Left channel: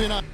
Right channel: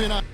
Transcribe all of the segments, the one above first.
Thursday night.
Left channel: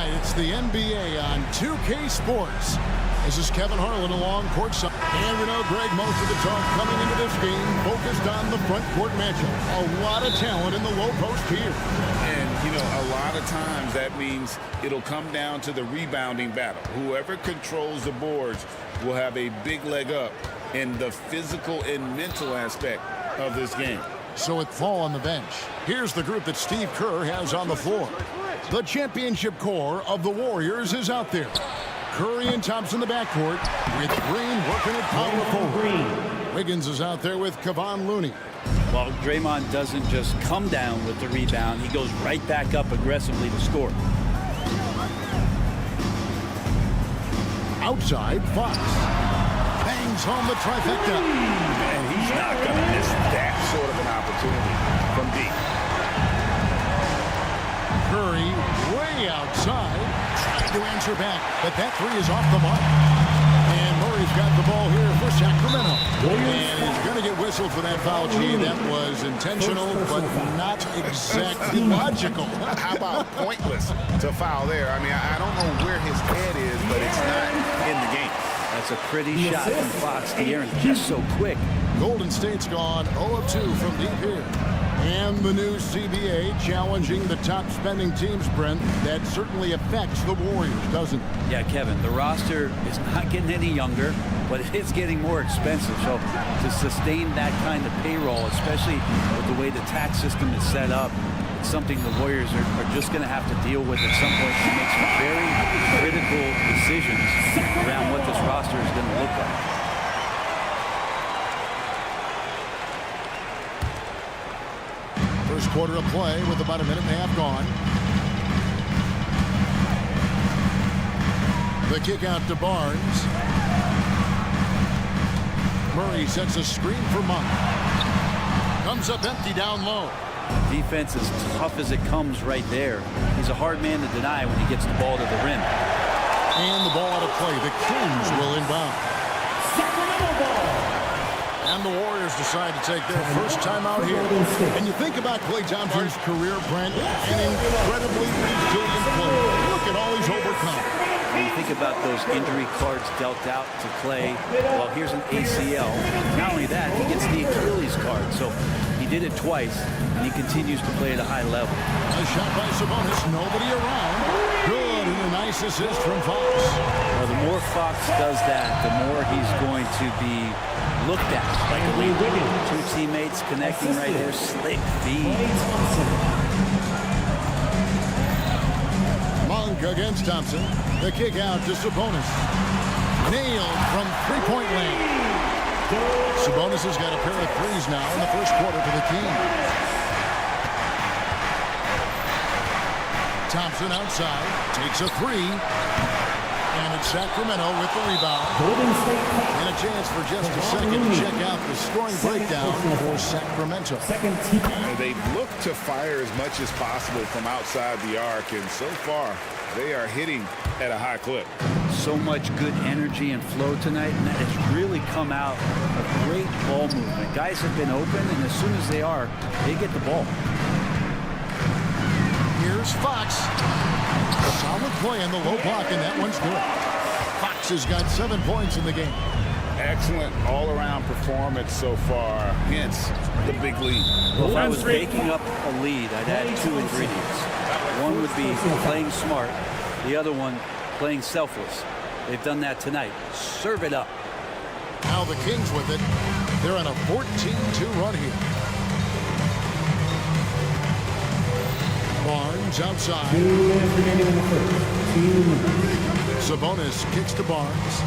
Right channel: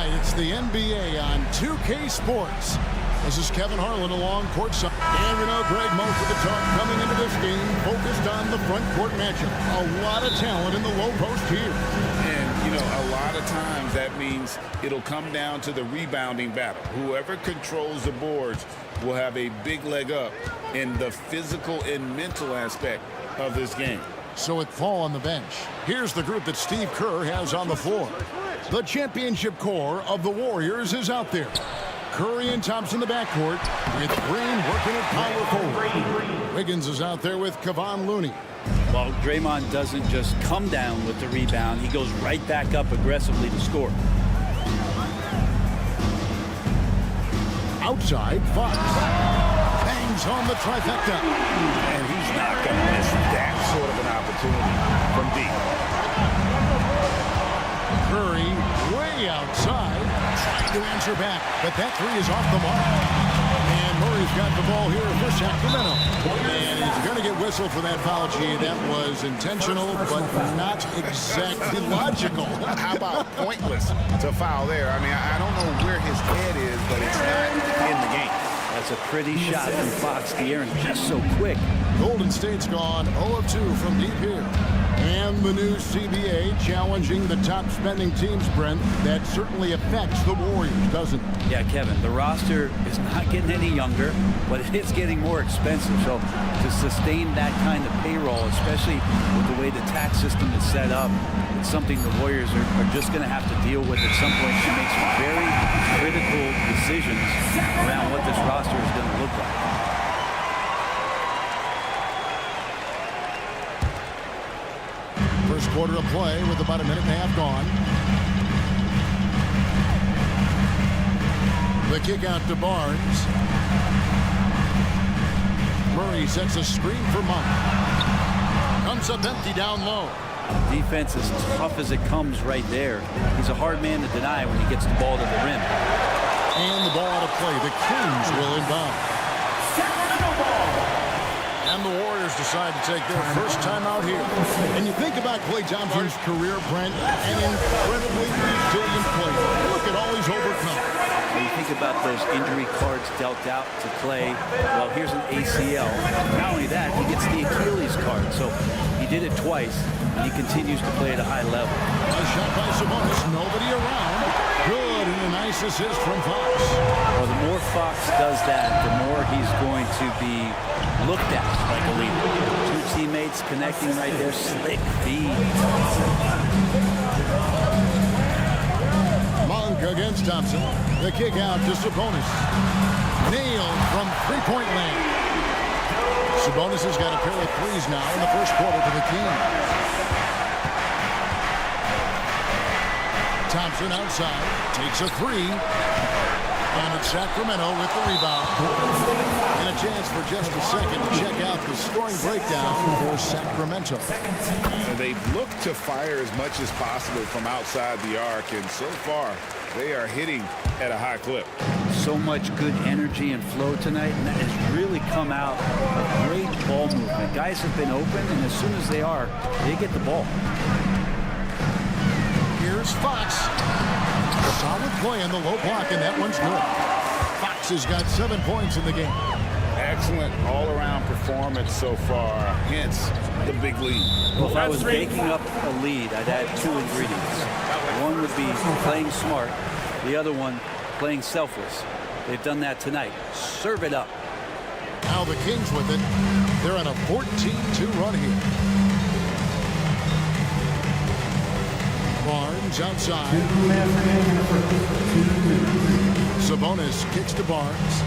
It's the NBA on 2K Sports. This is Kevin Harlan along courtside. And we know, Greg, most of the talk coming into this game focused on the front court matchup. A lot of talent in the low post here. And, you know, a lot of times that means it'll come down to the rebounding battle. Whoever controls the boards will have a big leg up in the physical and mental aspect of this game. So it fall on the bench. Here's the group that Steve Kerr has on the floor. The championship core of the Warriors is out there. Curry and Thompson in the backcourt with Green working at power forward. Wiggins is out there with Kevon Looney. Well, Draymond doesn't just come down with the rebound. He goes right back up aggressively to score. Outside, Fox bangs home the trifecta. And he's not going to miss that sort of an opportunity from deep. Curry way outside, trying to answer back, but that three is off the mark. And Murray's got the ball here for Sacramento. And he's going to get whistled for that foul, G. That was intentional, but not exactly logical. How about pointless to foul there? I mean, I don't know where his head is, but it's not in the game. That's a pretty shot from Fox to Aaron, just so quick. Golden State's gone 0 of 2 from deep here. And the new CBA challenging the top spending teams, Brent. That certainly affects the Warriors, doesn't it? Yeah, Kevin, the roster is not getting any younger, but it is getting more expensive. So to sustain that kind of payroll, especially with the way the tax system is set up, it's something the Warriors are just going to have to deal with at some point to make some very critical decisions around what this roster is going to look like. First quarter of play with about a minute and a half gone. The kick out to Barnes. Murray sets a screen for Monk. Comes up empty down low. Defense is tough as it comes right there. He's a hard man to deny when he gets the ball to the rim. And the ball out of play. The Kings will inbound. And the Warriors decide to take their first time out here. And you think about Klay Thompson's career, Brent, an incredibly resilient player. Look at all he's overcome. When you think about those injury cards dealt out to Klay, well, here's an ACL. Not only that, he gets the Achilles card. So he did it twice, and he continues to play at a high level. A shot by Sabonis, nobody around. Good, and a nice assist from Fox. Well, the more Fox does that, the more he's going to be looked at like a leader. Two teammates connecting right there. Slick feed. Monk against Thompson. The kick out to Sabonis. Nailed from three-point land. Sabonis has got a pair of threes now in the first quarter for the Kings. Thompson outside, takes a three. And it's Sacramento with the rebound. And a chance for just a second to check out the scoring breakdown for Sacramento. They've looked to fire as much as possible from outside the arc, and so far they are hitting at a high clip. So much good energy and flow tonight, and that has really come out of great ball movement. Guys have been open, and as soon as they are, they get the ball. Here's Fox. Solid play in the low block, and that one's good. Fox has got 7 points in the game. Excellent all-around performance so far, hence the big lead. Well, if I was baking up a lead, I'd add two ingredients. One would be playing smart. The other one, playing selfless. They've done that tonight. Serve it up. Now the Kings with it. They're on a 14-2 run here. Barnes outside. Sabonis kicks to Barnes.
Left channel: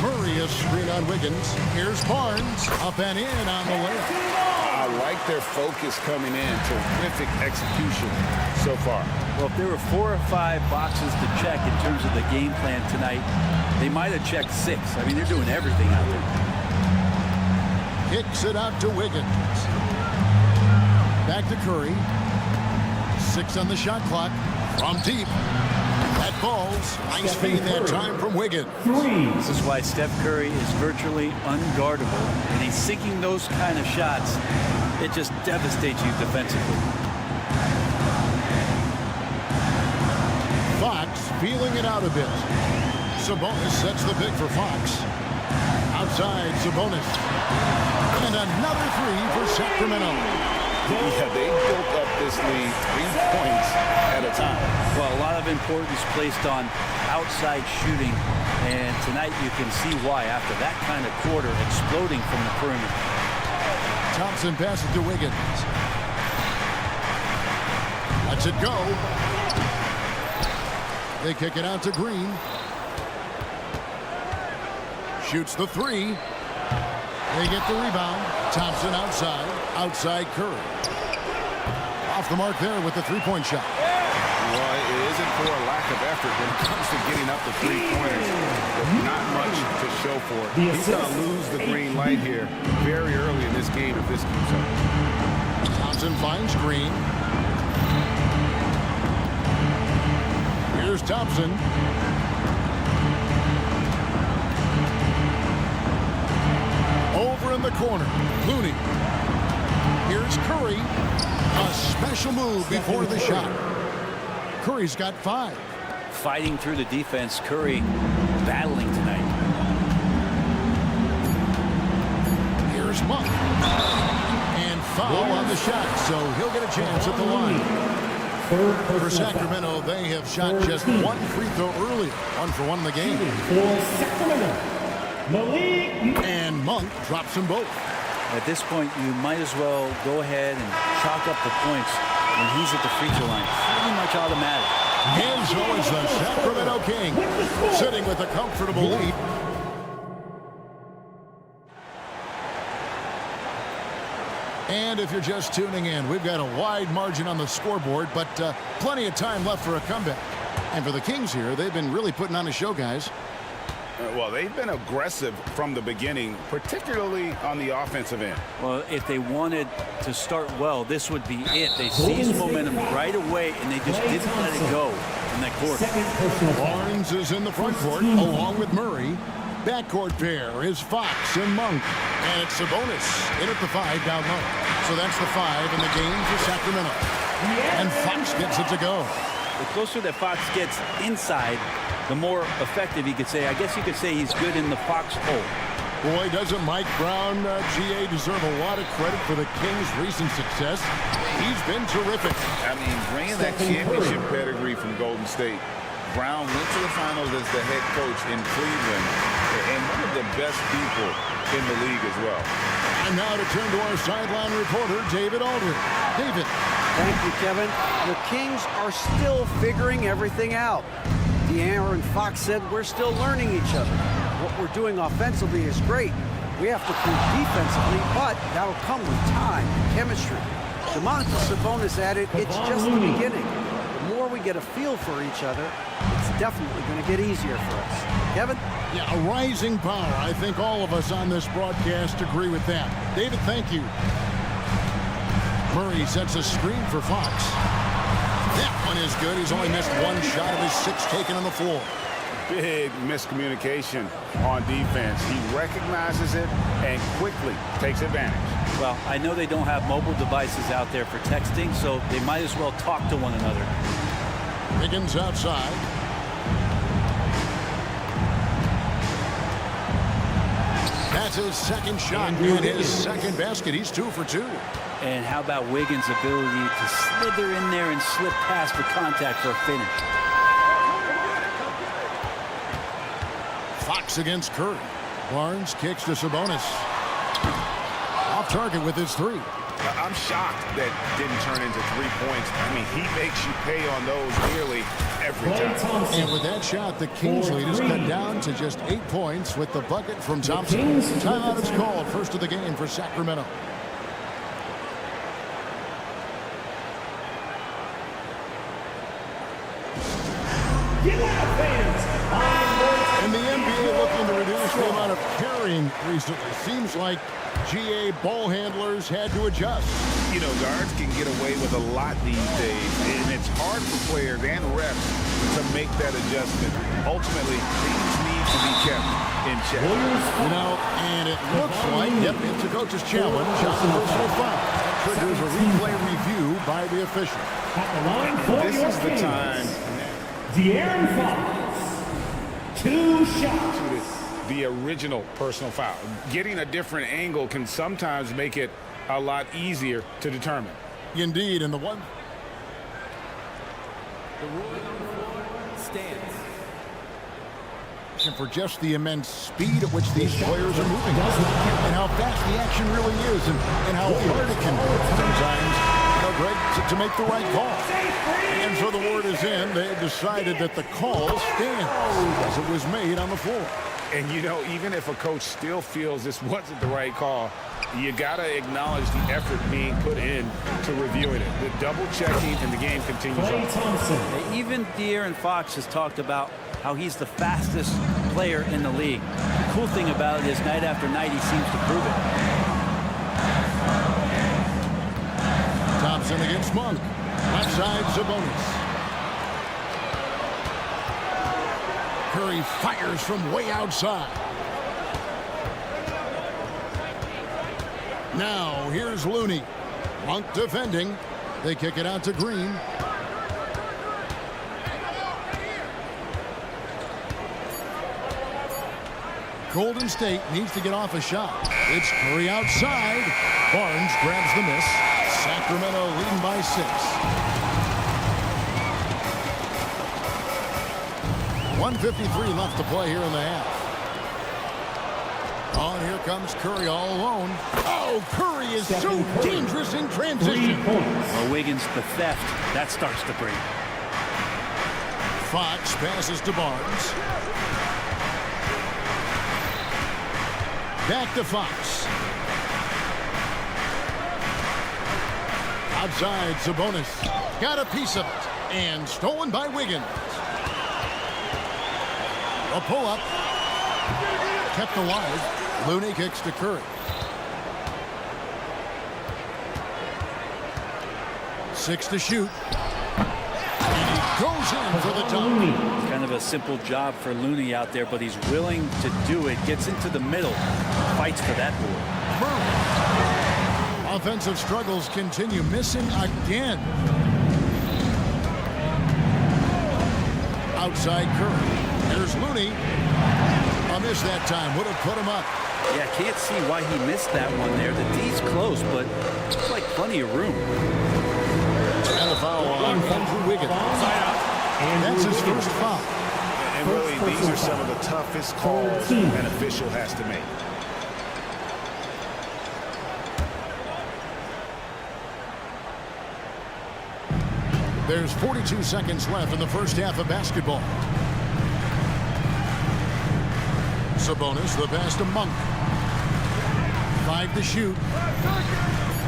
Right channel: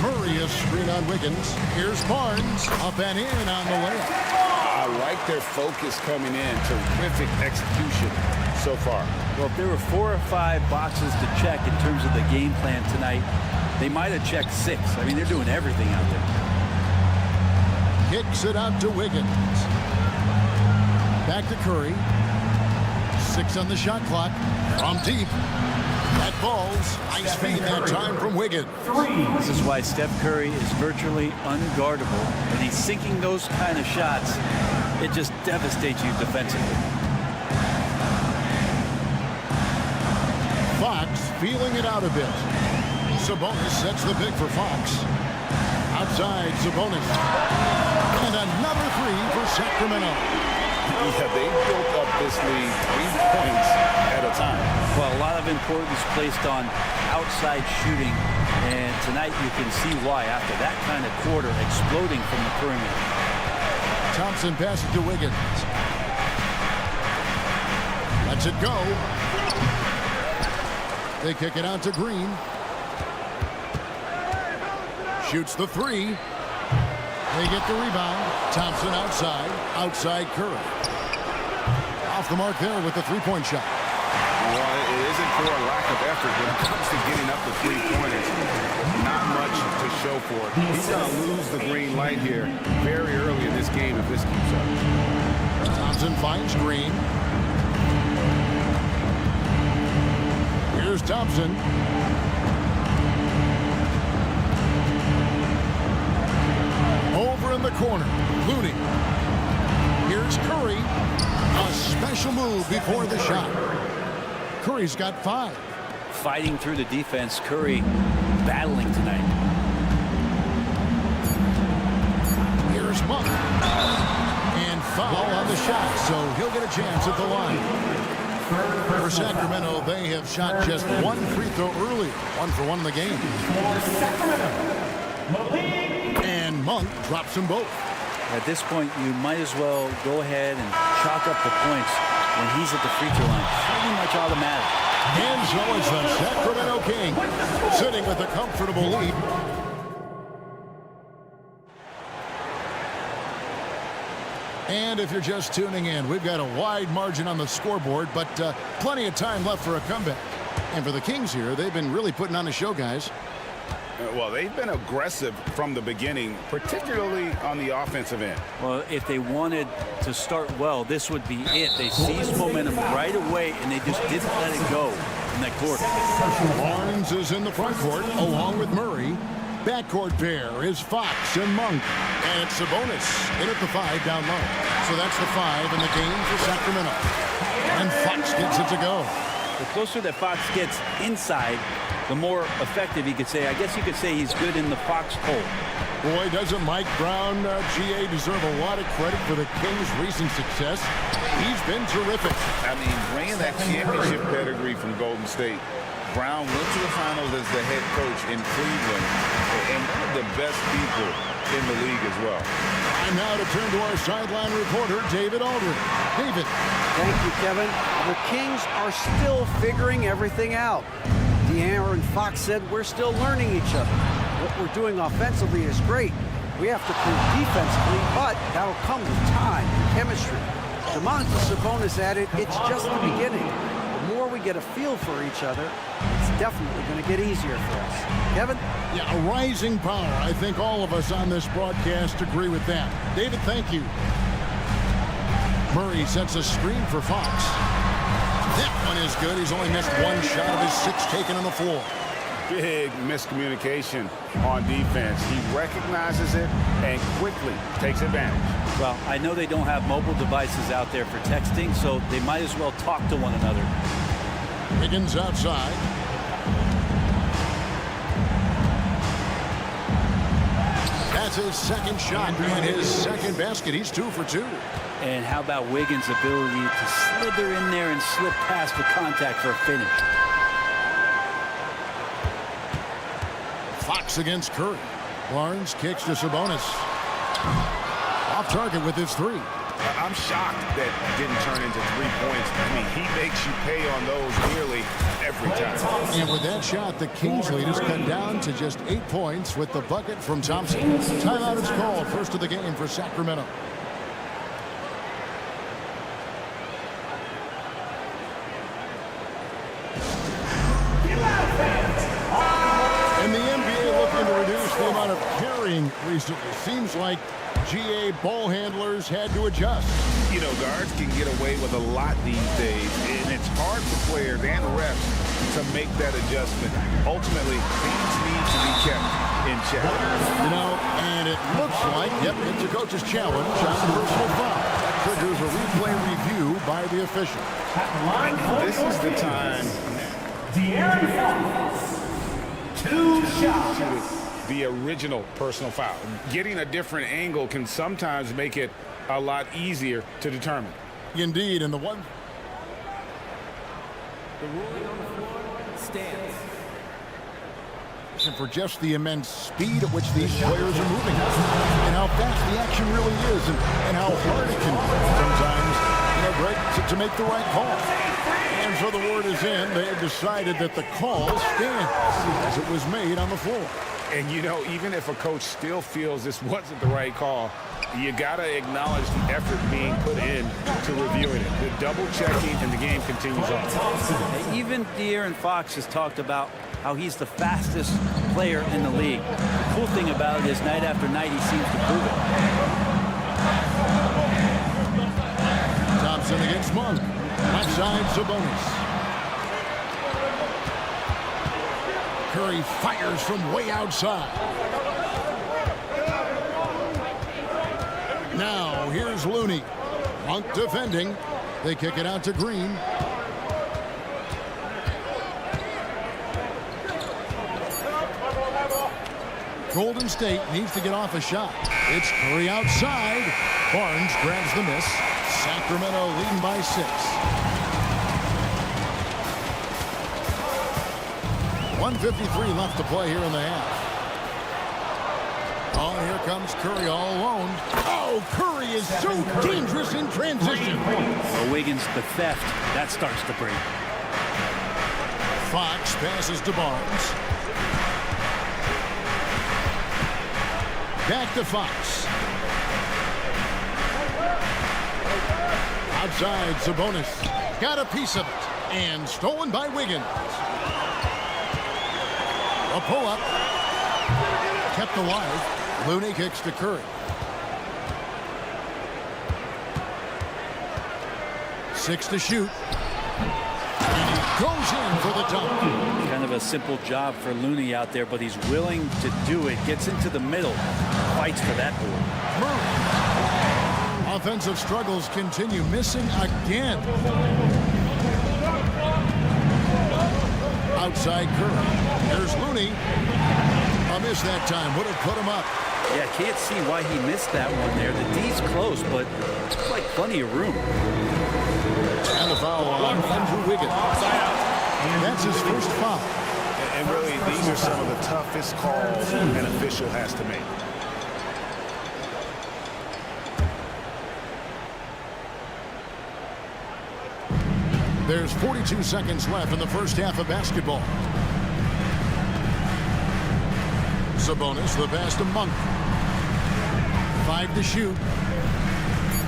Murray a screen on Wiggins. Here's Barnes up and in on the layup. I like their focus coming in. Terrific execution so far. Well, if there were 4 or 5 boxes to check in terms of the game plan tonight, they might have checked 6. I mean, they're doing everything out there. Kicks it out to Wiggins. Back to Curry. 6 on the shot clock. From deep. That falls. Nice feed that time from Wiggins. This is why Steph Curry is virtually unguardable. When he's sinking those kind of shots, it just devastates you defensively. Fox feeling it out a bit. Sabonis sets the pick for Fox. Outside, Sabonis. And another three for Sacramento. Yeah, they built up this lead 3 points at a time. Well, a lot of importance placed on outside shooting. And tonight you can see why after that kind of quarter exploding from the perimeter. Thompson passes to Wiggins. Lets it go. They kick it out to Green. Shoots the three. They get the rebound. Thompson outside. Outside Curry. Off the mark there with the three-point shot. Well, it isn't for a lack of effort when it comes to getting up the three-pointers, but not much to show for it. He's going to lose the green light here very early in this game if this keeps up. Thompson finds Green. Here's Thompson. Over in the corner, Looney. Here's Curry. A special move before the shot. Curry's got 5. Fighting through the defense, Curry battling tonight. Here's Monk. And foul on the shot, so he'll get a chance at the line. For Sacramento, they have shot just 1 free throw earlier. 1 for 1 in the game. For Sacramento, Malik. And Monk drops them both. At this point, you might as well go ahead and chalk up the points when he's at the free throw line. Pretty much automatic. And so it's the Sacramento Kings sitting with a comfortable lead. And if you're just tuning in, we've got a wide margin on the scoreboard, but plenty of time left for a comeback. And for the Kings here, they've been really putting on a show, guys. Well, they've been aggressive from the beginning, particularly on the offensive end. Well, if they wanted to start well, this would be it. They seized momentum right away, and they just didn't let it go in that quarter. Barnes is in the front court, along with Murray. Backcourt pair is Fox and Monk. And it's Sabonis in at the 5 down low. So that's the 5 in the game for Sacramento. And Fox gets it to go. The closer that Fox gets inside, the more effective he could say. I guess you could say he's good in the Fox hole. Boy, doesn't Mike Brown, GA, deserve a lot of credit for the Kings' recent success. He's been terrific. I mean, bringing that championship pedigree from Golden State. Brown went to the finals as the head coach in Cleveland and one of the best people in the league as well. And now to turn to our sideline reporter, David Aldridge. David. Thank you, Kevin. The Kings are still figuring everything out. De'Aaron Fox said we're still learning each other. What we're doing offensively is great. We have to prove defensively, but that'll come with time and chemistry. Domantas Sabonis added, it's just the beginning. The more we get a feel for each other, it's definitely going to get easier for us. Kevin? Yeah, a rising power. I think all of us on this broadcast agree with that. David, thank you. Murray sets a screen for Fox. That one is good. He's only missed 1 shot of his 6 taken on the floor. Big miscommunication on defense. He recognizes it and quickly takes advantage. Well, I know they don't have mobile devices out there for texting, so they might as well talk to one another. Wiggins outside. That's his second shot and his second basket. He's 2 for 2. And how about Wiggins' ability to slither in there and slip past the contact for a finish? Fox against Curry. Barnes kicks to Sabonis. Off target with his 3. I'm shocked that didn't turn into 3 points. I mean, he makes you pay on those nearly every time. And with that shot, the Kings lead is cut down to just 8 points with the bucket from Thompson. Timeout is called. First of the game for Sacramento. And the NBA looking to reduce the amount of carrying recently. Seems like GA ball handlers had to adjust. You know, guards can get away with a lot these days, and it's hard for players and refs to make that adjustment. Ultimately, things need to be kept in check. You know, and it looks like, yep, it's a coach's challenge on the personal foul. That triggers a replay review by the official. At the line for This your is the Kings, time De'Aaron Fox. 2 shots. to the original personal foul. Getting a different angle can sometimes make it a lot easier to determine. Indeed, and the one... The ruling on the floor stands. for just the immense speed at which these players are moving and how fast the action really is and how hard it can be sometimes, you know, Greg, to make the right call. And so the word is in. They've decided that the call stands as it was made on the floor. And, you know, even if a coach still feels this wasn't the right call, you got to acknowledge the effort being put in to reviewing it. The double checking and the game continues on. Even De'Aaron Fox has talked about how he's the fastest player in the league. The cool thing about it is night after night he seems to prove it. Thompson against Monk. Left side, Sabonis. Curry fires from way outside. Now, here's Looney. Monk defending. They kick it out to Green. Golden State needs to get off a shot. It's Curry outside. Barnes grabs the miss. Sacramento leading by 6. 1:53 left to play here in the half. Oh, and here comes Curry all alone. Oh, Curry is so dangerous in transition. Well, Wiggins, the theft, that starts to break. Fox passes to Barnes. Back to Fox. Outside, Sabonis. Got a piece of it. And stolen by Wiggins. A pull-up. Kept alive. Looney kicks to Curry. 6 to shoot. And he goes in for the dunk. Kind of a simple job for Looney out there, but he's willing to do it. Gets into the middle. Fights for that board. Murray. Offensive struggles continue. Missing again. Outside Curry. There's Looney. A miss that time. Would have put him up. Yeah, can't see why he missed that one there. The D's close, but it's like plenty of room. And the foul on Andrew Wiggins. That's his first foul. And really, these are some of the toughest calls an official has to make. There's 42 seconds left in the first half of basketball. Sabonis, the pass to Monk. 5 to shoot.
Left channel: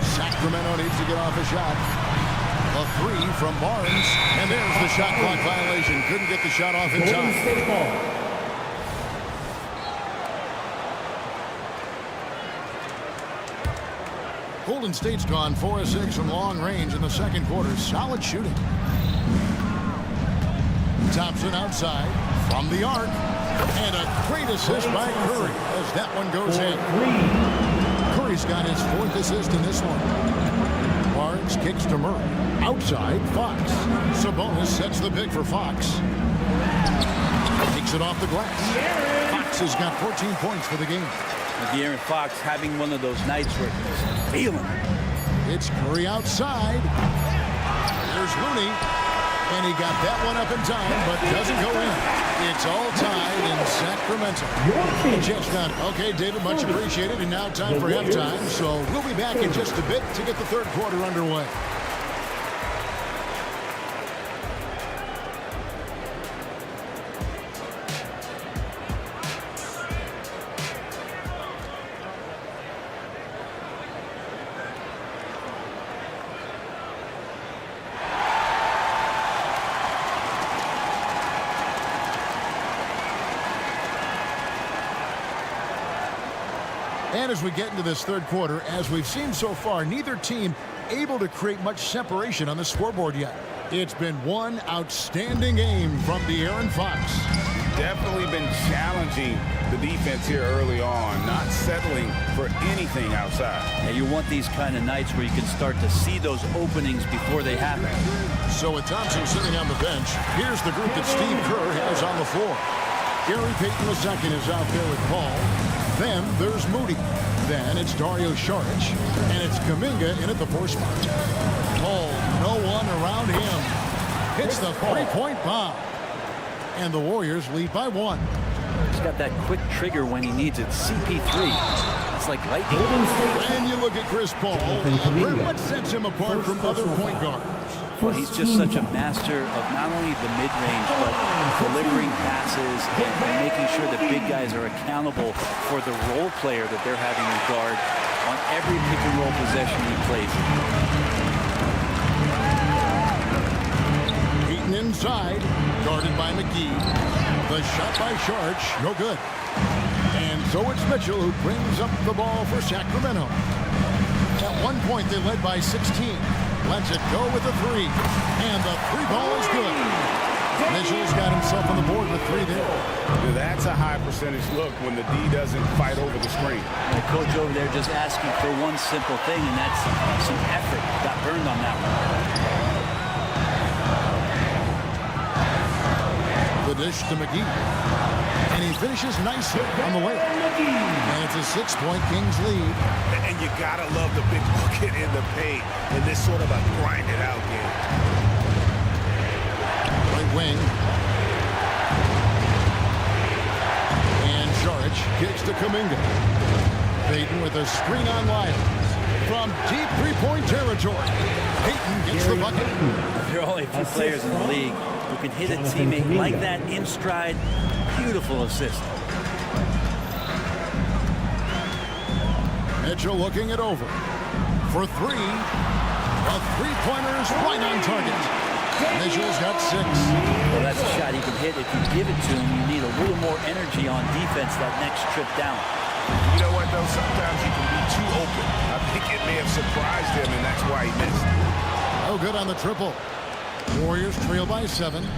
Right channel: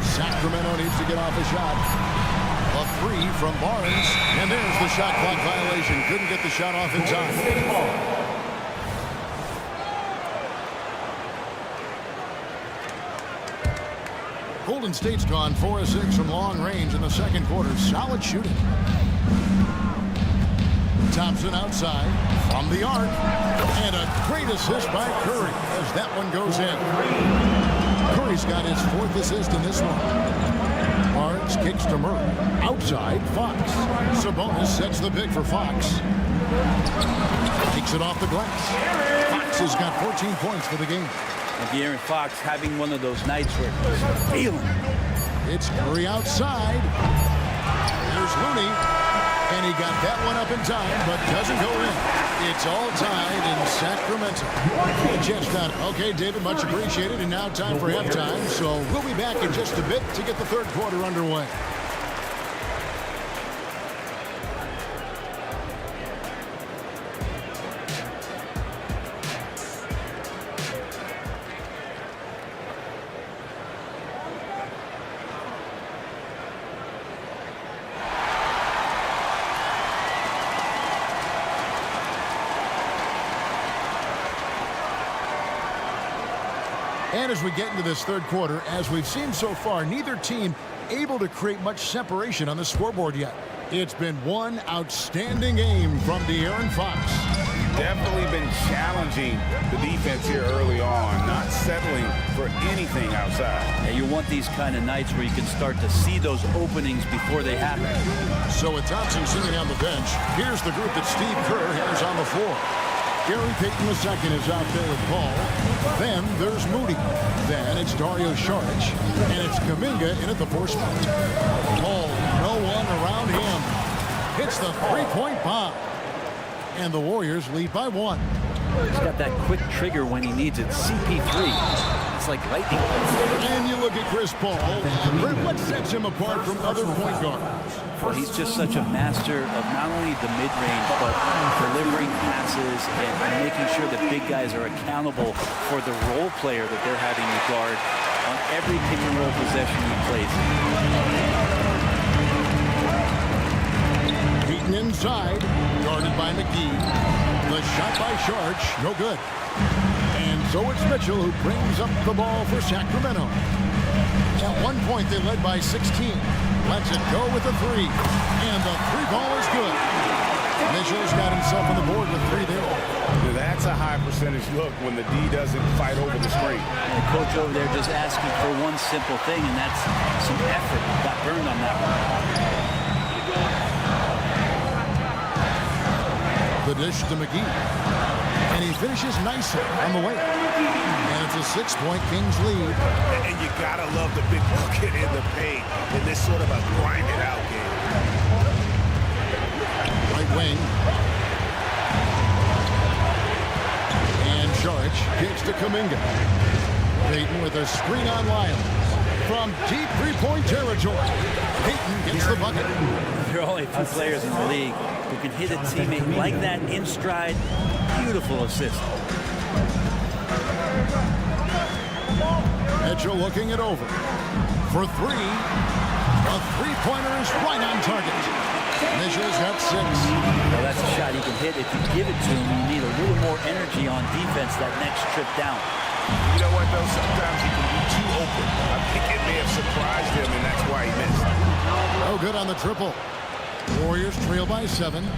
Sacramento needs to get off a shot. A 3 from Barnes. And there's the shot clock violation. Couldn't get the shot off in time. Golden State's gone 4 of 6 from long range in the second quarter. Solid shooting. Thompson outside from the arc. And a great assist by Curry as that one goes in. Curry's got his 4th assist in this one. Barnes kicks to Murray. Outside, Fox. Sabonis sets the pick for Fox. Takes it off the glass. Fox has got 14 points for the game. And De'Aaron Fox having one of those nights where he's feeling it. It's Curry outside. There's Looney. And he got that one up in time, but doesn't go in. It's all tied in Sacramento. Chestnut. Okay, David, much appreciated. And now time for halftime. So we'll be back in just a bit to get the third quarter underway. And as we get into this third quarter, as we've seen so far, neither team able to create much separation on the scoreboard yet. It's been one outstanding game from De'Aaron Fox. Definitely been challenging the defense here early on, not settling for anything outside. Yeah, you want these kind of nights where you can start to see those openings before they happen. So with Thompson sitting on the bench, here's the group that Steve Kerr has on the floor. Gary Payton II is out there with Paul. Then there's Moody. Then it's Dario Saric. And it's Kuminga in at the 4 spot. Paul, no one around him. Hits the three-point bomb. And the Warriors lead by 1. He's got that quick trigger when he needs it. CP3. It's like lightning. And you look at Chris Paul. What sets him apart from other point guards? Well, he's just such a master of not only the mid-range, but delivering passes and making sure that big guys are accountable for the role player that they're having to guard on every pick-and-roll possession he plays in. Heaton inside, guarded by McGee. The shot by Saric, no good. And so it's Mitchell who brings up the ball for Sacramento. At one point, they led by 16. Lets it go with the 3. And the 3 ball is good. Mitchell's got himself on the board with 3 there. That's a high percentage look when the D doesn't fight over the screen. And the coach over there just asking for one simple thing, and that's some effort. Got burned on that one. The dish to McGee. And he finishes nicely on the layup. And it's a 6-point Kings lead. And you gotta love the big bucket in the paint in this sort of a grind-it-out game. Right wing. And Saric kicks to Kuminga. Payton with a screen on Lyles. From deep 3-point territory. Payton gets the bucket. There are only a few players in the league who can hit a teammate like that in stride. Beautiful assist. Mitchell looking it over. For 3. A 3-pointer is right on target. Mitchell's got 6. Well, that's a shot he can hit. If you give it to him, you need a little more energy on defense that next trip down. You know what, though? Sometimes he can be too open. I think it may have surprised him, and that's why he missed. No good on the triple. Warriors trail by 7.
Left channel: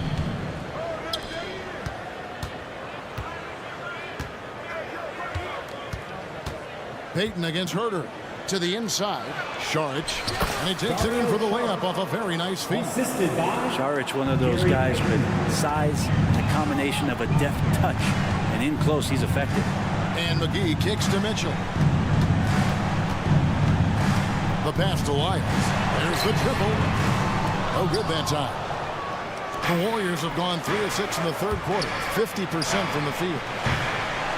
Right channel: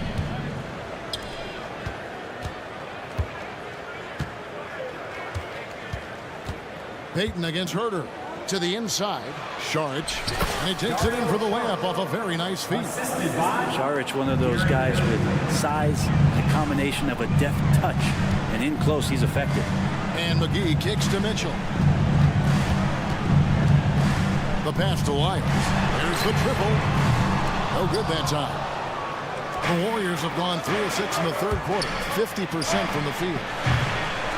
Payton against Herter. To the inside. Saric. And he takes it in for the layup off a very nice feed. Saric, one of those guys with size and a combination of a deft touch. And in close, he's effective. And McGee kicks to Mitchell. The pass to Lyles. There's the triple. No good that time. The Warriors have gone 3 of 6 in the 3rd quarter. 50% from the field.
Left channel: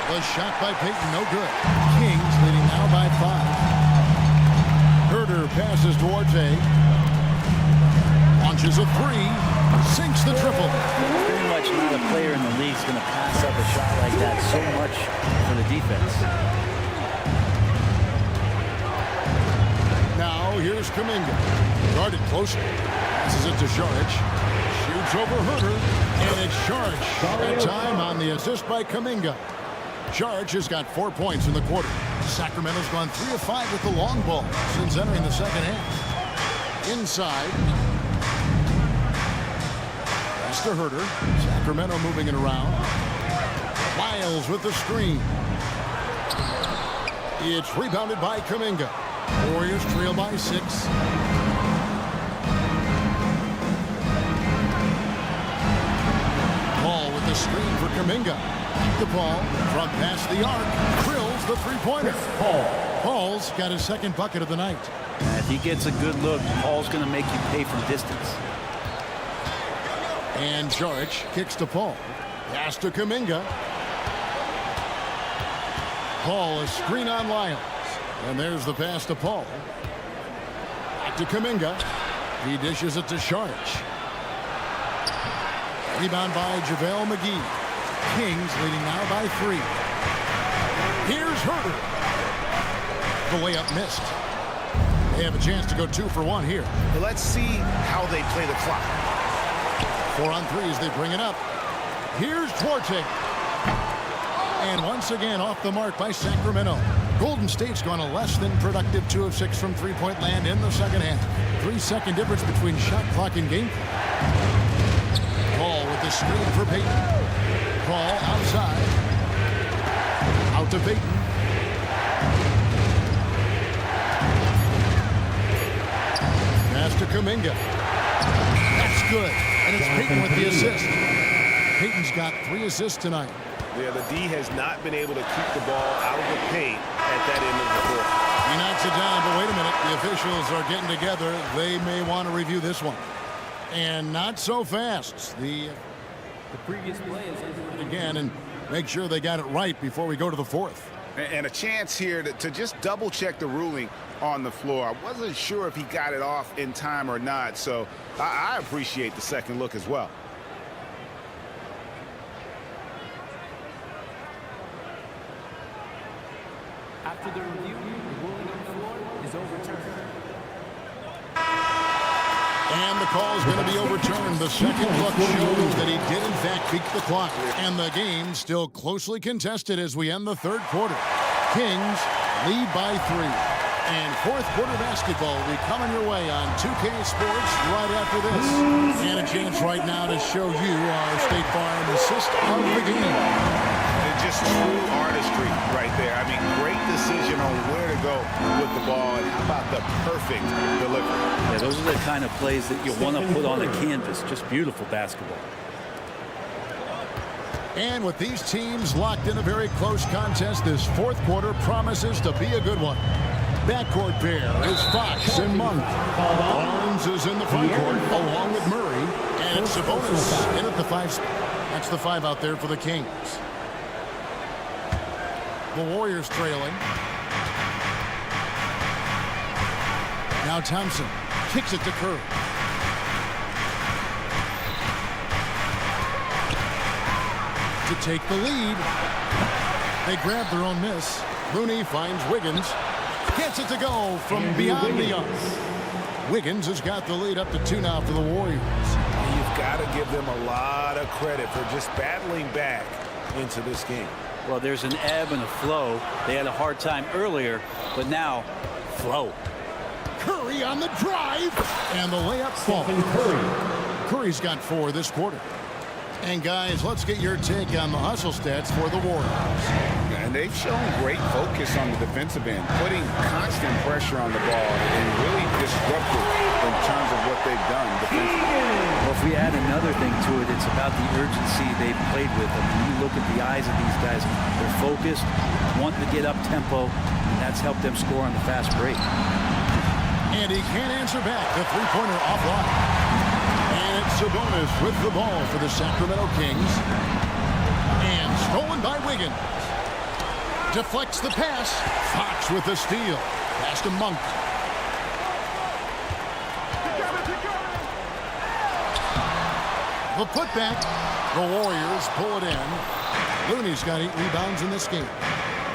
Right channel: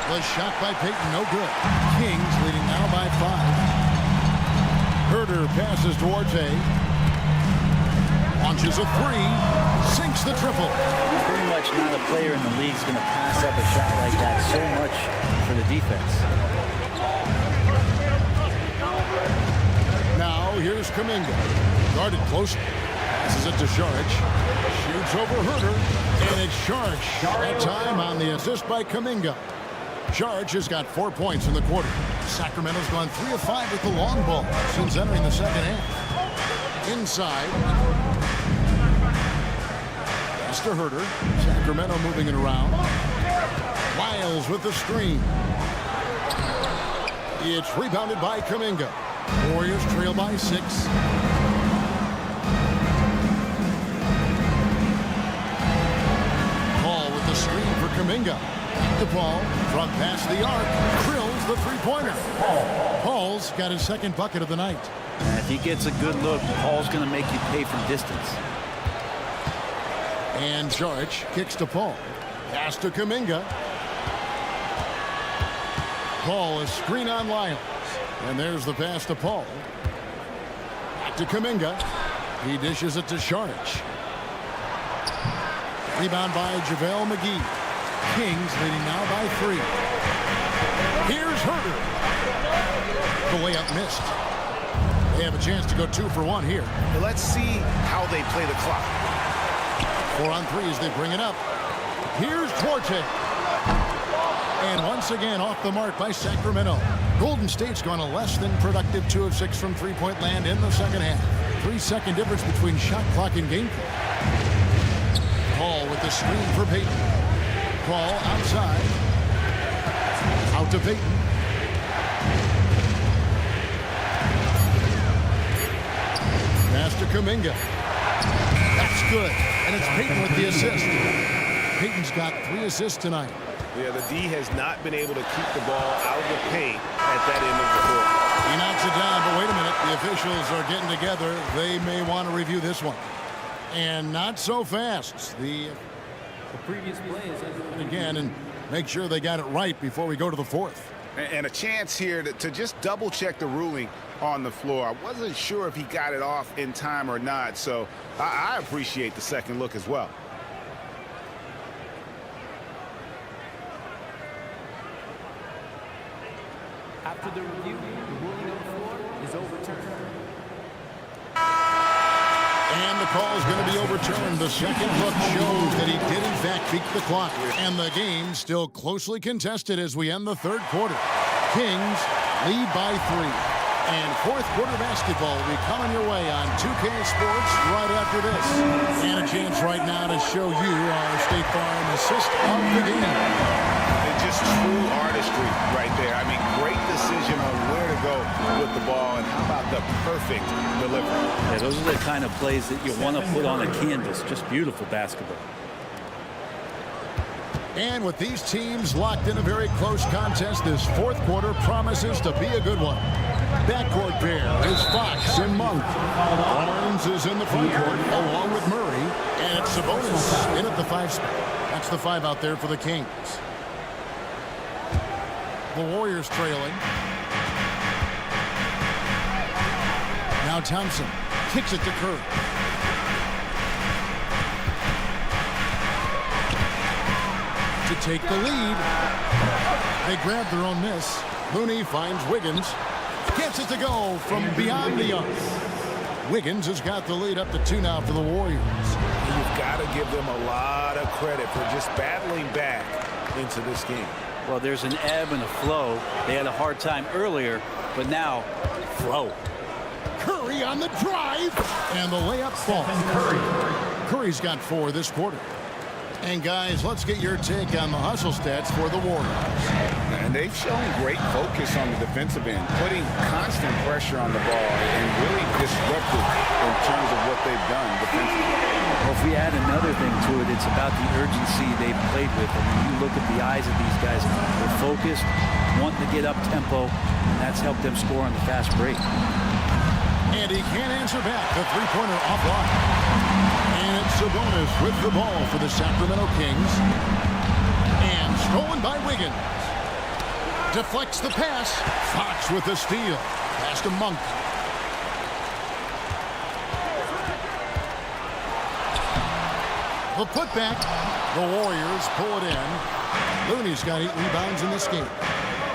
The shot by Payton, no good. Kings leading now by 5. Herter passes to Orte. Launches a 3. Sinks the triple. Pretty much not a player in the league is going to pass up a shot like that so much for the defense. Now here's Kuminga. Guarded closely. Passes it to Saric. Shoots over Herter. And it's Saric. That time on the assist by Kuminga. Saric has got 4 points in the quarter. Sacramento's gone 3 of 5 with the long ball since entering the second half. Inside. Pass to Herter. Sacramento moving it around. Lyles with the screen. It's rebounded by Kuminga. Warriors trail by 6. Paul with the screen for Kuminga. Back to Paul from past the arc. Drills the 3-pointer. Paul's got his 2nd bucket of the night. And if he gets a good look, Paul's going to make you pay from distance. And Saric kicks to Paul. Pass to Kuminga. Paul, a screen on Lyles. And there's the pass to Paul. Back to Kuminga. He dishes it to Saric. Rebound by JaVale McGee. Kings leading now by 3. Here's Herter. The layup missed. They have a chance to go 2 for 1 here. But let's see how they play the clock. 4 on 3 as they bring it up. Here's Duarte. And once again off the mark by Sacramento. Golden State's gone a less than productive 2 of 6 from 3-point land in the second half. 3-second difference between shot clock and game clock. Paul with the screen for Peyton. Paul outside. Out to Peyton. Pass to Kuminga. That's good. And it's Peyton with the assist. Peyton's got 3 assists tonight. Yeah, the D has not been able to keep the ball out of the paint at that end of the court. He knocks it down, but wait a minute. The officials are getting together. They may want to review this one. And not so fast. The previous play is under again, and make sure they got it right before we go to the 4th. And a chance here to just double-check the ruling on the floor. I wasn't sure if he got it off in time or not, so I appreciate the second look as well. After the review, the ruling on the floor is overturned. And the call is going to be overturned. The second look shows that he did, in fact, beat the clock. And the game still closely contested as we end the 3rd quarter. Kings lead by 3. And 4th quarter basketball will be coming your way on 2K Sports right after this. And a chance right now to show you our State Farm assist of the game. Just true artistry right there. I mean, great decision on where to go with the ball, and how about the perfect delivery? Yeah, those are the kind of plays that you want to put on a canvas. Just beautiful basketball. And with these teams locked in a very close contest, this 4th quarter promises to be a good one. Backcourt pair is Fox and Monk. Barnes is in the front court along with Murray. And it's Sabonis in at the 5 spot. That's the 5 out there for the Kings. The Warriors trailing. Now Thompson kicks it to Curry. To take the lead. They grab their own miss. Looney finds Wiggins. Gets it to go from beyond the arc. Wiggins has got the lead up to 2 now for the Warriors. You've got to give them a lot of credit for just battling back into this game. Well, there's an ebb and a flow. They had a hard time earlier, but now, flow. Curry on the drive, and the layup falls. Curry's got 4 this quarter. And guys, let's get your take on the hustle stats for the Warriors. And they've shown great focus on the defensive end, putting constant pressure on the ball and really disruptive in terms of what they've done defensively. Well, if we add another thing to it, it's about the urgency they've played with. I mean, you look at the eyes of these guys. They're focused, wanting to get up tempo, and that's helped them score on the fast break. And he can't answer back. The three-pointer offline. And it's Sabonis with the ball for the Sacramento Kings. And stolen by Wiggins. Deflects the pass. Fox with the steal. Pass to Monk. The putback. The Warriors pull it in. Looney's got 8 rebounds in this game.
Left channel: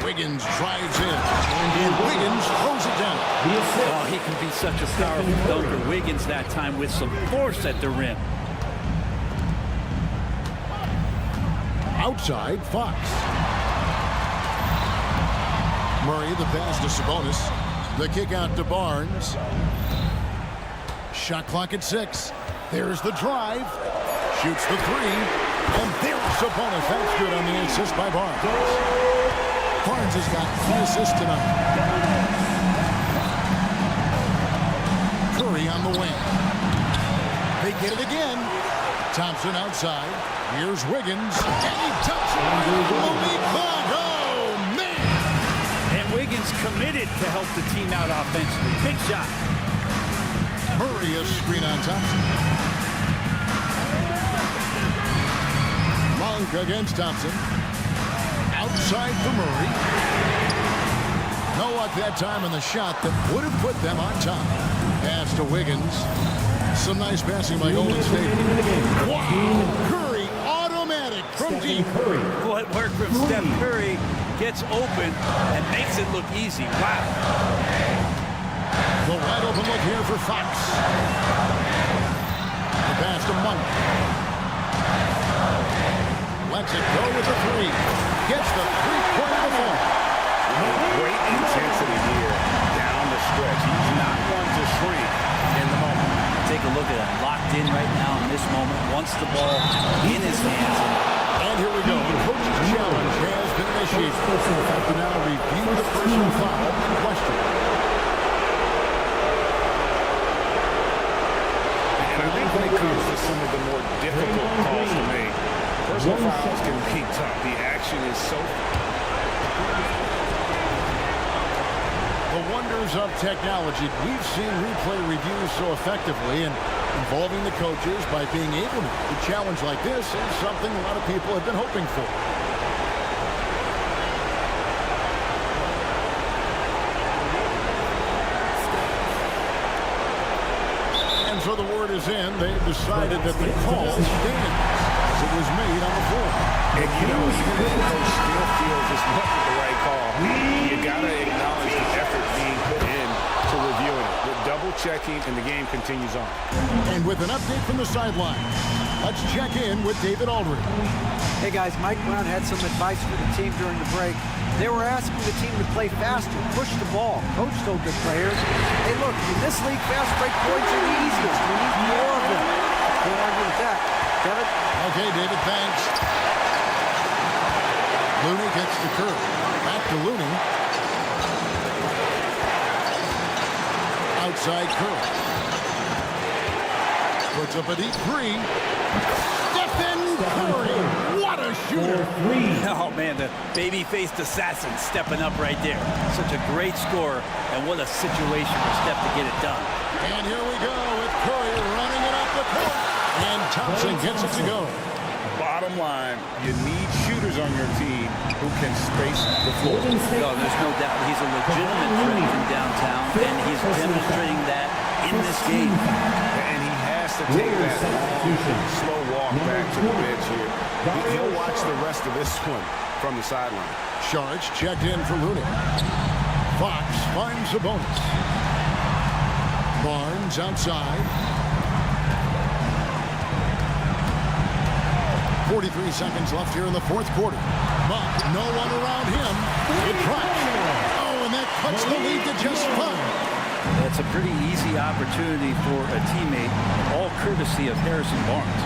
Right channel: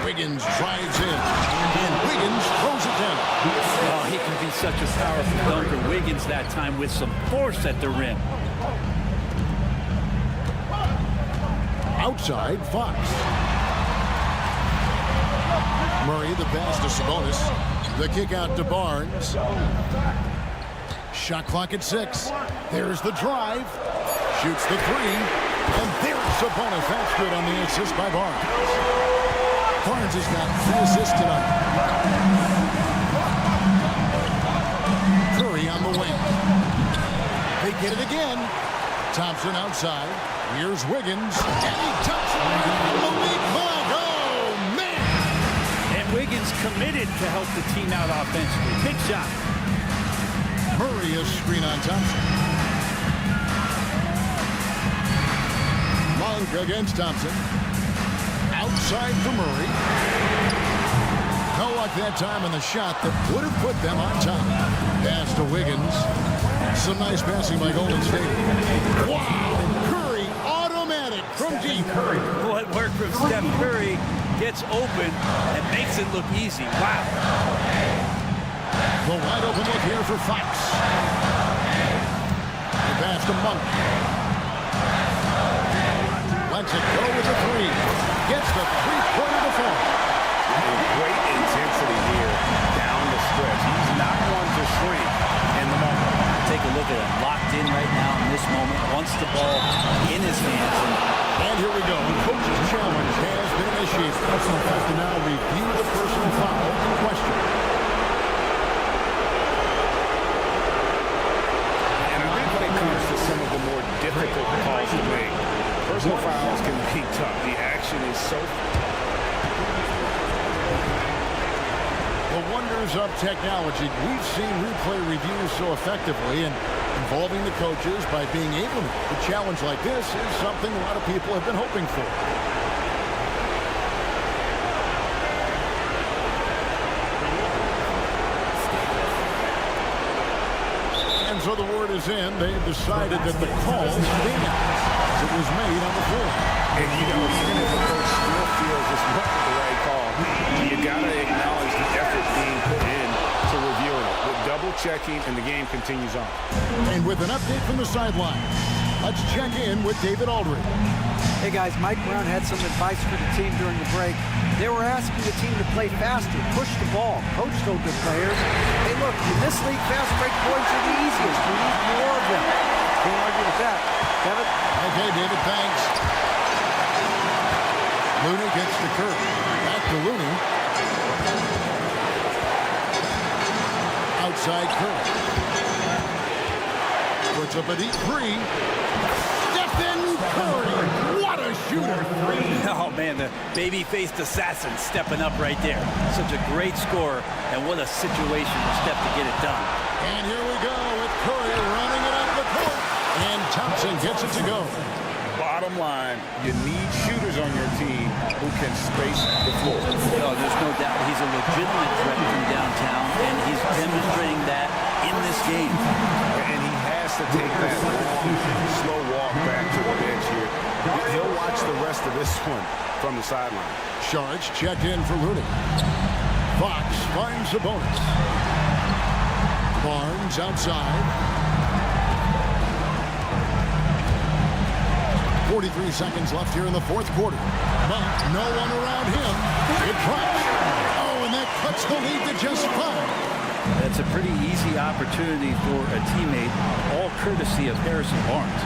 Wiggins drives in, and Wiggins throws it down. Oh, he can be such a powerful dunker. Wiggins that time with some force at the rim. Outside, Fox. Murray, the pass to Sabonis. The kick out to Barnes. Shot clock at 6. There's the drive. Shoots the 3. And there's Sabonis. That's good on the assist by Barnes. Barnes has got 3 assists tonight. Curry on the wing. They get it again. Thompson outside. Here's Wiggins. And he dumps it right from the weak ball. Oh, man. And Wiggins committed to help the team out offensively. Big shot. Murray a screen on Thompson. Monk against Thompson. Outside for Murray. No luck that time on the shot that would have put them on top. Pass to Wiggins. Some nice passing by Golden State. Wow! Curry, automatic from deep. What worked from Steph Curry gets open and makes it look easy. Wow. The wide open look here for Fox. The pass to Monk. Lets it go with the 3. Gets the 3-pointer to fall. And great intensity here down the stretch. He's not one to shrink in the moment. Take a look at him, locked in right now in this moment, wants the ball in his hands. And here we go. The coach's challenge has been initiated. We'll have to now review the personal foul in question. And I think when it comes to some of the more difficult calls to make, personal fouls can be tough. The action is so... The wonders of technology. We've seen replay reviews so effectively, and involving the coaches by being able to. A challenge like this is something a lot of people have been hoping for. And so the word is in. They've decided that the call stands as it was made on the floor. And, you know, even if a coach still feels this wasn't the right call, you got to acknowledge the effort being put in to reviewing it. With double-checking, and the game continues on. And with an update from the sideline, let's check in with David Aldridge. Hey guys, Mike Brown had some advice for the team during the break. They were asking the team to play faster, push the ball. Coach told the players, hey look, in this league, fast break points are the easiest. We need more of them. Can't argue with that. Kevin? Okay, David, thanks. Looney gets the curve. Back to Looney. Outside curve. Puts up a deep three. Stephen Curry. What a shooter. Oh, man, the baby-faced assassin stepping up right there. Such a great score, and what a situation for Steph to get it done. And here we go with Curry running it up the court. And Thompson gets it to go. Bottom line, you need shooters on your team who can space the floor. No, there's no doubt he's a legitimate threat from downtown, and he's demonstrating that in this game. And he has to take that long, slow walk back to the bench here. He'll watch the rest of this one from the sideline. Sharge checked in for Looney. Fox finds a bonus. Barnes outside. 43 seconds left here in the fourth quarter. But no one around him. It drops. Oh, and that cuts the lead to just 5. That's a pretty easy opportunity for a teammate, all courtesy of Harrison Barnes.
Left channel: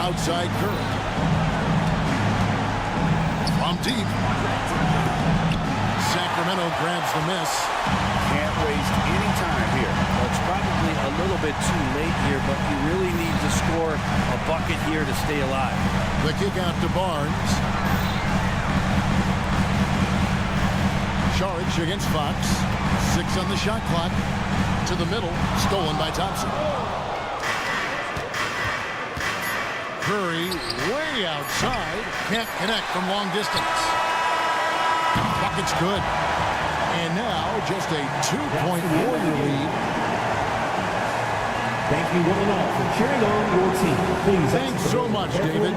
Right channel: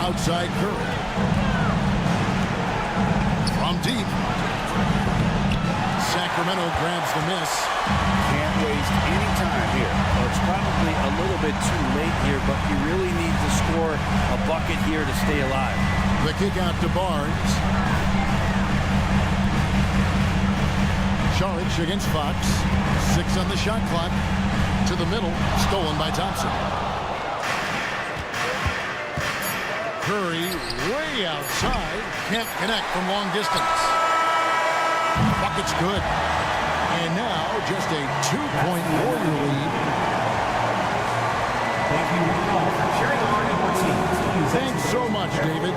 Outside Curry. From deep. Sacramento grabs the miss. Can't waste any time here. Well, it's probably a little bit too late here, but you really need to score a bucket here to stay alive. The kick out to Barnes. Sharge against Fox. 6 on the shot clock. To the middle. Stolen by Thompson. Curry way outside. Can't connect from long distance. Bucket's good. And now just a 2-point Warrior lead. Thank you one and all for cheering on your team. Please. Thanks so much, David.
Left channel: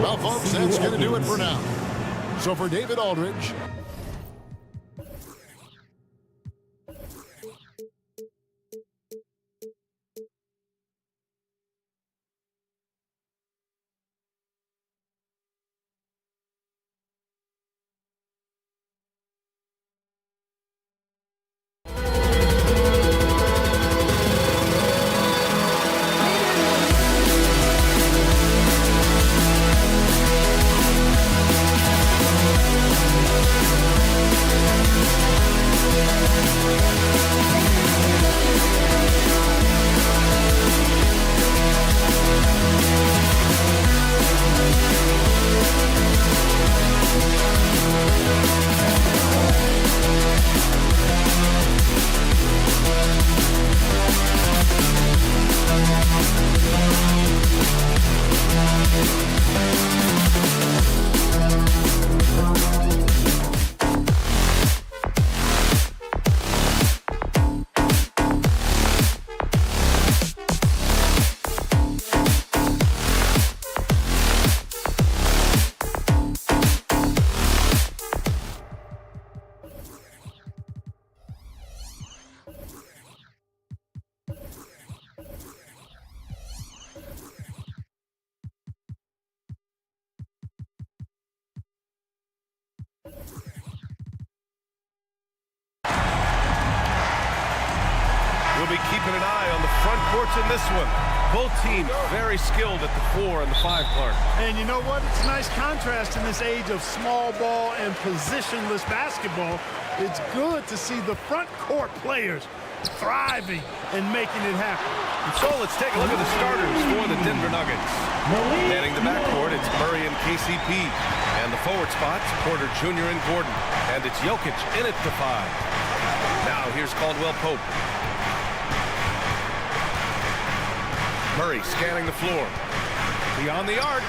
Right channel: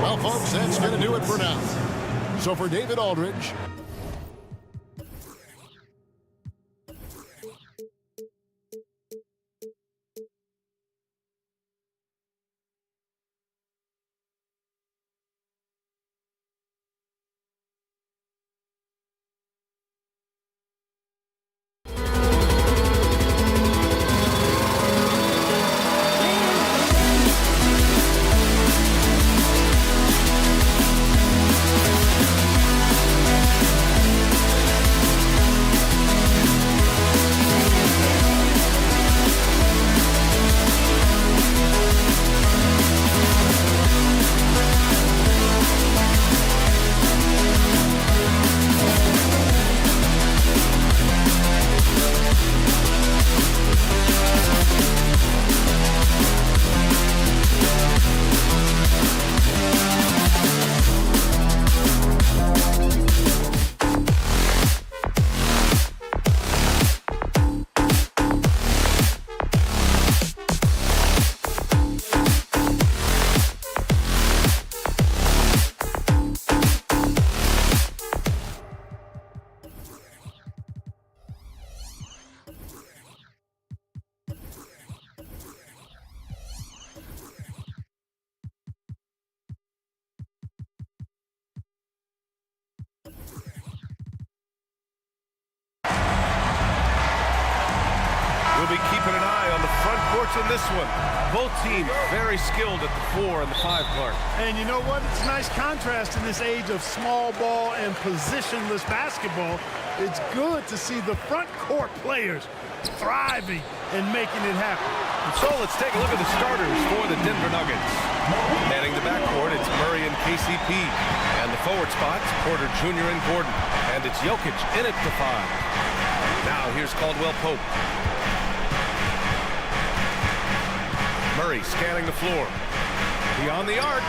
Well, folks, that's going to do it for now. So for David Aldridge, be keeping an eye on the front courts in this one. Both teams very skilled at the 4 and the 5, Clark. And you know what? It's a nice contrast in this age of small ball and positionless basketball. It's good to see the front court players thriving and making it happen. And so let's take a look at the starters for the Denver Nuggets. Manning the backcourt, it's Murray and KCP. And the forward spots, Porter Jr. and Gordon. And it's Jokic in at the 5. Now here's Caldwell Pope. Murray scanning the floor. Beyond the arc.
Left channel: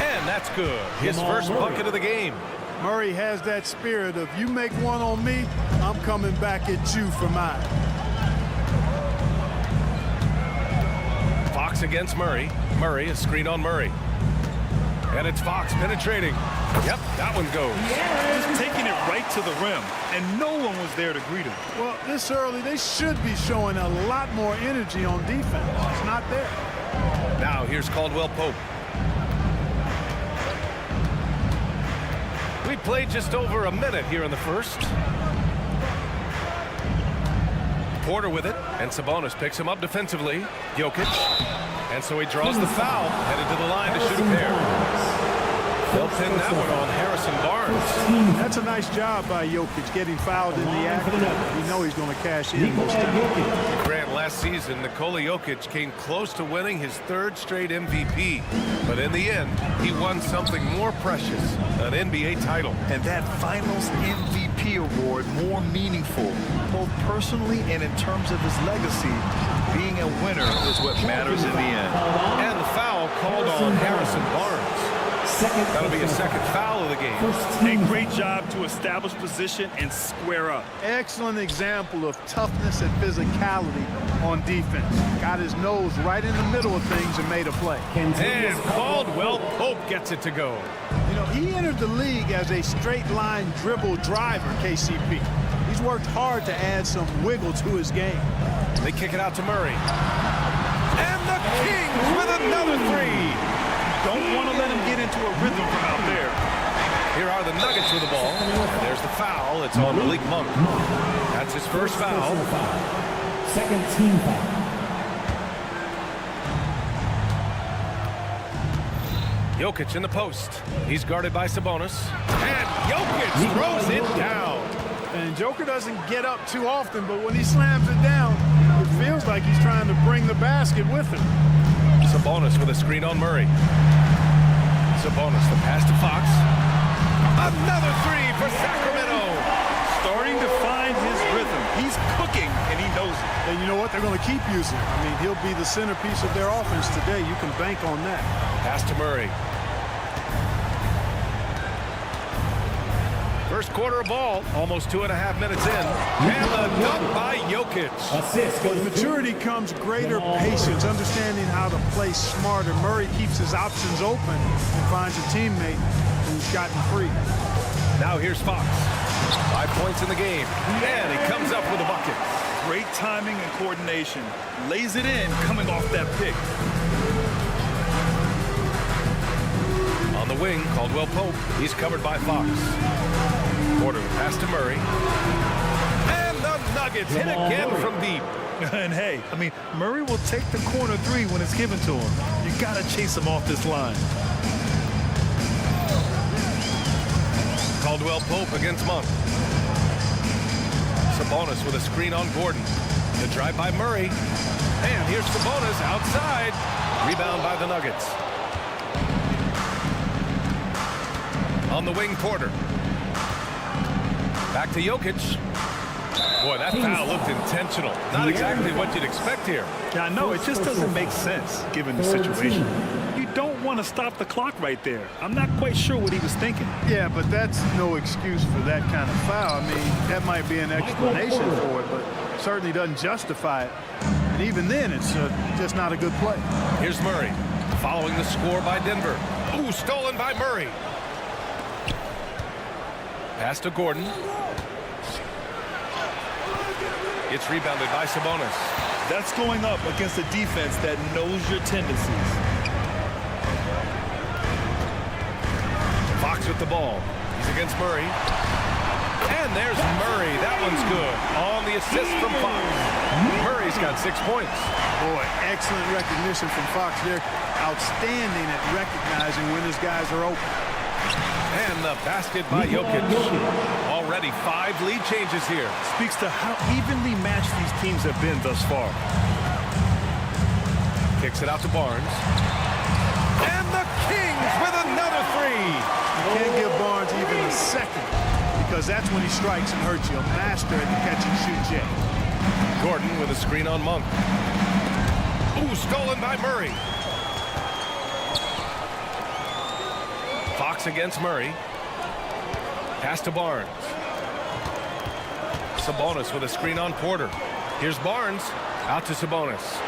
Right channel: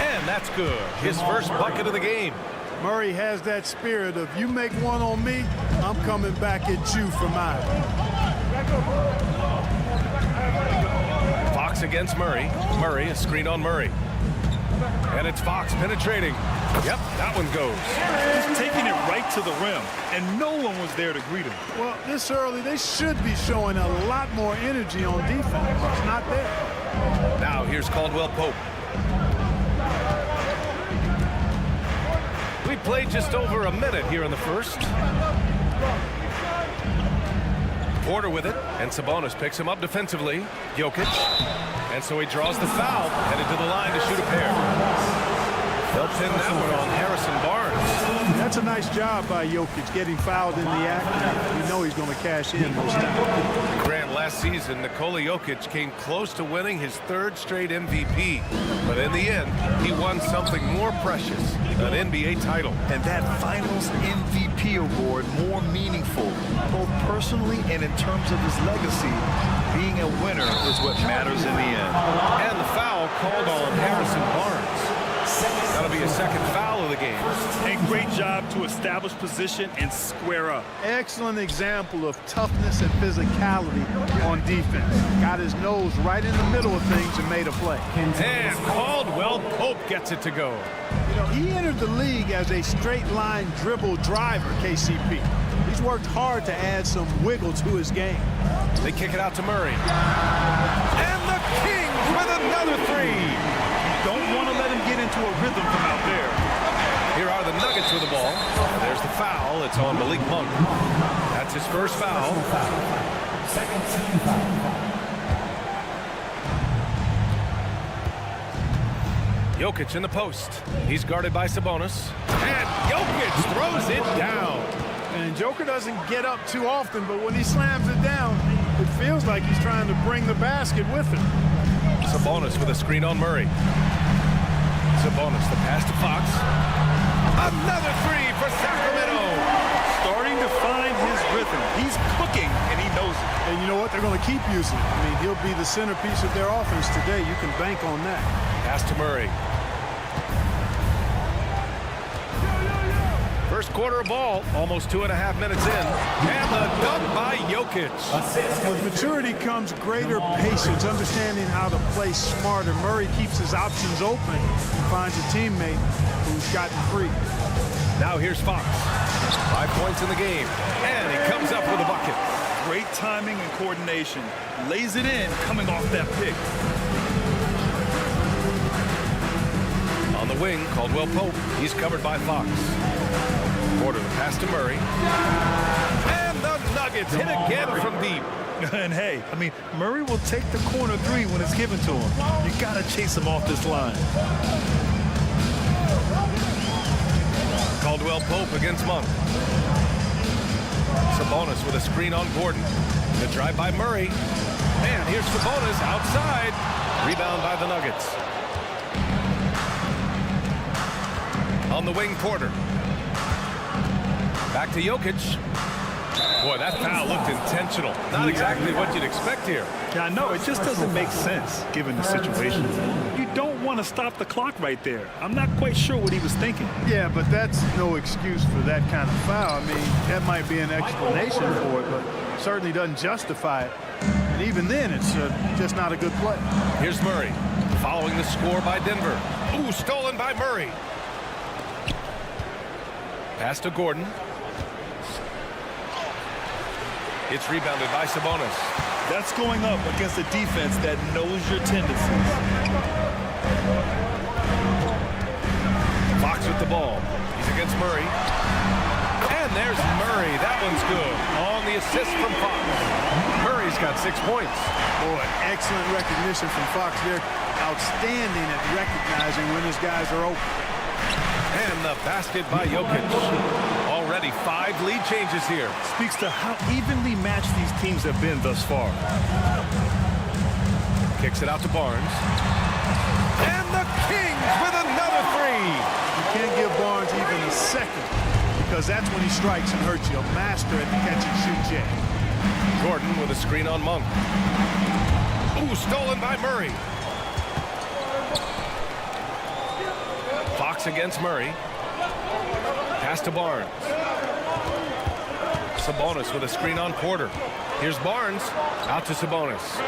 And that's good. His first bucket of the game. Murray has that spirit of, you make one on me, I'm coming back at you for mine. Fox against Murray. Murray, a screen on Murray. And it's Fox penetrating. Yep, that one goes. Just taking it right to the rim, and no one was there to greet him. Well, this early, they should be showing a lot more energy on defense. It's not there. Now here's Caldwell Pope. We played just over a minute here in the first. Porter with it, and Sabonis picks him up defensively. Jokic, and so he draws the foul, headed to the line to shoot a pair. They'll pin that one on Harrison Barnes. That's a nice job by Jokic getting fouled in the act. You know he's going to cash in most times. Grant, last season, Nikola Jokic came close to winning his 3rd straight MVP. But in the end, he won something more precious, an NBA title. And that Finals MVP award more meaningful, both personally and in terms of his legacy. Being a winner is what matters in the end. And the foul called on Harrison Barnes. That'll be a second foul of the game. And great job to establish position and square up. Excellent example of toughness and physicality on defense. Got his nose right in the middle of things and made a play. And Caldwell Pope gets it to go. You know, he entered the league as a straight line dribble driver, KCP. He's worked hard to add some wiggle to his game. They kick it out to Murray. And the Kings with another 3. Don't want to let him get into a rhythm from out there. Here are the Nuggets with the ball. And there's the foul. It's on Malik Monk. That's his first foul. Second team foul. Jokic in the post. He's guarded by Sabonis. And Jokic throws it down. And Joker doesn't get up too often, but when he slams it down, it feels like he's trying to bring the basket with him. Sabonis with a screen on Murray. Sabonis, the pass to Fox. Another 3 for Sacramento. Starting to find his rhythm. He's cooking, and he knows it. And you know what? They're going to keep using him. I mean, he'll be the centerpiece of their offense today. You can bank on that. Pass to Murray. First quarter of ball, almost 2.5 minutes in. And the dunk by Jokic. With maturity comes greater patience, understanding how to play smarter. Murray keeps his options open and finds a teammate who's gotten free. Now here's Fox. 5 points in the game. And he comes up with a bucket. Great timing and coordination. Lays it in coming off that pick. On the wing, Caldwell Pope. He's covered by Fox. Porter, the pass to Murray. And the Nuggets hit again from deep. And hey, I mean, Murray will take the corner 3 when it's given to him. You got to chase him off this line. Caldwell Pope against Monk. Sabonis with a screen on Gordon. The drive by Murray. And here's Sabonis outside. Rebound by the Nuggets. On the wing, Porter. Back to Jokic. Boy, that foul looked intentional. Not exactly what you'd expect here. Yeah, I know. It just doesn't make sense given the situation. You don't want to stop the clock right there. I'm not quite sure what he was thinking. Yeah, but that's no excuse for that kind of foul. I mean, that might be an explanation for it, but certainly doesn't justify it. And even then, it's just not a good play. Here's Murray, following the score by Denver. Ooh, stolen by Murray. Pass to Gordon. It's rebounded by Sabonis. That's going up against a defense that knows your tendencies. Fox with the ball. He's against Murray. And there's Murray. That one's good. On the assist from Fox. Murray's got 6 points. Boy, excellent recognition from Fox. They're outstanding at recognizing when his guys are open. And the basket by Jokic. Already 5 lead changes here. Speaks to how evenly matched these teams have been thus far. Kicks it out to Barnes. And the Kings with another 3. You can't give Barnes even a second because that's when he strikes and hurts you. A master at the catch-and-shoot jam. Gordon with a screen on Monk. Ooh, stolen by Murray. Fox against Murray. Pass to Barnes. Sabonis with a screen on Porter. Here's Barnes. Out to Sabonis.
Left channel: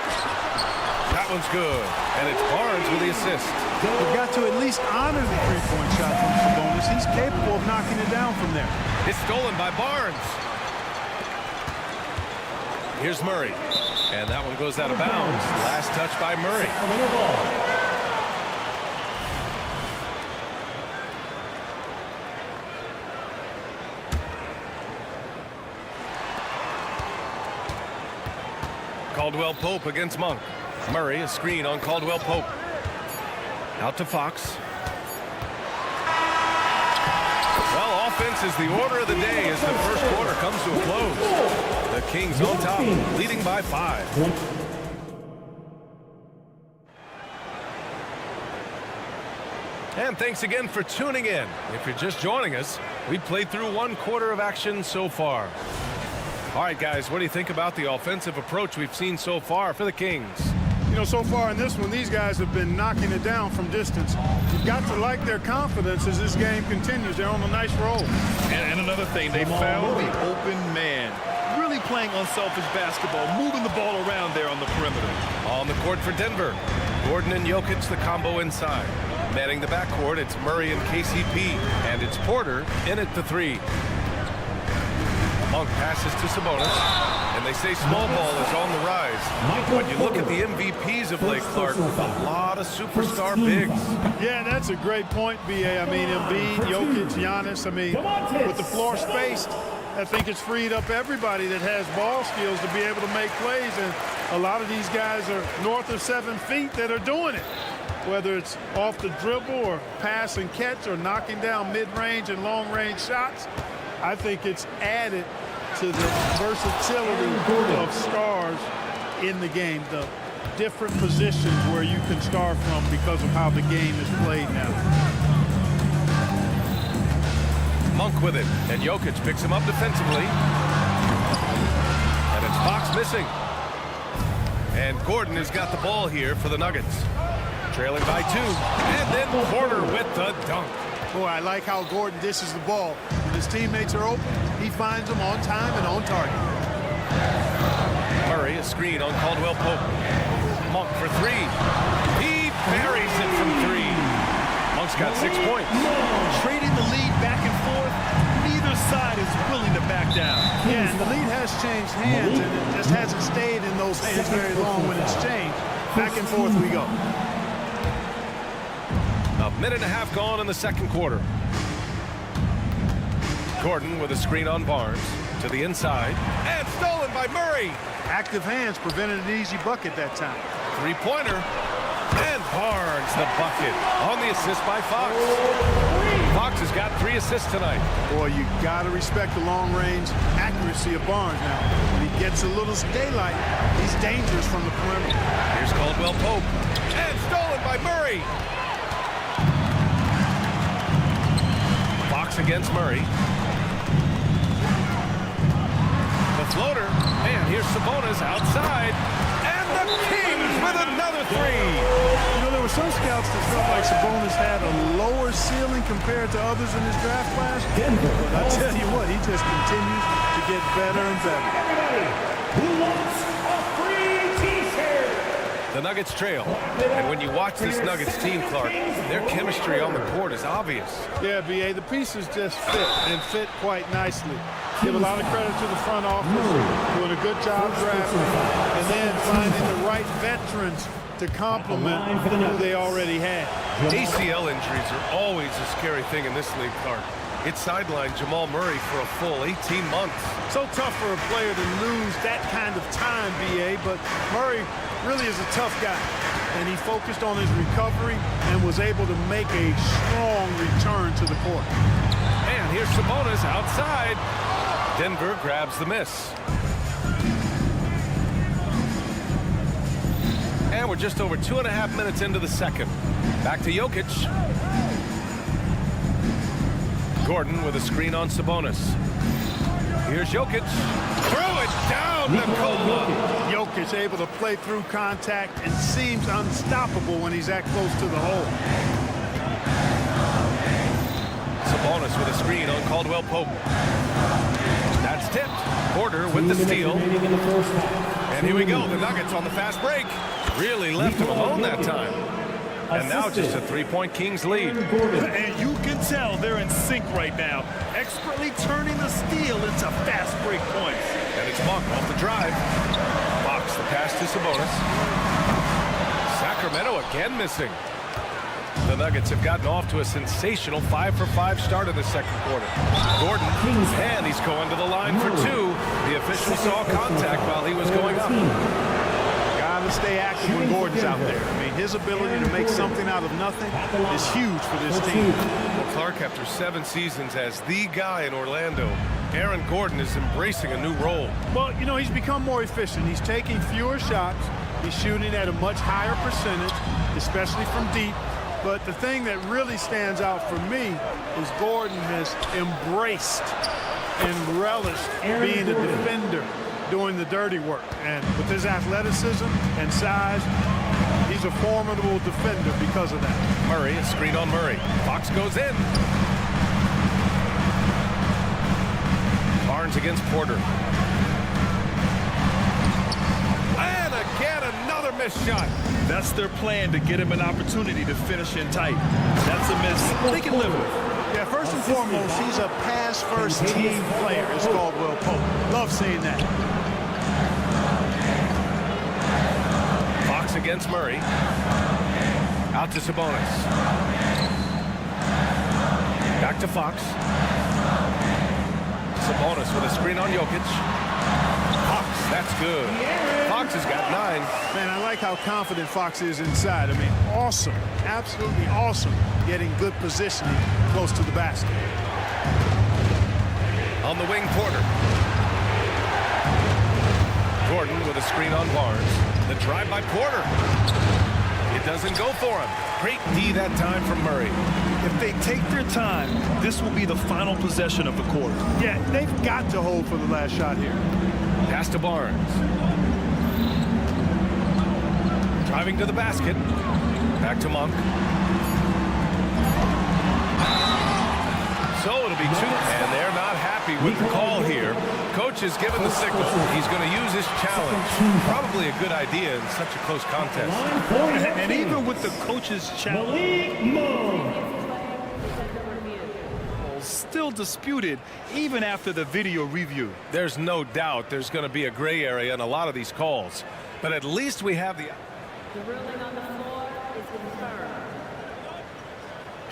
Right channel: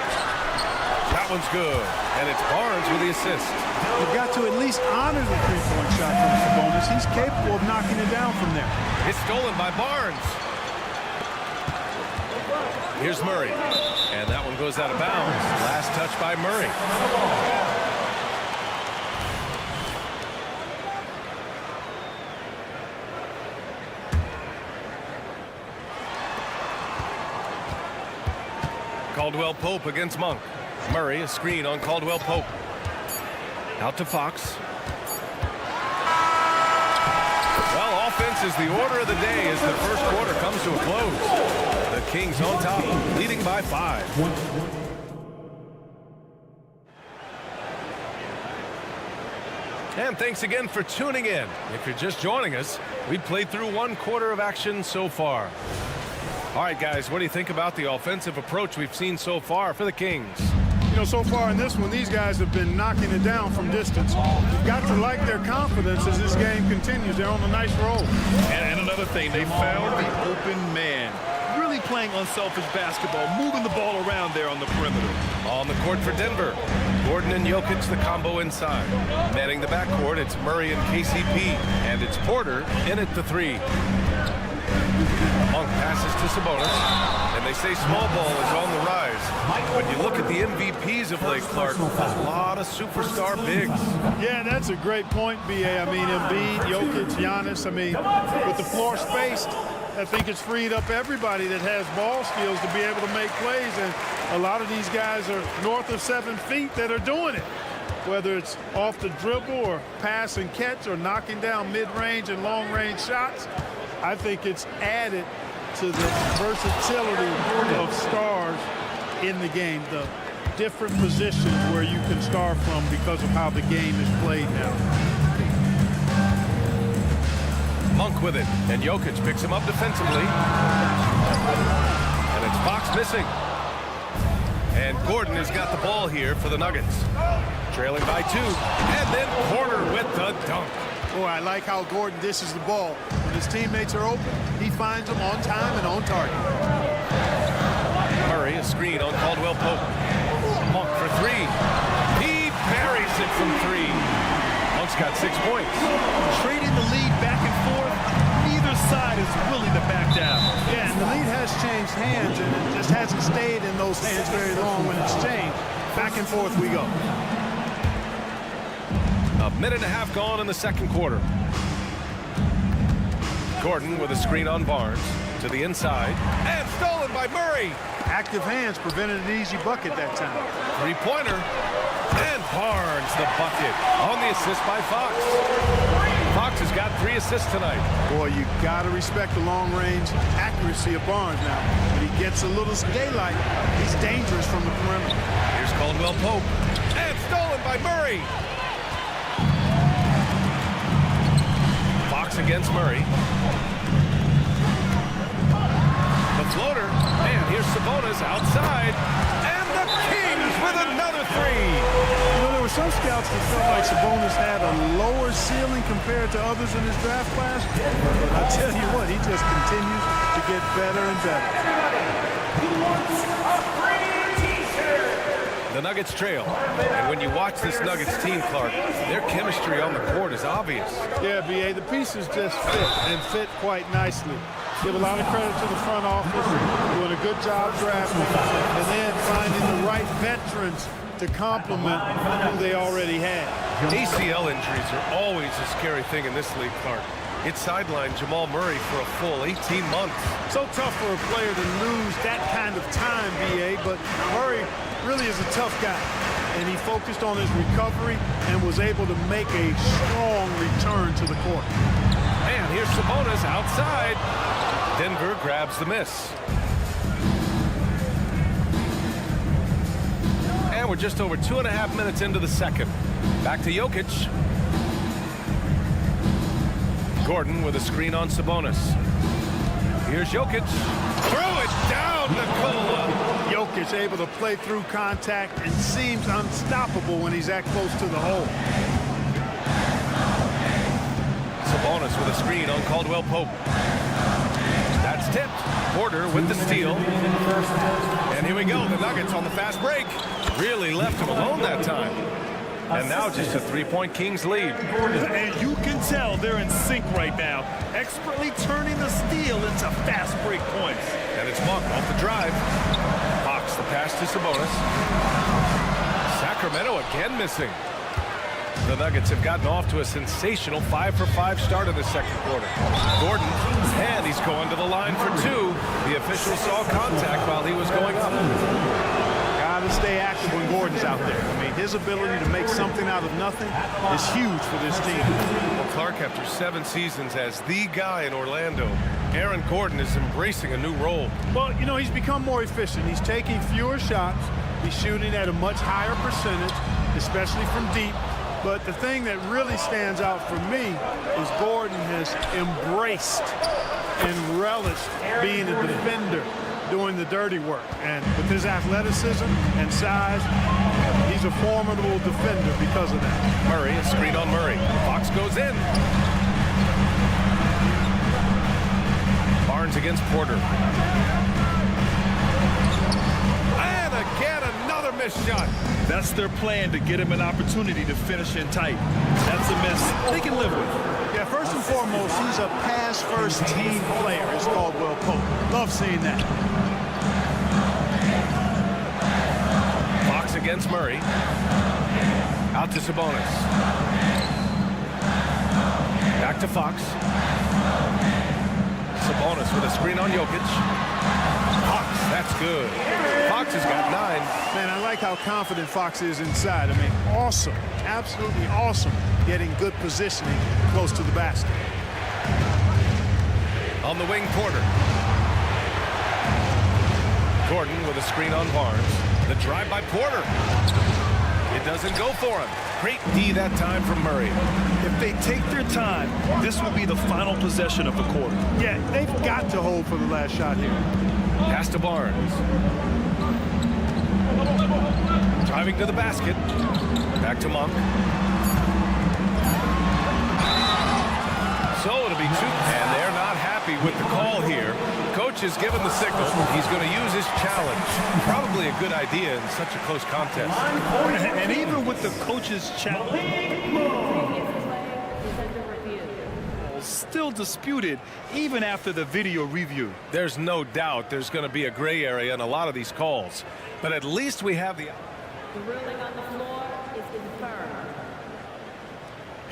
That one's good. And it's Barnes with the assist. You've got to at least honor the three-point shot from Sabonis. He's capable of knocking it down from there. It's stolen by Barnes. Here's Murray. And that one goes out of bounds. Last touch by Murray. Caldwell Pope against Monk. Murray, a screen on Caldwell Pope. Out to Fox. Well, offense is the order of the day as the first quarter comes to a close. The Kings on top, leading by 5. And thanks again for tuning in. If you're just joining us, we played through 1 quarter of action so far. All right, guys, what do you think about the offensive approach we've seen so far for the Kings? You know, so far in this one, these guys have been knocking it down from distance. You've got to like their confidence as this game continues. They're on a nice roll. And another thing, they found the open man. Really playing unselfish basketball, moving the ball around there on the perimeter. On the court for Denver, Gordon and Jokic, the combo inside. Manning the backcourt, it's Murray and KCP. And it's Porter in at the 3. Monk passes to Sabonis, and they say small ball is on the rise. But you look at the MVPs of late, Clark, a lot of superstar bigs. Yeah, that's a great point, B.A. I mean, Embiid, Jokic, Giannis. I mean, with the floor spaced, I think it's freed up everybody that has ball skills to be able to make plays. And a lot of these guys are north of 7 feet that are doing it, whether it's off the dribble or pass and catch or knocking down mid-range and long-range shots. I think it's added to the versatility of stars in the game, the different positions where you can start from because of how the game is played now. Monk with it, and Jokic picks him up defensively. And it's Fox missing. And Gordon has got the ball here for the Nuggets. Trailing by 2, and then Porter with the dunk. Boy, I like how Gordon dishes the ball. When his teammates are open, he finds them on time and on target. Murray, a screen on Caldwell Pope. Monk for 3. He buries it from 3. Monk's got 6 points. Trading the lead back and forth, neither side is willing to back down. Yeah, and the lead has changed hands, and it just hasn't stayed in those hands very long when it's changed. Back and forth we go. A minute and a half gone in the second quarter. Gordon with a screen on Barnes to the inside, and stolen by Murray. Active hands prevented an easy bucket that time. 3-pointer, and Barnes the bucket on the assist by Fox. Fox has got 3 assists tonight. Boy, you got to respect the long-range accuracy of Barnes now. When he gets a little daylight, he's dangerous from the perimeter. Here's Caldwell Pope, and stolen by Murray. Fox against Murray. The floater, and here's Sabonis outside, and the Kings with another 3. You know, there were some scouts that felt like Sabonis had a lower ceiling compared to others in his draft class, but I tell you what, he just continues to get better and better. The Nuggets trail, and when you watch this Nuggets team, Clark, their chemistry on the court is obvious. Yeah, B.A., the pieces just fit, and fit quite nicely. Give a lot of credit to the front office, doing a good job drafting, and then finding the right veterans to complement who they already had. ACL injuries are always a scary thing in this league, Clark. It sidelined Jamal Murray for a full 18 months. So tough for a player to lose that kind of time, B.A., but Murray really is a tough guy. And he focused on his recovery and was able to make a strong return to the court. And here's Sabonis outside. Denver grabs the miss. And we're just over 2.5 minutes into the second. Back to Jokic. Gordon with a screen on Sabonis. Here's Jokic. Throw it down, Nikola. Jokic able to play through contact and seems unstoppable when he's that close to the hole. Sabonis with a screen on Caldwell Pope. That's tipped. Porter with the steal. And here we go. The Nuggets on the fast break. Really left him alone that time. And now just a 3-point Kings lead. And you can tell they're in sync right now, expertly turning the steal into fast break points. And it's Monk off the drive. Fox the pass to Sabonis. Sacramento again missing. The Nuggets have gotten off to a sensational 5-for-5 start in the second quarter. Gordon, and he's going to the line for two. The official saw contact while he was going up. Got to stay active when Gordon's out there. I mean, his ability to make something out of nothing is huge for this team. Well, Clark, after 7 seasons as the guy in Orlando, Aaron Gordon is embracing a new role. Well, you know, he's become more efficient. He's taking fewer shots. He's shooting at a much higher percentage, especially from deep. But the thing that really stands out for me is Gordon has embraced and relished being a defender, doing the dirty work. And with his athleticism and size, he's a formidable defender because of that. Murray, a screen on Murray. Fox goes in. Barnes against Porter. And again, another missed shot. That's their plan, to get him an opportunity to finish in tight. That's a miss they can live with. Yeah, first and foremost, he's a pass-first team player, is Caldwell Pope. Love seeing that. Fox against Murray. Out to Sabonis. Back to Fox. Sabonis with a screen on Jokic. Fox, that's good. Fox has got 9. Man, I like how confident Fox is inside. I mean, awesome, absolutely awesome, getting good positioning close to the basket. On the wing, Porter. Gordon with a screen on Barnes. The drive by Porter. It doesn't go for him. Great D that time from Murray. If they take their time, this will be the final possession of the quarter. Yeah, they've got to hold for the last shot here. Pass to Barnes. Driving to the basket. Back to Monk. So it'll be 2. And they're not happy with the call here. Coach has given the signal. He's going to use his challenge. Probably a good idea in such a close contest. And even with the coach's challenge, still disputed even after the video review. There's no doubt there's going to be a gray area in a lot of these calls. But at least we have the ruling on the floor is confirmed.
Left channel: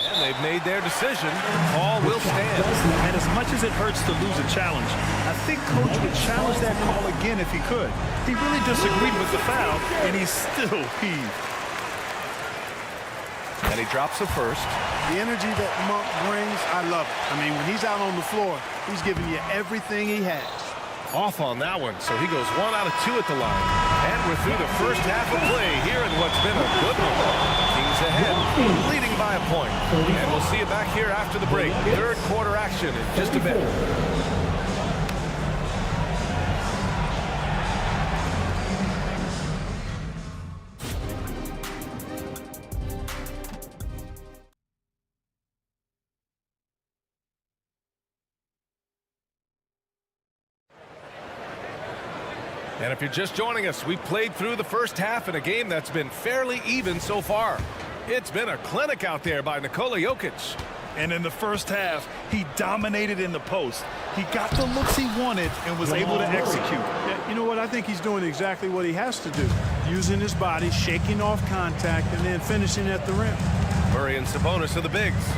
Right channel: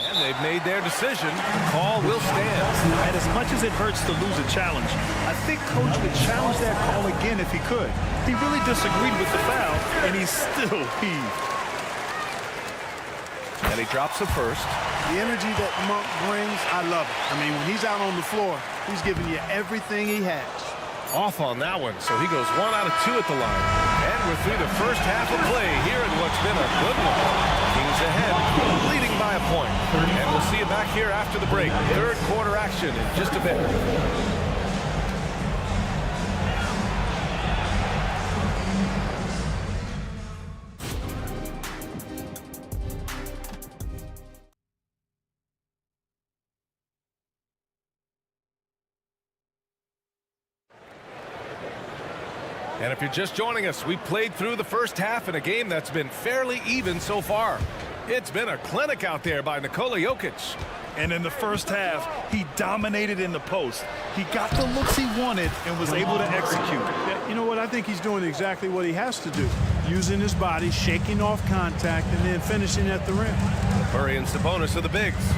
And they've made their decision. The call will stand. And as much as it hurts to lose a challenge, I think Coach would challenge that call again if he could. He really disagreed with the foul, and he's still peeved. And he drops the first. The energy that Monk brings, I love it. I mean, when he's out on the floor, he's giving you everything he has. Off on that one, so he goes 1 out of 2 at the line. And we're through the first half of play here in what's been a good one. Kings ahead, leading by a point. And we'll see you back here after the break. Third quarter action in just a bit. And if you're just joining us, we played through the first half in a game that's been fairly even so far. It's been a clinic out there by Nikola Jokic. And in the first half, he dominated in the post. He got the looks he wanted and was able to execute. Yeah, you know what? I think he's doing exactly what he has to do. Using his body, shaking off contact, and then finishing at the rim. Murray and Sabonis are the bigs.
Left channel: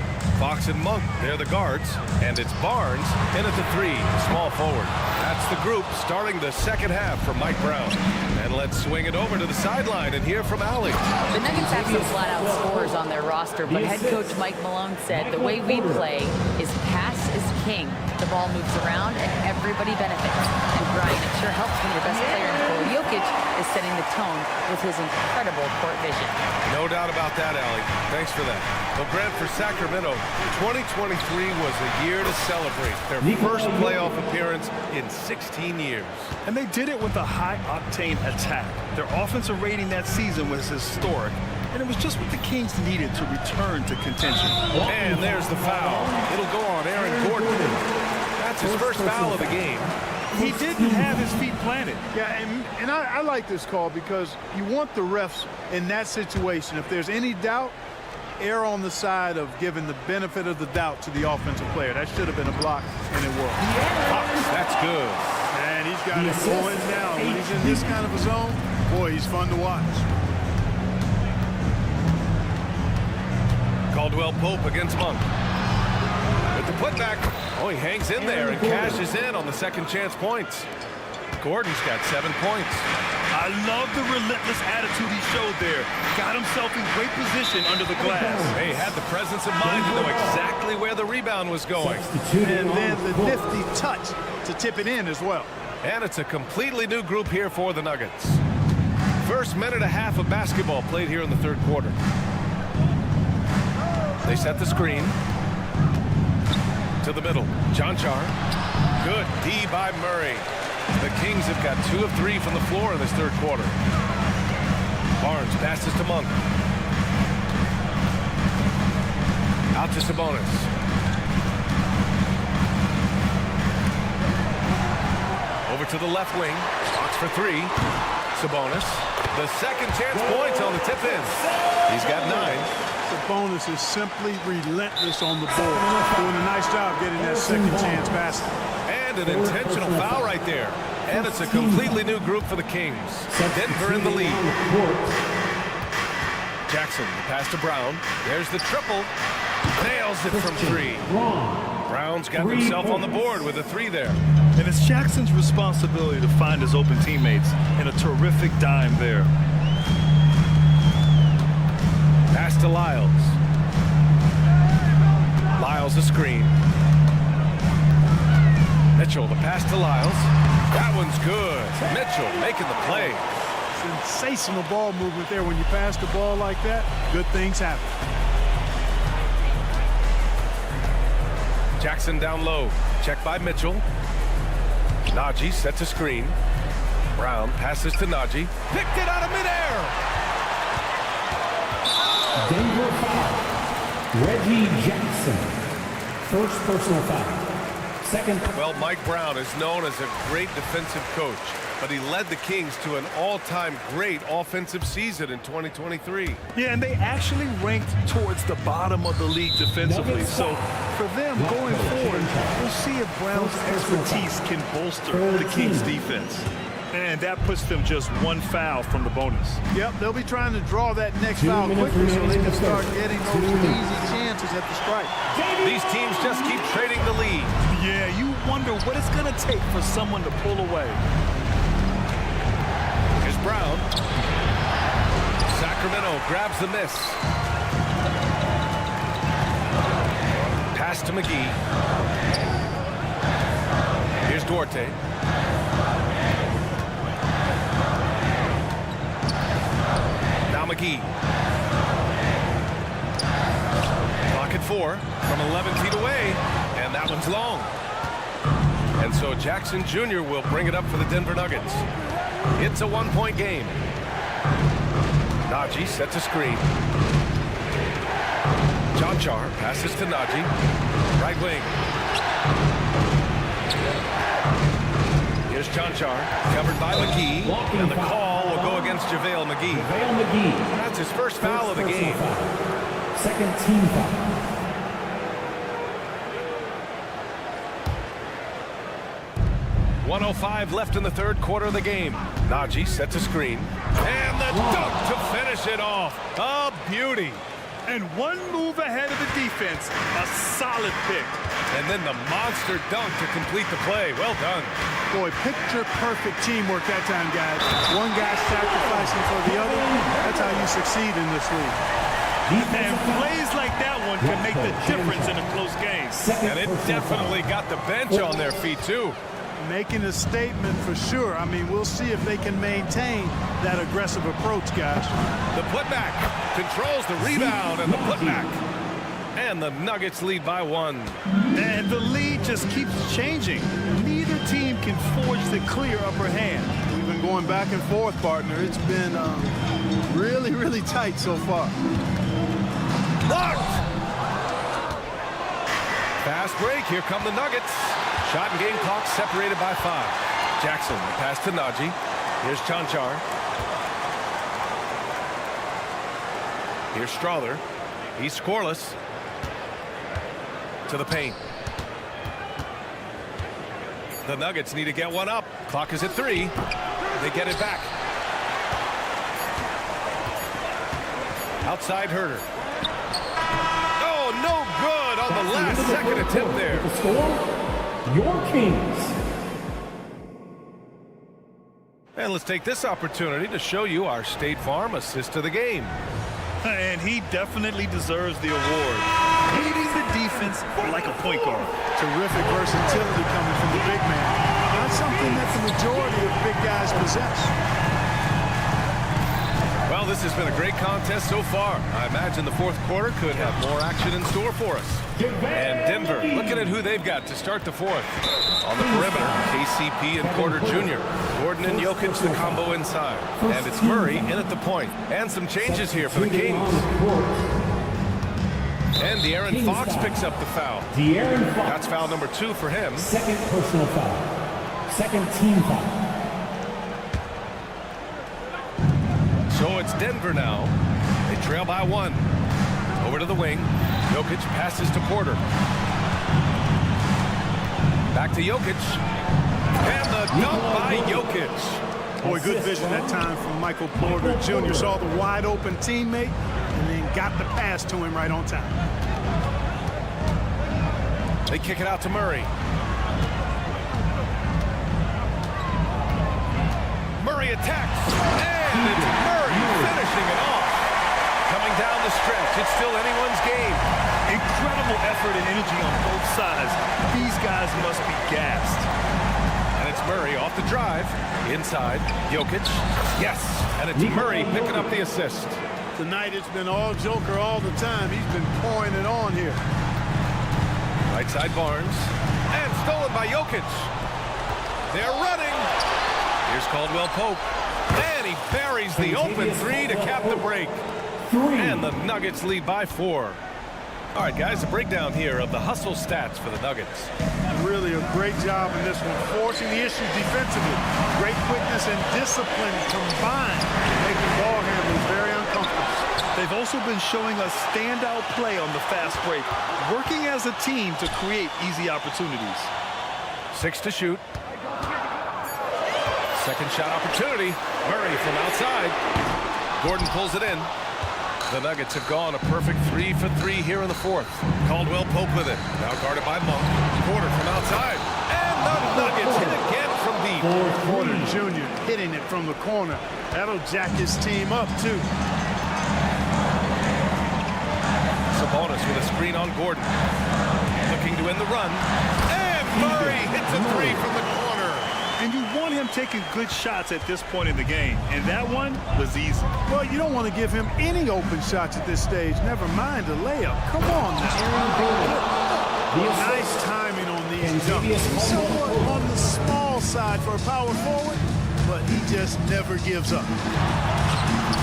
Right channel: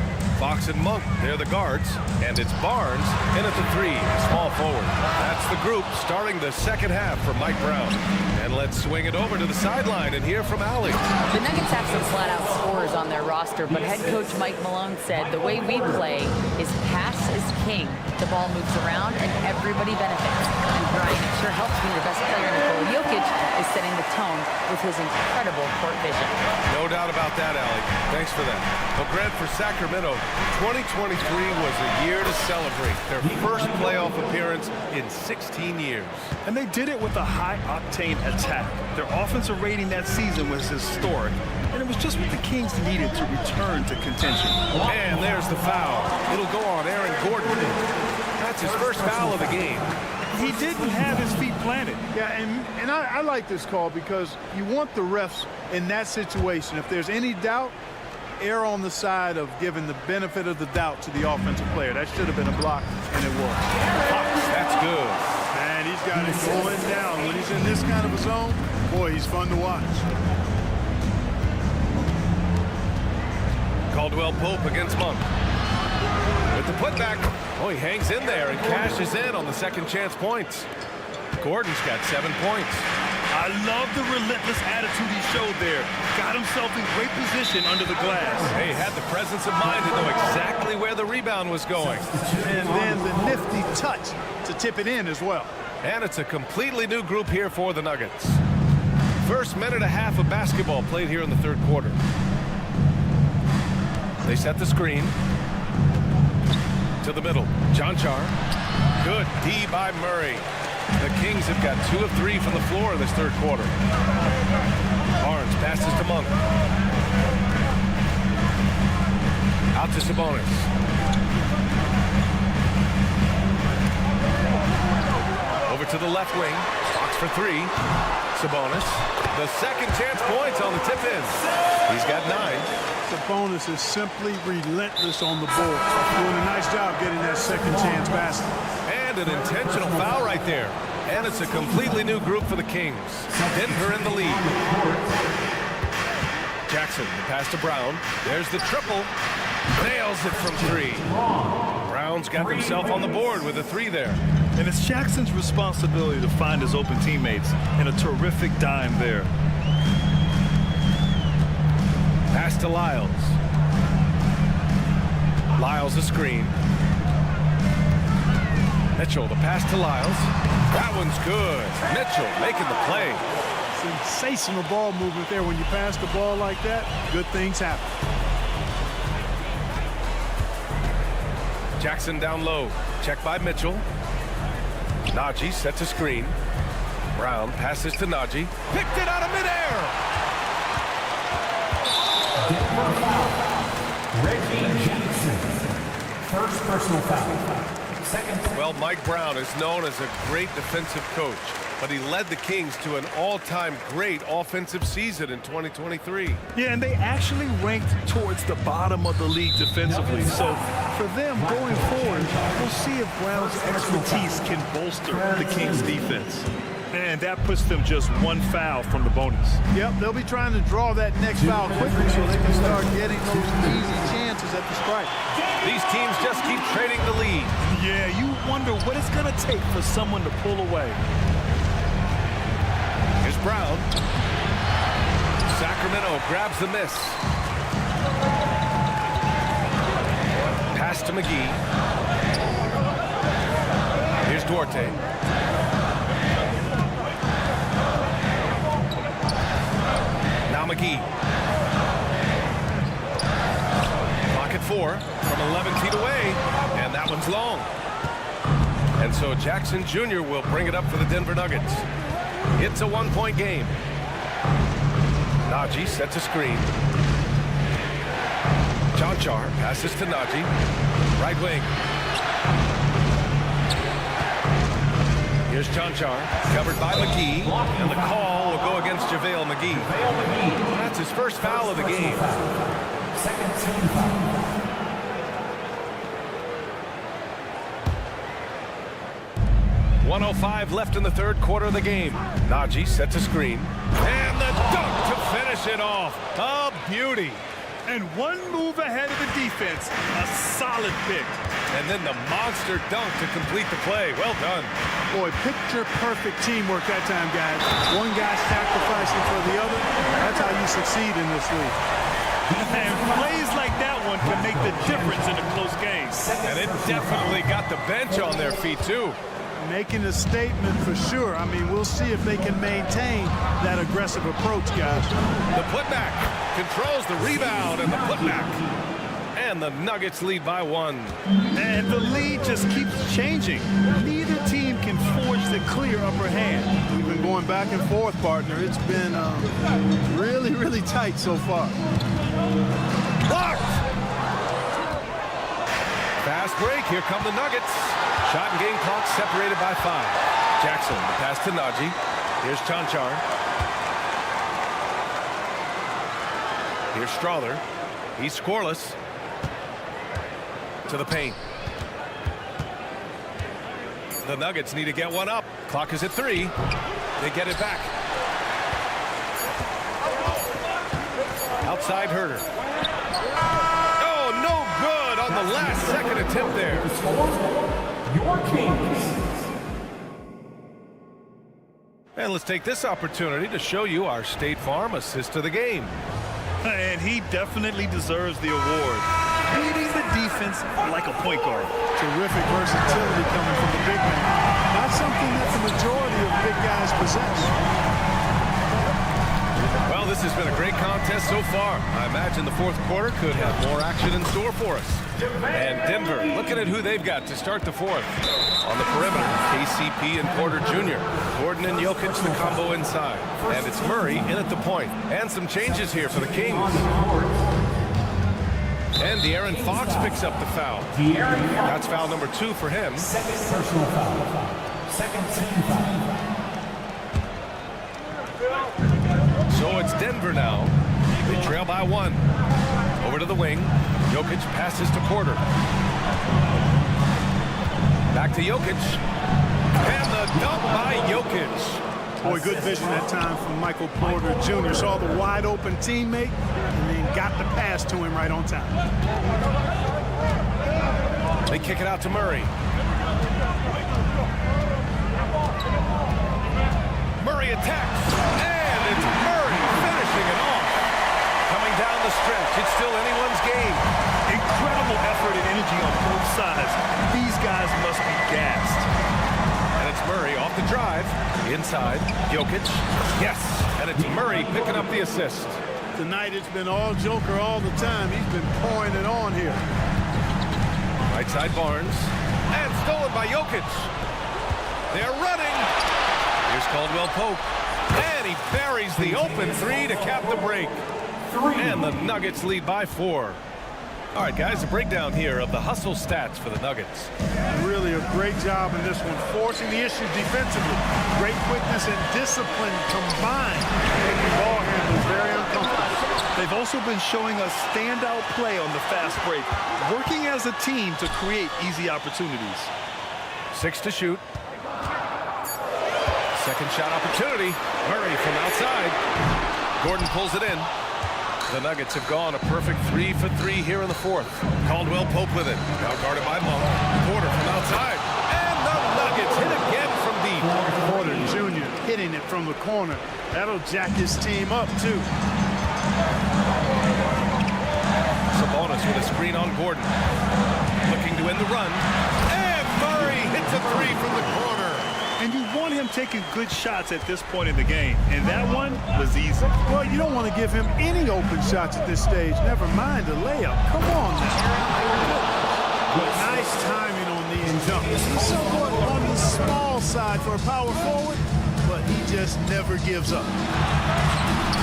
Fox and Monk, they're the guards. And it's Barnes in at the 3, the small forward. That's the group starting the second half for Mike Brown. And let's swing it over to the sideline and hear from Allie. The Nuggets have some flat-out scorers on their roster, but head coach Mike Malone said the way we play is pass is king. The ball moves around and everybody benefits. And Brian, it sure helps when your best player, Nikola Jokic, is setting the tone with his incredible court vision. No doubt about that, Allie. Thanks for that. Well, Grant, for Sacramento, 2023 was a year to celebrate their first playoff appearance in 16 years. And they did it with a high-octane attack. Their offensive rating that season was historic, and it was just what the Kings needed to return to contention. And there's the foul. It'll go on Aaron Gordon. That's his first foul of the game. He didn't have his feet planted. Yeah, and I like this call because you want the refs in that situation. If there's any doubt, err on the side of giving the benefit of the doubt to the offensive player. That should have been a block, and it was. Fox, that's good. Man, he's got it going down. When he's in this kind of a zone, boy, he's fun to watch. Caldwell Pope against Monk. With the putback. Oh, he hangs in there and cashes in on the second chance points. Gordon's got 7 points. I love the relentless attitude he showed there. Got himself in great position under the glass. He had the presence of mind to know exactly where the rebound was going. And then the nifty touch to tip it in as well. And it's a completely new group here for the Nuggets. First minute and a half of basketball played here in the third quarter. They set the screen. To the middle. Jonchar. Good D by Murray. The Kings have got 2 of 3 from the floor in this third quarter. Barnes passes to Monk. Out to Sabonis. Over to the left wing. Fox for 3. Sabonis. The second chance points on the tip-in. He's got 9. Sabonis is simply relentless on the board. Doing a nice job getting that second chance basket. And an intentional foul right there. And it's a completely new group for the Kings. Denver in the lead. Jackson, the pass to Brown. There's the triple. Nails it from 3. Brown's got himself on the board with a 3 there. And it's Jackson's responsibility to find his open teammates, and a terrific dime there. Pass to Lyles. Lyles a screen. Mitchell, the pass to Lyles. That one's good. Mitchell making the play. Sensational ball movement there. When you pass the ball like that, good things happen. Jackson down low. Check by Mitchell. Najee sets a screen. Brown passes to Najee. Picked it out of midair. Denver foul. Reggie Jackson. First personal foul. Second. Well, Mike Brown is known as a great defensive coach, but he led the Kings to an all-time great offensive season in 2023. Yeah, and they actually ranked towards the bottom of the league defensively. So for them going forward, we'll see if Brown's expertise can bolster the Kings defense. And that puts them just 1 foul from the bonus. Yep, they'll be trying to draw that next foul quickly so they can start getting those easy chances at the strike. These teams just keep trading the lead. Yeah, you wonder what it's going to take for someone to pull away. Here's Brown. Sacramento grabs the miss. Pass to McGee. Here's Duarte. Now McGee. Clock at 4 from 11 feet away, and that one's long. And so Jackson Jr. will bring it up for the Denver Nuggets. It's a 1-point game. Najee sets a screen. Jonchar passes to Najee. Right wing. Here's Jonchar, covered by McGee, and the call will go against JaVale McGee. That's his first foul of the game. Second team foul. .105 left in the third quarter of the game. Najee sets a screen. And the dunk to finish it off. A beauty. And one move ahead of the defense. A solid pick. And then the monster dunk to complete the play. Well done. Boy, picture-perfect teamwork that time, guys. One guy sacrificing for the other. That's how you succeed in this league. And plays like that one can make the difference in a close game. And it definitely got the bench on their feet, too. Making a statement for sure. I mean, we'll see if they can maintain that aggressive approach, guys. The putback controls the rebound and the putback. And the Nuggets lead by 1. And the lead just keeps changing. Neither team can forge the clear upper hand. We've been going back and forth, partner. It's been really, really tight so far. Blocked! Fast break. Here come the Nuggets. Shot and game clock separated by 5. Jackson, the pass to Najee. Here's Chanchar. Here's Strawther. He's scoreless. To the paint. The Nuggets need to get one up. Clock is at 3. They get it back. Outside Herter. Oh, no good on the last second attempt there. Your Kings. And let's take this opportunity to show you our State Farm assist to the game. And he definitely deserves the award. Leading the defense like a point guard. Terrific versatility coming from the big man. Not something that the majority of big guys possess. Well, this has been a great contest so far. I imagine the fourth quarter could have more action in store for us. And Denver, looking at who they've got to start the fourth. On the perimeter, KCP and Porter Jr. Gordon and Jokic, the combo inside. And it's Murray in at the point. And some changes here for the Kings. And De'Aaron Fox picks up the foul. That's foul number 2 for him. Second personal foul. Second team foul. So it's Denver now. They trail by 1. Over to the wing. Jokic passes to Porter. Back to Jokic. And the dunk by Jokic. Boy, good vision that time from Michael Porter Jr. Saw the wide open teammate and then got the pass to him right on time. They kick it out to Murray. Murray attacks. And it's Murray finishing it off. Coming down the stretch, it's still anyone's game. Incredible effort and energy on both sides. These guys must be gassed. And it's Murray off the drive. Inside, Jokic. Yes, and it's Murray picking up the assist. Tonight it's been all Joker all the time. He's been pouring it on here. Right side Barnes. And stolen by Jokic. They're running. Here's Caldwell Pope. And he buries the open 3 to cap the break. And the Nuggets lead by 4. All right, guys, a breakdown here of the hustle stats for the Nuggets. Really a great job in this one, forcing the issue defensively. Great quickness and discipline combined, making ball handlers very uncomfortable. They've also been showing us standout play on the fast break, working as a team to create easy opportunities. 6 to shoot. Second shot opportunity. Murray from outside. Gordon pulls it in. The Nuggets have gone a perfect 3 for 3 here in the fourth. Caldwell Pope with it. Now guarded by Monk. Porter from outside. And the Nuggets hit again from deep. Porter Jr. hitting it from the corner. That'll jack his team up, too. Sabonis with a screen on Gordon. Looking to end the run. And Murray hits a 3 from the corner. And you want him taking good shots at this point in the game. And that one was easy. Well, you don't want to give him any open shots at this stage. Never mind a layup. Come on now. Nice timing on these jumps. He's somewhat on the small side for a power forward, but he just never gives up.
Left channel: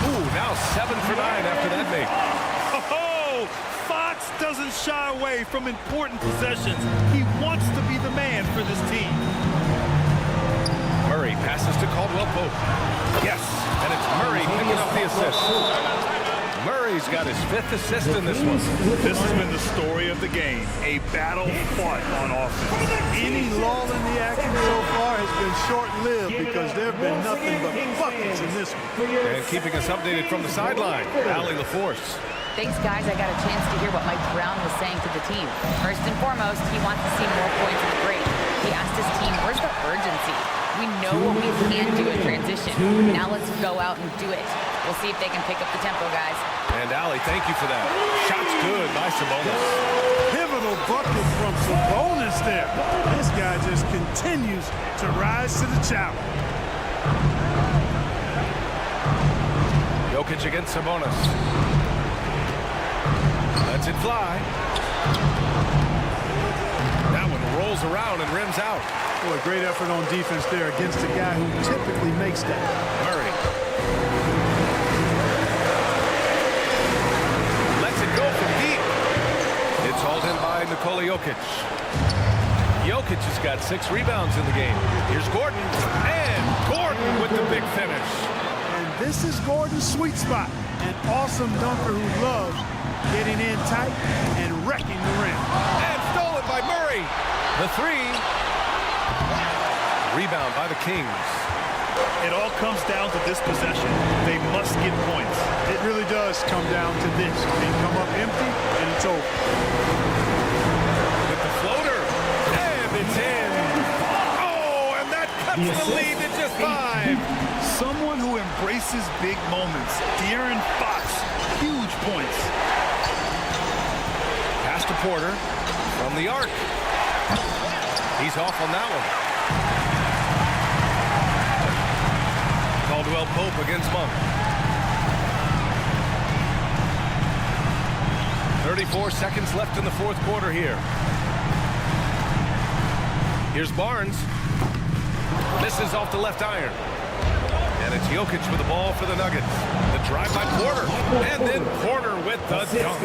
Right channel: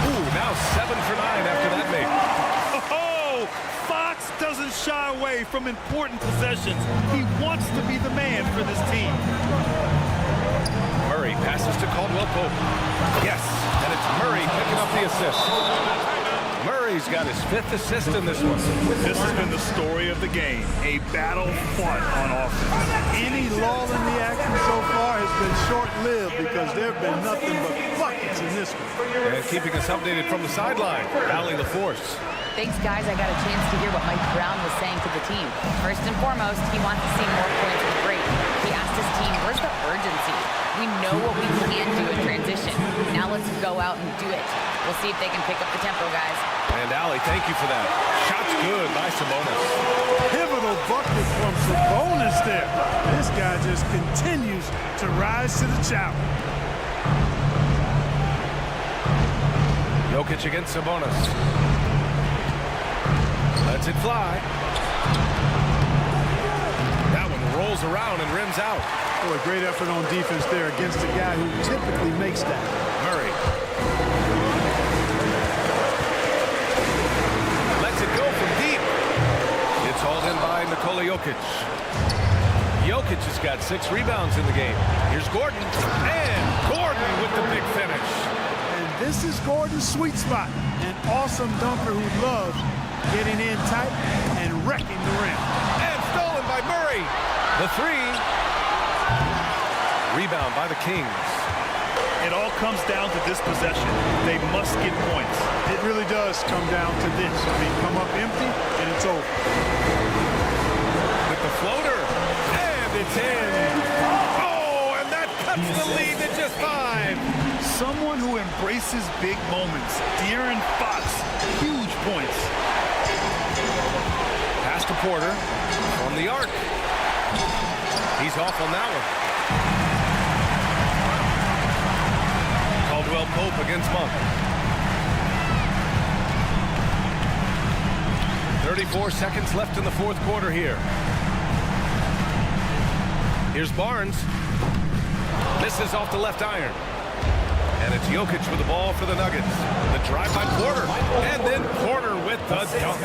Ooh, now 7 for 9 after that make. Oh, Fox doesn't shy away from important possessions. He wants to be the man for this team. Murray passes to Caldwell Pope. Yes, and it's Murray picking up the assist. Murray's got his 5th assist in this one. This has been the story of the game, a battle fought on offense. Any lull in the action so far has been short-lived because there have been nothing but buckets in this one. And keeping us updated from the sideline, Allie LaForce. Thanks, guys. I got a chance to hear what Mike Brown was saying to the team. First and foremost, he wants to see more points in the break. He asked his team, where's the urgency? We know what we can do in transition. Now let's go out and do it. We'll see if they can pick up the tempo, guys. And Allie, thank you for that. Shot's good by Sabonis. Pivotal bucket from Sabonis there. This guy just continues to rise to the challenge. Jokic against Sabonis. Lets it fly. That one rolls around and rims out. Boy, great effort on defense there against a guy who typically makes that. Murray. Lets it go from deep. It's hauled in by Nikola Jokic. Jokic has got 6 rebounds in the game. Here's Gordon. And Gordon with the big finish. And this is Gordon's sweet spot. An awesome dunker who loves getting in tight and wrecking the rim. And stolen by Murray. The 3. Rebound by the Kings. It all comes down to this possession. They must get points. It really does come down to this. I mean, come up empty, and it's over. With the floater. And it's in. Oh, and that cuts the lead to just 5. Someone who embraces big moments. De'Aaron Fox, huge points. Pass to Porter from the arc. He's off on that one. Caldwell Pope against Monk. 34 seconds left in the fourth quarter here. Here's Barnes. Misses off the left iron. And it's Jokic with the ball for the Nuggets. The drive by Porter. And then Porter with the dunk.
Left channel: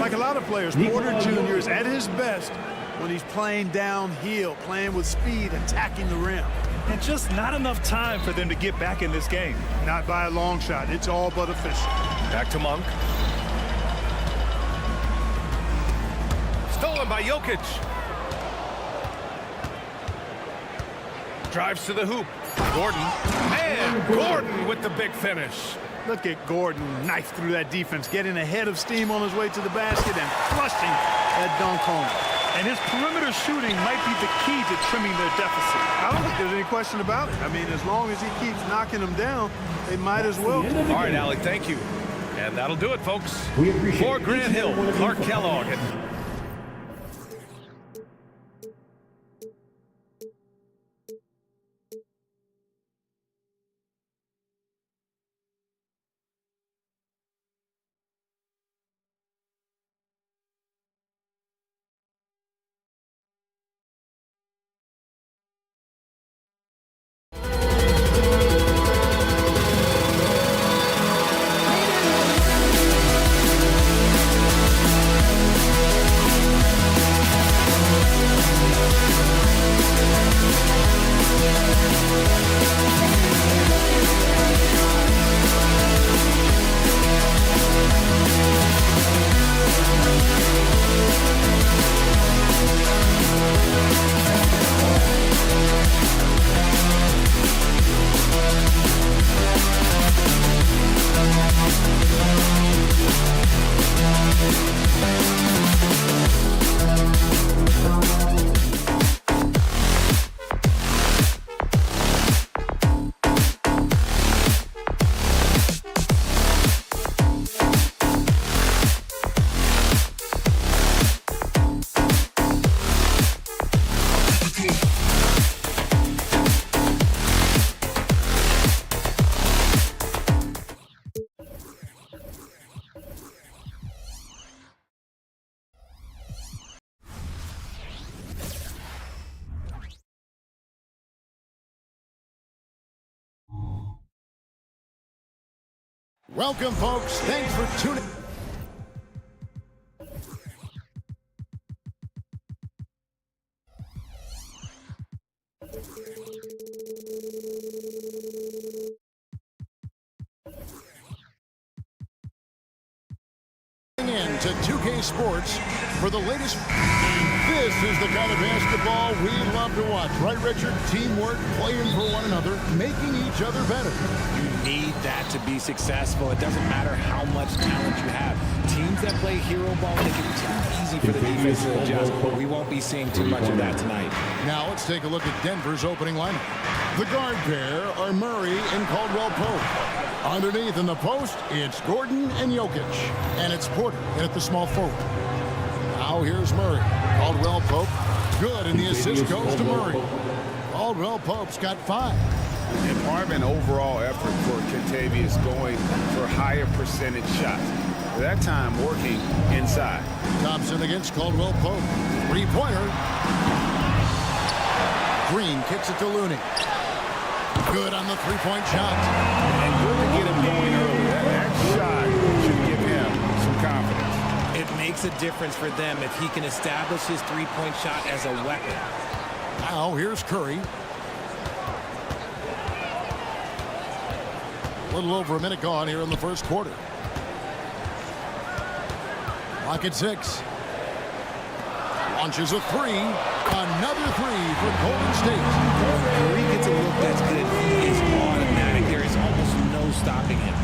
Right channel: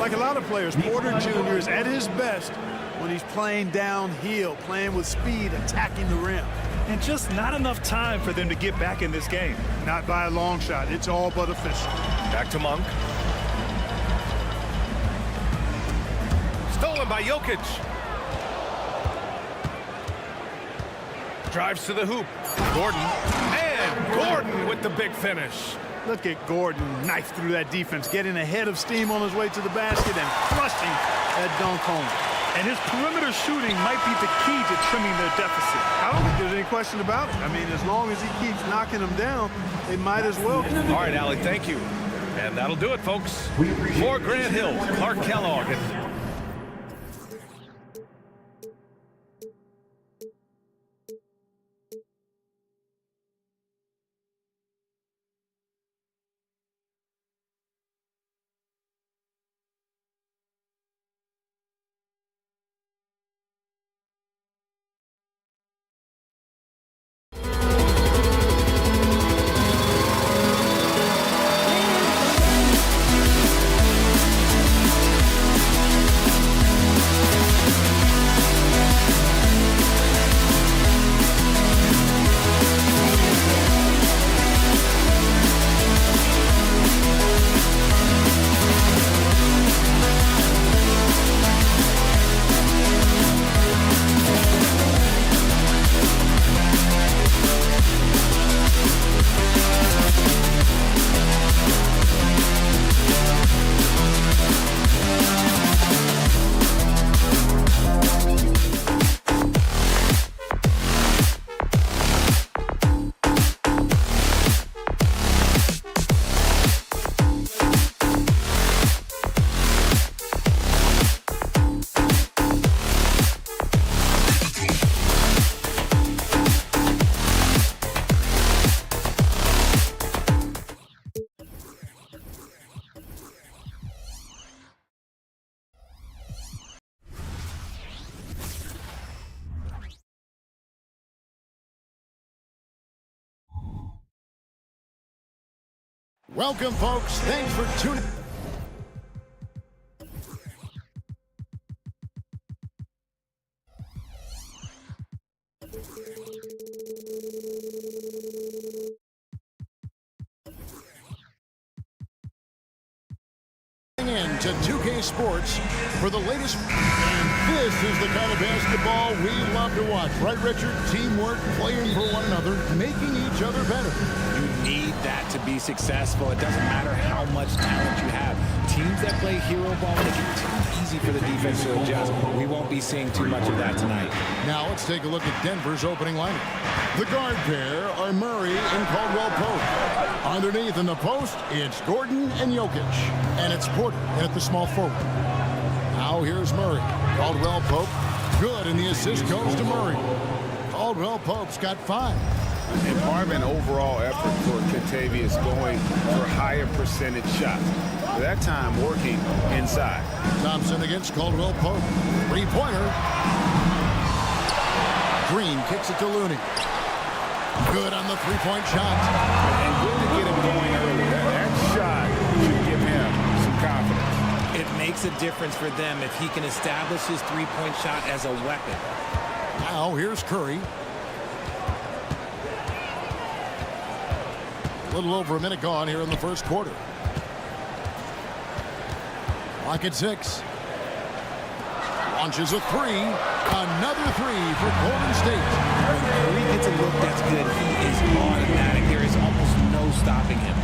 Like a lot of players, Porter Jr. is at his best when he's playing downhill, playing with speed, attacking the rim. And just not enough time for them to get back in this game. Not by a long shot. It's all but official. Back to Monk. Stolen by Jokic. Drives to the hoop. Gordon. And Gordon with the big finish. Look at Gordon knife through that defense, getting ahead of steam on his way to the basket and flushing that dunk home. And his perimeter shooting might be the key to trimming their deficit. I don't think there's any question about it. I mean, as long as he keeps knocking them down, they might as well. All right, Allie, thank you. And that'll do it, folks. For Grant Hill, Clark Kellogg. And Welcome, folks. Thanks for tuning in to 2K Sports for the latest. And this is the kind of basketball we love to watch. Right, Richard? Teamwork, playing for one another, making each other better. You need that to be successful. It doesn't matter how much talent you have. Teams that play hero ball make it too easy for the defense to adjust. We won't be seeing too much of that tonight. Now let's take a look at Denver's opening lineup. The guard pair are Murray and Caldwell Pope. Underneath in the post, it's Gordon and Jokic. And it's Porter in at the small forward. Now here's Murray. Caldwell Pope, good, and the assist goes to Murray. Caldwell Pope's got 5. And part of an overall effort for Kentavious going for higher percentage shots. At that time, working inside. Thompson against Caldwell Pope. 3-pointer. Green kicks it to Looney. Good on the 3-point shot. And good to get him going early. That shot should give him some confidence. It makes a difference for them if he can establish his 3-point shot as a weapon. Now here's Curry. A little over a minute gone here in the first quarter. Clock at 6. Launches a 3. Another 3 for Golden State. When Curry gets a look that's good, he is automatic. There is almost no stopping him.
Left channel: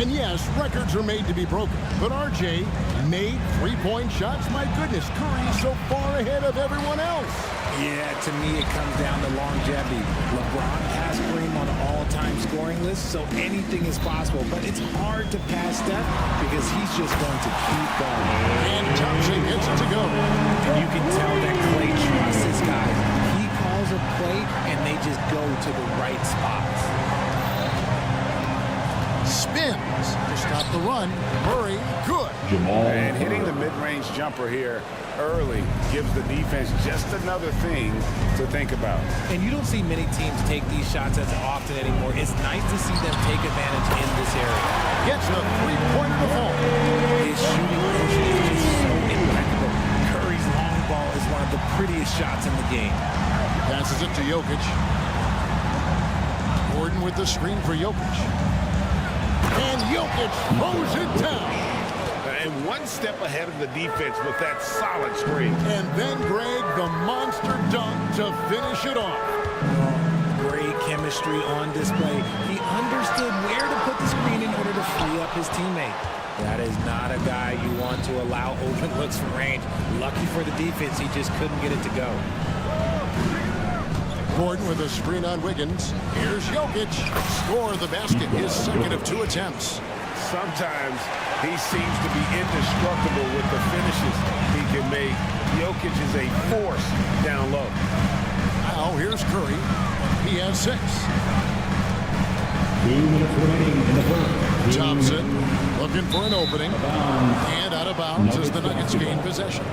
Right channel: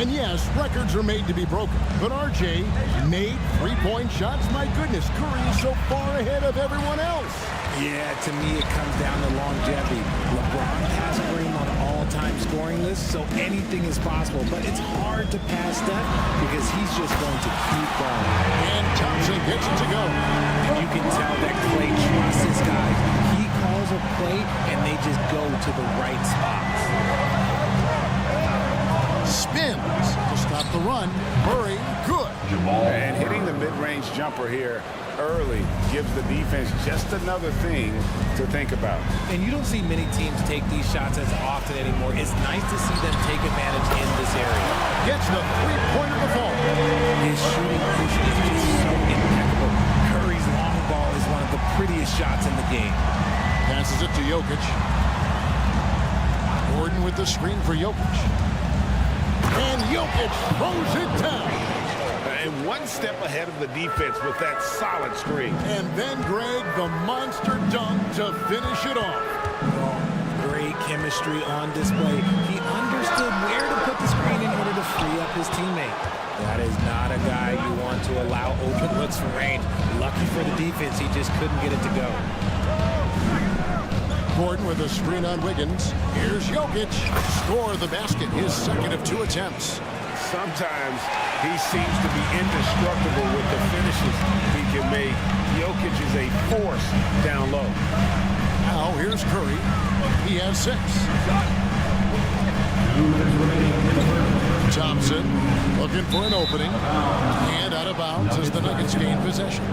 And yes, records are made to be broken. But RJ made 3-point shots. My goodness, Curry is so far ahead of everyone else. Yeah, to me, it comes down to longevity. LeBron passed Kareem on all-time scoring lists, so anything is possible. But it's hard to pass Steph because he's just going to keep going. And Thompson gets it to go. And you can tell that Klay trusts his guys. He calls a play, and they just go to the right spots. Spins to stop the run. Murray, good. And hitting the mid-range jumper here early gives the defense just another thing to think about. And you don't see many teams take these shots as often anymore. It's nice to see them take advantage in this area. Gets the 3-pointer to fall. His shooting motion is just so impeccable. Curry's long ball is one of the prettiest shots in the game. Passes it to Jokic. Gordon with the screen for Jokic. And Jokic throws it down. And one step ahead of the defense with that solid screen. And then, Greg, the monster dunk to finish it off. Oh, great chemistry on display. He understood where to put the screen in order to free up his teammate. That is not a guy you want to allow open looks from range. Lucky for the defense, he just couldn't get it to go. Gordon with a screen on Wiggins. Here's Jokic. Score the basket, his second of 2 attempts. Sometimes he seems to be indestructible with the finishes he can make. Jokic is a force down low. Now here's Curry. He has 6. 2 minutes remaining in the first. Thompson looking for an opening. And out of bounds as the Nuggets gain possession.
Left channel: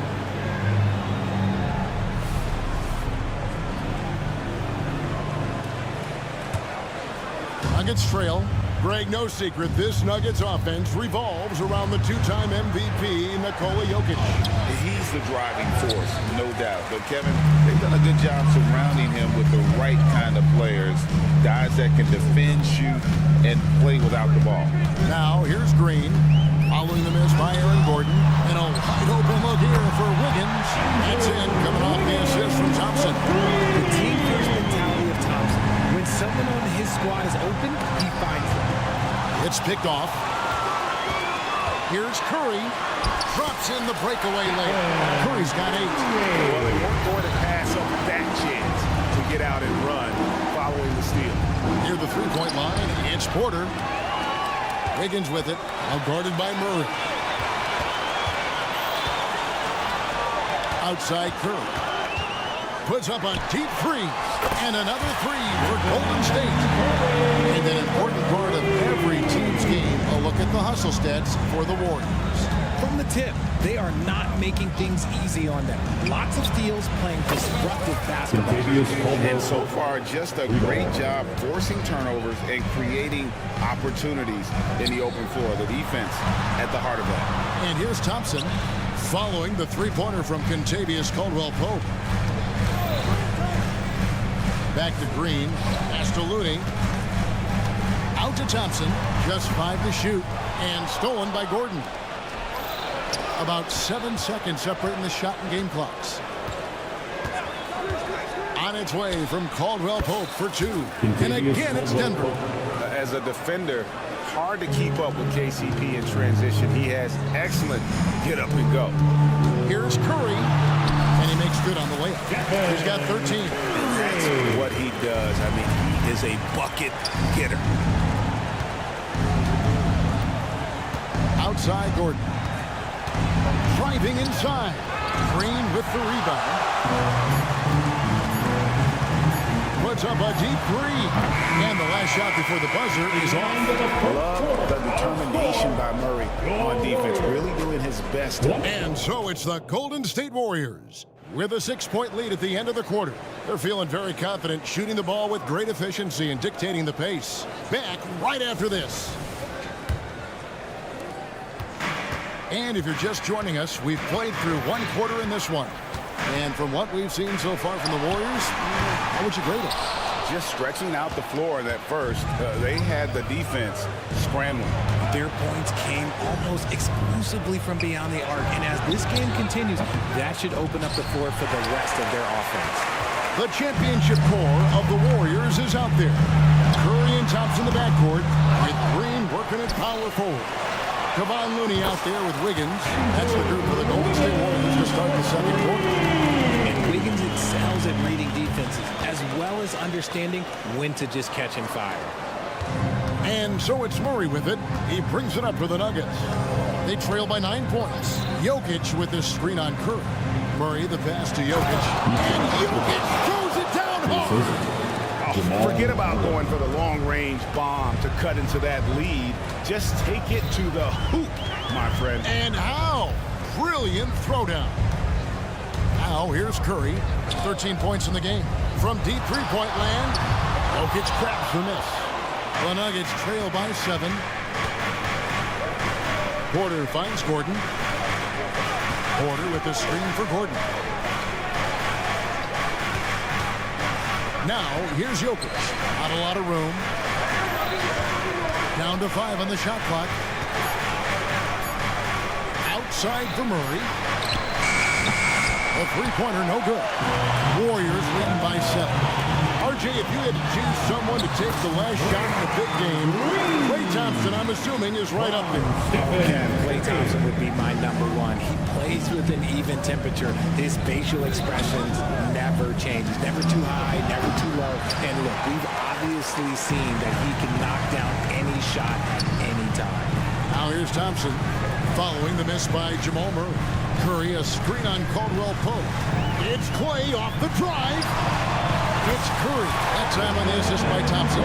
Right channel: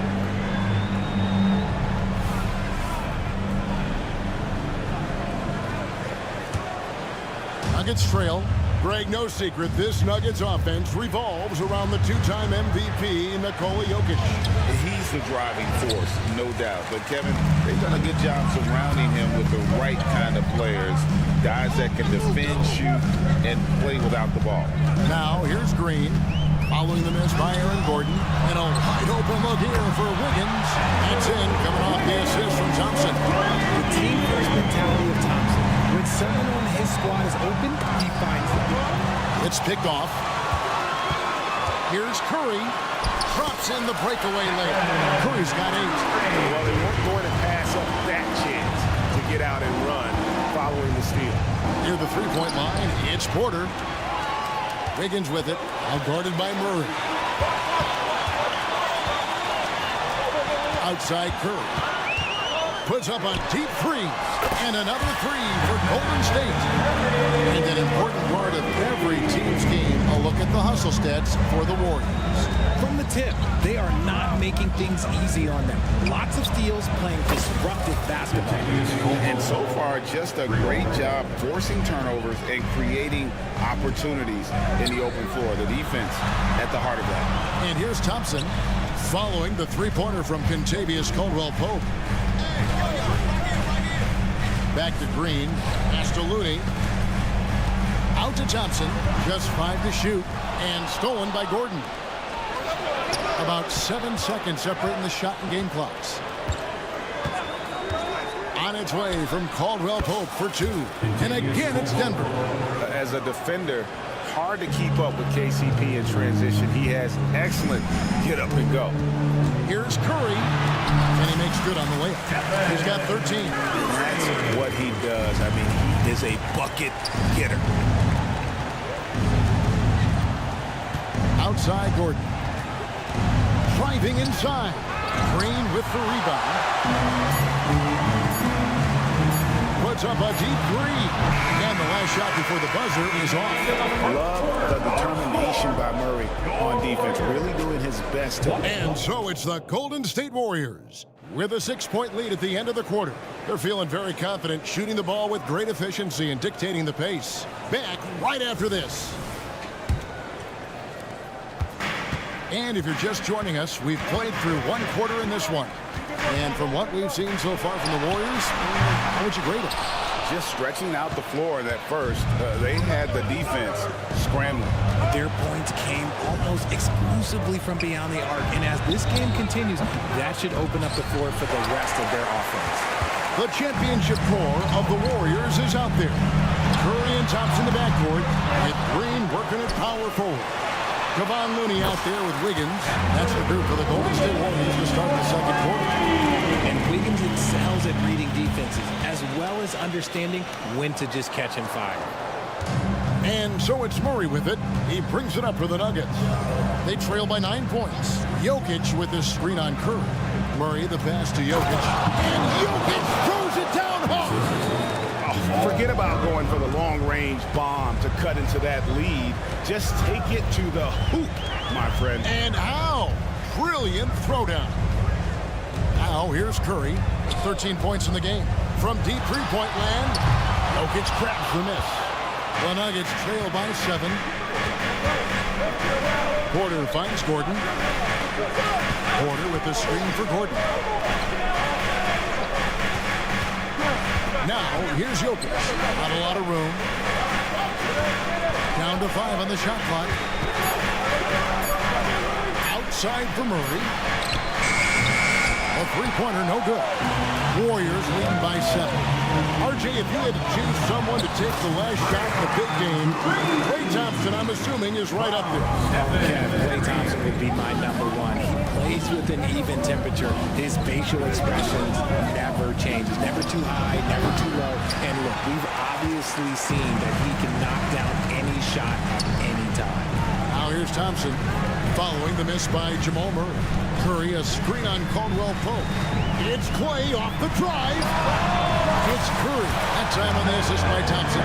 Nuggets trail. Greg, no secret, this Nuggets offense revolves around the 2-time MVP, Nikola Jokic. He's the driving force, no doubt. But, Kevin, they've done a good job surrounding him with the right kind of players, guys that can defend, shoot, and play without the ball. Now, here's Green. Following the miss by Aaron Gordon. And a wide open look here for Wiggins. That's in, coming off the assist from Thompson. The team-first mentality of Thompson. When someone on his squad is open, he finds them. It's picked off. Here's Curry. Drops in the breakaway layup. Curry's got 8. Well, they weren't going to pass up that chance to get out and run following the steal. Near the 3-point line, it's Porter. Wiggins with it, now guarded by Murray. Outside Curry. Puts up a deep 3. And another 3 for Golden State. And an important part of every team's game, a look at the hustle stats for the Warriors. From the tip, they are not making things easy on them. Lots of steals, playing disruptive basketball. And so far, just a great job forcing turnovers and creating opportunities in the open floor. The defense at the heart of that. And here's Thompson following the 3-pointer from Kentavious Caldwell-Pope. Back to Green, pass to Looney. Out to Thompson, just 5 to shoot, and stolen by Gordon. About 7 seconds separating the shot and game clocks. On its way from Caldwell Pope for 2. And again, it's Denver. As a defender, hard to keep up with KCP in transition. He has excellent get up and go. Here's Curry, and he makes good on the layup. He's got 13. And that's what he does. I mean, he is a bucket getter. Outside Gordon. Driving inside. Green with the rebound. Puts up a deep three. And the last shot before the buzzer is off. Love the determination by Murray on defense. Really doing his best to... And so it's the Golden State Warriors with a 6-point lead at the end of the quarter. They're feeling very confident, shooting the ball with great efficiency and dictating the pace. Back right after this. And if you're just joining us, we've played through 1 quarter in this one. And from what we've seen so far from the Warriors, how would you grade them? Just stretching out the floor in that first. They had the defense scrambling. Their points came almost exclusively from beyond the arc. And as this game continues, that should open up the floor for the rest of their offense. The championship core of the Warriors is out there. Curry and Thompson in the backcourt, with Green working at power forward. Kevon Looney out there with Wiggins. That's the group for the Golden State Warriors to start the second quarter. And Wiggins excels at reading defenses, as well as understanding when to just catch and fire. And so it's Murray with it. He brings it up for the Nuggets. They trail by 9 points. Jokic with this screen on Curry. Murray the pass to Jokic. And Jokic throws it down hard. Oh, forget about going for the long-range bomb to cut into that lead. Just take it to the hoop, my friend. And how? Brilliant throwdown. Now here's Curry. 13 points in the game. From deep three-point land, Jokic grabs the miss. The Nuggets trail by 7. Porter finds Gordon. Porter with the screen for Gordon. Now, here's Jokic. Not a lot of room. Down to 5 on the shot clock. Outside for Murray. A three-pointer, no good. Warriors leading by 7. RJ, if you had to choose someone to take the last shot in the big game, Klay Thompson, I'm assuming, is right up there. Kev, Klay Thompson would be my #1. He plays with an even temperature. His facial expressions never change. He's never too high, never too low. And look, we've obviously seen that he can knock down any shot at any time. Now here's Thompson following the miss by Jamal Murray. Curry, a screen on Caldwell Pope. It's Klay off the drive. It's Curry. That time on the assist by Thompson.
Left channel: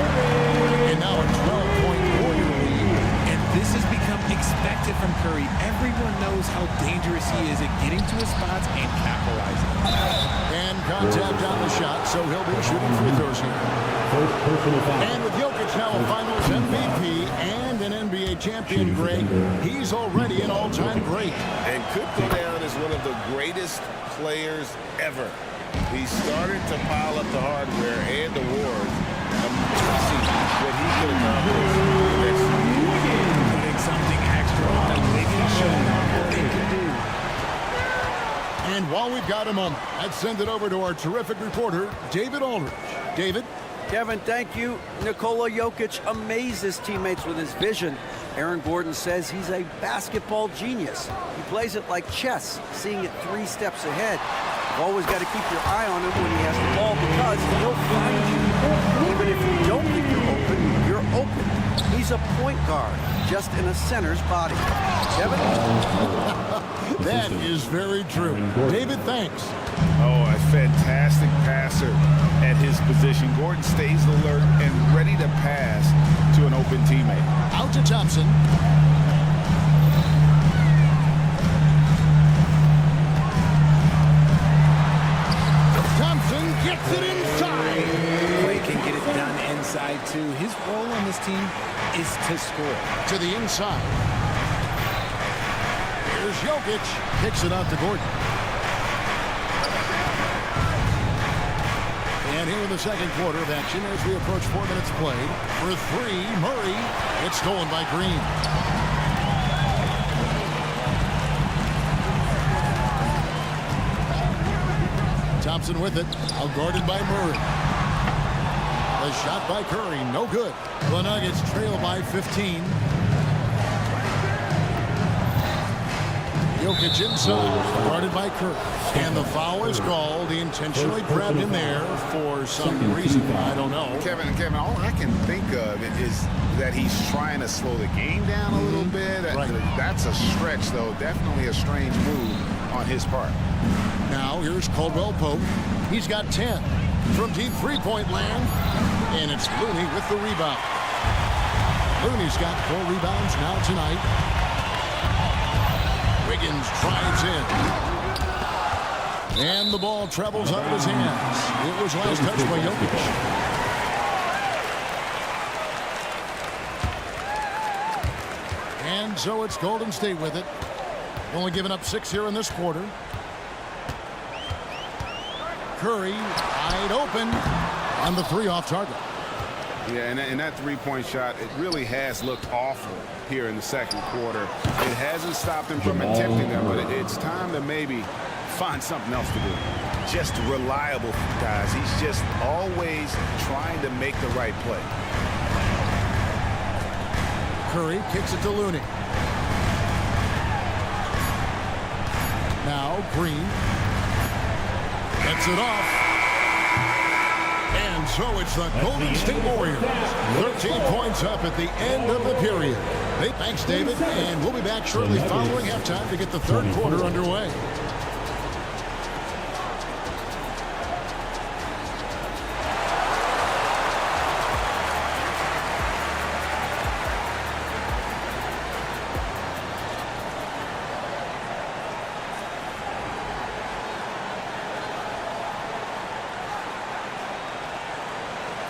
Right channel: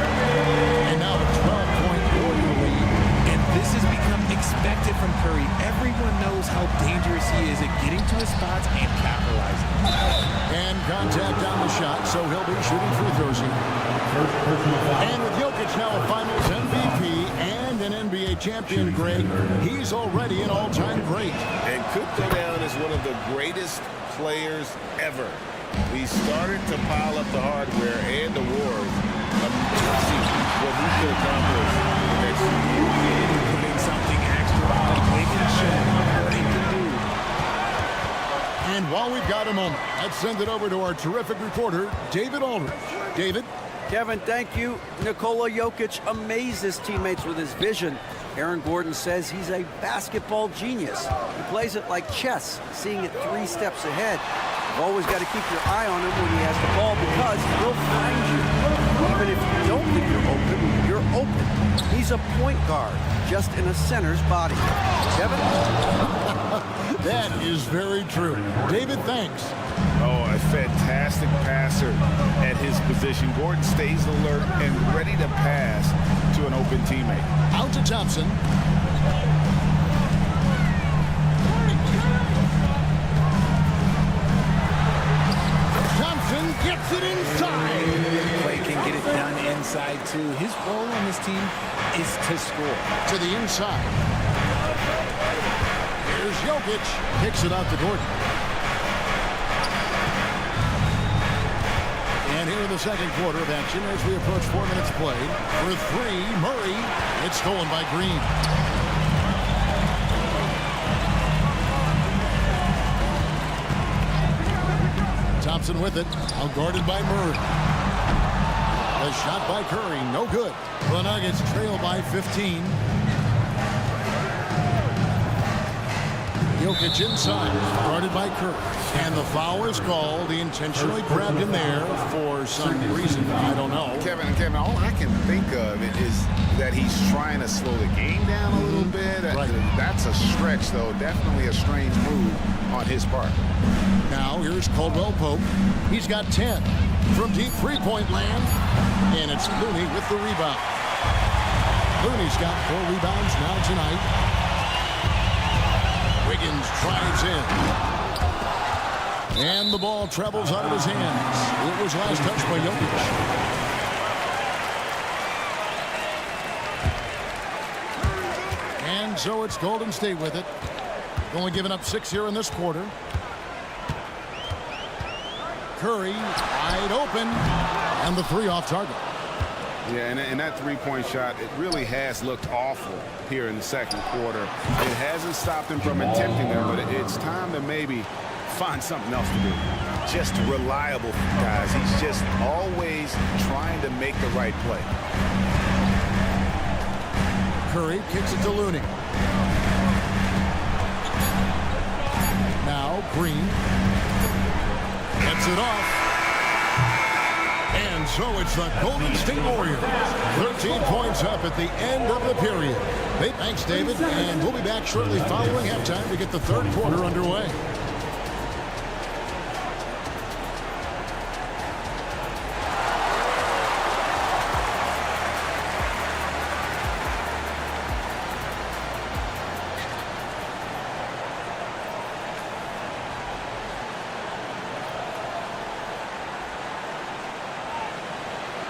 And now a 12-point Warrior lead. And this has become expected from Curry. Everyone knows how dangerous he is at getting to his spots and capitalizing. And contact on the shot, so he'll be shooting free throws here. And with Jokic now a Finals MVP and an NBA champion, Greg, he's already an all-time great. And could go down as one of the greatest players ever. He started to pile up the hardware and awards. Amazing what he could accomplish in the next few years. Putting something extra on him. Wiggins showing off what he can do. And while we've got a moment, let's send it over to our terrific reporter, David Aldridge. David? Kevin, thank you. Nikola Jokic amazes teammates with his vision. Aaron Gordon says he's a basketball genius. He plays it like chess, seeing it 3 steps ahead. You've always got to keep your eye on him when he has the ball because he'll find you. Even if you don't think you're open. He's a point guard, just in a center's body. Kevin? That is very true. David, thanks. Oh, a fantastic passer at his position. Gordon stays alert and ready to pass to an open teammate. Out to Thompson. Thompson gets it inside. Klay can get it done inside, too. His role on this team is to score. To the inside. Here's Jokic. Kicks it out to Gordon. And here in the second quarter of action as we approach 4 minutes played. For 3, Murray. It's stolen by Green. Thompson with it, outguarded by Murray. The shot by Curry, no good. The Nuggets trail by 15. Jokic inside, guarded by Curry. And the foul is called. He intentionally grabbed him there for some reason. I don't know. Kevin, all I can think of is that he's trying to slow the game down a little bit. Right. That's a stretch, though. Definitely a strange move on his part. Now here's Caldwell Pope. He's got 10 from deep three-point land. And it's Looney with the rebound. Looney's got 4 rebounds now tonight. Wiggins drives in. And the ball travels out of his hands. It was last touched by Jokic. And so it's Golden State with it. Only giving up 6 here in this quarter. Curry wide open. And the 3 off target. Yeah, and that three-point shot, it really has looked awful here in the second quarter. It hasn't stopped him from attempting them, but it's time to maybe find something else to do. Just reliable, guys. He's just always trying to make the right play. Curry kicks it to Looney. Now Green gets it off. And so it's the Golden State Warriors. 13 points up at the end of the period. Hey, thanks, David. And we'll be back shortly following halftime to get the third quarter underway.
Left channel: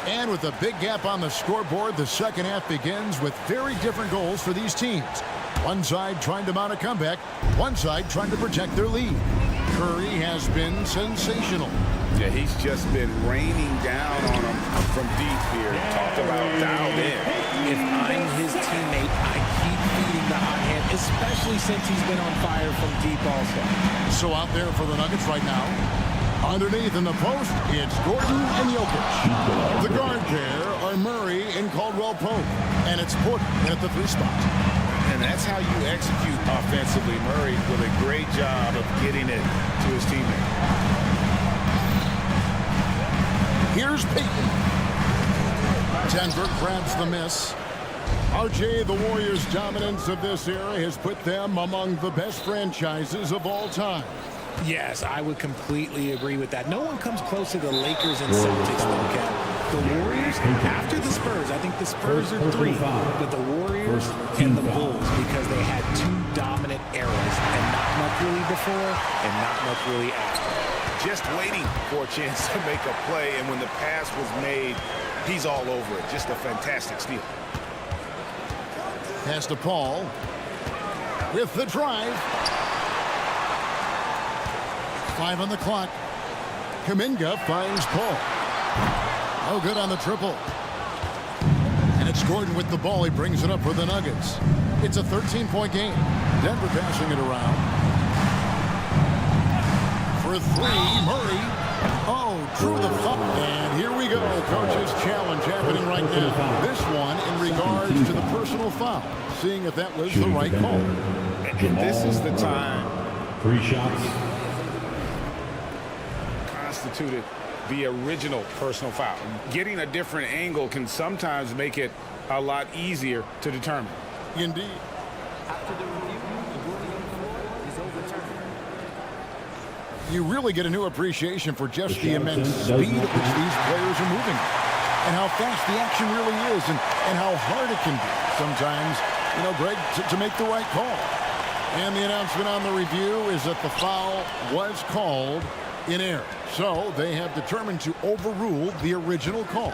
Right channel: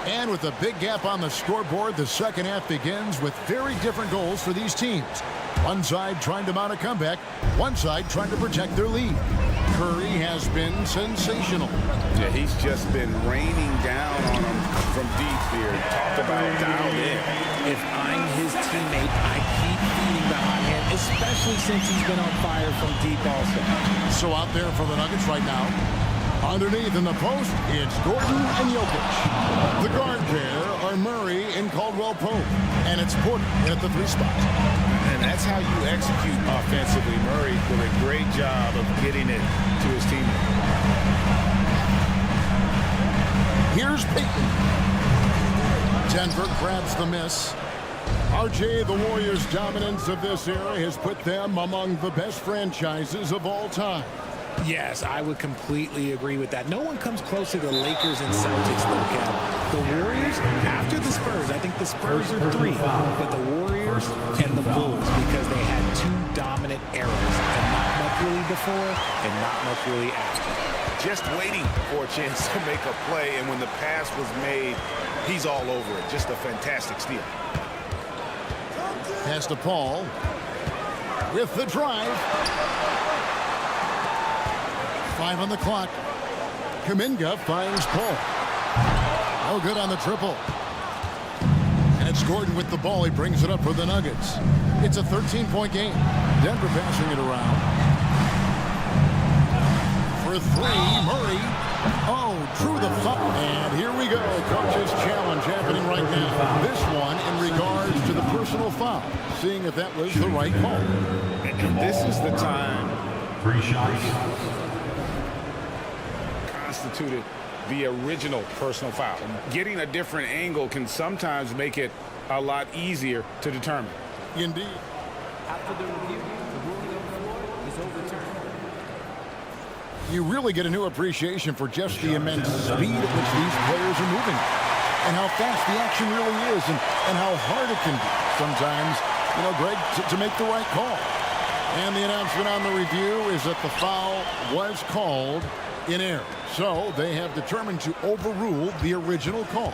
And with a big gap on the scoreboard, the second half begins with very different goals for these teams. One side trying to mount a comeback, one side trying to protect their lead. Curry has been sensational. Yeah, he's just been raining down on him from deep here. Talk about dialed in. If I'm his teammate, I keep feeding the hot hand, especially since he's been on fire from deep also. So out there for the Nuggets right now. Underneath in the post, it's Gordon and Jokic. The guard pair are Murray and Caldwell Pope. And it's Porter in at the 3 spot. And that's how you execute offensively. Murray with a great job of getting it to his teammate. Here's Payton. Denver grabs the miss. RJ, the Warriors' dominance of this era has put them among the best franchises of all time. Yes, I would completely agree with that. No one comes close to the Lakers and Celtics, though, Kev. The Warriors, after the Spurs, I think the Spurs are 3, but the Warriors and the Bulls, because they had 2 dominant eras, and not much really before and not much really after. Just waiting for a chance to make a play, and when the pass was made, he's all over it. Just a fantastic steal. Pass to Paul with the drive. 5 on the clock. Kuminga finds Paul. No good on the triple. And it's Gordon with the ball. He brings it up for the Nuggets. It's a 13-point game. Denver passing it around. For 3, Murray. Oh, drew the foul. And here we go. Coach's challenge happening right now. This one in regards to the personal foul. Seeing if that was the right call. And this is the time. 3 shots. Constituted the original personal foul. Getting a different angle can sometimes make it a lot easier to determine. Indeed. After the review, the ruling on the floor is overturned. You really get a new appreciation for just the immense speed at which these players are moving and how fast the action really is and how hard it can be sometimes, you know, Greg, to make the right call. And the announcement on the review is that the foul was called in error. So they have determined to overrule the original call.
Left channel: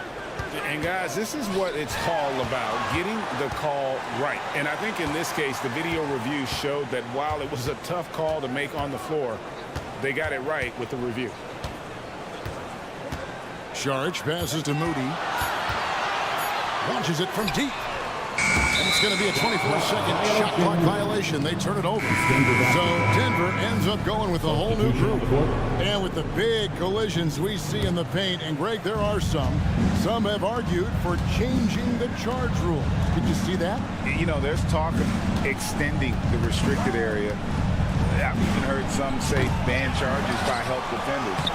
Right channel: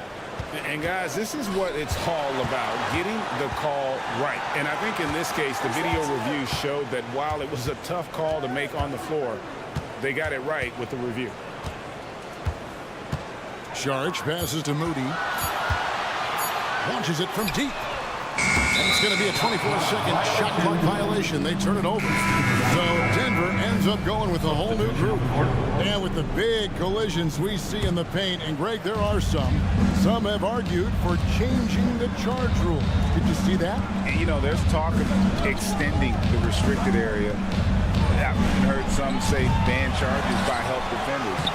And guys, this is what it's all about, getting the call right. And I think in this case, the video review showed that while it was a tough call to make on the floor, they got it right with the review. Saric passes to Moody. Launches it from deep. And it's going to be a 24-second shot clock violation. They turn it over. So Denver ends up going with a whole new group. And with the big collisions we see in the paint, and Greg, there are some have argued for changing the charge rule. Did you see that? You know, there's talk of extending the restricted area. I've even heard some say ban charges by help defenders.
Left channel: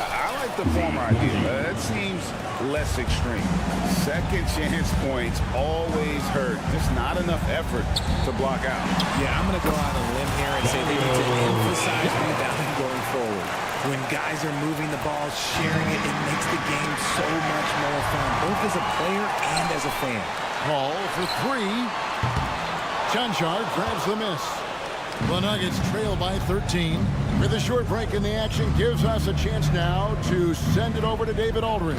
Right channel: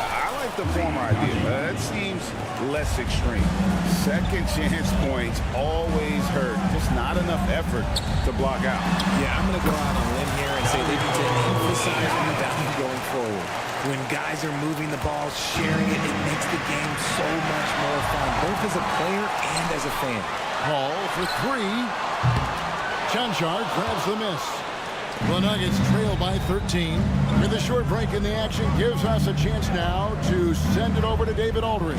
I like the former idea. That seems less extreme. Second chance points always hurt. Just not enough effort to block out. Yeah, I'm going to go out on a limb here and say they need to emphasize rebounding going forward. When guys are moving the ball, sharing it, it makes the game so much more fun, both as a player and as a fan. Paul for three. Chanchard grabs the miss. The Nuggets trail by 13. With a short break in the action, gives us a chance now to send it over to David Aldridge.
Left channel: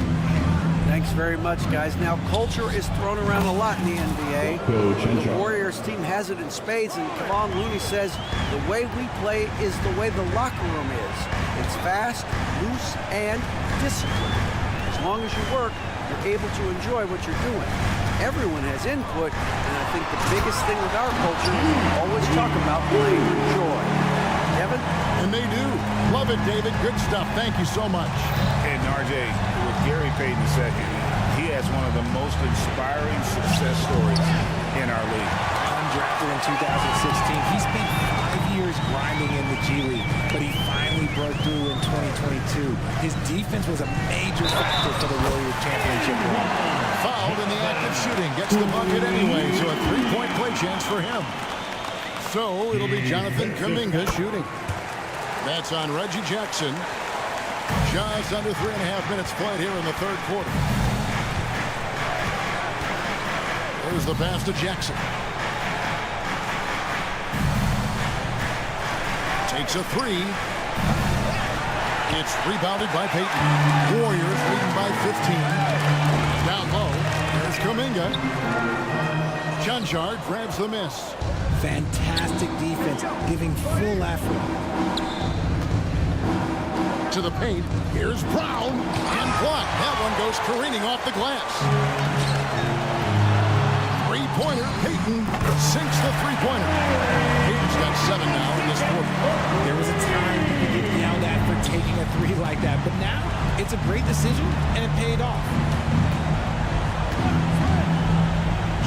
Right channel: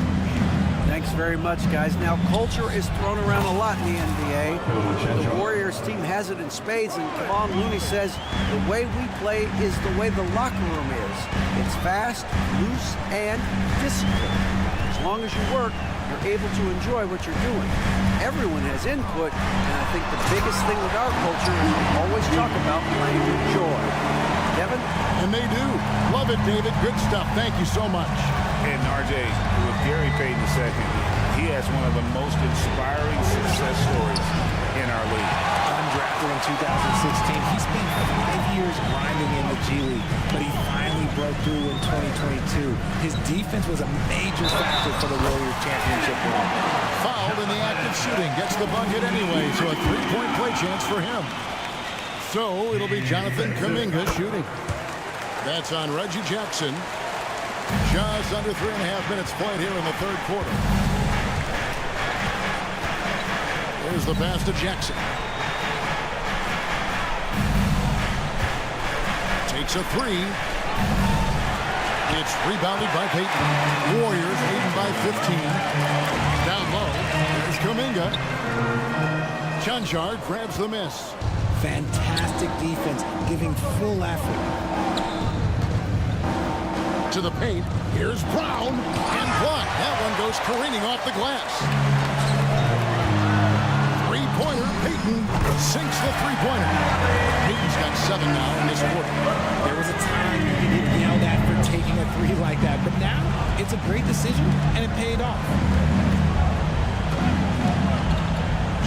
Thanks very much, guys. Now, culture is thrown around a lot in the NBA. The Warriors team has it in spades, and Kevon Looney says the way we play is the way the locker room is. It's fast, loose, and disciplined. As long as you work, you're able to enjoy what you're doing. Everyone has input, and I think the biggest thing with our culture is we always talk about playing with joy. Kevin? And they do. Love it, David. Good stuff. Thank you so much. And RJ, with Gary Payton II, he has one of the most inspiring success stories in our league. Undrafted in 2016, he spent 5 years grinding in the G League, but he finally broke through in 2022. His defense was a major factor for the Warriors championship run. Fouled in the act of shooting. Gets the bucket anyway, so a three-point play chance for him. So it'll be Jonathan Kuminga shooting. That's on Reggie Jackson. Just under 3.5 minutes played here in the third quarter. There's the pass to Jackson. Takes a three. It's rebounded by Payton. Warriors leading by 15. Down low, there's Kuminga. Chanchard grabs the miss. Fantastic defense, giving full effort. To the paint, here's Brown, and blocked. That one goes careening off the glass. Three-pointer, Payton sinks the three-pointer. Payton's got 7 now in this quarter. There was a time you could get yelled at for taking a three like that, but now it's a great decision, and it paid off.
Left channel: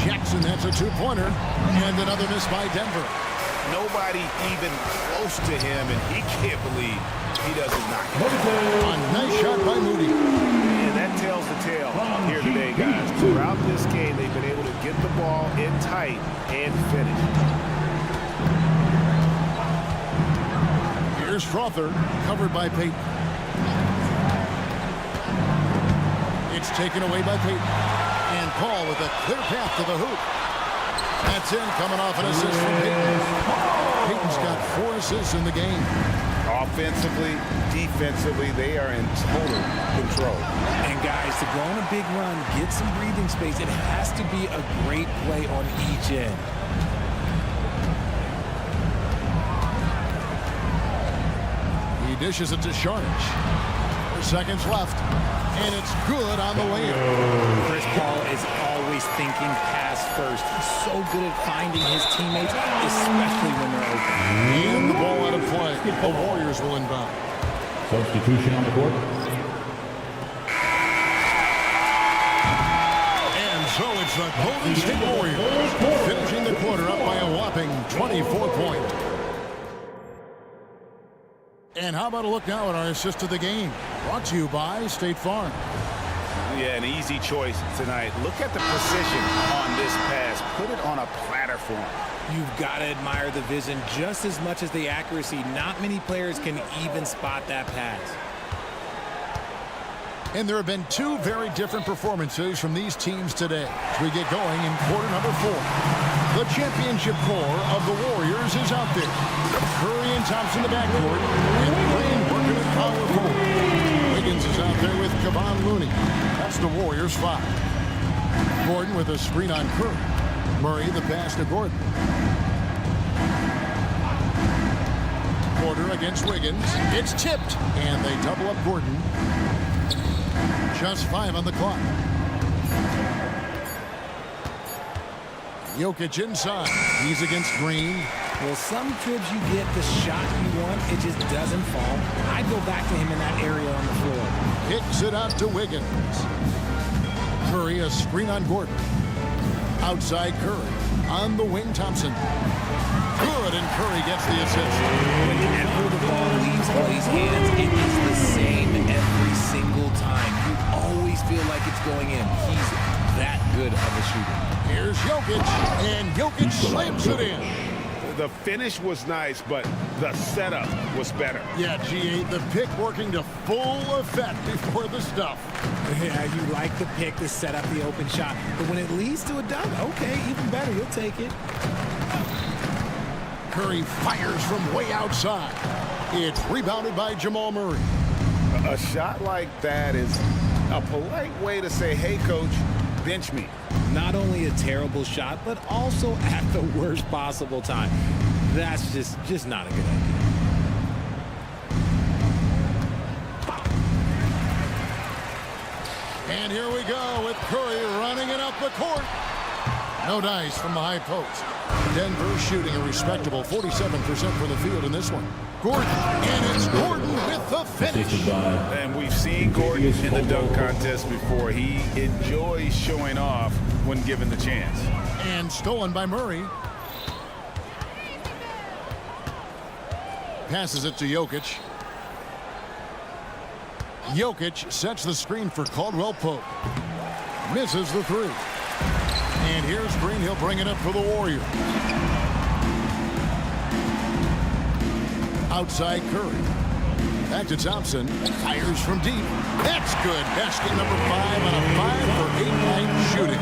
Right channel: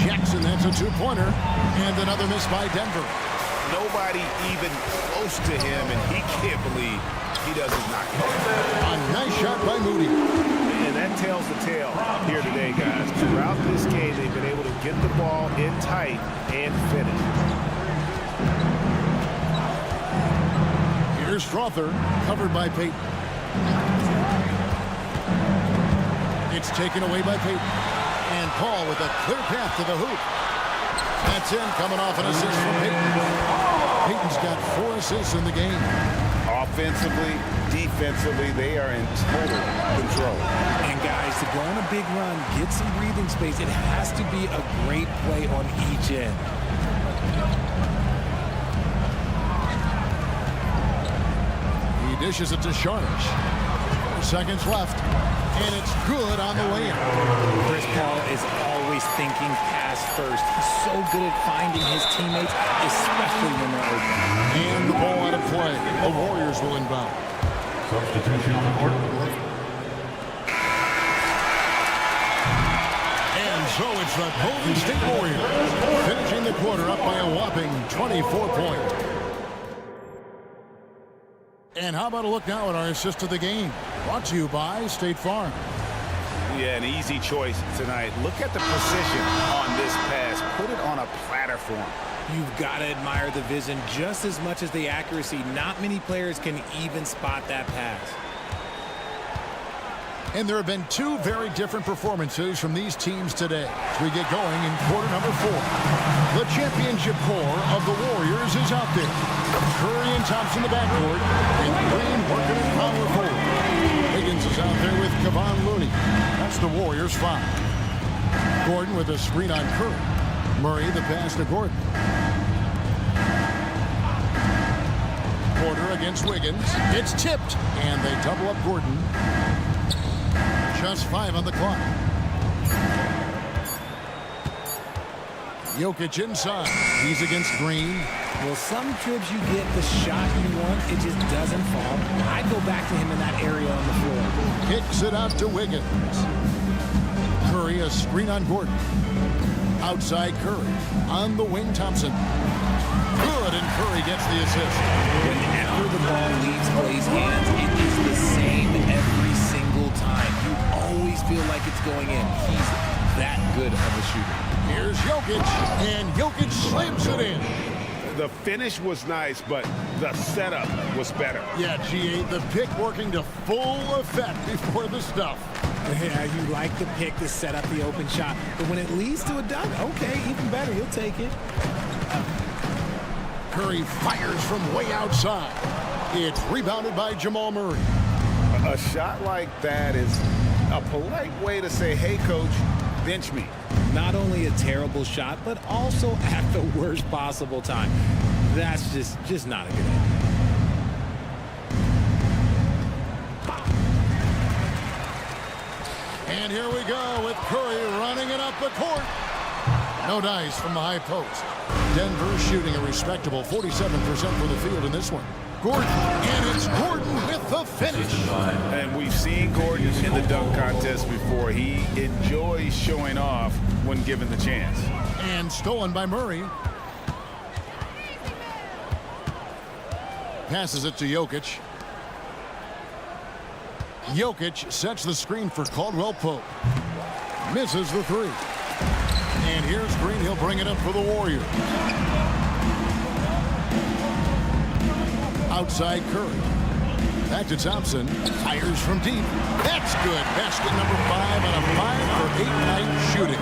Jackson, that's a two-pointer, and another miss by Denver. Nobody even close to him, and he can't believe he doesn't knock it down. A nice shot by Moody. And that tells the tale here today, guys. Throughout this game, they've been able to get the ball in tight and finish. Here's Strother, covered by Payton. It's taken away by Payton. And Paul with a clear path to the hoop. That's in, coming off an assist from Payton. Payton's got 4 assists in the game. Offensively, defensively, they are in total control. And guys, to go on a big run, get some breathing space, it has to be a great play on each end. He dishes it to Sharnish. 4 seconds left. And it's good on the way in. Chris Paul is always thinking pass first. He's so good at finding his teammates, especially when they're open. And the ball out of play. The Warriors will inbound. Substitution on the court. And so it's the Golden State Warriors finishing the quarter up by a whopping 24 points. And how about a look now at our assist of the game? Brought to you by State Farm. Yeah, an easy choice tonight. Look at the precision on this pass. Put it on a platter for him. You've got to admire the vision just as much as the accuracy. Not many players can even spot that pass. And there have been 2 very different performances from these teams today as we get going in quarter number 4. The championship core of the Warriors is out there. Curry and Thompson in the backcourt, and Green working at power forward. Wiggins is out there with Kevon Looney. That's the Warriors 5. Gordon with a screen on Curry. Murray the pass to Gordon. Porter against Wiggins. It's tipped, and they double up Gordon. Just 5 on the clock. Jokic inside. He's against Green. Well, some trips you get the shot you want, it just doesn't fall. I'd go back to him in that area on the floor. Kicks it out to Wiggins. Curry, a screen on Gordon. Outside Curry. On the wing, Thompson. Good, and Curry gets the assist. Whenever the ball leaves Clay's hands, it is the same every single time. You always feel like it's going in. He's that good of a shooter. Here's Jokic, and Jokic slams it in. The finish was nice, but the setup was better. Yeah, G8, the pick working to full effect before the stuff. Yeah, you like the pick to set up the open shot, but when it leads to a dunk, okay, even better, you'll take it. Curry fires from way outside. It's rebounded by Jamal Murray. A shot like that is a polite way to say, hey, coach, bench me. Not only a terrible shot, but also at the worst possible time. That's just not a good idea. And here we go with Curry running it up the court. No dice from the high post. Denver shooting a respectable 47% from the field in this one. Gordon, and it's Gordon with the finish. And we've seen Gordon in the dunk contest before. He enjoys showing off when given the chance. And stolen by Murray. Passes it to Jokic. Jokic sets the screen for Caldwell Pope. Misses the three. And here's Green. He'll bring it up for the Warriors. Outside Curry. Back to Thompson. Fires from deep. That's good. Basket number 5 on a 5-for-8 night shooting.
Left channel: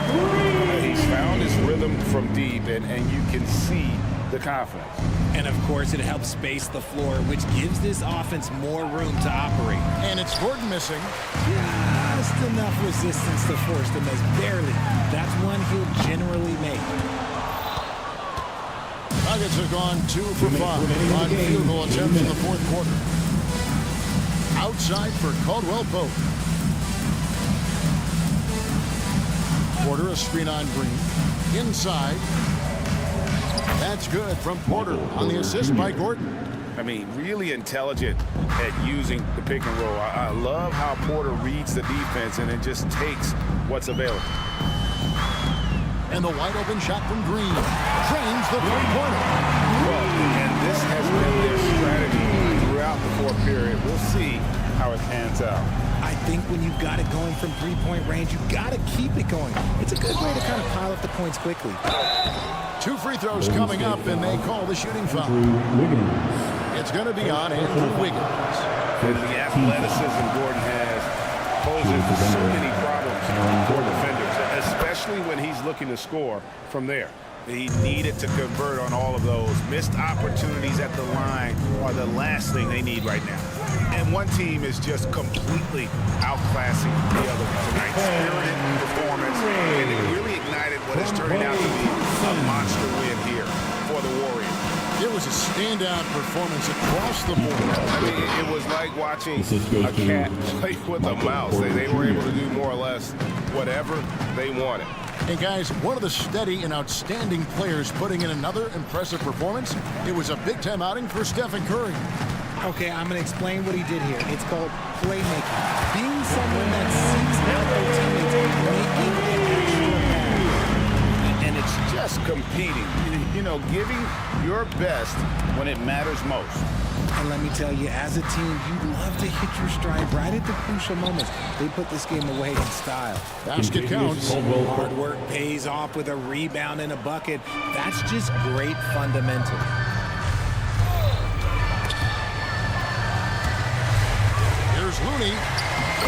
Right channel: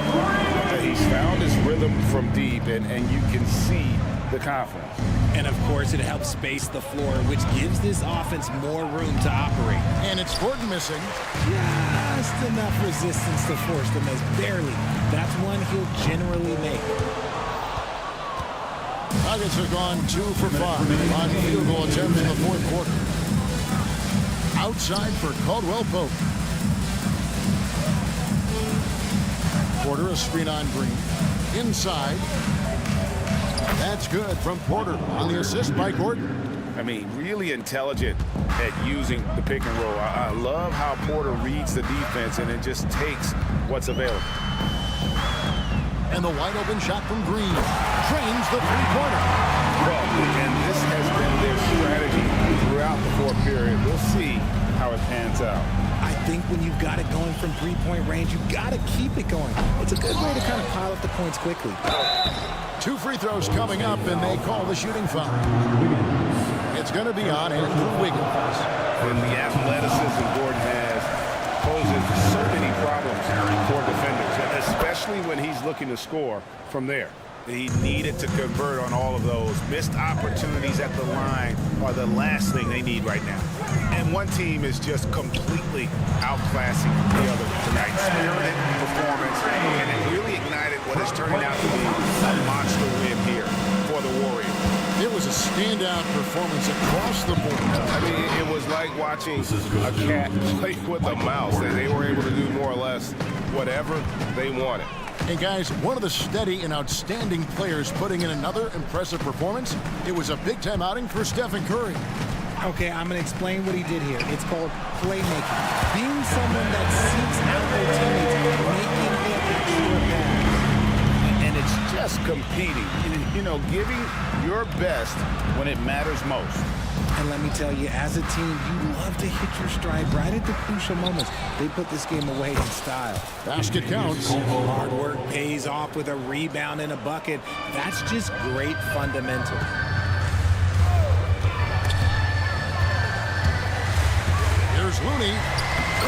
He's found his rhythm from deep, and you can see the confidence. And, of course, it helps space the floor, which gives this offense more room to operate. And it's Gordon missing. Just enough resistance to force the miss. Barely. That's one he'll generally make. Nuggets have gone 2 for 5 on field goal attempts in the fourth quarter. Outside for Caldwell Pope. Porter, a screen on Green. Inside. That's good from Porter on the assist by Gordon. I mean, really intelligent at using the pick and roll. I love how Porter reads the defense and then just takes what's available. And the wide open shot from Green. Drains the three-pointer. Well, and this has been their strategy throughout the fourth period. We'll see how it pans out. I think when you've got it going from three-point range, you've got to keep it going. It's a good way to kind of pile up the points quickly. 2 free throws coming up, and they call the shooting foul. It's going to be on Andrew Wiggins. And the athleticism Gordon has poses so many problems for defenders, especially when he's looking to score from there. He needed to convert on all of those. Missed opportunities at the line are the last thing they need right now. And one team is just completely outclassing the other tonight. Spirited performance, and it really ignited what is turning out to be a monster win here for the Warriors. It was a standout performance across the board. I mean, it was like watching a cat play with a mouse. They were able to do more or less whatever they wanted. And guys, one of the steady and outstanding players putting in another impressive performance. It was a big-time outing for Stephen Curry. Okay, I'm going to explain what he did here. It's called playmaking. Being someone that seeks out their teammates, making an extra pass. And it's just competing, you know, giving your best when it matters most. And let me tell you, as a team, you love to hit your stride right at the crucial moments. They put this game away in style. Basket counts. Hard work pays off with a rebound and a bucket. That's just great fundamentals. Here's Looney.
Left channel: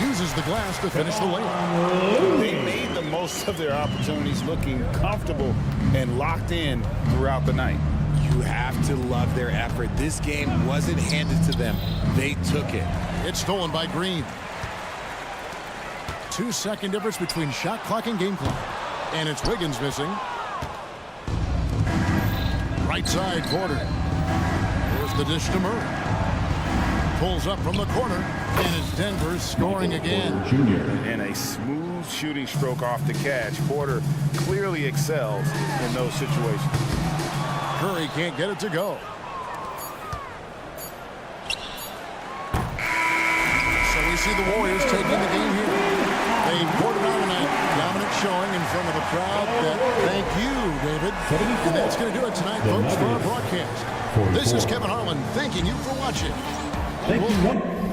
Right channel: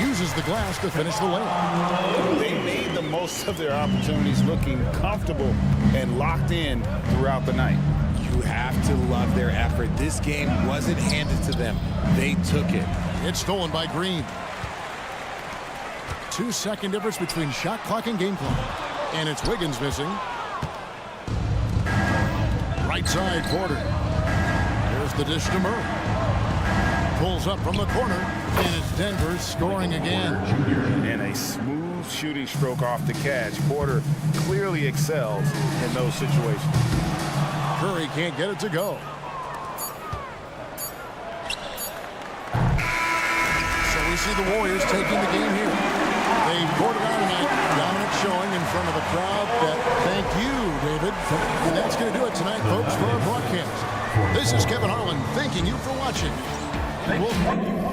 Uses the glass to finish the layup. They made the most of their opportunities, looking comfortable and locked in throughout the night. You have to love their effort. This game wasn't handed to them. They took it. It's stolen by Green. 2-second difference between shot clock and game clock. And it's Wiggins missing. Right side, Porter. Here's the dish to Murray. Pulls up from the corner. And it's Denver scoring again. And a smooth shooting stroke off the catch. Porter clearly excels in those situations. Curry can't get it to go. So we see the Warriors taking the game here. They've poured it on tonight. Dominant showing in front of a crowd that thank you, David. And that's going to do it tonight, folks, for our broadcast. This is Kevin Harlan thanking you for watching. And we'll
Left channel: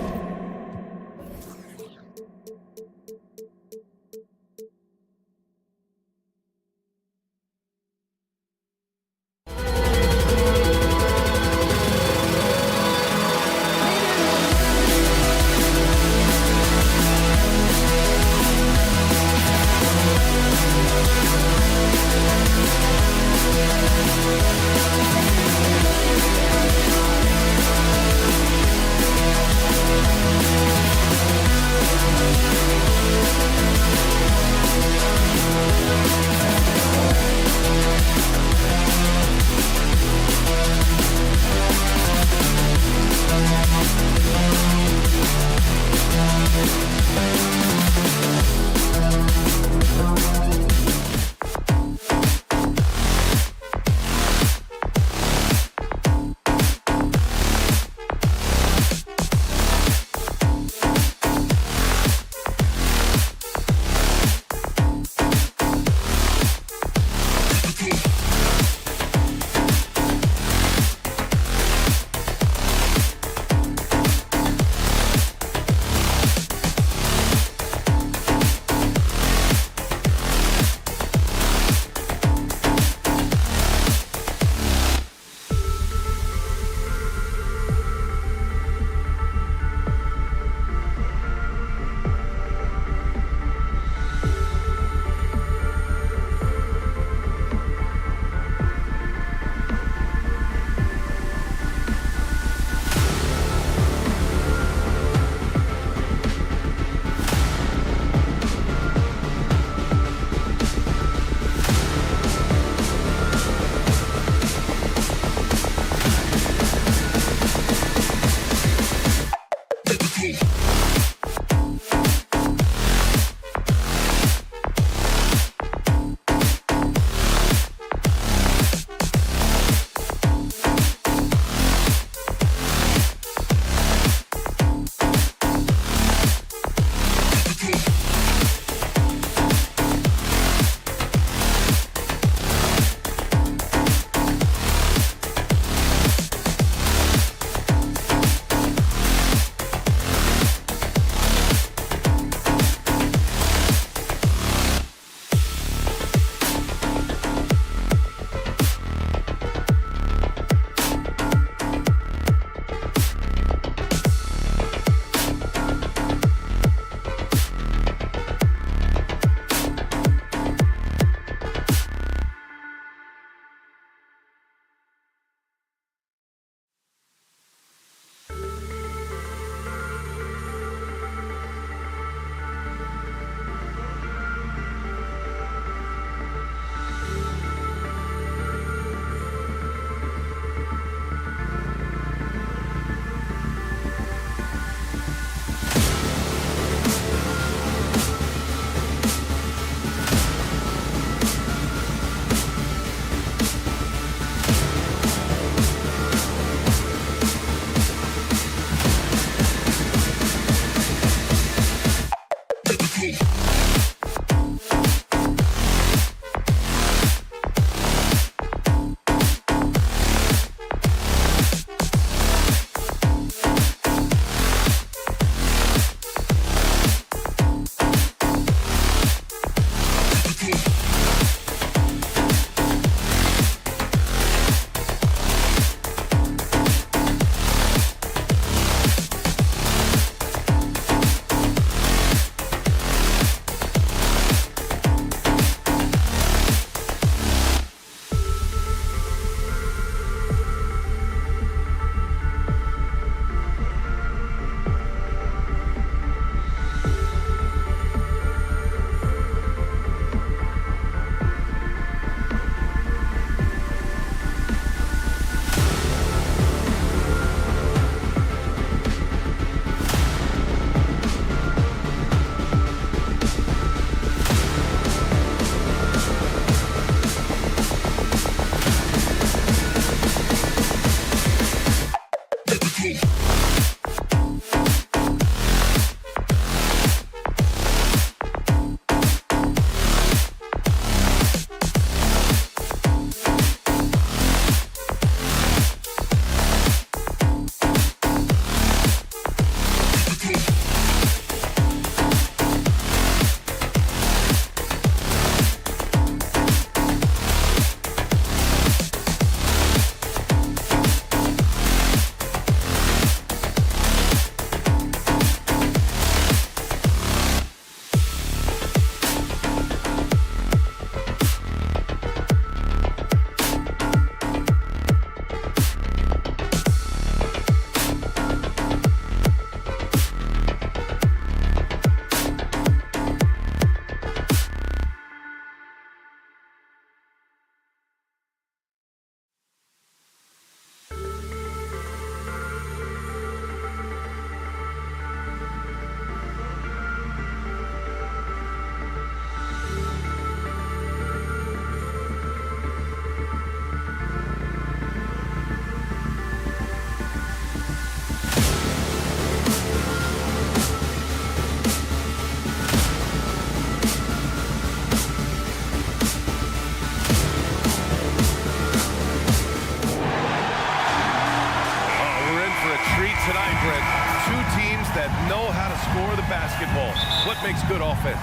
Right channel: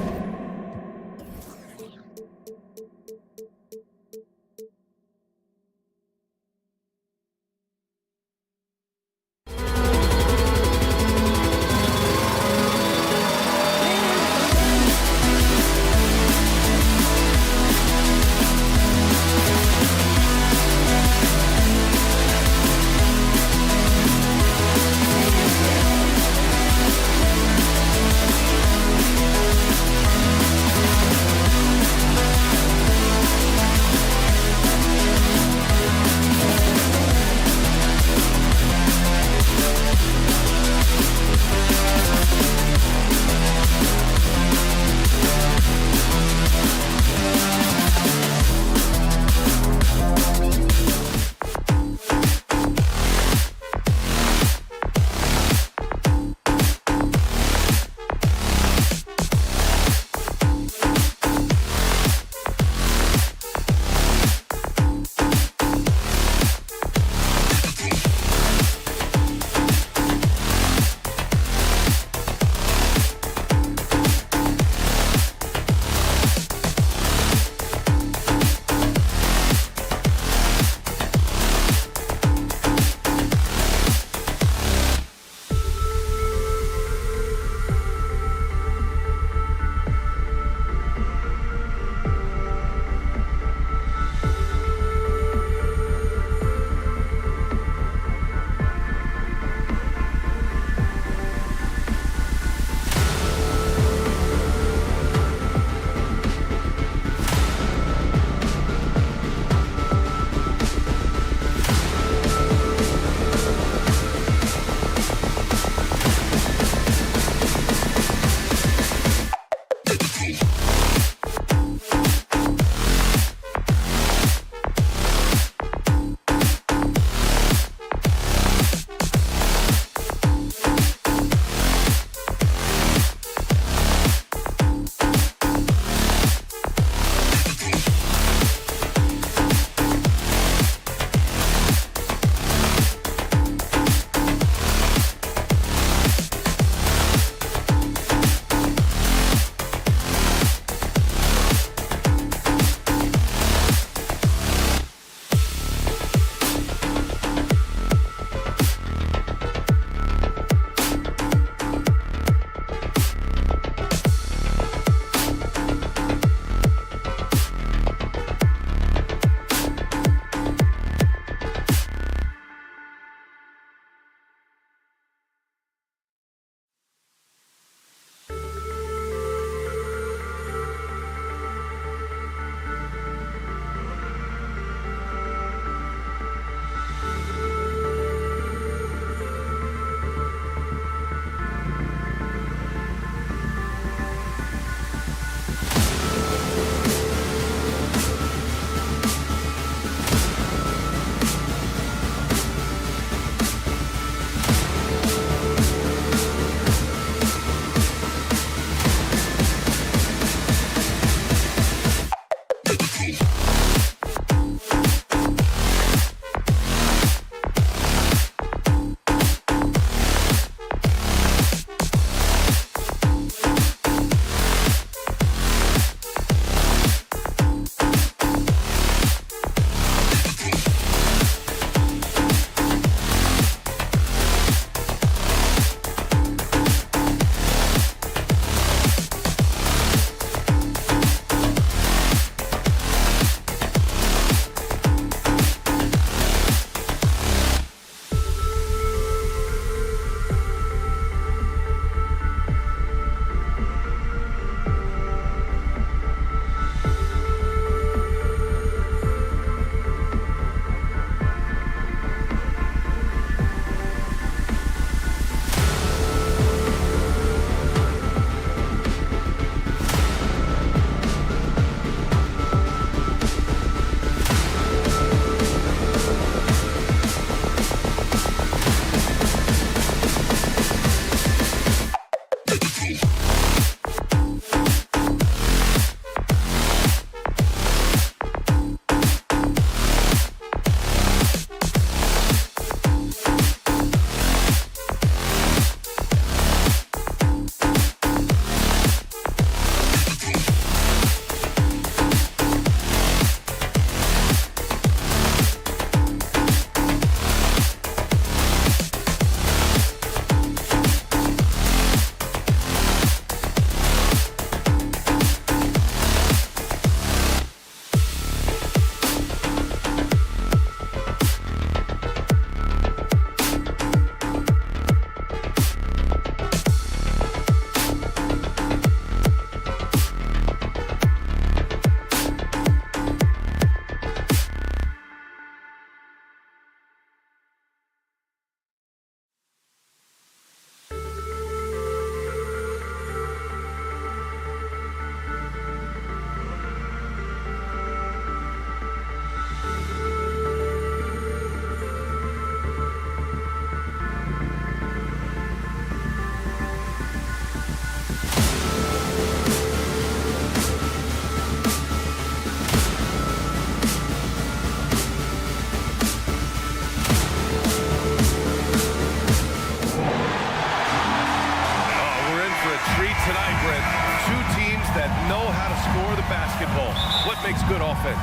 that know how to score the basketball. What makes good offense?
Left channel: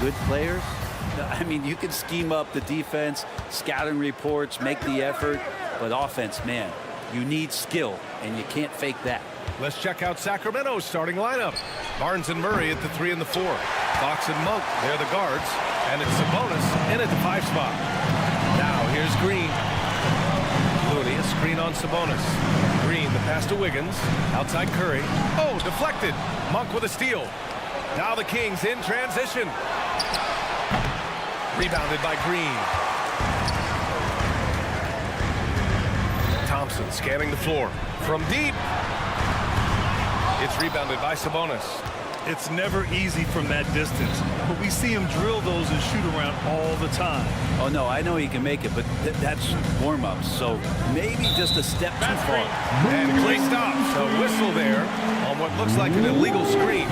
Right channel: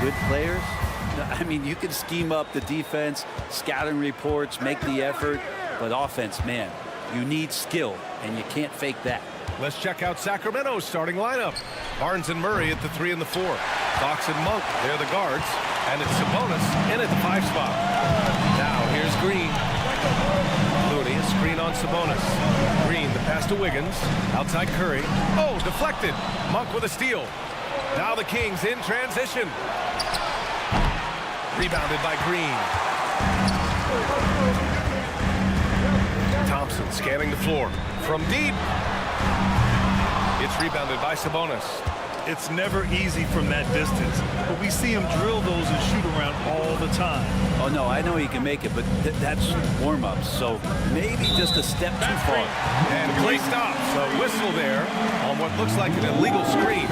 Good players. I mean, you can scheme up the defense, scouting reports, make the effort, but offense, man, you need skill, and you can't fake that. Let's check out Sacramento's starting lineup. Barnes and Murray at the 3 and the 4. Fox and Monk, they're the guards. And it's Sabonis in at the 5 spot. Now here's Green. Looney, a screen on Sabonis. Green, the pass to Wiggins. Outside Curry. Oh, deflected. Monk with a steal. Now the Kings in transition. Rebounded by Green. Thompson scanning the floor. From deep. It's rebounded by Sabonis. It's never easy from that distance, but we see him drill those and shoot around all the time. Oh, no, I know he can make it, but that's warm-ups, so maybe just a step too far. And Clay stops. A whistle there on what looks like an illegal screen.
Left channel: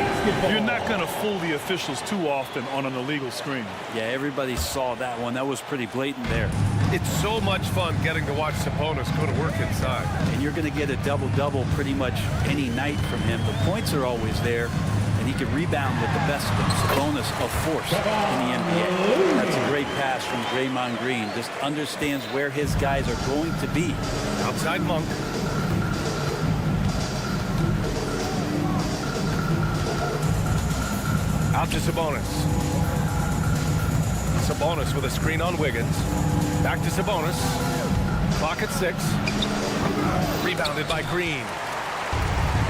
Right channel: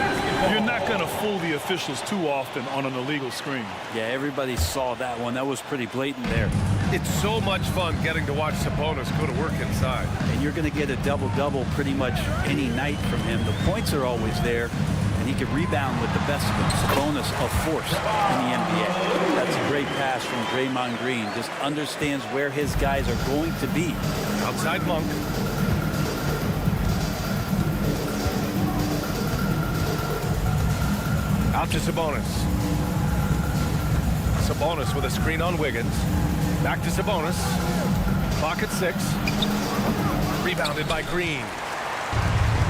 You're not going to fool the officials too often on an illegal screen. Yeah, everybody saw that one. That was pretty blatant there. It's so much fun getting to watch Sabonis go to work inside. And you're going to get a double-double pretty much any night from him. The points are always there, and he can rebound with the best of them. Sabonis, a force in the NBA. That's a great pass from Draymond Green. Just understands where his guys are going to be. Outside Monk. Out to Sabonis. Sabonis with a screen on Wiggins. Back to Sabonis. Clock at 6. Rebounded by Green.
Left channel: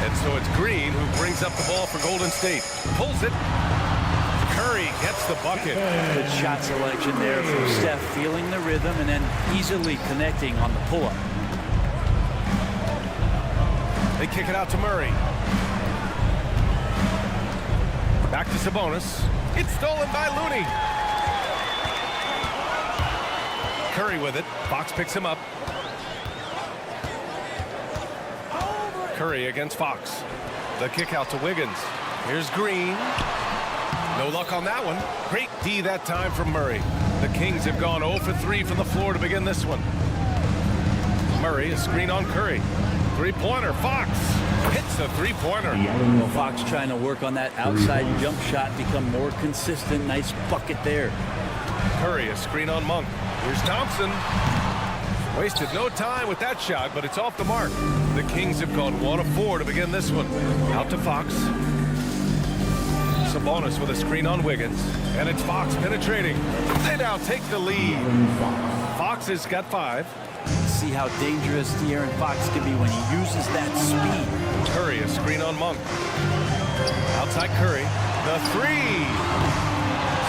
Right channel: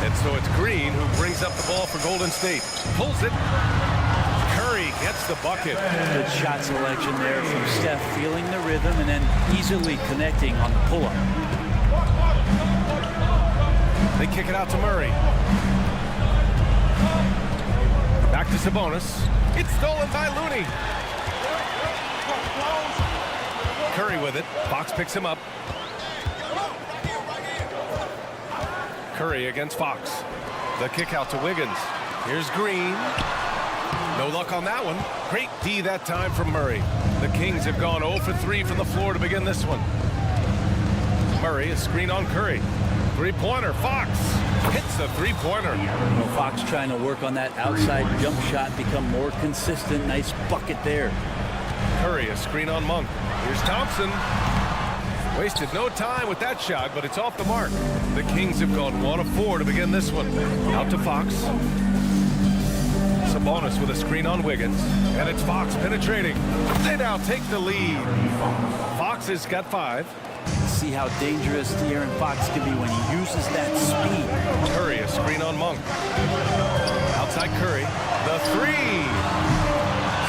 And so it's Green who brings up the ball for Golden State. Pulls it. Curry gets the bucket. Good shot selection there from Steph, feeling the rhythm and then easily connecting on the pull-up. They kick it out to Murray. Back to Sabonis. It's stolen by Looney. Curry with it. Fox picks him up. Curry against Fox. The kick out to Wiggins. Here's Green. No luck on that one. Great D that time from Murray. The Kings have gone 0 for 3 from the floor to begin this one. Murray, a screen on Curry. Three-pointer. Fox hits a three-pointer. Well, Fox trying to work on that outside jump shot, become more consistent. Nice bucket there. Curry, a screen on Monk. Here's Thompson. Wasted no time with that shot, but it's off the mark. The Kings have gone 1 of 4 to begin this one. Out to Fox. Sabonis with a screen on Wiggins. And it's Fox penetrating. They now take the lead. Fox has got 5. See how dangerous De'Aaron Fox can be when he uses that speed. Curry, a screen on Monk. Outside Curry. The 3.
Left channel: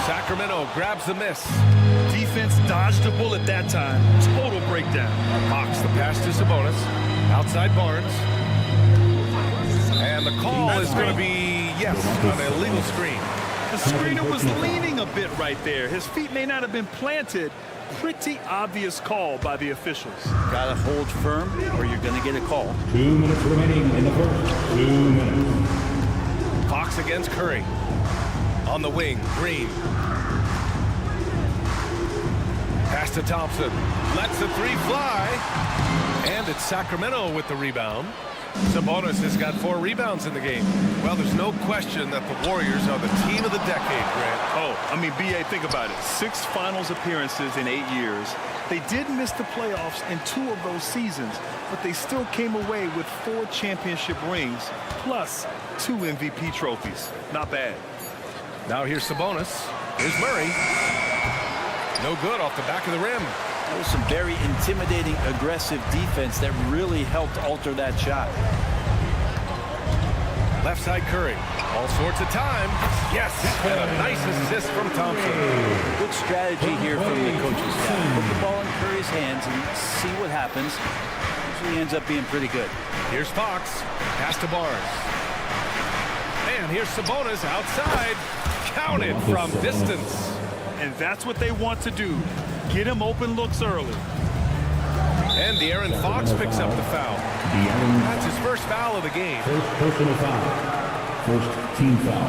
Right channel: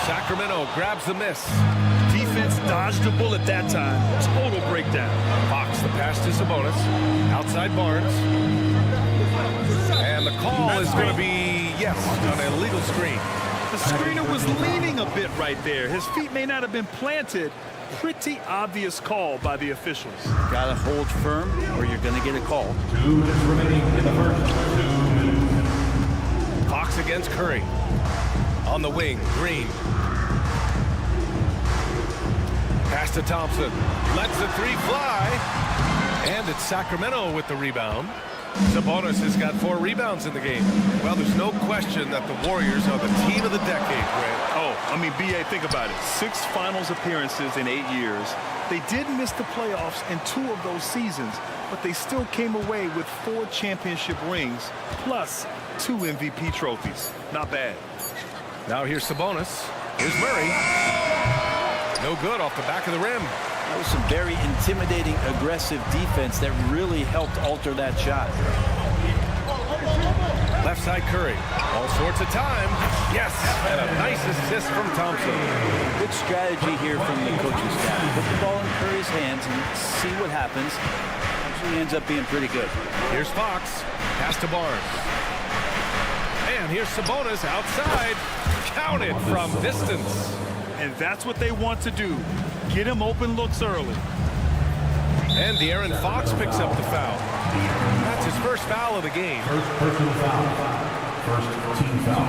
Sacramento grabs the miss. Defense dodged a bullet that time. Total breakdown. Fox, the pass to Sabonis. Outside Barnes. And the call is going to be, yes, an illegal screen. The screener was leaning a bit right there. His feet may not have been planted. Pretty obvious call by the officials. Got to hold firm or you're going to get a call. 2 minutes remaining in the first. 2 minutes. Fox against Curry. On the wing, Green. Pass to Thompson. Lets the 3 fly. And it's Sacramento with the rebound. Sabonis has got 4 rebounds in the game. Well, there's no question that the Warriors are the team of the decade, Grant. Oh, I mean, B.A., think about it. 6 finals appearances in 8 years. They did miss the playoffs in 2 of those seasons, but they still came away with 4 championship rings, plus 2 MVP trophies. Not bad. Now here's Sabonis. Here's Murray. No good off the back of the rim. That was some very intimidating, aggressive defense that really helped alter that shot. Left side Curry. All sorts of time. Yes, and a nice assist from Thompson. Good strategy here from the coaching staff. Put the ball in Curry's hands and see what happens. Usually ends up being pretty good. Here's Fox. Pass to Barnes. And here's Sabonis outside. Counted from distance. And that's what they want to do. Get him open looks early. And De'Aaron Fox picks up the foul. That's his first foul of the game. First personal foul. First team foul.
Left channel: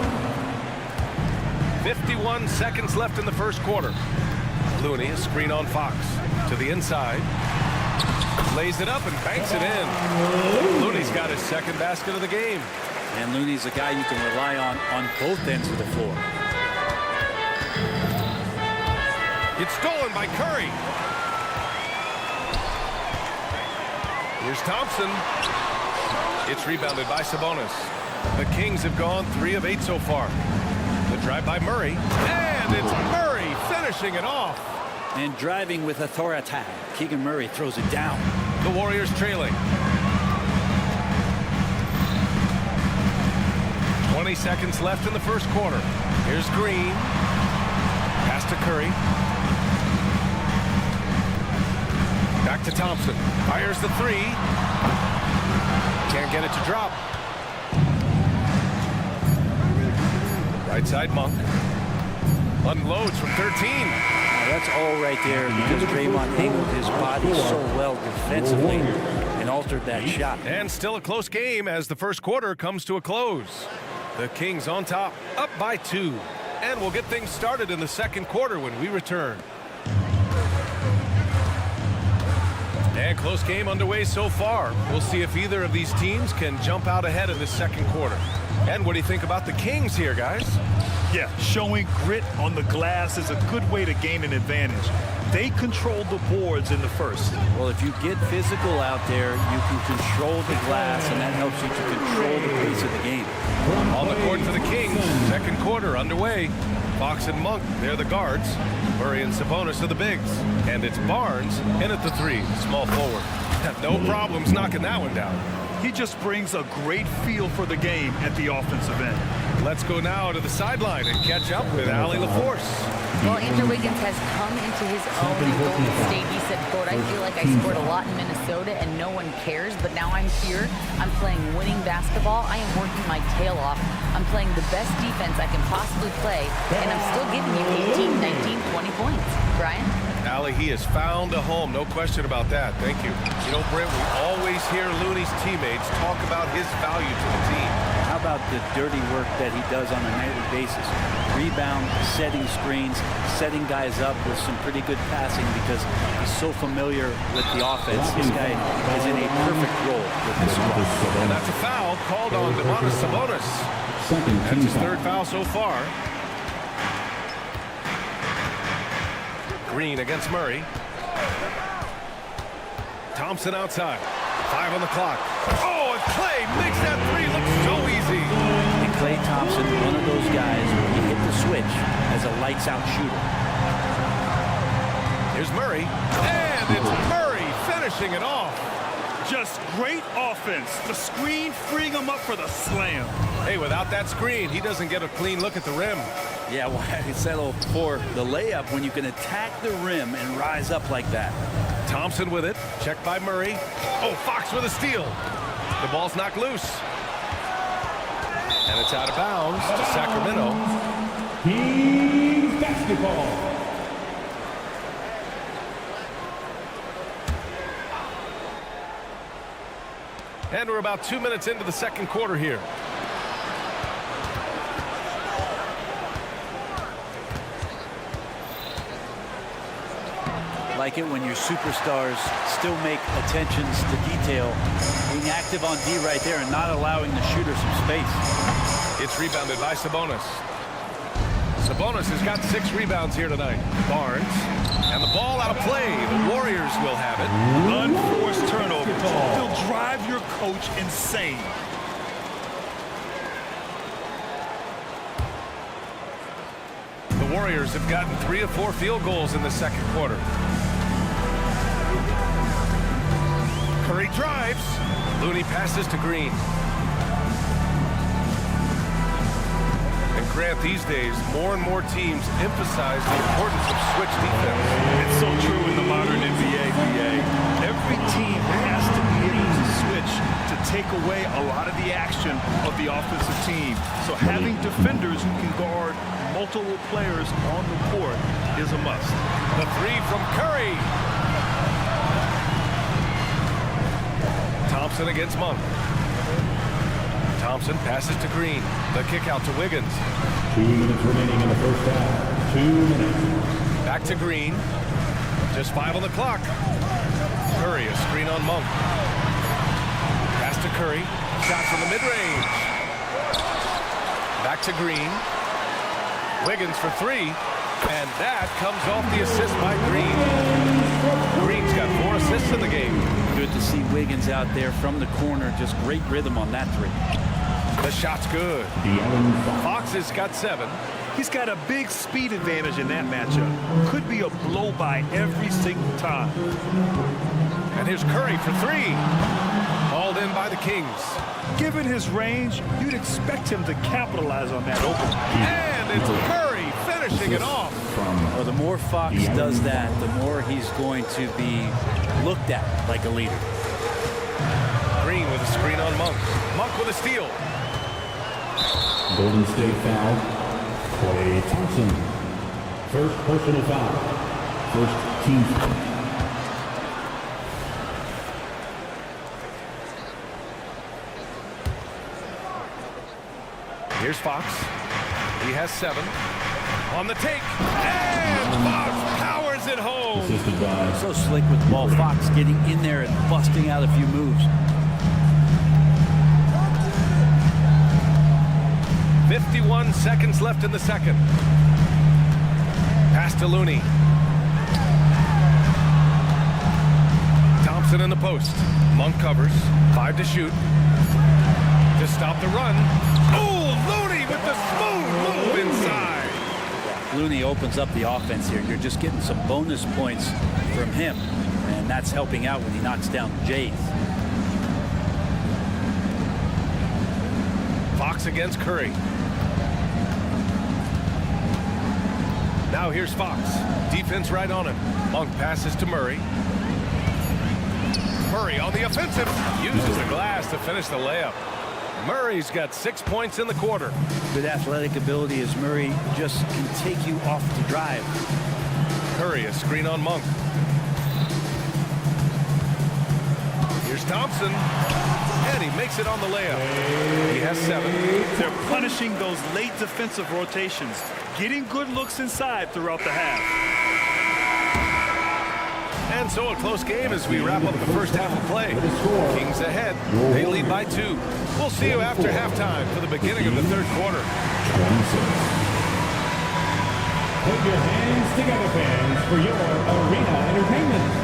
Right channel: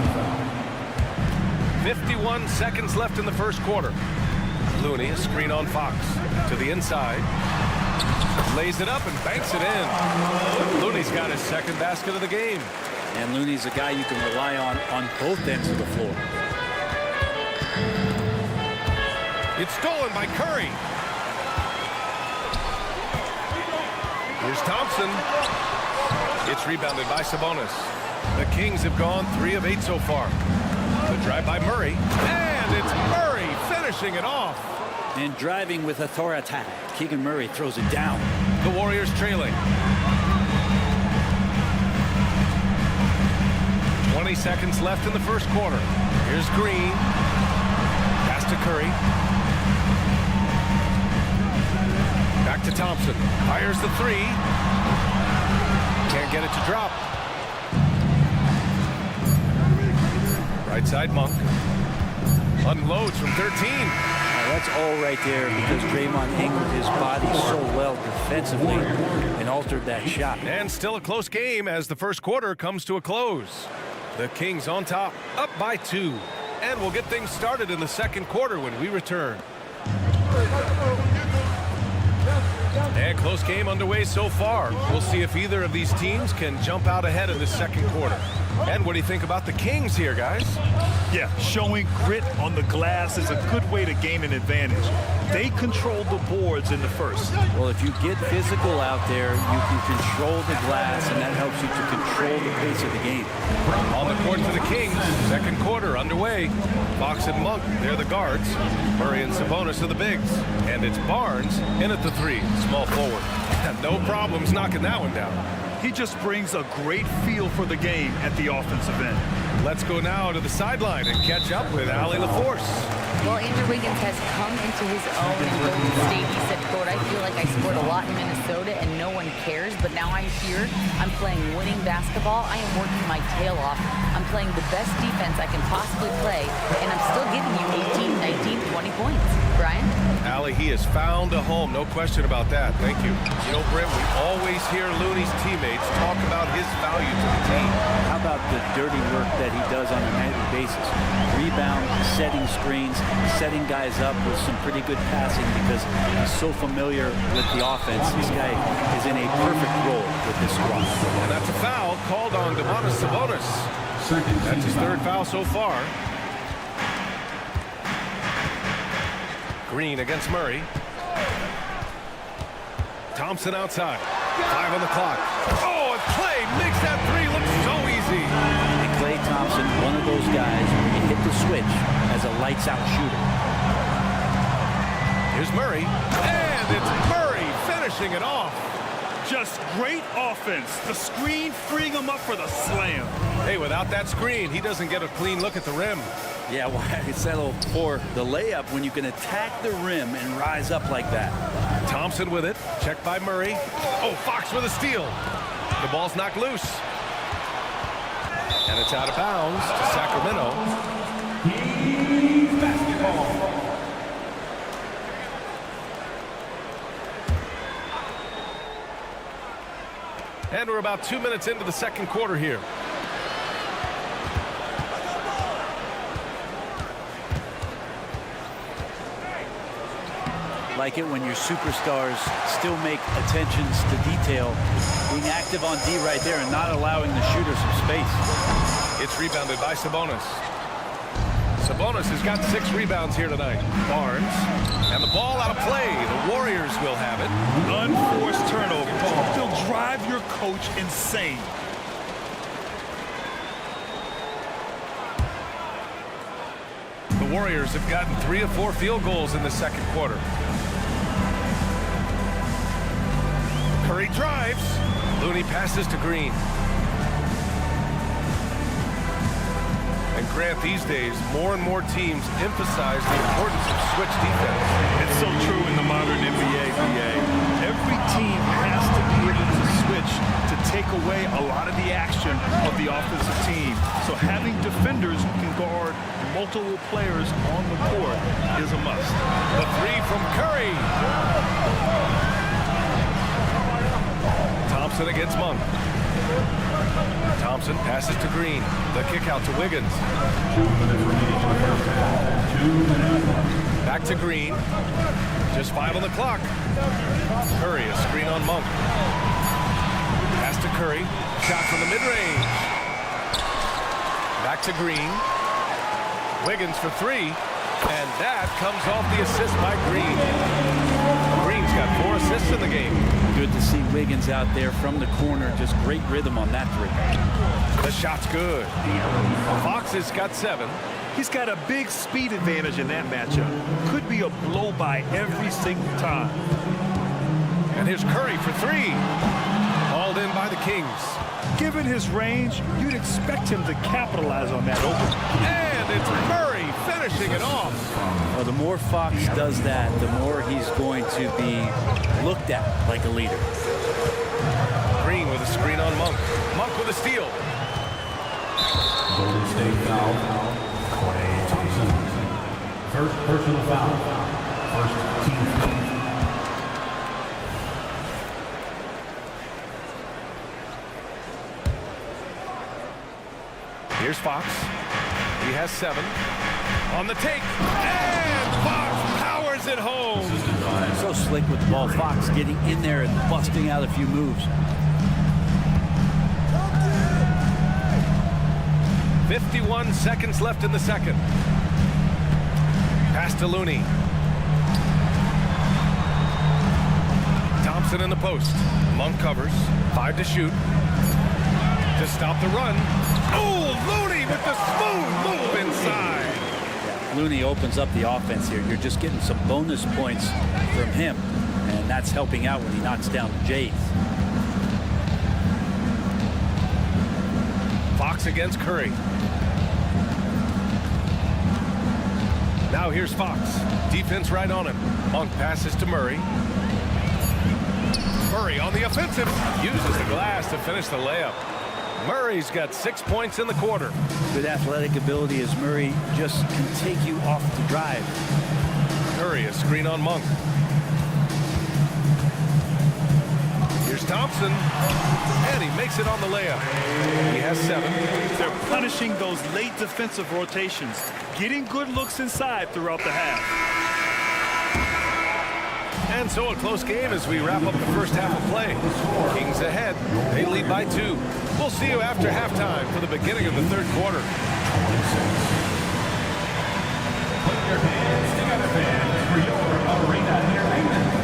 51 seconds left in the first quarter. Looney, a screen on Fox. To the inside. Lays it up and banks it in. Looney's got his second basket of the game. And Looney's a guy you can rely on both ends of the floor. It's stolen by Curry. Here's Thompson. It's rebounded by Sabonis. The Kings have gone 3 of 8 so far. The drive by Murray. And it's Murray finishing it off. And driving with authority. Keegan Murray throws it down. The Warriors trailing. 20 seconds left in the first quarter. Here's Green. Pass to Curry. Back to Thompson. Fires the 3. Can't get it to drop. Right side Monk. Unloads from 13. That's all right there because Draymond angled his body so well defensively and altered that shot. And still a close game as the first quarter comes to a close. The Kings on top, up by 2. And we'll get things started in the second quarter when we return. And close game underway so far. We'll see if either of these teams can jump out ahead in the second quarter. And what do you think about the Kings here, guys? Yeah, showing grit on the glass is a good way to gain an advantage. They controlled the boards in the first. Well, if you get physical out there, you can control the glass, and that helps you to control the pace of the game. On the court for the Kings, second quarter underway. Fox and Monk, they're the guards. Murray and Sabonis are the bigs. And it's Barnes in at the 3, small forward. No problems knocking that one down. He just brings a great feel for the game at the offensive end. Let's go now to the sideline and catch up with Allie LaForce. Well, Andrew Wiggins has come into his own in Golden State. He said, quote, I feel like I scored a lot in Minnesota and no one cares, but now I'm here. I'm playing winning basketball. I am working my tail off. I'm playing the best defense I can possibly play, and I'm still giving you 18, 19, 20 points. Brian? Allie, he has found a home. No question about that. Thank you. You know, Brent, we always hear Looney's teammates talk about his value to the team. How about the dirty work that he does on a nightly basis? Rebound, setting screens, setting guys up with some pretty good passing because he's so familiar with the offense. This guy is in a perfect role with this squad. And that's a foul called on Domantas Sabonis. That's his 3rd foul so far. Green against Murray. Thompson outside. 5 on the clock. Oh, and Klay makes that 3 look so easy. And Klay Thompson, one of those guys where you hit the switch as a lights-out shooter. Here's Murray. And it's Murray finishing it off. Just great offense. The screen freeing him up for the slam. Hey, without that screen, he doesn't get a clean look at the rim. Yeah, why settle for the layup when you can attack the rim and rise up like that? Thompson with it. Checked by Murray. Oh, Fox with a steal. The ball's knocked loose. And it's out of bounds to Sacramento. Kings basketball. And we're about 2 minutes into the second quarter here. Like it when your superstars still make attentions to detail, being active on D right there and not allowing the shooter some space. It's rebounded by Sabonis. Sabonis has got 6 rebounds here tonight. Barnes. And the ball out of play. The Warriors will have it. Unforced turnover. They'll drive your coach insane. The Warriors have gotten 3 of 4 field goals in the second quarter. Curry drives. Looney passes to Green. And Grant, these days, more and more teams emphasize the importance of switch defense. It's so true in the modern NBA, BA. Every team has to be able to switch to take away a lot of the action of the offensive team. So having defenders who can guard multiple players on the court is a must. The 3 from Curry. Thompson against Monk. Thompson passes to Green. The kick out to Wiggins. 2 minutes remaining in the first half. 2 minutes. Back to Green. Just 5 on the clock. Curry, a screen on Monk. Pass to Curry. Shot from the mid-range. Back to Green. Wiggins for three. And that comes off the assist by Green. Green's got 4 assists in the game. Good to see Wiggins out there from the corner. Just great rhythm on that three. The shot's good. Fox has got 7. He's got a big speed advantage in that matchup. Could be a blow by every single time. And here's Curry for 3. Hauled in by the Kings. Given his range, you'd expect him to capitalize on that opening. And it's Murray finishing it off. Well, the more Fox does that, the more he's going to be looked at like a leader. Green with a screen on Monk. Monk with a steal. Golden State foul. Klay Thompson. First personal foul. First team foul. Here's Fox. He has 7. On the take. And Fox powers it home. So slick with the ball. Fox getting in there and busting out a few moves. 51 seconds left in the second. Pass to Looney. Thompson in the post. Monk covers. 5 to shoot. To stop the run. Oh, Looney with the smooth move inside. Yeah, Looney opens up the offense here. You're just getting some bonus points from him, and that's helping out when he knocks down Jays. Fox against Curry. Now here's Fox. Defense right on him. Monk passes to Murray. Murray on the offensive. Uses the glass to finish the layup. Murray's got 6 points in the quarter. Good athletic ability as Murray just can take you off the drive. Curry, a screen on Monk. Here's Thompson. And he makes it on the layup. He has 7. They're punishing those late defensive rotations, getting good looks inside throughout the half. And so a close game as we wrap up the first half of play. Kings ahead. They lead by 2. We'll see you after halftime for the beginning of the third quarter. 26. Put your hands together, fans, for your arena entertainment.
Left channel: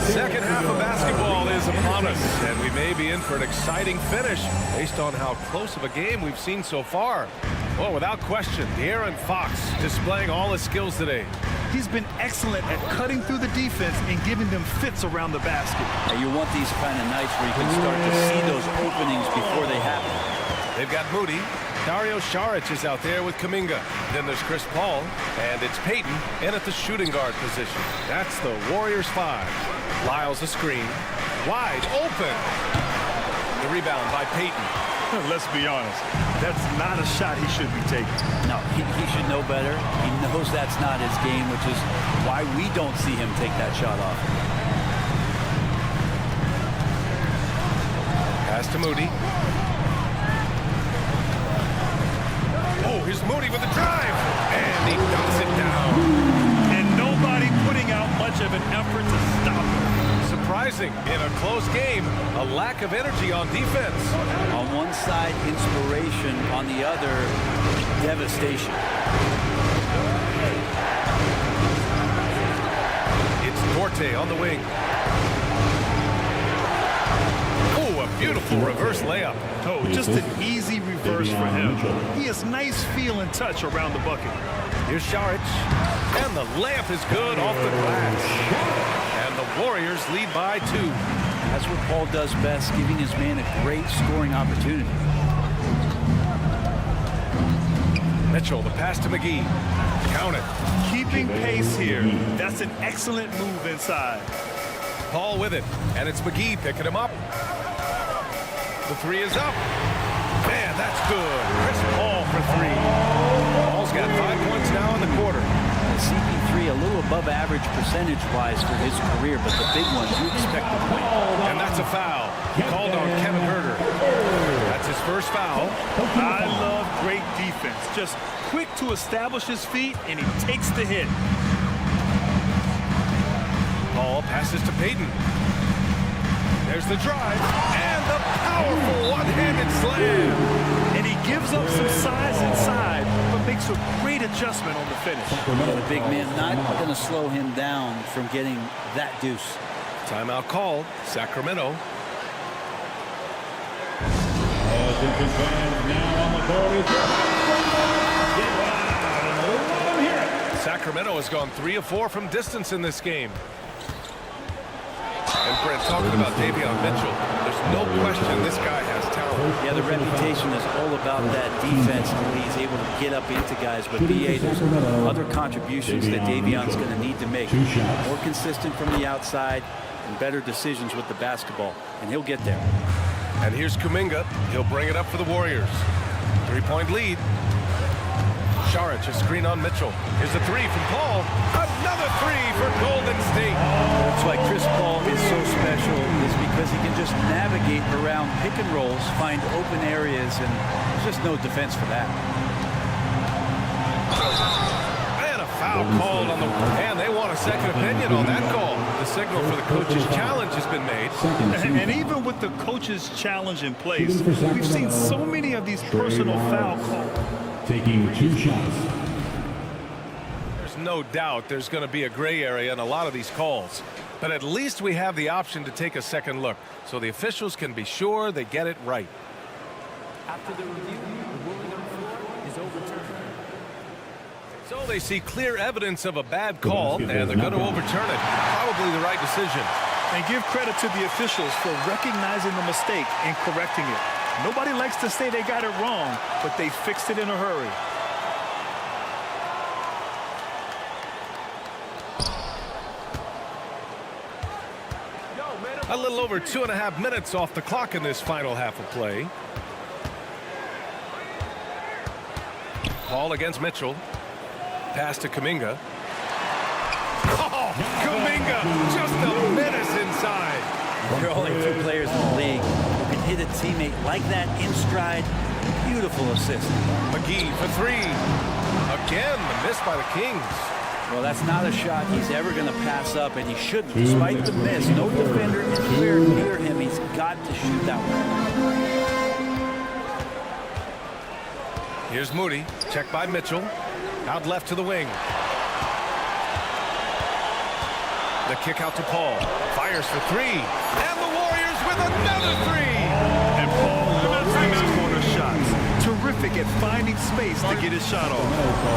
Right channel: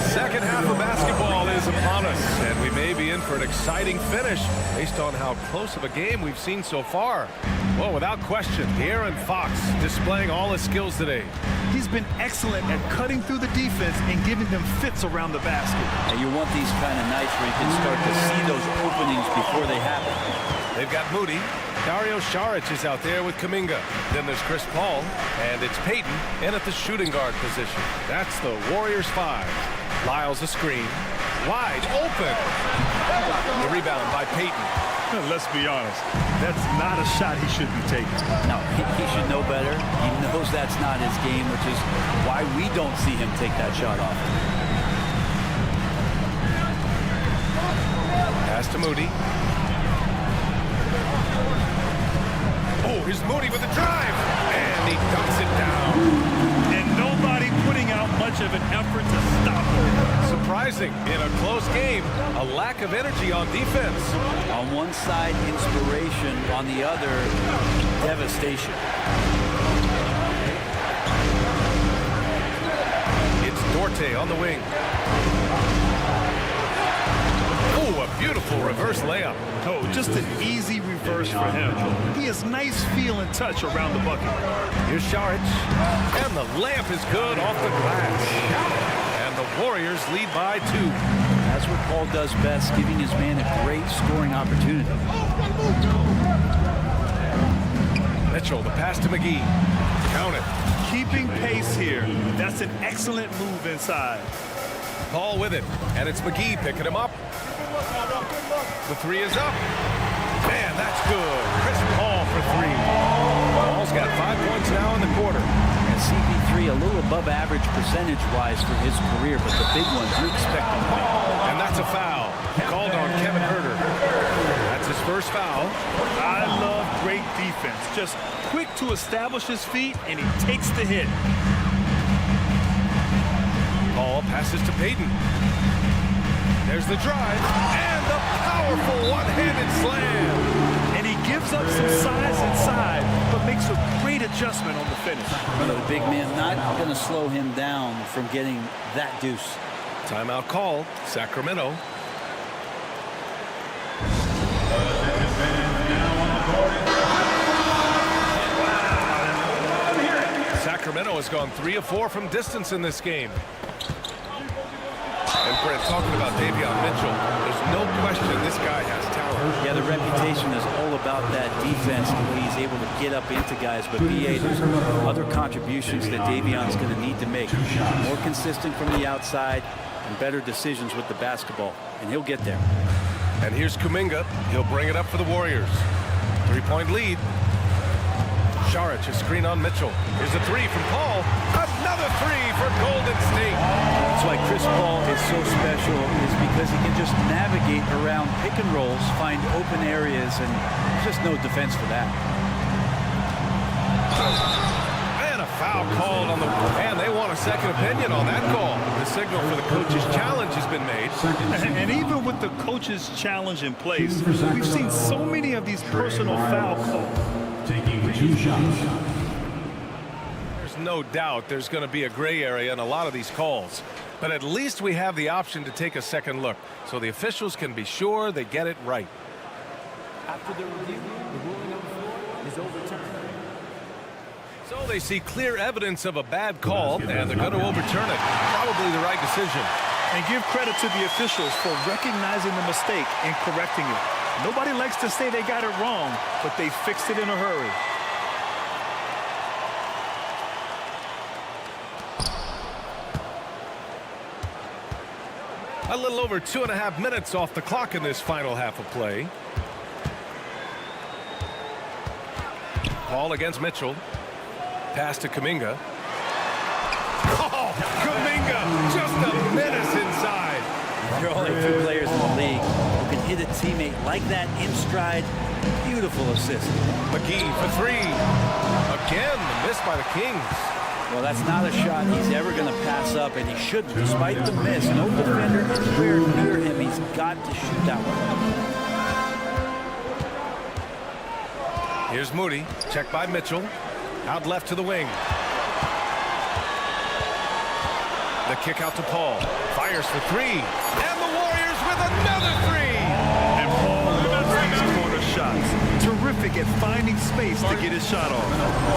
Second half of basketball is upon us, and we may be in for an exciting finish based on how close of a game we've seen so far. Well, without question, De'Aaron Fox displaying all his skills today. He's been excellent at cutting through the defense and giving them fits around the basket. And you want these kind of nights where you can start to see those openings before they happen. They've got Moody. Dario Saric is out there with Kuminga. Then there's Chris Paul, and it's Payton in at the shooting guard position. That's the Warriors 5. Lyles a screen. Wide open. The rebound by Payton. Let's be honest. That's not a shot he should be taking. No, he should know better. He knows that's not his game, which is why we don't see him take that shot off. Pass to Moody. Oh, here's Moody with a drive. And he dunks it down. And nobody putting out much of an effort to stop him. Surprising in a close game, a lack of energy on defense. On one side, inspiration. On the other, devastation. It's Dorte on the wing. Oh, a beautiful reverse layup. Oh, just an easy reverse for him. He has nice feel and touch around the bucket. Here's Saric. And the layup is good off the glass. And the Warriors lead by 2. That's what Paul does best, giving his man a great scoring opportunity. Mitchell, the pass to McGee. Count it. Keeping pace here. That's an excellent move inside. Paul with it. And it's McGee picking him up. The 3 is up. Man, that's good. Chris Paul for 3. Paul's got 5 points now in the quarter. And CP3 a little above average percentage-wise for his career, but the big ones you expect him to make. And that's a foul called on Kevin Huerter. first foul. I love great defense. Just quick to establish his feet, and he takes the hit. Ball passes to Payton. There's the drive, and the powerful one-handed slam. And he gives up some size inside, but makes a great adjustment on the finish. Yeah, the big man not going to slow him down from getting that deuce. Timeout called. Sacramento. Sacramento has gone 3 of 4 from distance in this game. And Brent, talking about Davion Mitchell, there's no question this guy has talent. Yeah, the reputation is all about that defense, the way he's able to get up into guys. But BA, there's other contributions that Davion's going to need to make. More consistent from the outside and better decisions with the basketball. And he'll get there. And here's Kuminga. He'll bring it up for the Warriors. 3-point lead. Saric, a screen on Mitchell. Here's a 3 from Paul. Another 3 for Golden State. That's why Chris Paul is so special, is because he can just navigate around pick and rolls, find open areas, and there's just no defense for that. And a foul called on the... And they want a second opinion on that call. The signal for the coach's challenge has been made. And even with the coach's challenge in place, we've seen so many of these personal foul calls. Taking 2 shots. There's no doubt there's going to be a gray area in a lot of these calls. But at least we have the option to take a second look, so the officials can be sure they get it right. After the review, the ruling on the floor is overturned. So they see clear evidence of a bad call, and they're going to overturn it. Probably the right decision. And give credit to the officials for recognizing the mistake and correcting it. Nobody likes to say they got it wrong, but they fixed it in a hurry. A little over 2.5 minutes off the clock in this final half of play. Paul against Mitchell. Pass to Kuminga. Oh, Kuminga, just a menace inside. There are only 2 players in the league who can hit a teammate like that in stride. Beautiful assist. McGee for 3. Again, the miss by the Kings. Well, that's not a shot he's ever going to pass up, and he shouldn't. Despite the miss, no defender anywhere near him. He's got to shoot that one. Here's Moody. Checked by Mitchell. Out left to the wing. The kick out to Paul. Fires for 3. And the Warriors with another 3. And Paul loves these corner shots. Terrific at finding space to get his shot off.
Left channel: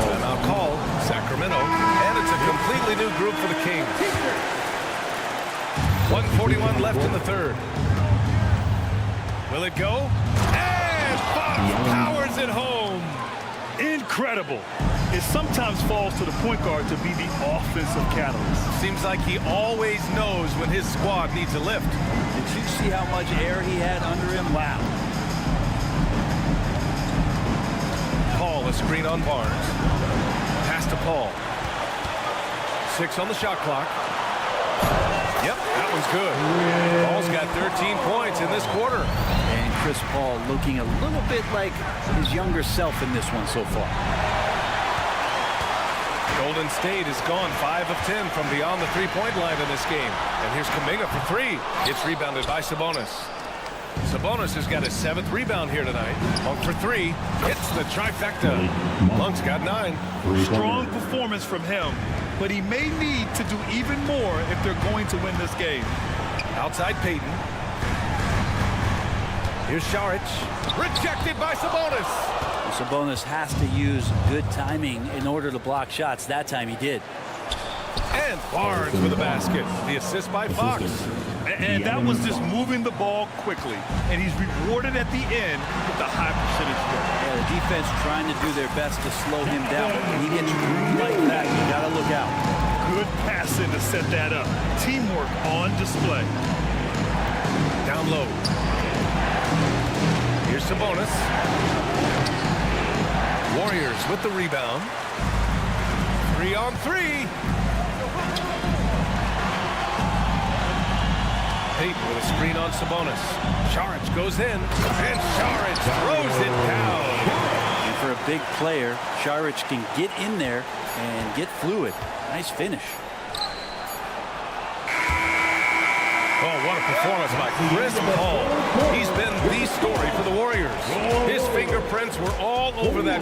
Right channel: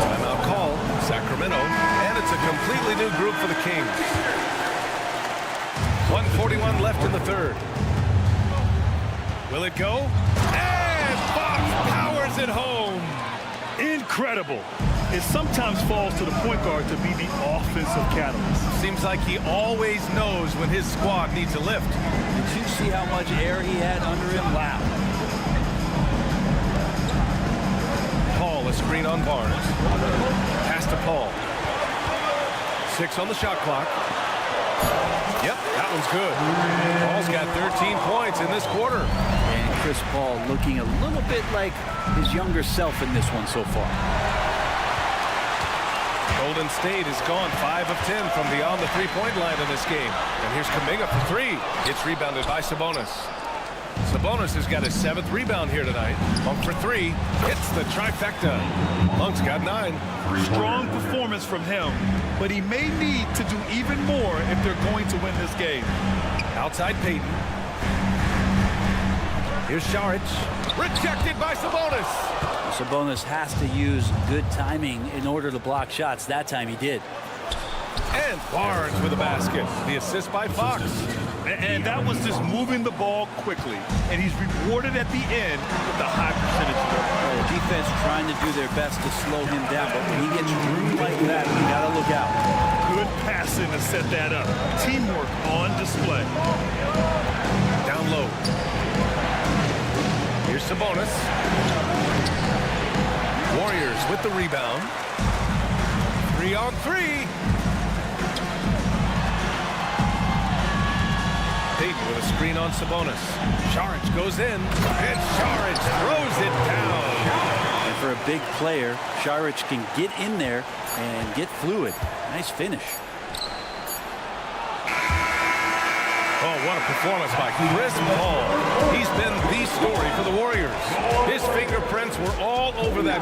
Timeout call. Sacramento. And it's a completely new group for the Kings. 1:41 left in the third. Will it go? And Fox powers it home. Incredible. It sometimes falls to the point guard to be the offensive catalyst. Seems like he always knows when his squad needs a lift. Did you see how much air he had under him? Wow. Paul, a screen on Barnes. Pass to Paul. 6 on the shot clock. Yep, that one's good. Paul's got 13 points in this quarter. And Chris Paul looking a little bit like his younger self in this one so far. Golden State has gone 5 of 10 from beyond the three-point line in this game. And here's Kuminga for 3. It's rebounded by Sabonis. Sabonis has got his 7th rebound here tonight. Monk for 3. Hits the trifecta. Monk's got 9. Strong performance from him, but he may need to do even more if they're going to win this game. Outside Payton. Here's Saric. Rejected by Sabonis. Sabonis has to use good timing in order to block shots. That time he did. And Barnes with a basket. The assist by Fox. And that was just moving the ball quickly. And he's rewarded at the end with the high percentage work. Yeah, the defense trying to do their best to slow him down. But when he gets room like that, you got to look out. Good passing to set that up. Teamwork on display. Down low. Here's Sabonis. Warriors with the rebound. 3 on 3. Payton with a screen on Sabonis. Saric goes in, and Saric throws it down. And for a big player, Saric can get in there and get fluid. Nice finish. Oh, what a performance by Chris Paul. He's been the story for the Warriors. His fingerprints were all over that.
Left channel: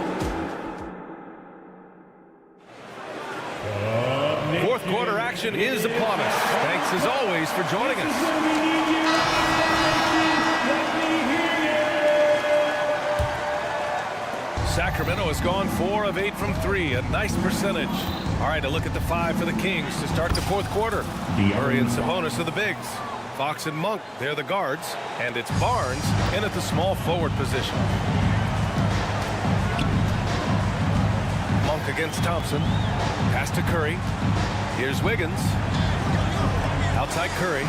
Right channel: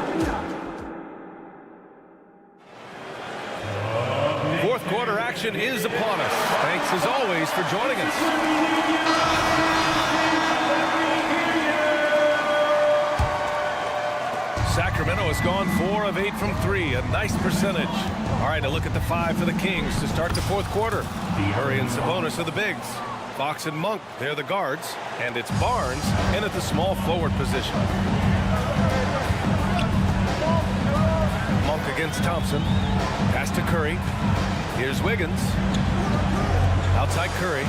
Fourth quarter action is upon us. Thanks as always for joining us. Sacramento has gone 4 of 8 from 3, a nice percentage. All right, a look at the 5 for the Kings to start the fourth quarter. Murray and Sabonis are the bigs. Fox and Monk, they're the guards. And it's Barnes in at the small forward position. Monk against Thompson. Pass to Curry. Here's Wiggins. Outside Curry.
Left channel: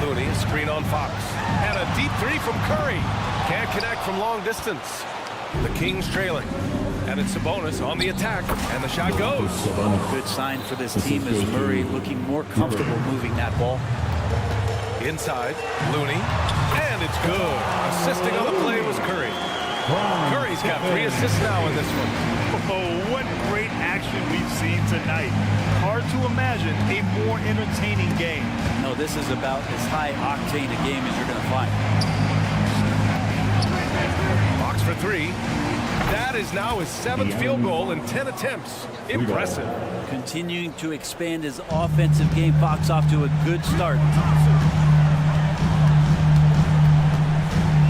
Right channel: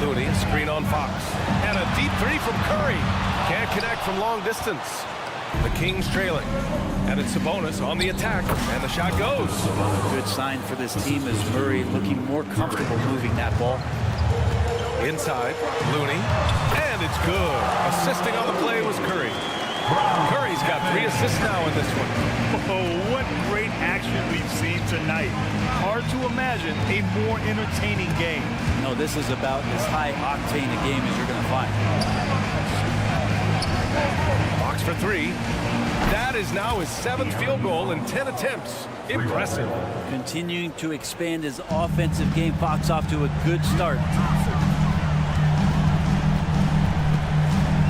Looney, a screen on Fox. And a deep 3 from Curry. Can't connect from long distance. The Kings trailing. And it's Sabonis on the attack. And the shot goes. Good sign for this team is Murray looking more comfortable moving that ball. Inside, Looney. And it's good. Assisting on the play was Curry. Curry's got 3 assists now in this one. Oh, what great action we've seen tonight. Hard to imagine a more entertaining game. No, this is about as high octane a game as you're going to find. Fox for 3. That is now his 7th field goal in 10 attempts. Impressive. Continuing to expand his offensive game. Fox off to a good start.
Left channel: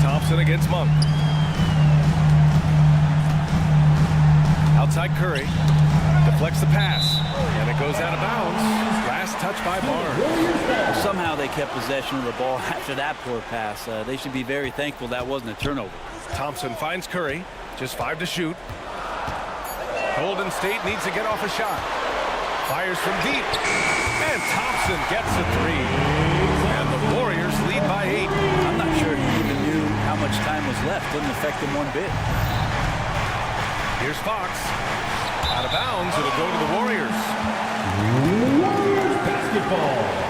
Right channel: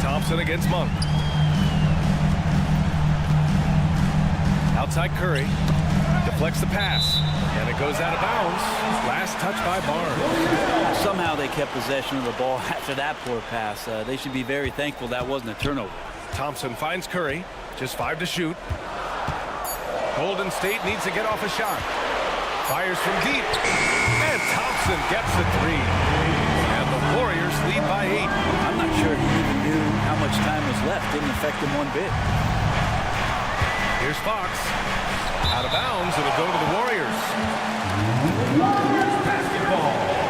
Thompson against Monk. Outside Curry. Deflects the pass. And it goes out of bounds. Last touch by Barnes. Somehow they kept possession of the ball after that poor pass. They should be very thankful that wasn't a turnover. Thompson finds Curry. Just 5 to shoot. Golden State needs to get off a shot. Fires from deep. And Thompson gets a 3. And the Warriors lead by 8. I'm not sure he even knew how much time was left. Didn't affect him one bit. Here's Fox. Out of bounds. It'll go to the Warriors. Warriors basketball.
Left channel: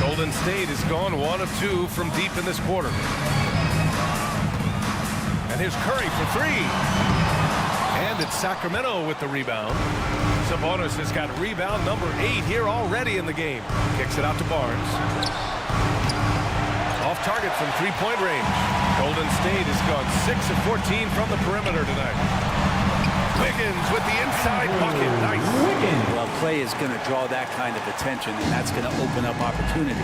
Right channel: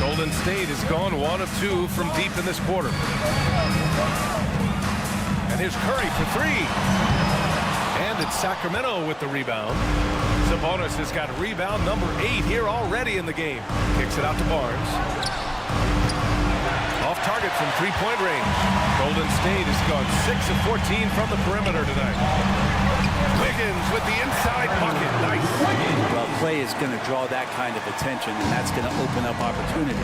Golden State has gone 1 of 2 from deep in this quarter. And here's Curry for 3. And it's Sacramento with the rebound. Sabonis has got rebound number 8 here already in the game. Kicks it out to Barnes. Off target from 3-point range. Golden State has gone 6 of 14 from the perimeter tonight. Wiggins with the inside bucket. Nice. Well, Clay is going to draw that kind of attention, and that's going to open up opportunity.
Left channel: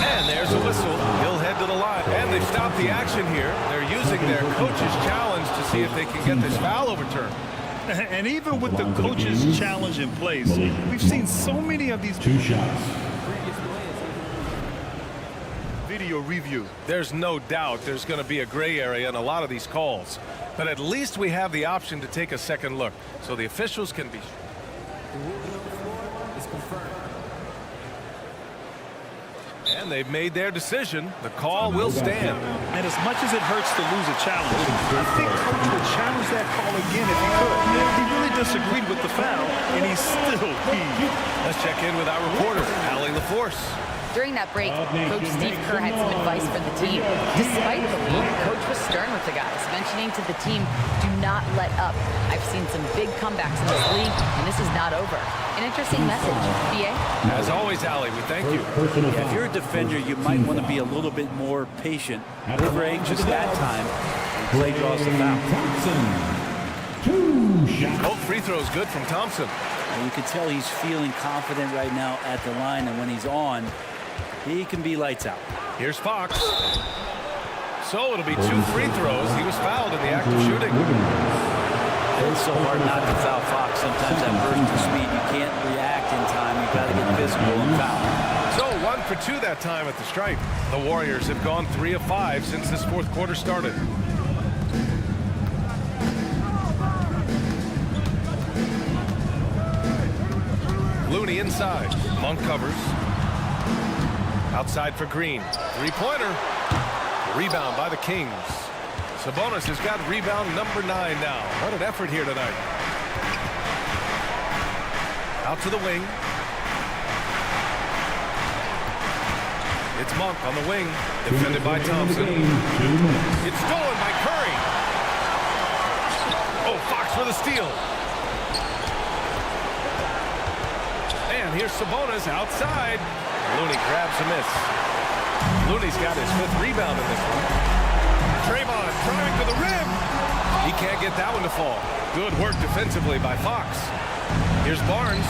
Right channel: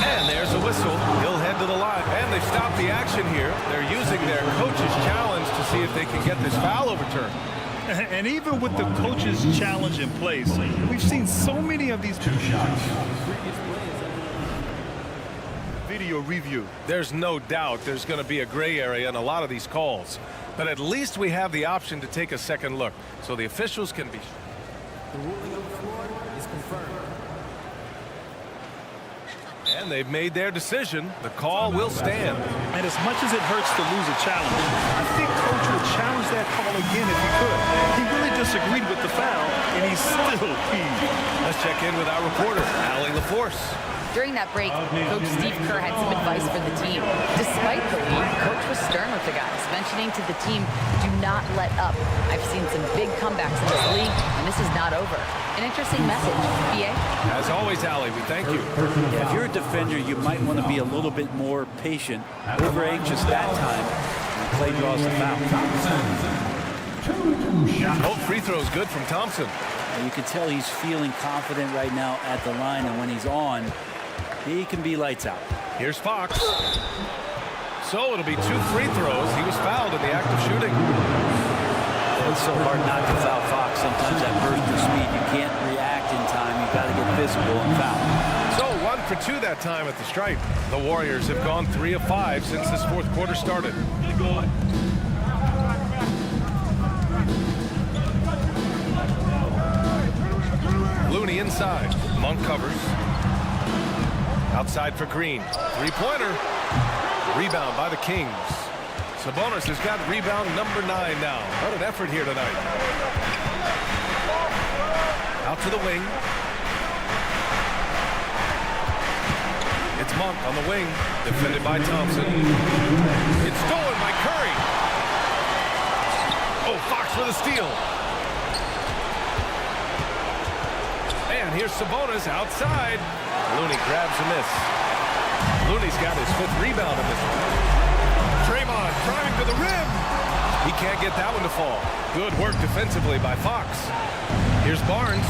And there's a whistle. He'll head to the line. And they've stopped the action here. They're using their coach's challenge to see if they can get this foul overturned. And even with the coach's challenge in place, we've seen so many of these 2 shots. Video review. There's no doubt there's going to be a gray area in a lot of these calls. But at least we have the option to take a second look so the officials can be. The ruling on the floor is confirmed. And they've made their decision. The call will stand. And as much as it hurts to lose a challenge, I think Coach would challenge that call again if he could. He really disagreed with the foul, and he's still peeved. Let's check in with our reporter, Allie LaForce. During that break, Coach Steve Kerr had some advice for the team. Despite the lead, Coach was stern with the guys, mentioning to the team, do not let up. I've seen some big comebacks in this league, and this is not over. An interesting message. BA? As always, Allie, we thank you. Yeah, if you're a defender, you might want to be a little bit more patient, over anxious that time, and Clay draws the foul. Thompson. 2 shots. Both free throws good from Thompson. And you can tell he's feeling confident right now at the line, and when he's on, he can be lights out. Here's Fox. So it'll be 2 free throws. He was fouled in the act of shooting. It's so hard not to foul Fox. Sometimes that burst of speed, you can't react in time. You've got to get physical and foul. So 1 for 2 that time at the stripe. The Warriors have gone 3 of 5 since this fourth quarter started. Looney inside. Monk covers. Outside for Green. 3-pointer. Rebound by the Kings. Sabonis has got rebound number 9 now. What an effort here tonight. Out to the wing. It's Monk on the wing, defended by Thompson. It's stolen by Curry. Oh, Fox with a steal. And here's Sabonis outside. Looney grabs a miss. Looney's got his 5th rebound in this one. Draymond driving to the rim. He can't get that one to fall. Good work defensively by Fox. Here's Barnes.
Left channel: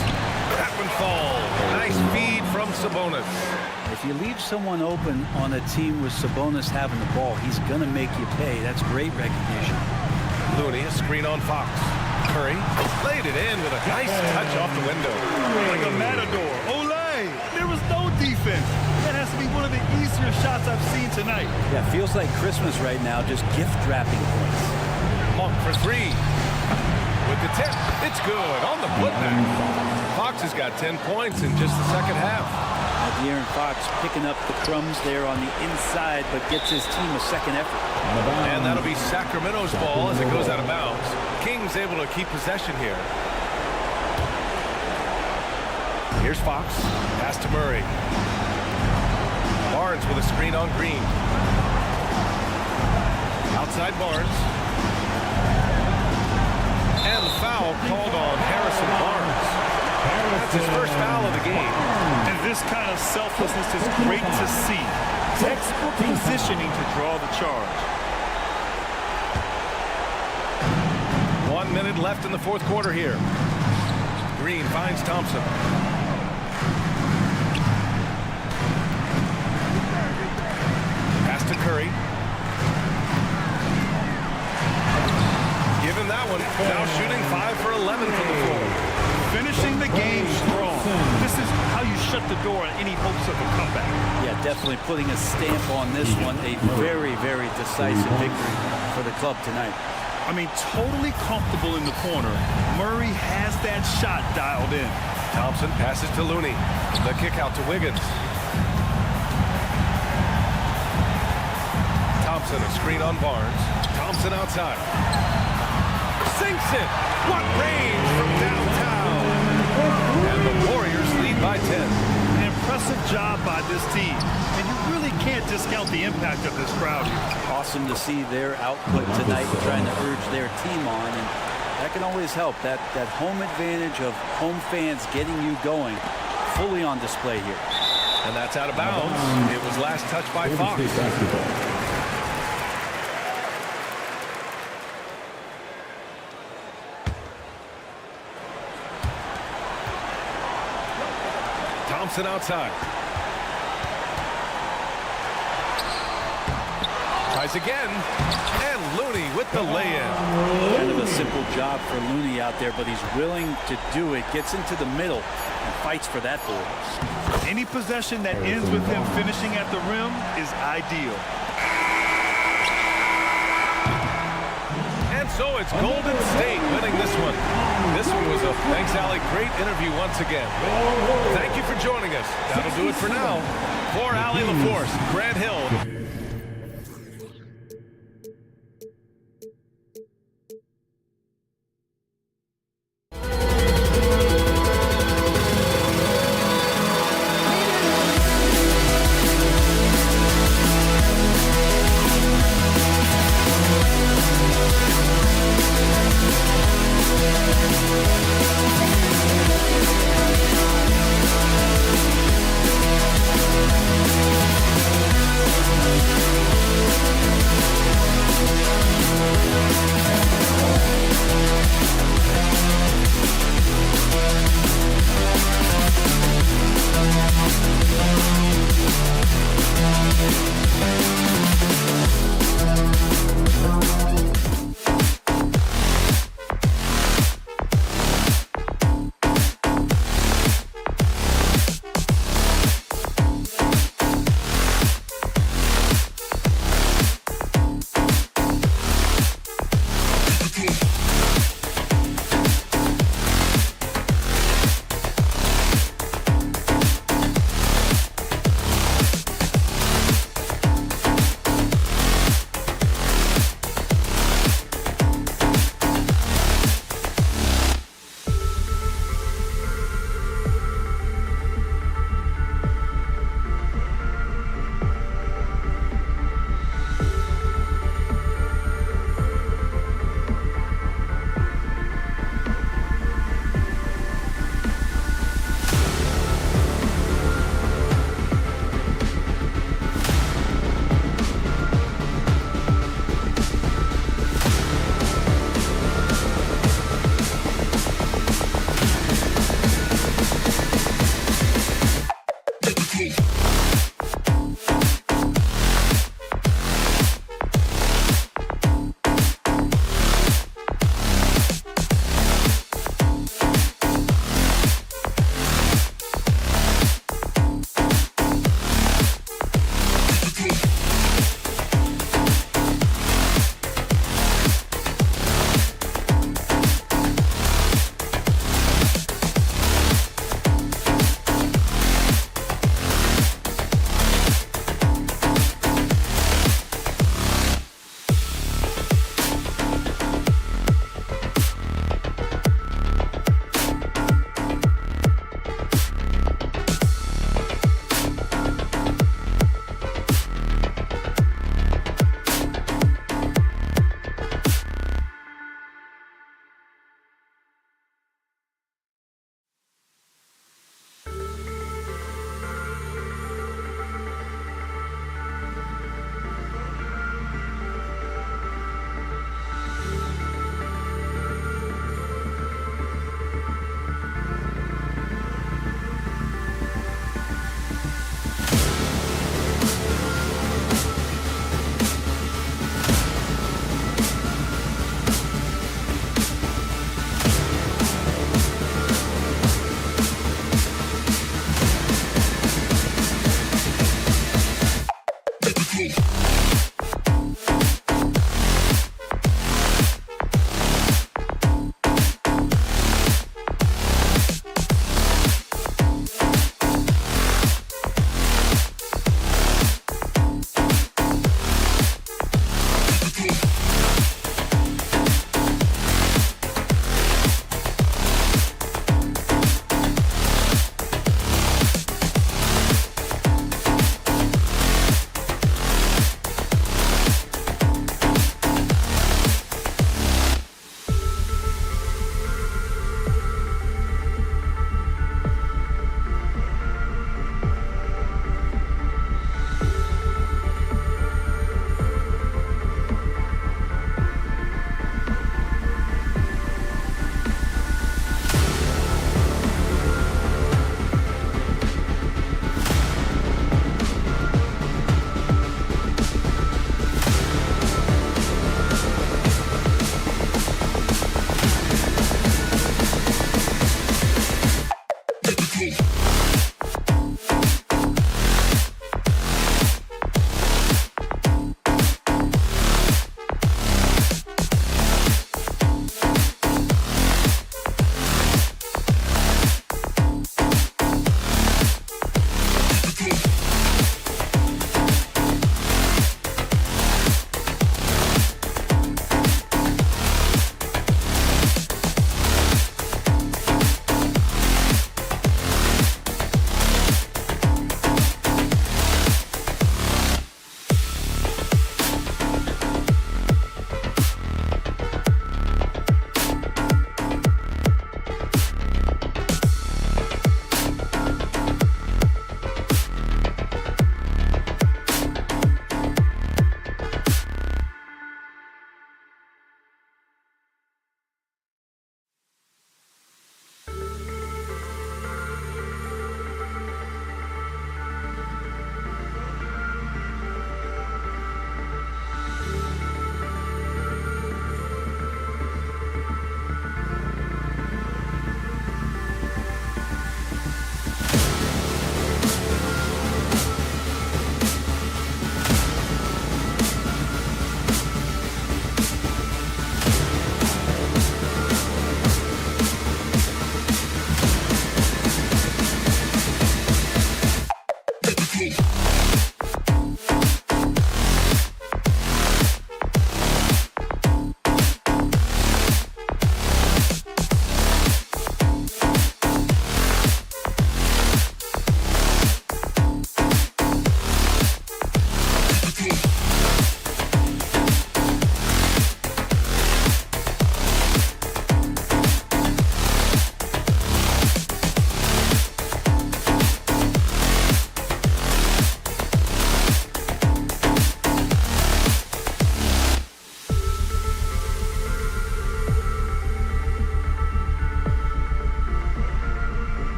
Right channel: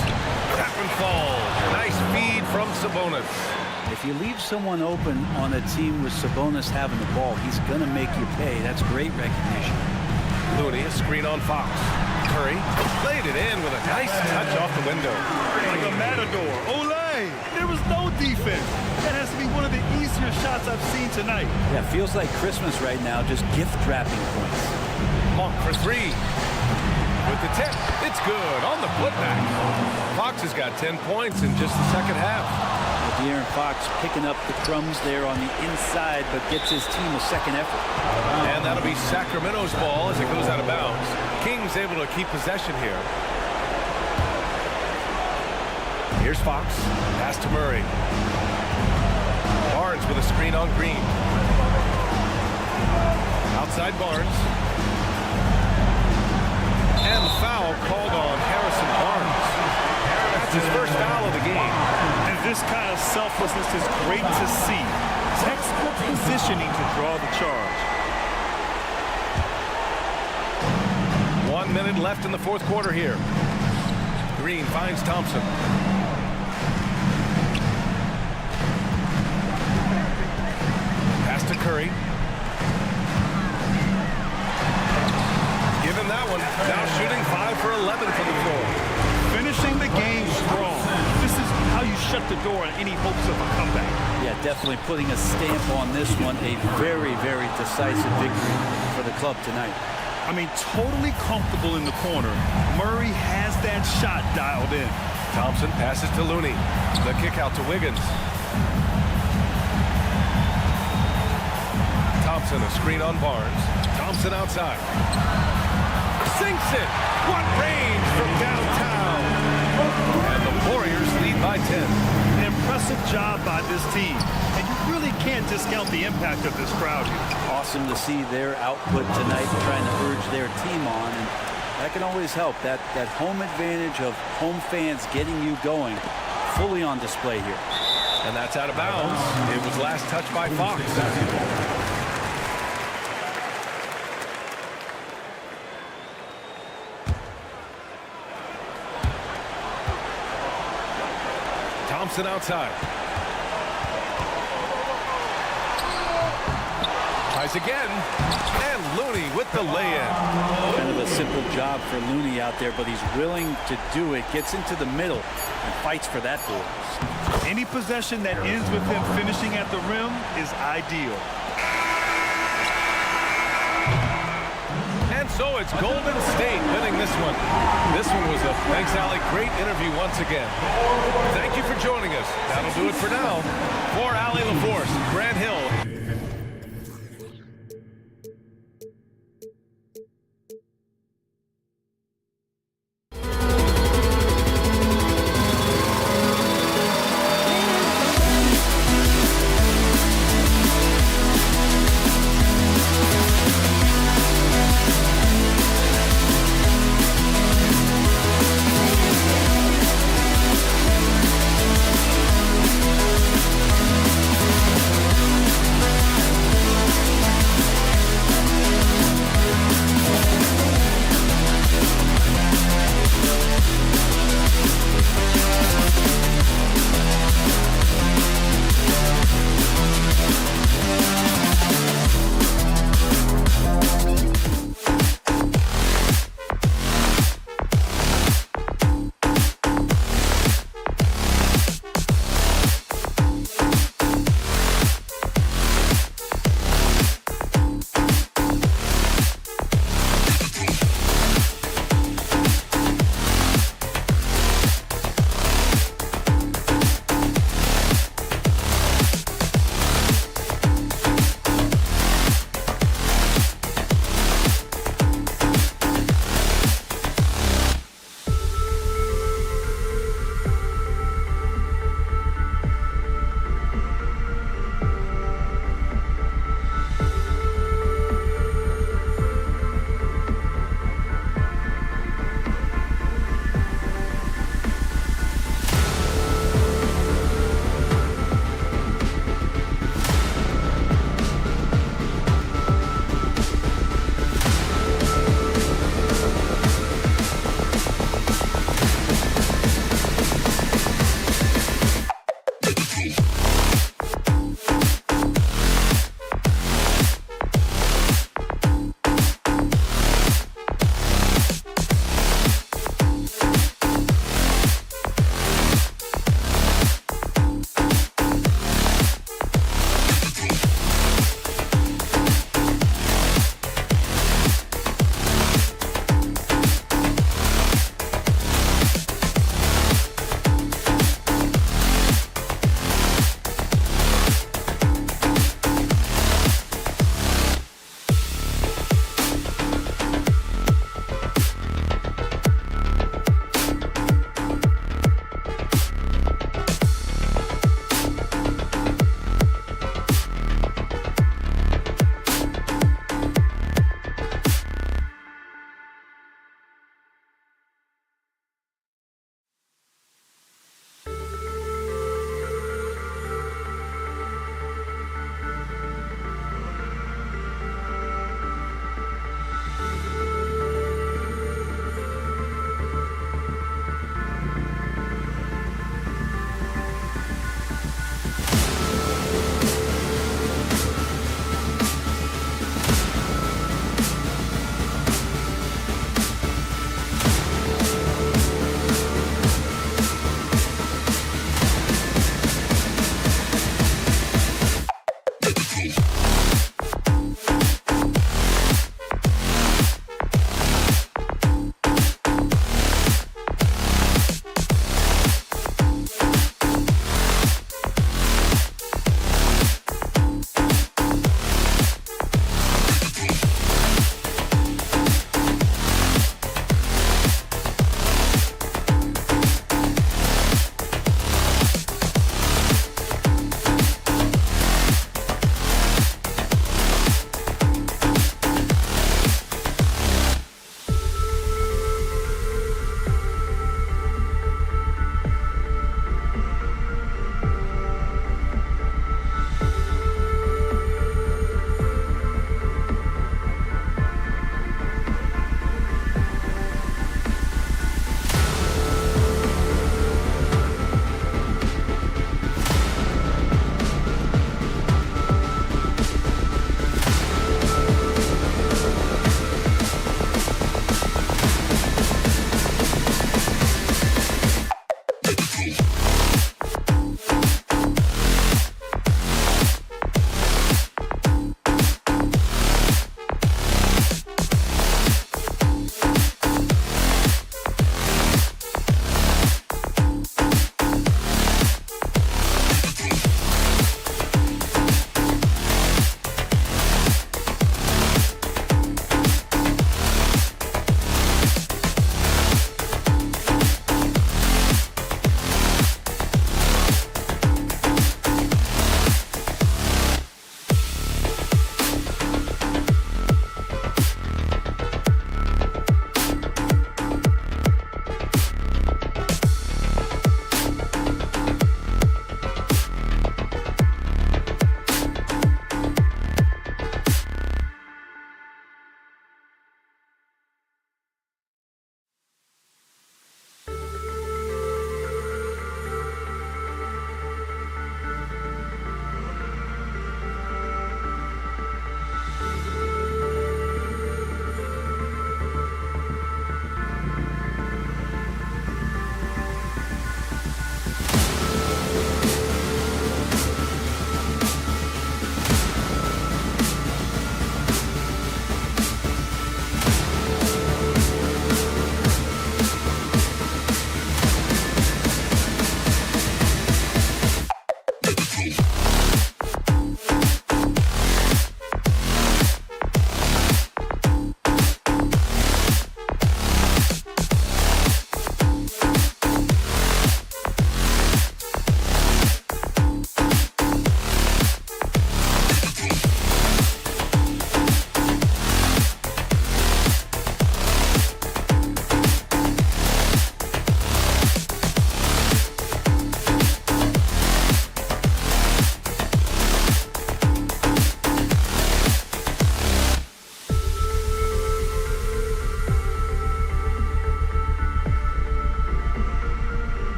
That one falls. Nice feed from Sabonis. If you leave someone open on a team with Sabonis having the ball, he's going to make you pay. That's great recognition. Looney, a screen on Fox. Curry laid it in with a nice touch off the window. Like a matador. Olay! There was no defense. That has to be one of the easier shots I've seen tonight. Yeah, feels like Christmas right now, just gift wrapping points. Monk for 3. With the tip, it's good on the putback. Fox has got 10 points in just the second half. De'Aaron Fox picking up the crumbs there on the inside, but gets his team a second effort. And that'll be Sacramento's ball as it goes out of bounds. Kings able to keep possession here. Here's Fox. Pass to Murray. Barnes with a screen on Green. Outside Barnes. And the foul called on Harrison Barnes. That's his first foul of the game. And this kind of selflessness is great to see. Textbook positioning to draw the charge. 1 minute left in the 4th quarter here. Green finds Thompson. Pass to Curry. Give him that one. Now shooting 5 for 11 from the floor. Finishing the game strong. This is how you shut the door on any hopes of a comeback. Yeah, definitely putting a stamp on this one. A very, very decisive victory for the club tonight. I mean, totally comfortable in the corner. Murray has that shot dialed in. Thompson passes to Looney. The kick out to Wiggins. Thompson, a screen on Barnes. Thompson outside. Sinks it. What range from downtown. And the Warriors lead by 10. An impressive job by this team. And you really can't discount the impact of this crowd here. Awesome to see their output tonight, trying to urge their team on. And that can always help. That home advantage of home fans getting you going fully on display here. And that's out of bounds. It was last touched by Fox. Thompson outside. Tries again. And Looney with the lay-in. Kind of a simple job for Looney out there, but he's willing to do it. Gets into the middle and fights for that ball. Any possession that ends with him finishing at the rim is ideal. And so it's Golden State winning this one. This one was a thanks, Allie. Great interview once again. Thank you for joining us. That'll do it for now. For Allie LaForce, Grant Hill.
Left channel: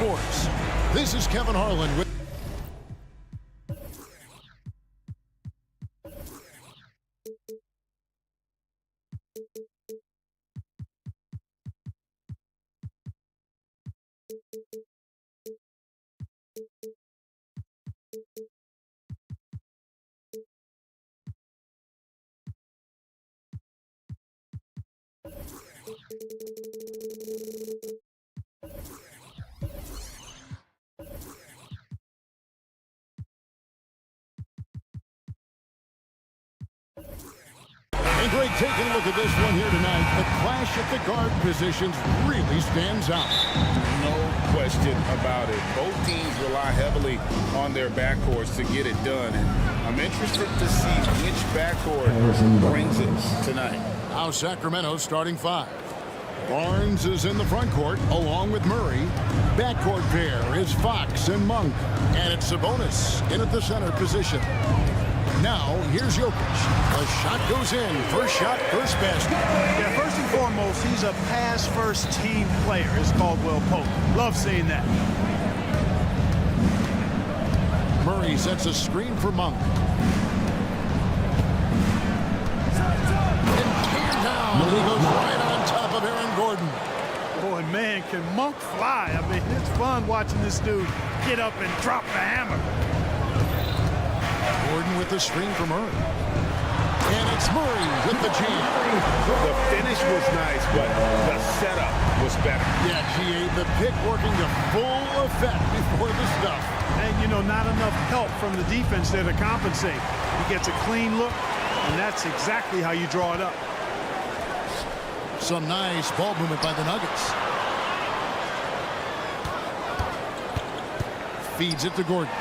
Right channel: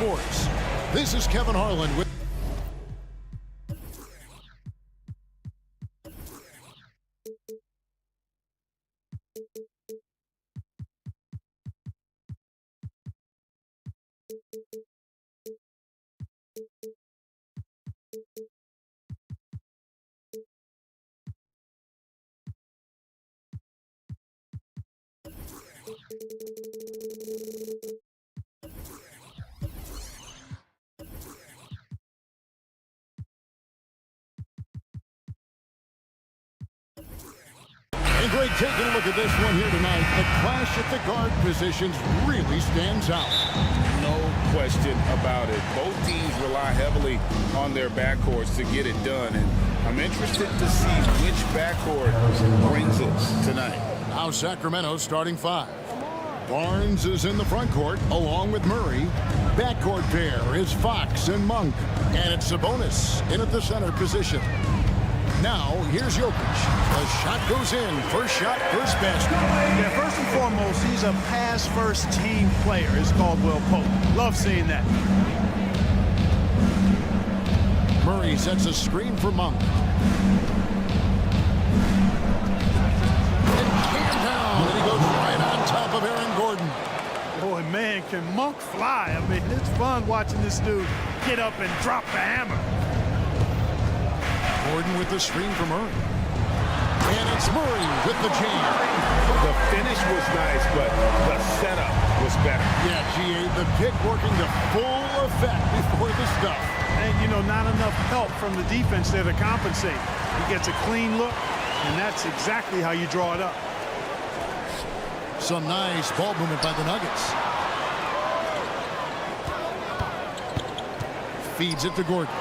Sports. This is Kevin Harlan with And Greg, taking a look at this one here tonight, the clash at the guard positions really stands out. No question about it. Both teams rely heavily on their backcourts to get it done, and I'm interested to see which backcourt brings it tonight. Now Sacramento starting 5. Barnes is in the front court along with Murray. Backcourt pair is Fox and Monk, and it's Sabonis in at the center position. Now, here's Jokic. The shot goes in. First shot, first basket. Yeah, first and foremost, he's a pass-first team player, as Caldwell Pope. Love seeing that. Murray sets a screen for Monk. And cam down, and he goes right on top of Aaron Gordon. Boy, man, can Monk fly. I mean, it's fun watching this dude get up and drop the hammer. Gordon with the screen for Murray. And it's Murray with the jam. The finish was nice, but the setup was better. Yeah, G.A., the pick working to full effect before the stuff. And, you know, not enough help from the defense there to compensate. He gets a clean look, and that's exactly how you draw it up. Some nice ball movement by the Nuggets. Feeds it to Gordon.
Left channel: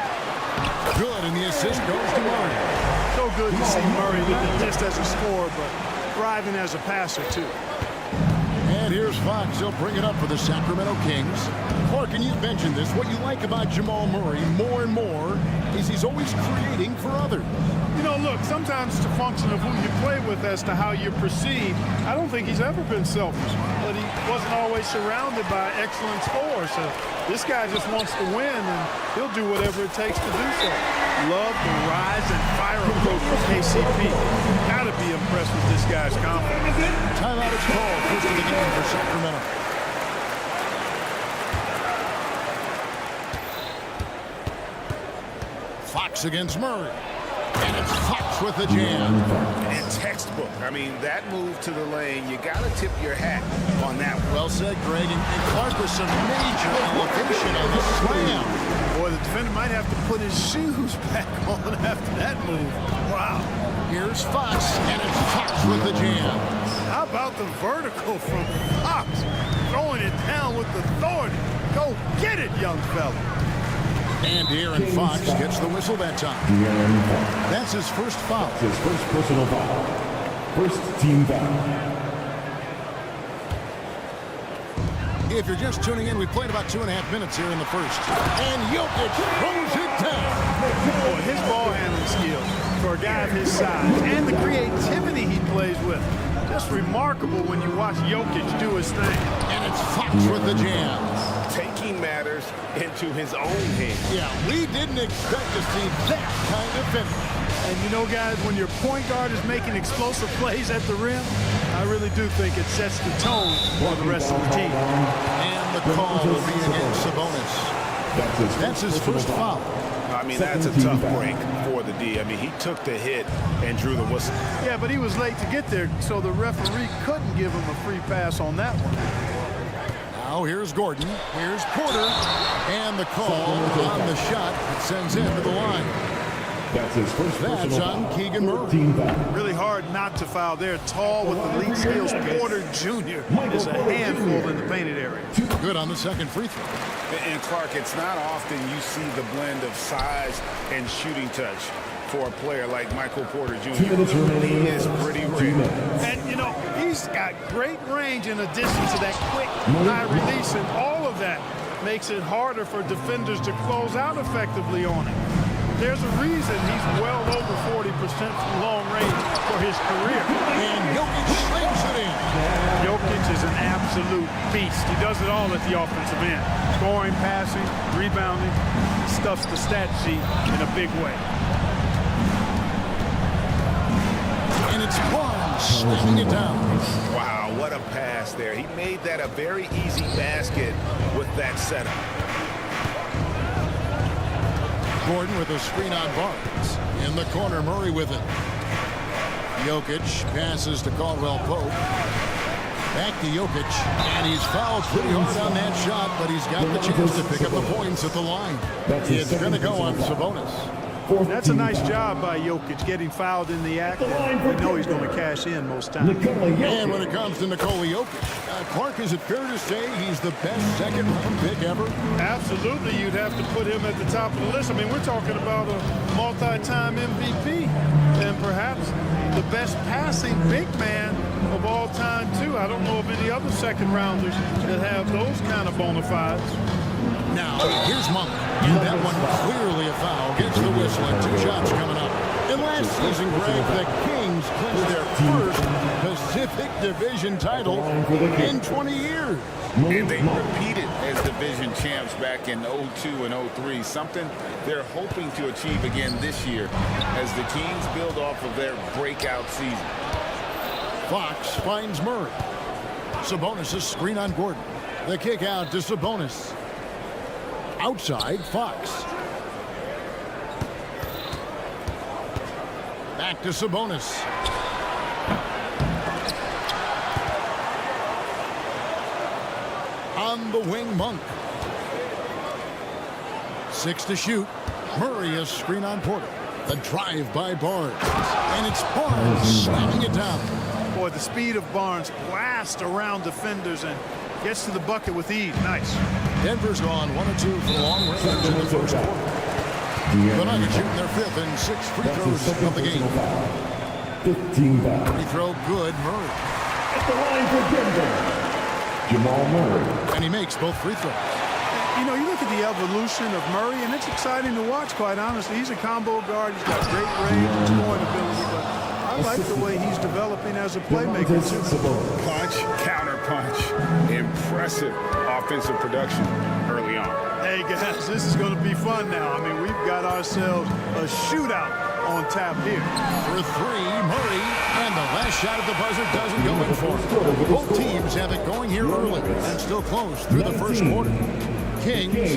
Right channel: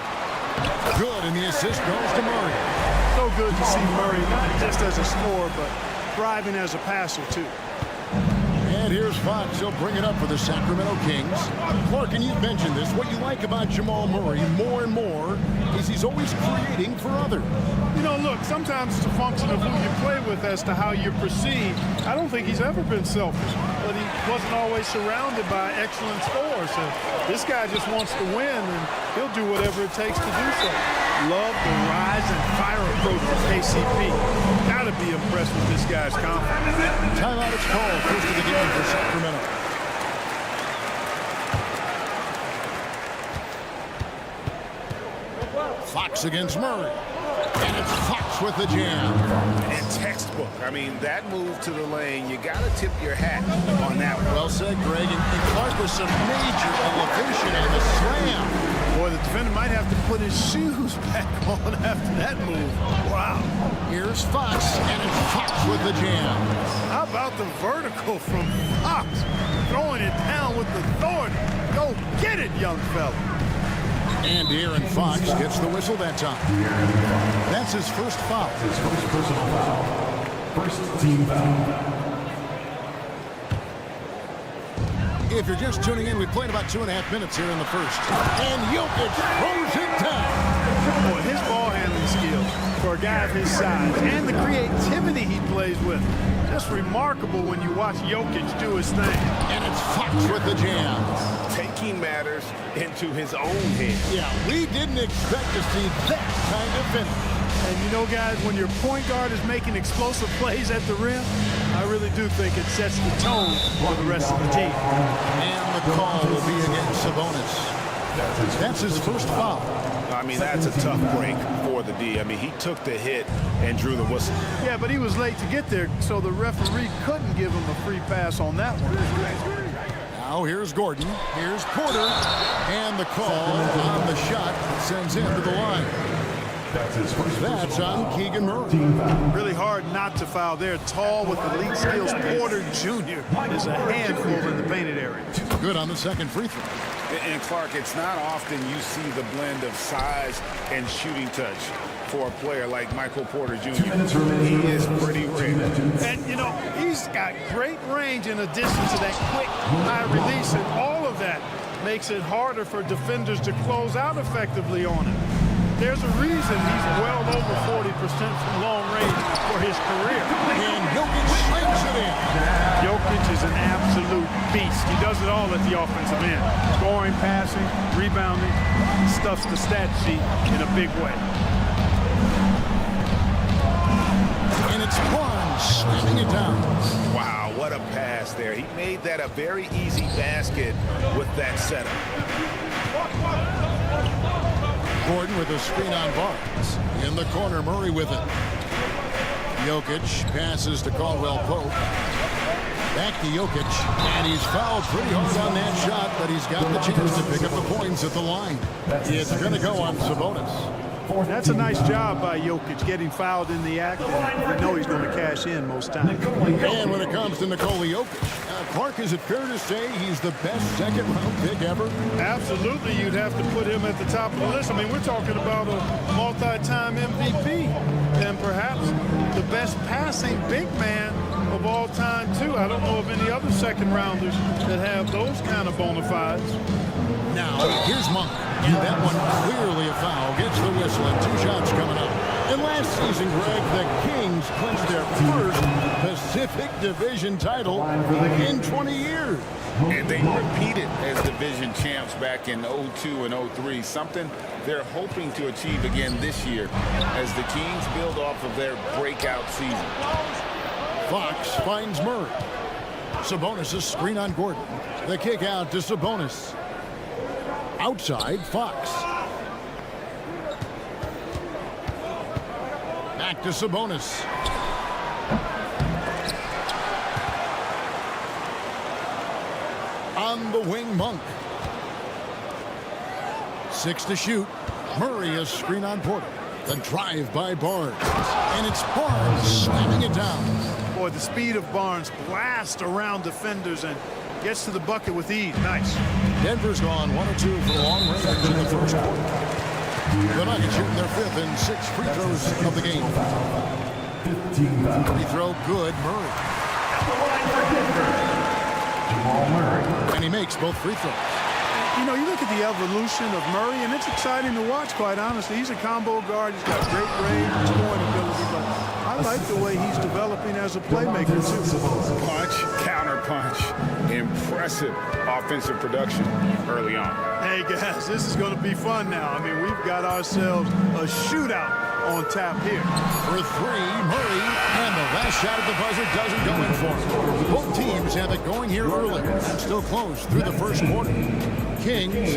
Good, and the assist goes to Murray. So good to see Murray, not just as a scorer, but thriving as a passer, too. And here's Fox. He'll bring it up for the Sacramento Kings. Clark, and you've mentioned this. What you like about Jamal Murray more and more is he's always creating for others. You know, look, sometimes it's a function of who you play with as to how you're perceived. I don't think he's ever been selfish, but he wasn't always surrounded by excellent scorers. So this guy just wants to win, and he'll do whatever it takes to do so. Love the rise and fire approach from KCP. Got to be impressed with this guy's confidence. Timeout is called. First of the game for Sacramento. Fox against Murray. And it's Fox with the jam. And textbook. I mean, that move to the lane, you got to tip your hat on that one. Well said, Greg. And Clark with some major elevation on the slam. Boy, the defender might have to put his shoes back on after that move. Wow. Here's Fox, and it's Fox with the jam. How about the vertical from Fox? Throwing it down with authority. Go get it, young fella. And De'Aaron Fox gets the whistle that time. That's his first foul. His first personal foul. First team foul. If you're just tuning in, we played about 2.5 minutes here in the first. And Jokic throws it down. Boy, his ball handling skills for a guy of his size and the creativity he plays with. Just remarkable when you watch Jokic do his thing. And it's Fox with the jam. Taking matters into his own hands. Yeah, we didn't expect to see that kind of finish. And you know, guys, when your point guard is making explosive plays at the rim, I really do think it sets the tone for the rest of the team. And the call will be against Sabonis. That's his first foul. I mean, that's a tough break for the D. I mean, he took the hit and drew the whistle. Yeah, but he was late to get there, so the referee couldn't give him a free pass on that one. Now here's Gordon, here's Porter, and the call on the shot that sends him to the line. That's his first. That's on Keegan Murray. Really hard not to foul there. Tall with elite skills. Porter Jr. is a handful in the painted area. Good on the second free throw. And Clark, it's not often you see the blend of size and shooting touch for a player like Michael Porter Jr. He is pretty rare. And, you know, he's got great range in addition to that quick high release, and all of that makes it harder for defenders to close out effectively on him. There's a reason he's well over 40% from long range for his career. And Jokic slings it in. Jokic is an absolute beast. He does it all at the offensive end. Scoring, passing, rebounding. He stuffs the stat sheet in a big way. And it's Barnes slamming it down. Wow, what a pass there. He made that a very easy basket with that setup. Gordon with a screen on Barnes. In the corner, Murray with it. Jokic passes to Caldwell Pope. Back to Jokic, and he's fouled pretty hard on that shot, but he's got the chance to pick up the points at the line. It's going to go on Sabonis. That's a nice job by Jokic, getting fouled in the act, and we know he's going to cash in most times. And when it comes to Nikola Jokic, Clark, is it fair to say he's the best second-round pick ever? Absolutely, you'd have to put him at the top of the list. I mean, we're talking about a multi-time MVP and perhaps the best passing big man of all time, too. I don't know of any other second-rounders that have those kind of bona fides. Now, here's Monk, and that one clearly a foul. Gets the whistle, and 2 shots coming up. And last season, Greg, the Kings clinched their first Pacific Division title in 20 years. And they repeated as division champs back in 02 and 03, something they're hoping to achieve again this year as the Kings build off of their breakout season. Fox finds Murray. Sabonis' screen on Gordon. The kick out to Sabonis. Outside, Fox. Back to Sabonis. On the wing, Monk. 6 to shoot. Murray is screen on Porter. The drive by Barnes. And it's Barnes slamming it down. Boy, the speed of Barnes blasts around defenders and gets to the bucket with ease. Nice. Denver's gone 1 of 2 for the long range in the first quarter. The Nuggets shooting their 5th and 6th free throws of the game. 15 Free throw good, Murray. At the line for Denver, Jamal Murray. And he makes both free throws. You know, you look at the evolution of Murray, and it's exciting to watch, quite honestly. He's a combo guard. He's got great range and scoring ability, but I like the way he's developing as a playmaker, too. Punch, counter punch. Impressive offensive production early on. Hey, guys, this is going to be fun now. I mean, we've got ourselves a shootout on tap here. For 3, Murray, and the last shot at the buzzer doesn't go in for him. Both teams have it going here early and still close through the first quarter. Kings.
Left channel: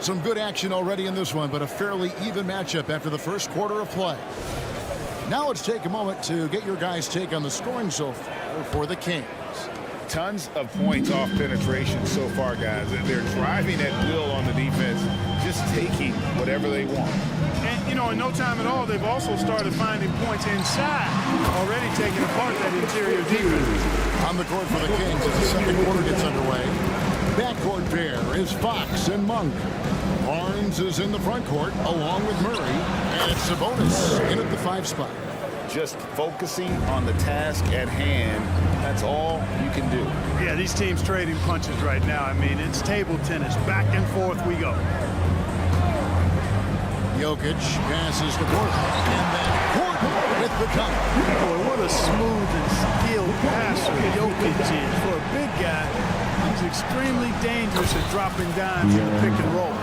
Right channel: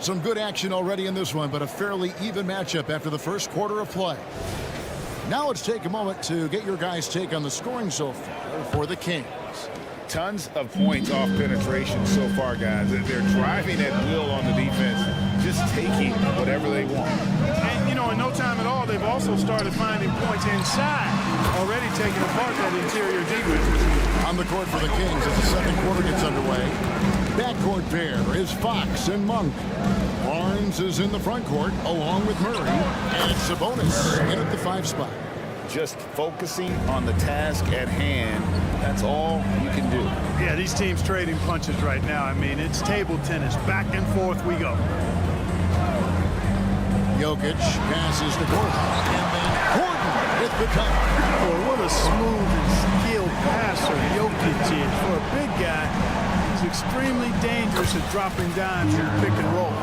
Some good action already in this one, but a fairly even matchup after the first quarter of play. Now let's take a moment to get your guys' take on the scoring so far for the Kings. Tons of points off penetration so far, guys. They're driving at will on the defense, just taking whatever they want. And, you know, in no time at all, they've also started finding points inside, already taking apart that interior defense. On the court for the Kings as the second quarter gets underway. Backcourt pair is Fox and Monk. Barnes is in the front court along with Murray, and it's Sabonis in at the 5 spot. Just focusing on the task at hand, that's all you can do. Yeah, these teams trading punches right now. I mean, it's table tennis. Back and forth we go. Jokic passes to Gordon, and then Gordon with the cover. Boy, what a smooth and skilled passer Jokic is. For a big guy, he's extremely dangerous at dropping dimes in the pick and roll.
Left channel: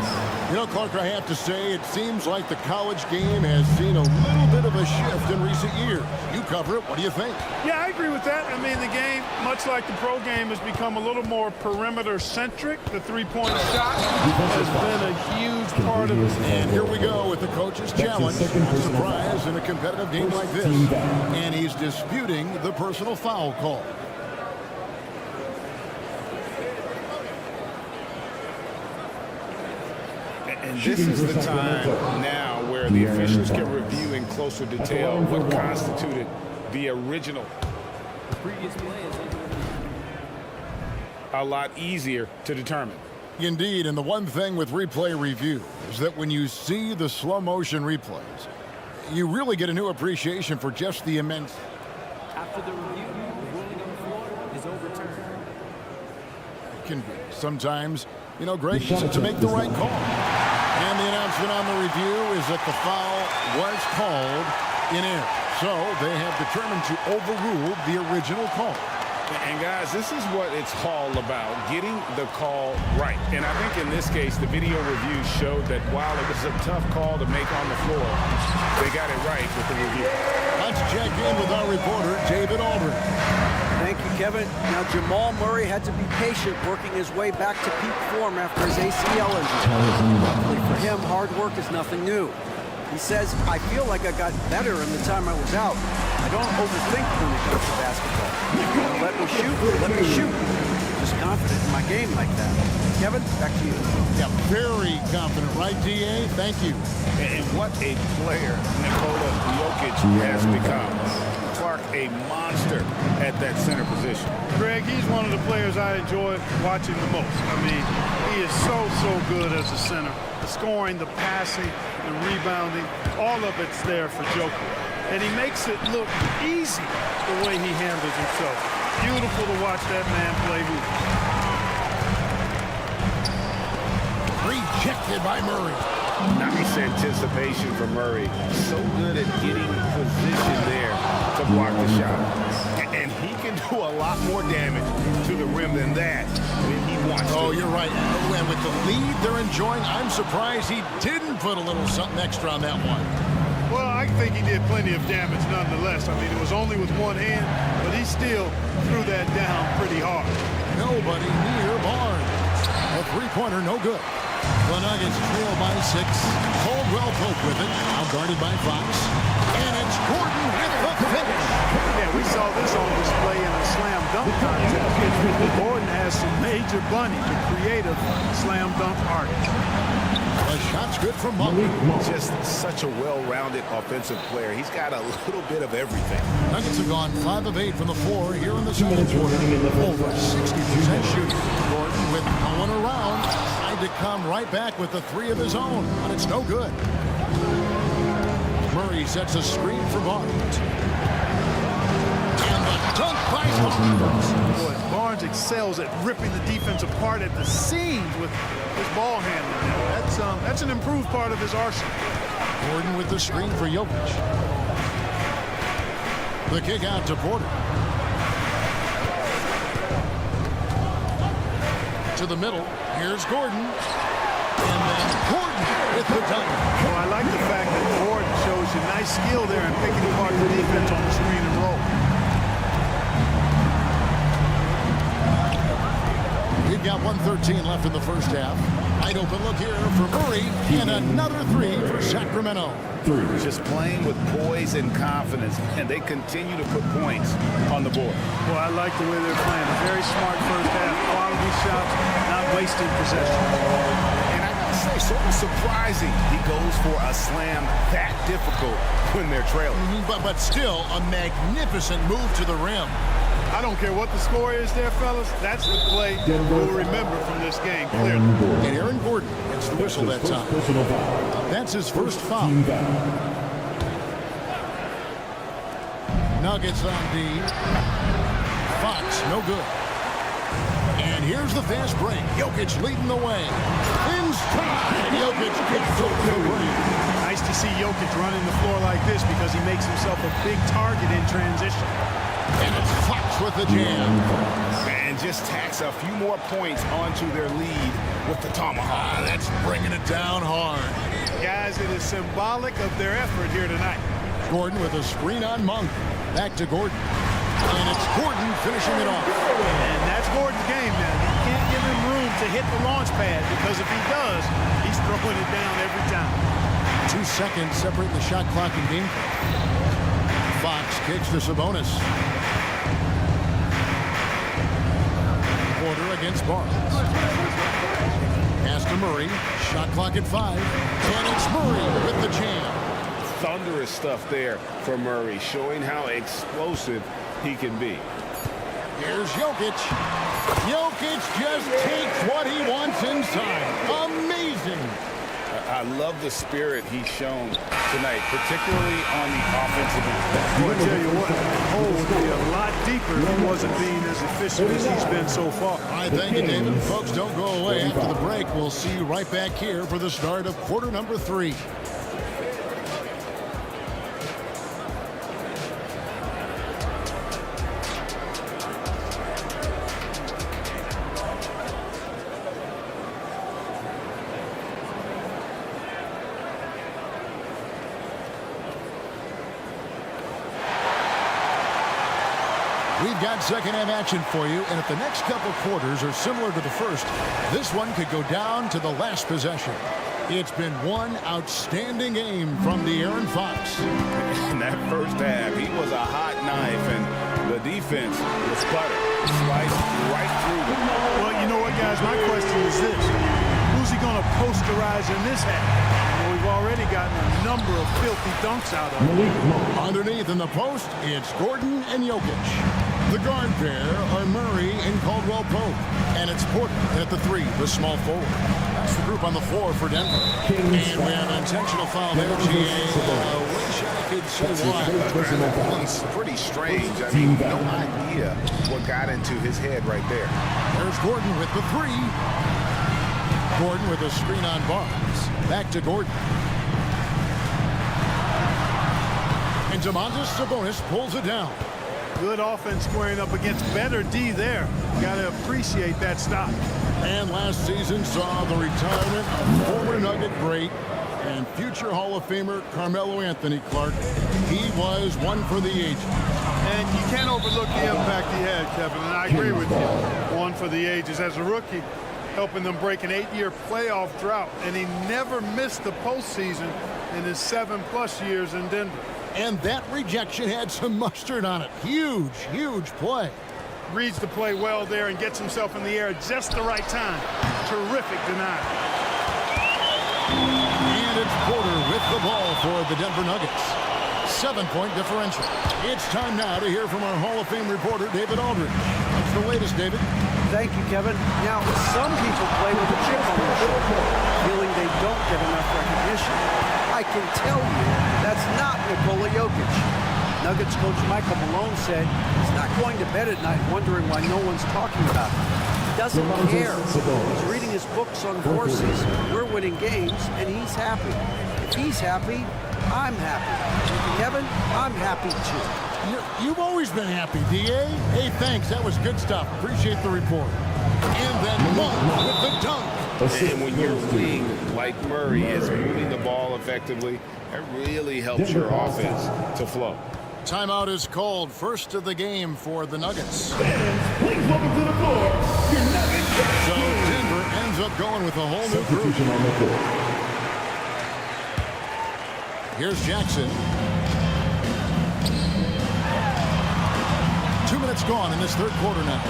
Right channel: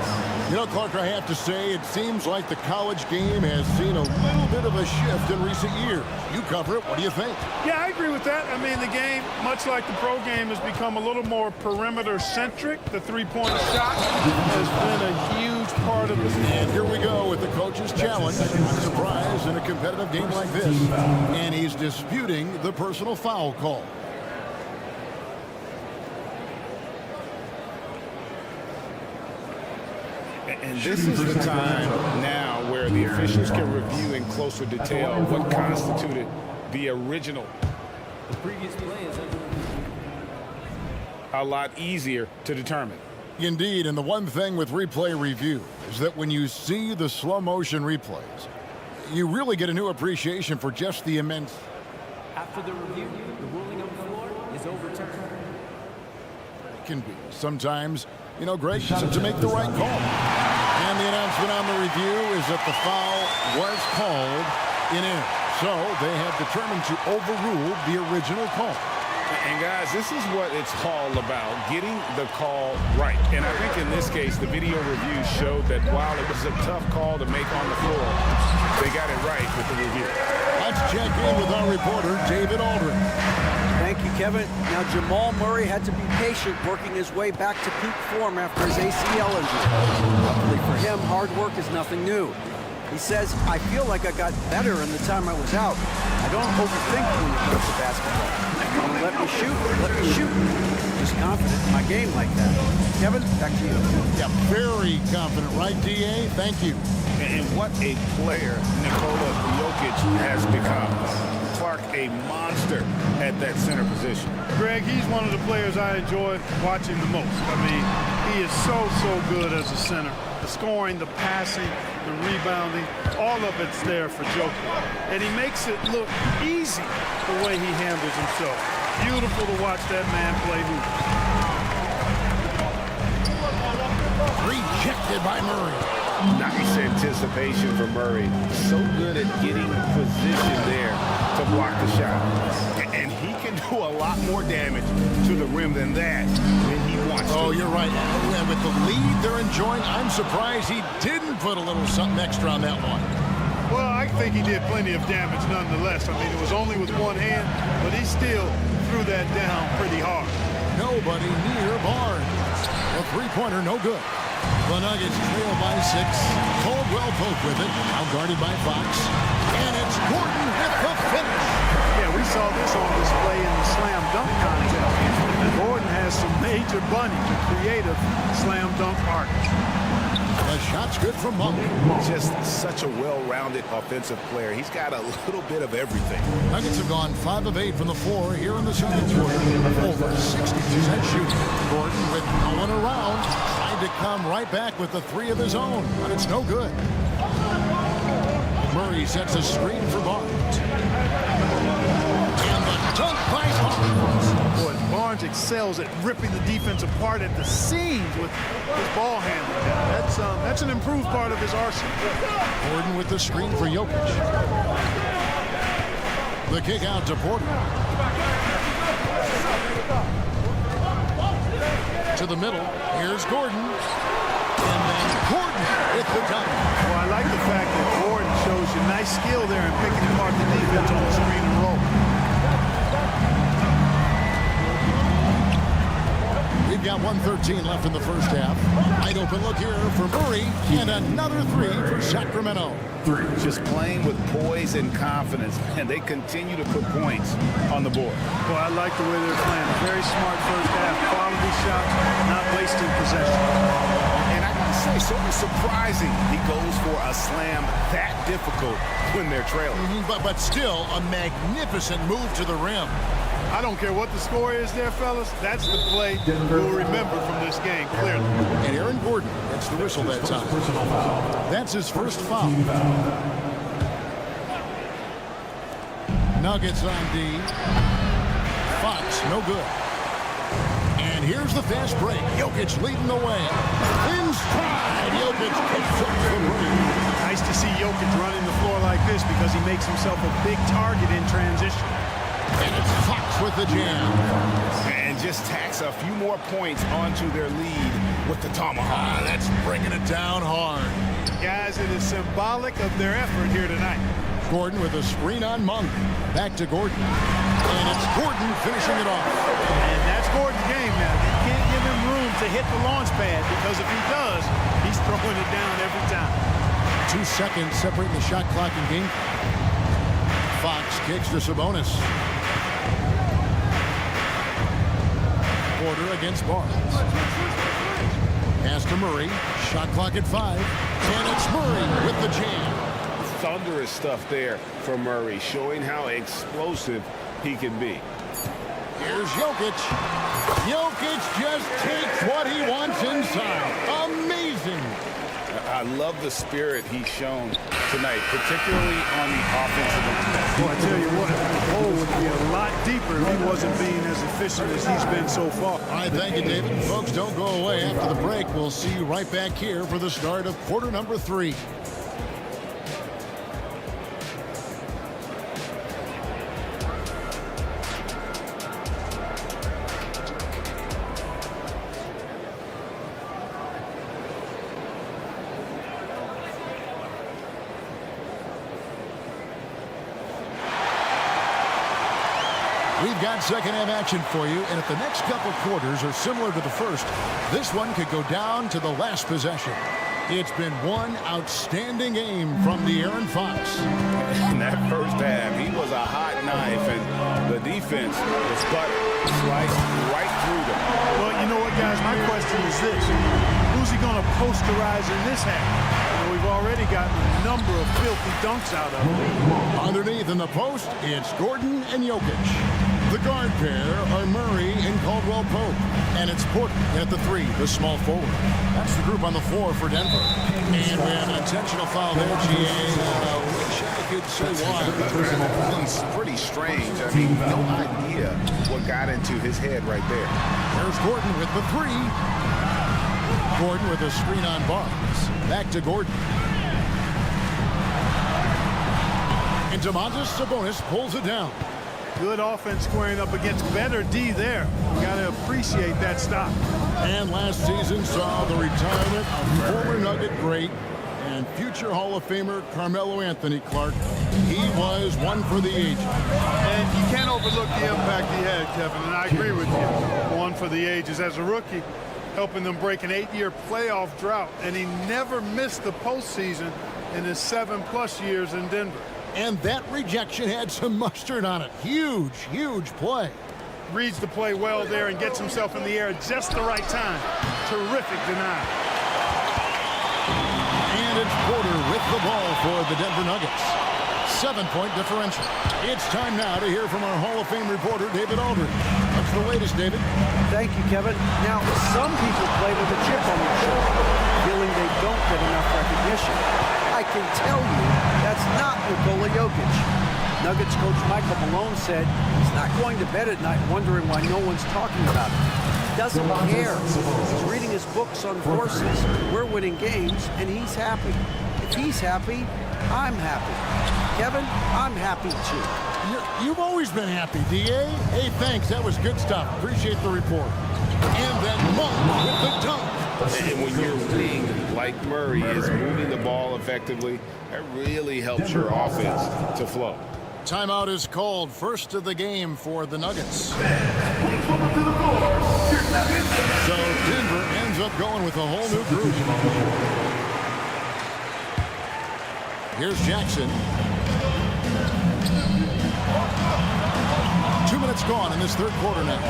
You know, Clark, I have to say, it seems like the college game has seen a little bit of a shift in recent years. You cover it. What do you think? Yeah, I agree with that. I mean, the game, much like the pro game, has become a little more perimeter-centric. The three-point shot has been a huge part of it. And here we go with the coach's challenge. Not surprised in a competitive game like this. And he's disputing the personal foul call. And this is the time now where the officials can review in closer detail what constituted the original. The previous play is under review. A lot easier to determine. Indeed, and the one thing with replay review is that when you see the slow motion replays, you really get a new appreciation for just the immense. After the review, the ruling on the floor is overturned. can be. Sometimes, you know, Greg, to make the right call. And the announcement on the review is that the foul was called in air. So they have determined to overrule the original call. And guys, this is what it's all about, getting the call right. And I think in this case, the video review showed that while it was a tough call to make on the floor, they got it right with the review. Let's check in with our reporter, David Aldridge. Thank you, Kevin. Now, Jamal Murray had to be patient working his way back to peak form after his ACL injury. Luckily for him, hard work is nothing new. He says, I feel like I got better in the time I was out. I don't overthink when it comes to basketball. If you want to let me shoot, let me shoot. Just confident in my game like that. Kevin, back to you. Yeah, very confident, right, DA? Thank you. And what a player Nikola Jokic has become. Clark, a monster at that center position. Greg, he's one of the players I enjoy watching the most. I mean, he is so good as a center. The scoring, the passing, the rebounding, all of it's there for Jokic. And he makes it look easy the way he handles himself. Beautiful to watch that man play hoops. Rejected by Murray. Nice anticipation from Murray. So good at getting position there to block the shot. And he can do a lot more damage to the rim than that when he wants to. Oh, you're right. And with the lead they're enjoying, I'm surprised he didn't put a little something extra on that one. Well, I think he did plenty of damage nonetheless. I mean, it was only with one hand, but he still threw that down pretty hard. Nobody near Barnes. A three-pointer, no good. The Nuggets trail by 6. Caldwell Pope with it, outguarded by Fox. And it's Gordon with the finish. Yeah, we saw this on display in the slam dunk contest. Gordon has some major bunnies, a creative slam dunk artist. The shot's good from Monk. Just such a well-rounded offensive player. He's got a little bit of everything. Nuggets have gone 5 of 8 from the floor here in the second quarter. Over 60% shooting. Gordon with no one around. Tried to come right back with the 3 of his own, but it's no good. Murray sets a screen for Barnes. And the dunk by Barnes. Boy, Barnes excels at ripping the defense apart at the seams with his ball handling now. That's an improved part of his arsenal. Gordon with the screen for Jokic. The kick out to Porter. To the middle. Here's Gordon. And then Gordon with the dunk. Well, I like the fact that Gordon shows you nice skill there in picking apart the defense on the screen and roll. We've got 1:13 left in the first half. Wide open look here for Murray. And another 3 for Sacramento. Just playing with poise and confidence. And they continue to put points on the board. Well, I like the way they're playing. A very smart first half. Quality shots, not wasting possession. And I gotta say, sort of surprising he goes for a slam that difficult when they're trailing. But still a magnificent move to the rim. I don't care what the score is there, fellas. That's the play we'll remember from this game, clearly. And Aaron Gordon gets the whistle that time. That's his first foul. Nuggets on D. Fox, no good. And here's the fast break. Jokic leading the way. In stride, Jokic kicks off the break. Nice to see Jokic running the floor like this because he makes himself a big target in transition. And it's Fox with the jam. And just tacks a few more points onto their lead with the tomahawk. That's bringing it down hard. Guys, it is symbolic of their effort here tonight. Gordon with a screen on Monk. Back to Gordon. And it's Gordon finishing it off. And that's Gordon's game now. You can't give him room to hit the launch pad because if he does, he's throwing it down every time. 2 seconds separating the shot clock and game clock. Fox kicks to Sabonis. Porter against Barnes. Pass to Murray. Shot clock at 5. And it's Murray with the jam. Thunderous stuff there from Murray, showing how explosive he can be. Here's Jokic. Jokic just takes what he wants inside. Amazing. I love the spirit he's shown tonight, particularly on the offensive end. Boy, I tell you what, the hole would be a lot deeper if he wasn't being as efficient as he's been so far. All right, thank you, David. Folks, don't go away. After the break, we'll see you right back here for the start of quarter number 3. We've got second half action for you, and if the next couple quarters are similar to the first, this one could go down to the last possession. It's been one outstanding game from the Aaron Fox. In that first half, he was a hot knife, and the defense was butter, sliced right through them. Well, you know what, guys? My question is this. Who's he going to posterize in this half? You know, we've already gotten a number of filthy dunks out of him. Underneath in the post, it's Gordon and Jokic. The guard pair are Murray and Caldwell Pope. And it's Porter at the 3, the small forward. That's the group on the floor for Denver. And we have an intentional foul there, GA. Wish I could say why. It's pretty strange. I mean, no idea what got into his head right there. There's Gordon with the 3. Gordon with a screen on Barnes. Back to Gordon. And Domantas Sabonis pulls it down. Good offense squaring up against better D there. You got to appreciate that stop. And last season saw the retirement of former Nugget great and future Hall of Famer Carmelo Anthony Clark. He was one for the ages. And you can't overlook the impact he had, Kevin, and I agree with you. One for the ages. As a rookie, helping them break an 8-year playoff drought, and he never missed the postseason in his 7+ years in Denver. And that rejection had some mustard on it. Huge, huge play. Reads the play well there and gets himself in the air at just the right time. Terrific denial. And it's Porter with the ball for the Denver Nuggets. 7-point differential. It's time now to hear from our Hall of Fame reporter, David Aldridge. What's the latest, David? Thank you, Kevin. Now, some people play with a chip on their shoulder, feeling they don't get enough recognition. I can tell you that's not Nikola Jokic. Nuggets coach Michael Malone said he's not going to bed at night wondering why no one's talking about him. He doesn't care. He's reading his books on horses. We're winning games, and he's happy. If he's happy, I'm happy. Kevin, I'm happy too. You've always been happy, D.A. Hey, thanks. That was good stuff. Appreciate the report. And then Monk with the dunk. And when your wing, like Murray, is moving the ball effectively, that really helps your offense to flow. Timeout is called. First of the game for the Nuggets. Please welcome to the floor, your Nuggets. So Denver ends up going with a whole new group. Here's Jackson. 2 minutes gone in this third quarter now.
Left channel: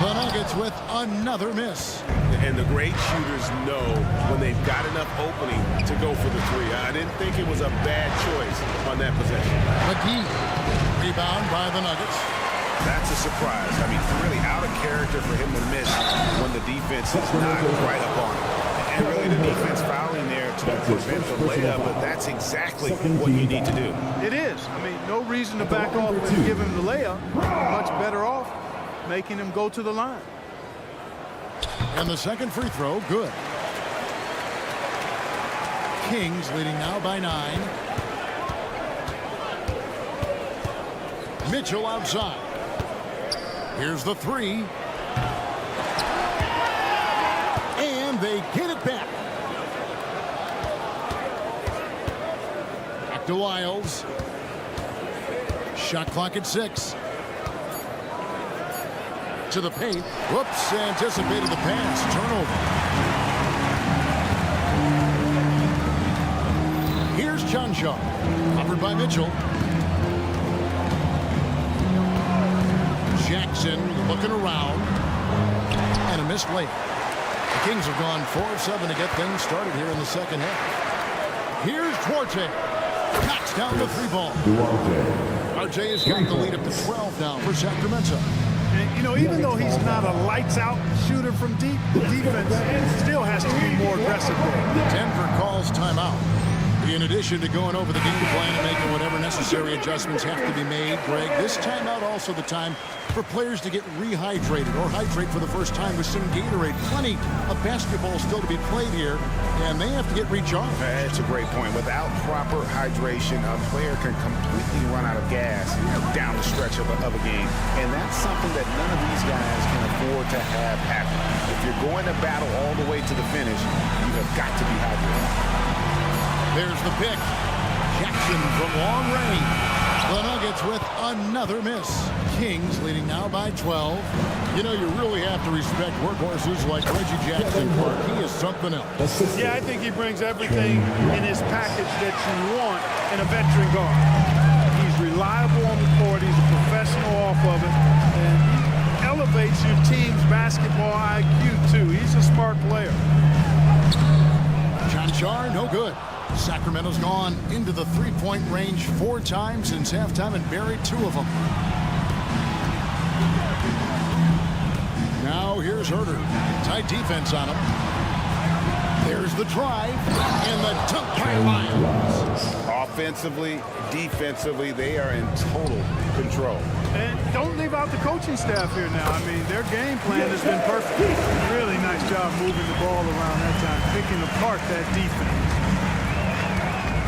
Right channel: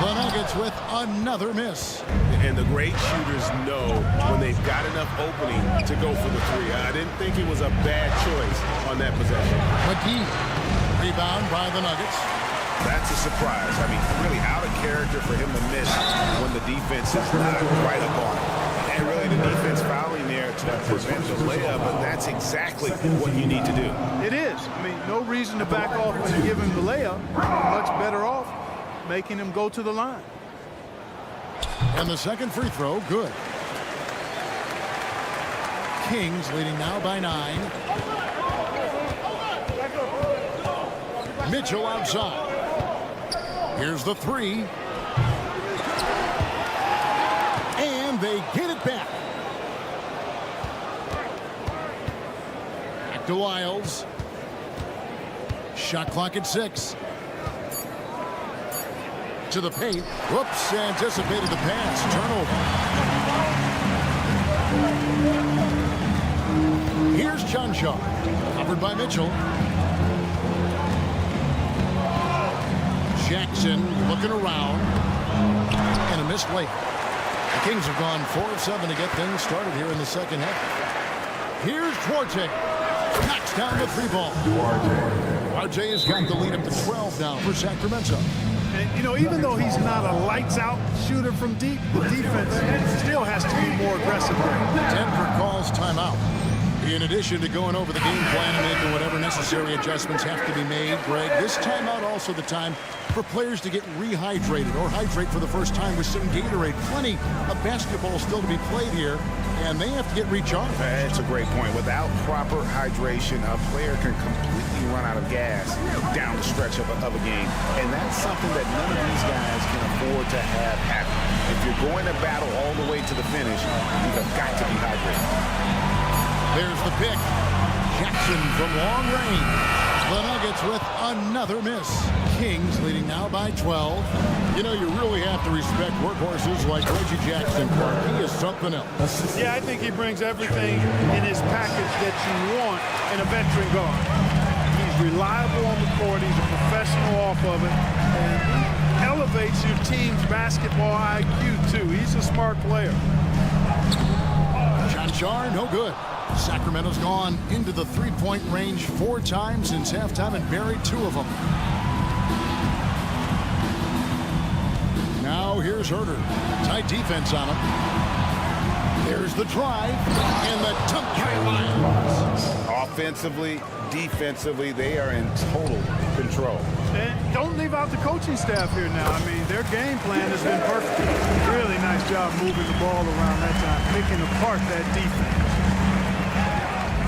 The Nuggets with another miss. And the great shooters know when they've got enough opening to go for the 3. I didn't think it was a bad choice on that possession. McGee, rebound by the Nuggets. That's a surprise. I mean, really out of character for him to miss when the defense is not right up on it. And really the defense fouling there to prevent the layup, but that's exactly what you need to do. It is. I mean, no reason to back off and give him the layup. Much better off making him go to the line. And the second free throw, good. Kings leading now by 9. Mitchell outside. Here's the 3. And they get it back. Back to Wiles. Shot clock at 6. To the paint. Whoops, anticipated the pass. Turnover. Here's Chanshaw. Covered by Mitchell. Jackson looking around. And a missed layup. The Kings have gone 4 of 7 to get things started here in the second half. Here's Duarte. Knocks down the 3 ball. Duarte has got the lead up to 12 now for Sacramento. And, you know, even though he's not a lights-out shooter from deep, the defense still has to be more aggressive there. Denver calls timeout. In addition to going over the game plan and making whatever necessary adjustments have to be made, Greg, this timeout also the time for players to get rehydrated or hydrate for the first time with some Gatorade. Plenty of basketball still to be played here, and they have to get recharged. That's a great point. Without proper hydration, a player can completely run out of gas down the stretch of a game. And that's something that none of these guys can afford to have happen. If you're going to battle all the way to the finish, you have got to be hydrated. There's the pick. Jackson from long range. The Nuggets with another miss. Kings leading now by 12. You know, you really have to respect workhorses like Reggie Jackson, Clark. He is something else. Yeah, I think he brings everything in his package that you want in a veteran guard. He's reliable on the court. He's a professional off of it. And he elevates your team's basketball IQ, too. He's a smart player. John Char, no good. Sacramento's gone into the three-point range 4 times since halftime and buried 2 of them. Now here's Herter. Tight defense on him. There's the drive and the dunk by Lyles. Offensively, defensively, they are in total control. And don't leave out the coaching staff here now. I mean, their game plan has been perfect. Really nice job moving the ball around that time, picking apart that defense.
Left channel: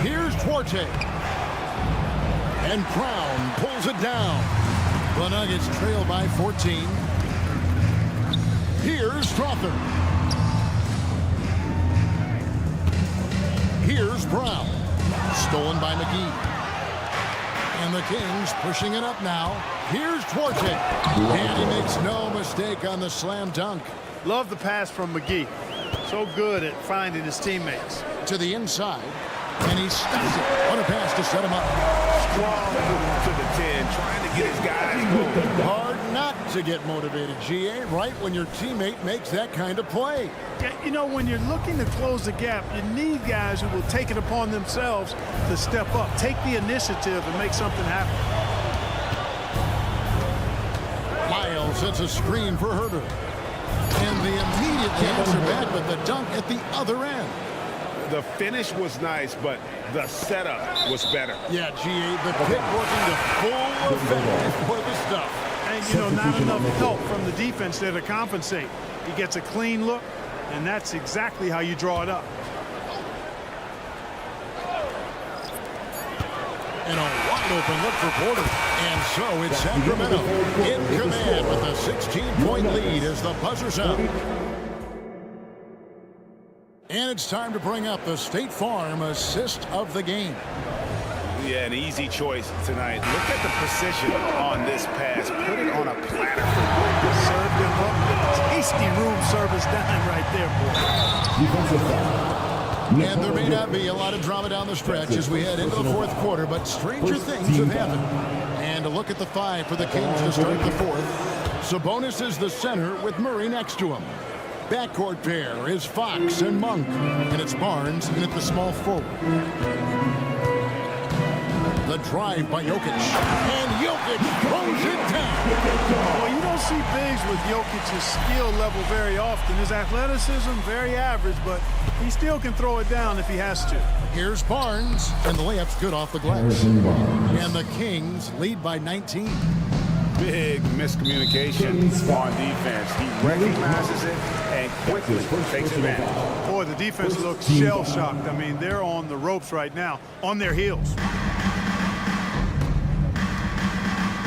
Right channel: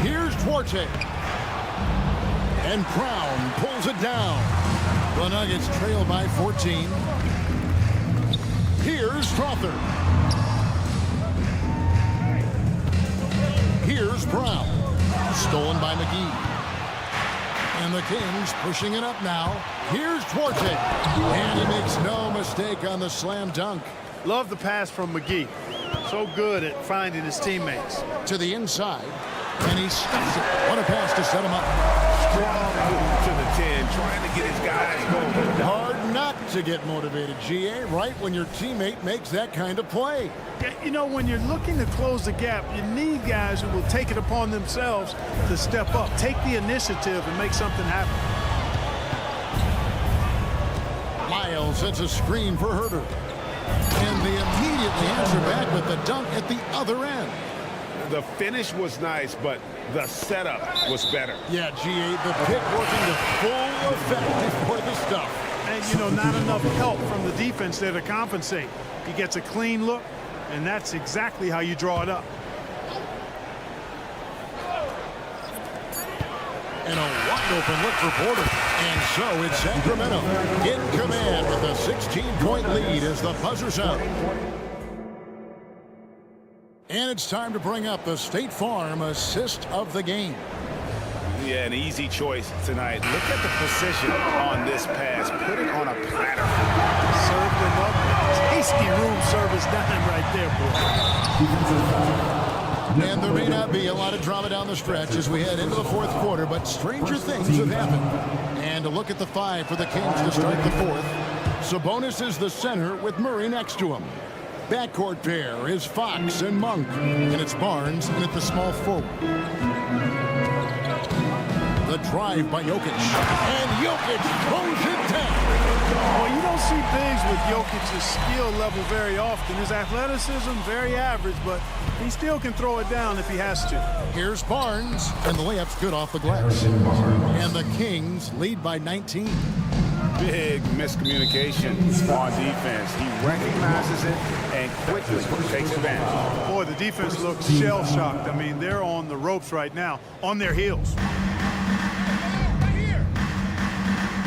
Here's Duarte. And Brown pulls it down. The Nuggets trail by 14. Here's Strother. Here's Brown. Stolen by McGee. And the Kings pushing it up now. Here's Duarte. And he makes no mistake on the slam dunk. Love the pass from McGee. So good at finding his teammates. To the inside. And he stuffs it. What a pass to set him up. Strong move to the 10, trying to get his guys going. Hard not to get motivated, GA, right when your teammate makes that kind of play. Yeah, you know, when you're looking to close the gap, you need guys who will take it upon themselves to step up, take the initiative, and make something happen. Lyles sets a screen for Herter. And they immediately answer back with the dunk at the other end. The finish was nice, but the setup was better. Yeah, GA, the pick working to full effect before the stuff. And, you know, not enough help from the defense there to compensate. He gets a clean look, and that's exactly how you draw it up. And a wide open look for Porter. And so it's Sacramento in command with a 16-point lead as the buzzer's out. And it's time to bring up the State Farm assist of the game. Yeah, an easy choice tonight. Look at the precision on this pass. Put it on a platter for him. Served him up a tasty room service dime right there, boy. And there may not be a lot of drama down the stretch as we head into the 4th quarter, but stranger things have happened. And a look at the 5 for the Kings to start the 4th. Sabonis is the center with Murray next to him. Backcourt pair is Fox and Monk, and it's Barnes in at the small forward. The drive by Jokic, and Jokic throws it down. Well, you don't see bigs with Jokic's skill level very often. His athleticism, very average, but he still can throw it down if he has to. Here's Barnes, and the layup's good off the glass. And the Kings lead by 19. Big miscommunication on defense. He recognizes it and quickly takes advantage. Boy, the defense looks shell-shocked. I mean, they're on the ropes right now, on their heels.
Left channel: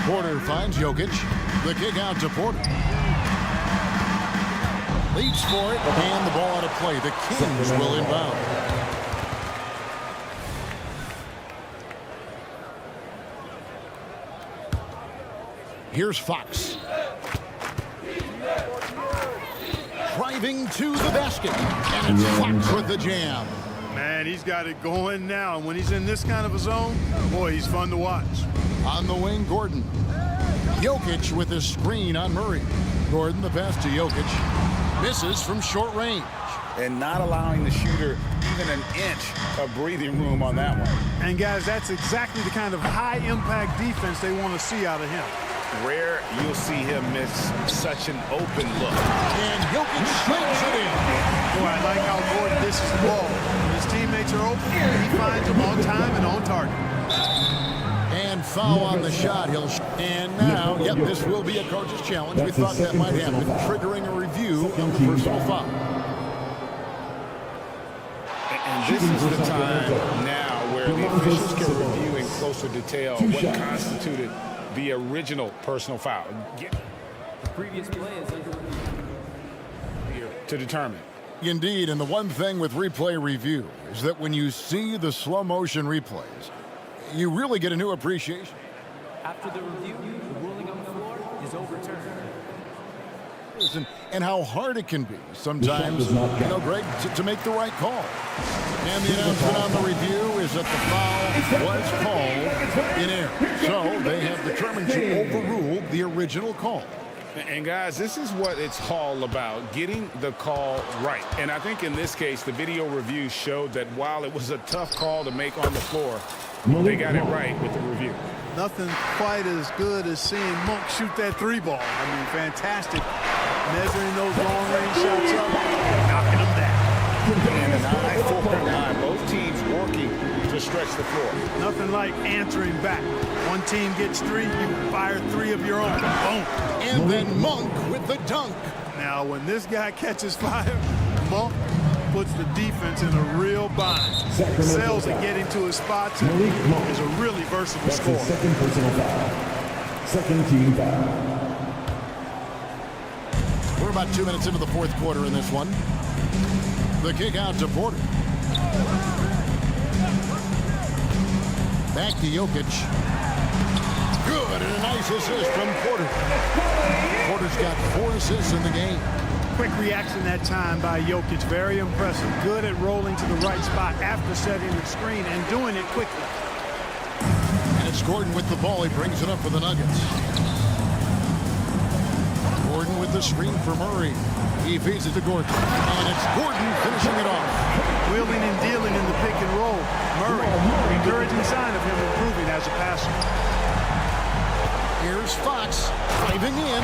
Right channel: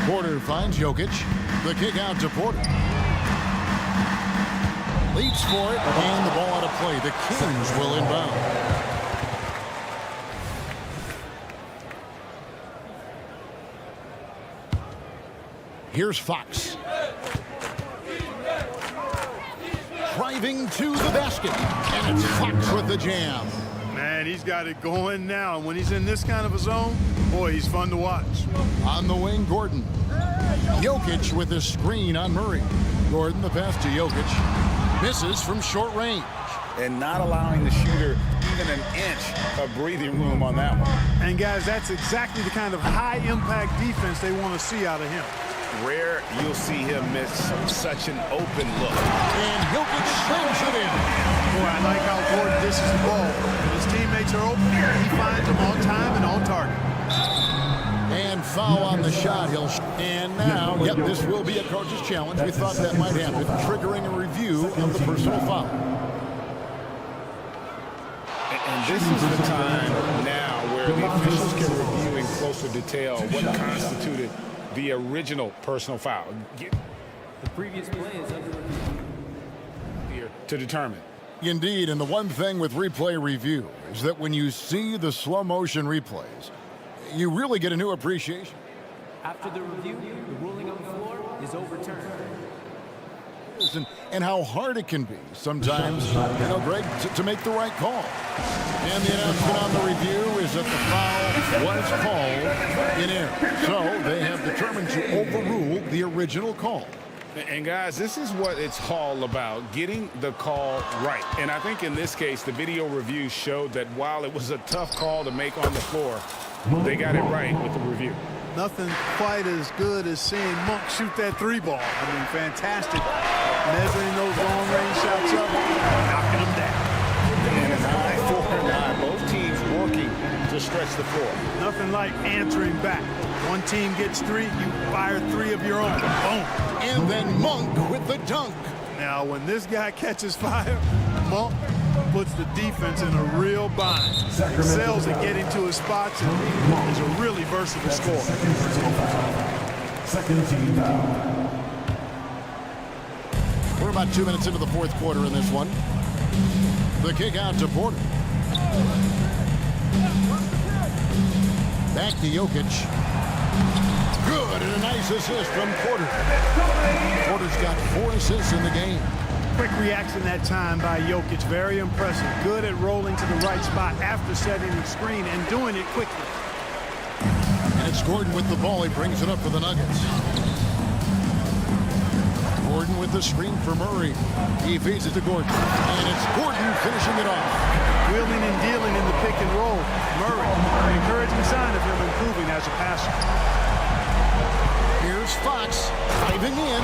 Porter finds Jokic. The kick out to Porter. Leaps for it, and the ball out of play. The Kings will inbound. Here's Fox. Driving to the basket. And it's Fox with the jam. Man, he's got it going now. And when he's in this kind of a zone, boy, he's fun to watch. On the wing, Gordon. Jokic with a screen on Murray. Gordon, the pass to Jokic. Misses from short range. And not allowing the shooter even an inch of breathing room on that one. And, guys, that's exactly the kind of high-impact defense they want to see out of him. rare you'll see him miss such an open look. And Jokic slings it in. Boy, I like how Gordon dishes the ball. When his teammates are open, he finds them on time and on target. And foul on the shot. And now, yep, this will be a coach's challenge. We thought that might happen, triggering a review of the personal foul. And this is the time now where the officials can review in closer detail what constituted the original personal foul. The previous play is under review. To determine. Indeed, and the one thing with replay review is that when you see the slow motion replays, you really get a new appreciation. After the review, the ruling on the floor is overturned. And how hard it can be sometimes, Greg, to make the right call. And the announcement on the review is that the foul was called in error. So they have determined to overrule the original call. And guys, this is what it's all about, getting the call right. And I think in this case, the video review showed that while it was a tough call to make on the floor, they got it right with the review. Nothing quite as good as seeing Monk shoot that three ball. I mean, fantastic. Measuring those long-range shots up, knocking them down. And an eye for an eye. Both teams working to stretch the floor. Nothing like answering back. One team gets three, you fire three of your own. Boom. And then Monk with the dunk. Now, when this guy catches fire, Monk puts the defense in a real bind. Excels at getting to his spots and is a really versatile scorer. Second personal foul. Second team foul. We're about 2 minutes into the fourth quarter in this one. The kick out to Porter. Back to Jokic. Good, and a nice assist from Porter. Porter's got 4 assists in the game. Quick reaction that time by Jokic. Very impressive. Good at rolling to the right spot after setting the screen and doing it quickly. And it's Gordon with the ball. He brings it up for the Nuggets. Gordon with the screen for Murray. He feeds it to Gordon. And it's Gordon finishing it off. Wheeling and dealing in the pick and roll. Murray, an encouraging sign of him improving as a passer. Here's Fox diving in.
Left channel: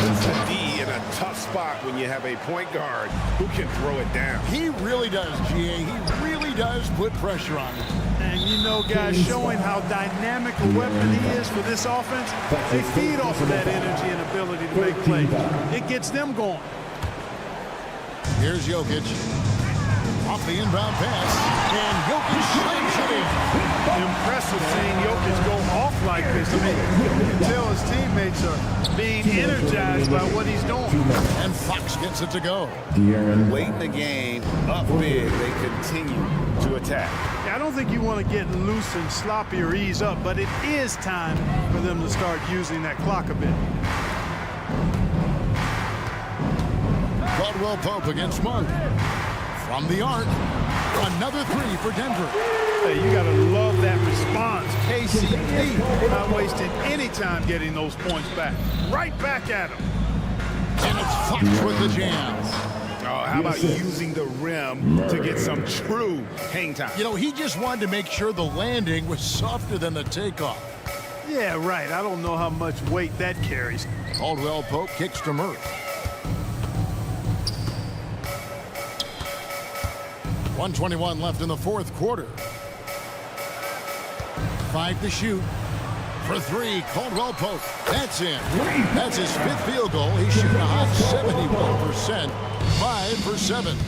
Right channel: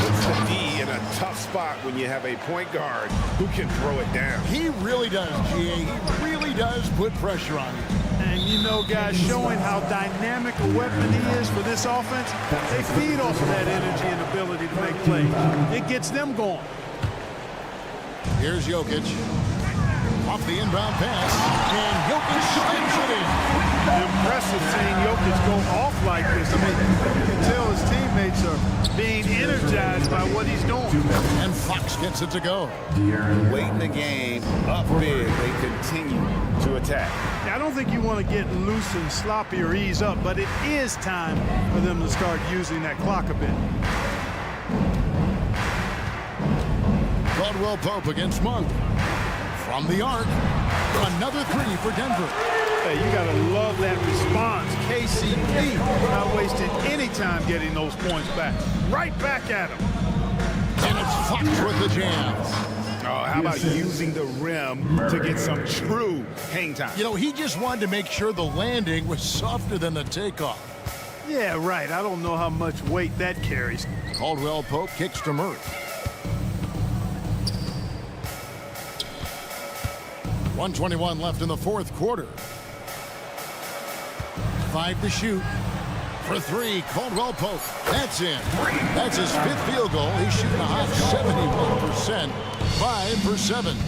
Puts the D in a tough spot when you have a point guard who can throw it down. He really does, GA. He really does put pressure on him. And you know, guys, showing how dynamic a weapon he is for this offense, they feed off of that energy and ability to make plays. It gets them going. Here's Jokic. Off the inbound pass, and Jokic slams it in. Impressive seeing Jokic go off like this. I mean, you can tell his teammates are being energized by what he's doing. And Fox gets it to go. Late in the game, up big, they continue to attack. I don't think you want to get loose and sloppy or ease up, but it is time for them to start using that clock a bit. Caldwell Pope against Monk. From the arc, another three for Denver. Hey, you got to love that response. KCP not wasting any time getting those points back. Right back at him. And it's Fox with the jam. Oh, how about using the rim to get some true hang time? You know, he just wanted to make sure the landing was softer than the takeoff. Yeah, right. I don't know how much weight that carries. Caldwell Pope kicks to Murray. 1:21 left in the fourth quarter. 5 to shoot. For 3, Caldwell Pope. That's in. That's his 5th field goal. He's shooting a hot 71%. 5 for 7.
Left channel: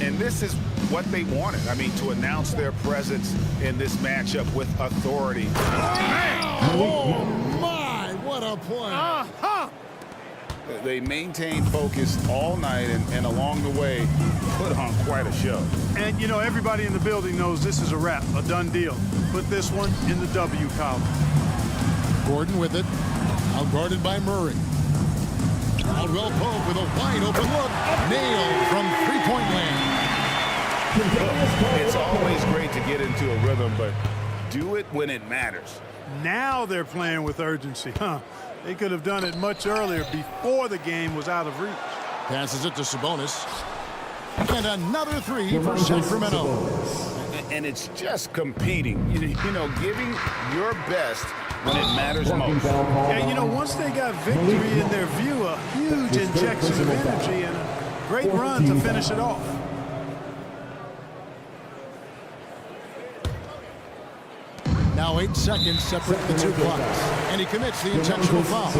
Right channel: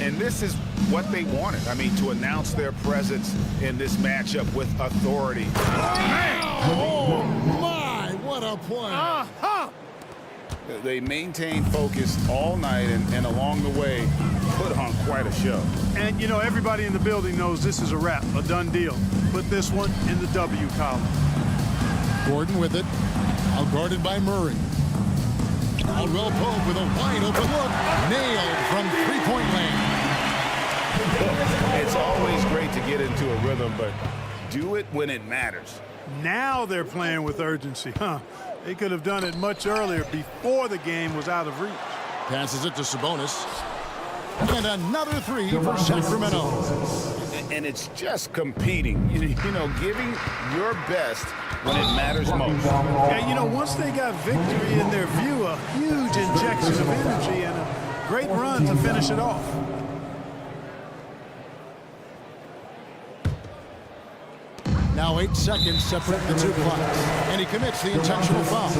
And this is what they wanted. I mean, to announce their presence in this matchup with authority. Oh, my. What a play. They maintained focus all night and along the way put on quite a show. And, you know, everybody in the building knows this is a wrap, a done deal. Put this one in the W column. Gordon with it. Out guarded by Murray. Caldwell Pope with a wide open look. Nailed from three-point land. It's always great to get into a rhythm, but do it when it matters. Now they're playing with urgency, huh? They could have done it much earlier before the game was out of reach. Passes it to Sabonis. And another 3 for Sacramento. And it's just competing. You know, giving your best when it matters most. Yeah, you know, once they got victory in their view, a huge injection of energy and a great run to finish it off. Now 8 seconds separate the two clocks, and he commits the intentional foul.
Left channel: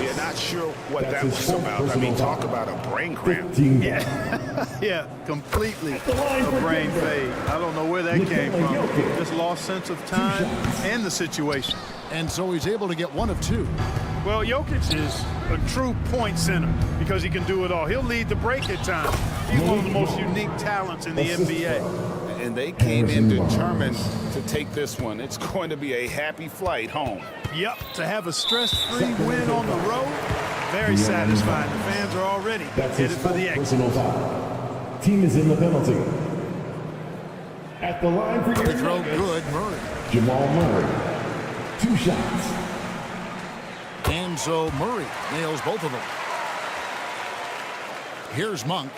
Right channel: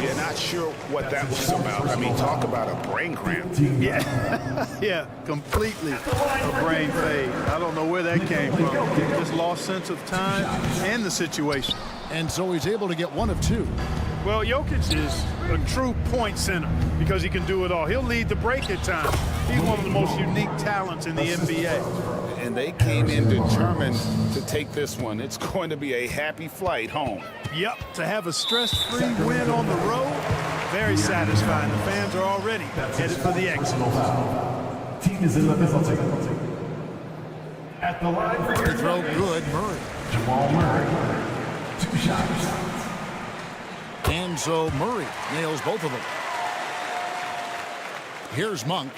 Yeah, not sure what that was about. I mean, talk about a brain cramp. Yeah, yeah, completely a brain fade. I don't know where that came from. Just lost sense of time and the situation. And so he's able to get 1 of 2. Well, Jokic is a true point center because he can do it all. He'll lead the break at times. He's one of the most unique talents in the NBA. And they came in determined to take this one. It's going to be a happy flight home. Yep, to have a stress-free win on the road, very satisfying. The fans are already headed for the exit. Team is in the penalty. At the line for your throw, good, Murray. Jamal Murray. 2 shots. And so Murray nails both of them. Here's Monk.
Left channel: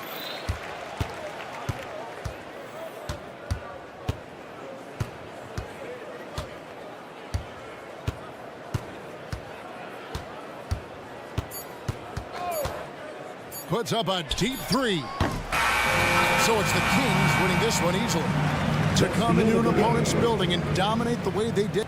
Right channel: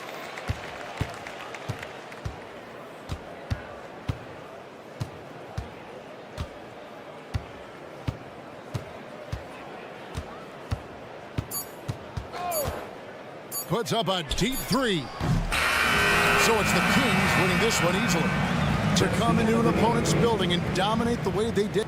Puts up a deep 3. So it's the Kings winning this one easily. To come into an opponent's building and dominate the way they did.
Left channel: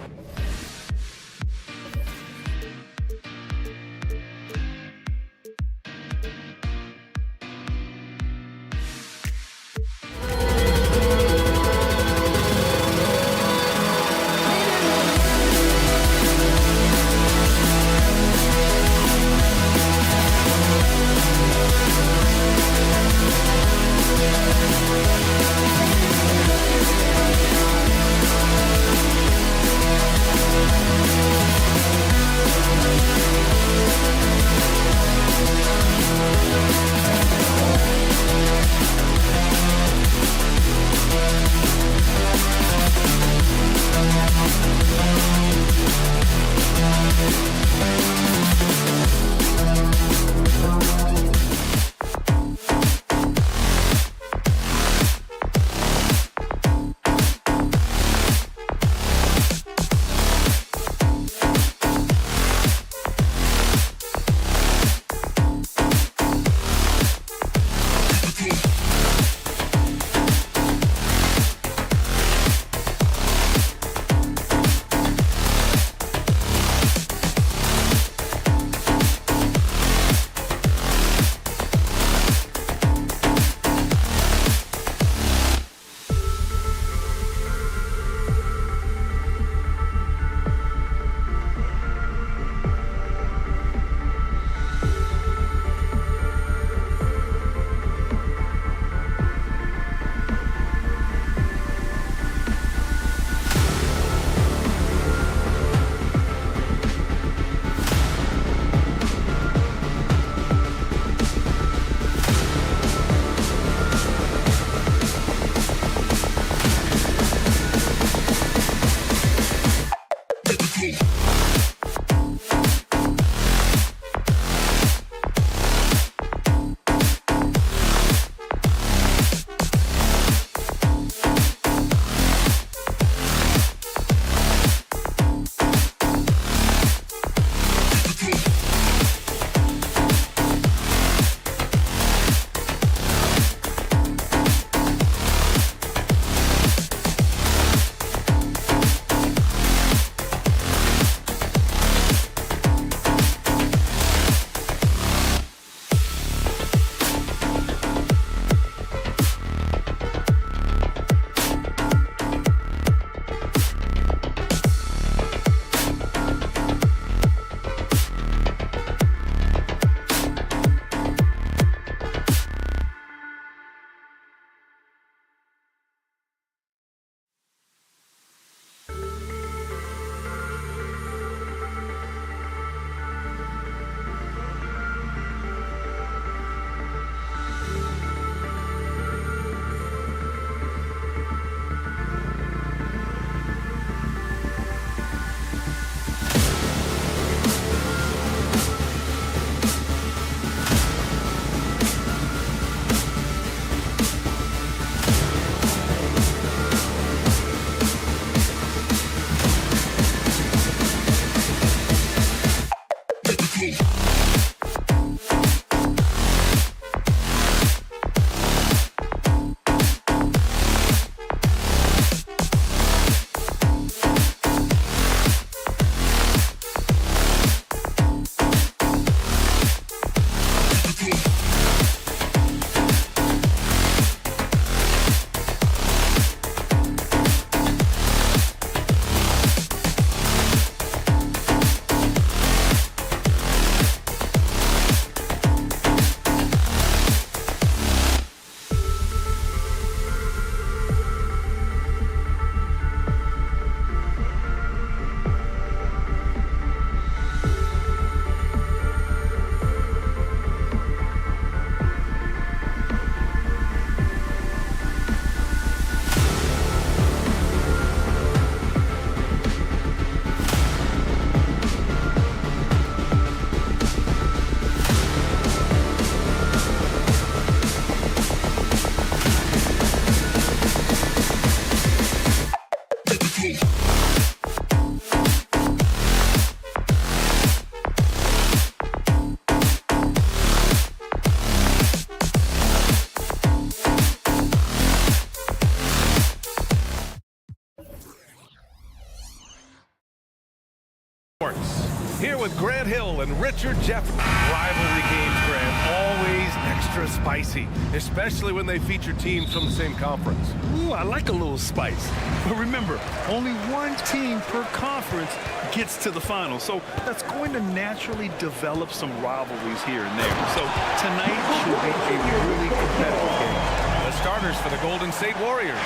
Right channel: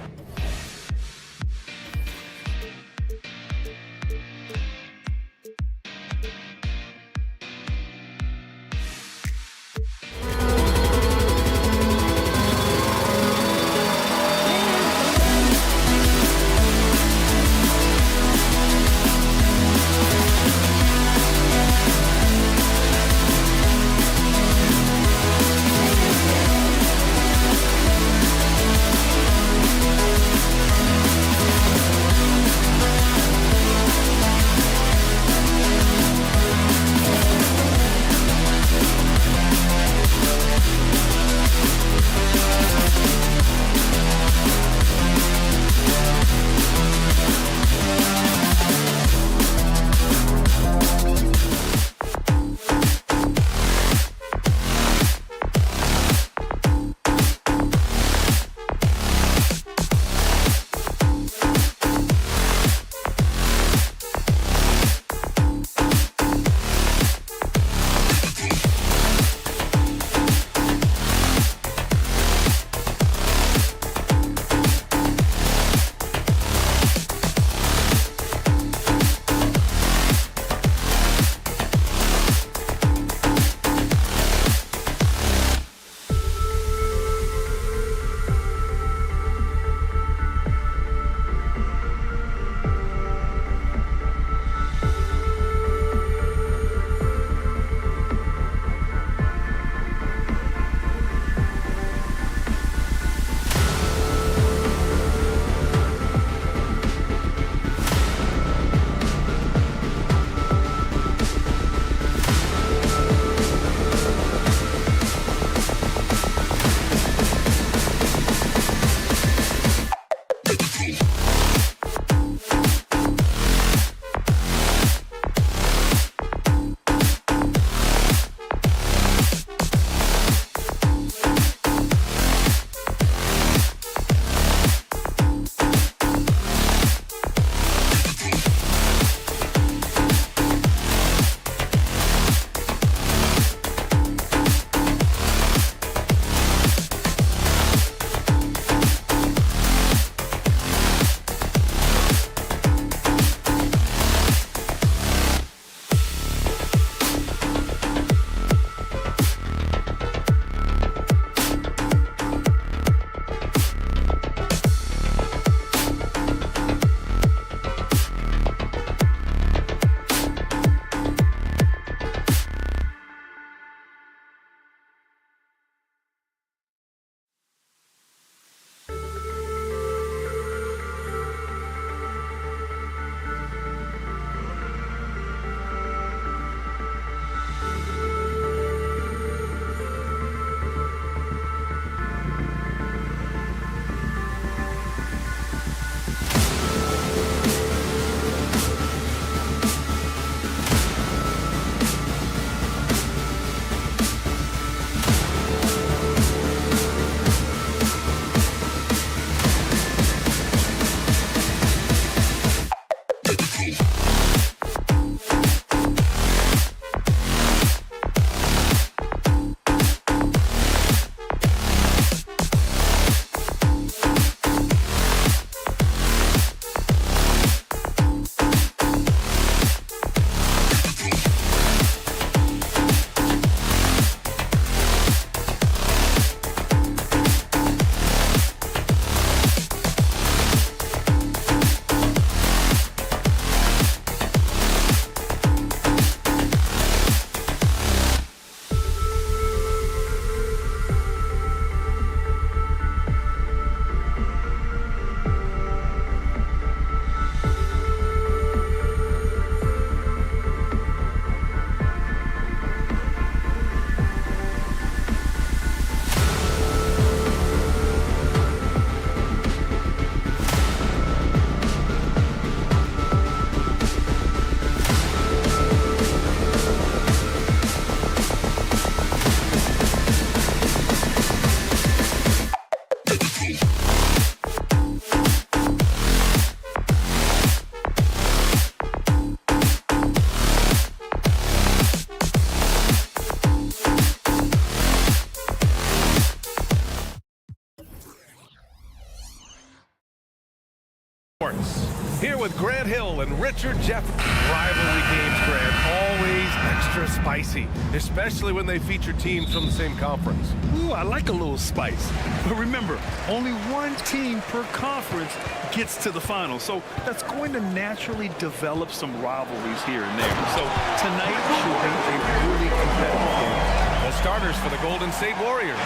Hill and Richard Jefferson. Rivalry games, Grant, always extra spicy, especially when they feature teams from the same conference. Ooh, I like a little spice. But remember, only one team per conference gets to the final. So that's going to naturally develop some rivalries here and there. So tonight should be a really competitive game. The starters for the Golden State Warriors.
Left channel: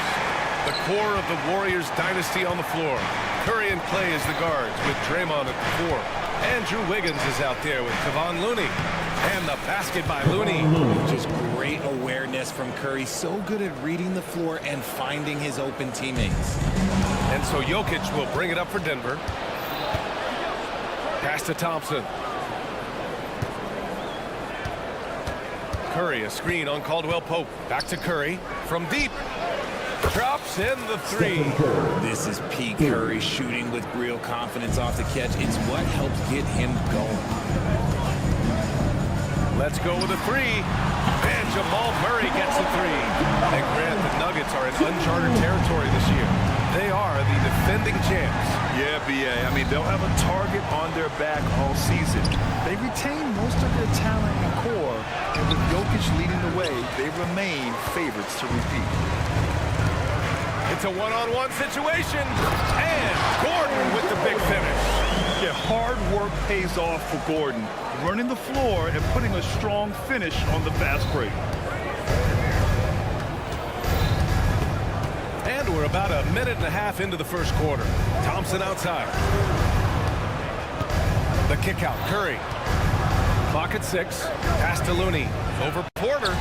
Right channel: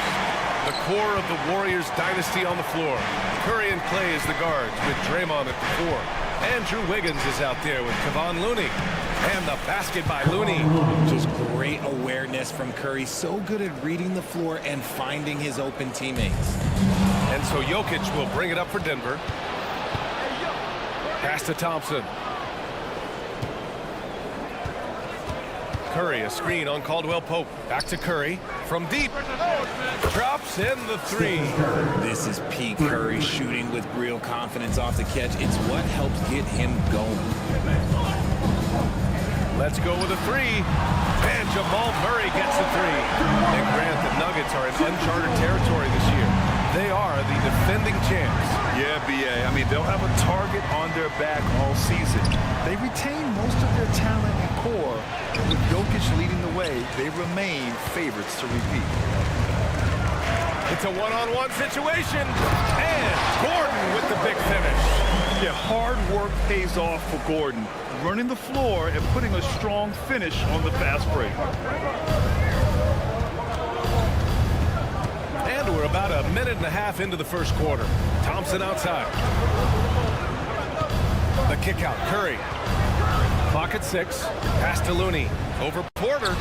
The core of the Warriors dynasty on the floor. Curry and Clay as the guards with Draymond at the 4. Andrew Wiggins is out there with Kevon Looney. And the basket by Looney. Just great awareness from Curry. So good at reading the floor and finding his open teammates. And so Jokic will bring it up for Denver. Pass to Thompson. Curry, a screen on Caldwell Pope. Back to Curry from deep. Drops in the 3. This is peak Curry shooting with real confidence off the catch. It's what helps get him going. Let's go with a 3. And Jamal Murray gets the 3. And Grant, the Nuggets are in uncharted territory this year. They are the defending champs. Yeah, BA. I mean, they'll have a target on their back all season. They retain most of their talent and core, and with Jokic leading the way, they remain favorites to repeat. It's a one-on-one situation, and Gordon with the big finish. Yeah, hard work pays off for Gordon, running the floor and putting a strong finish on the fast break. And we're about a minute and a half into the first quarter. Thompson outside. The kick out, Curry. Clock at 6. Pass to Looney. Over Porter.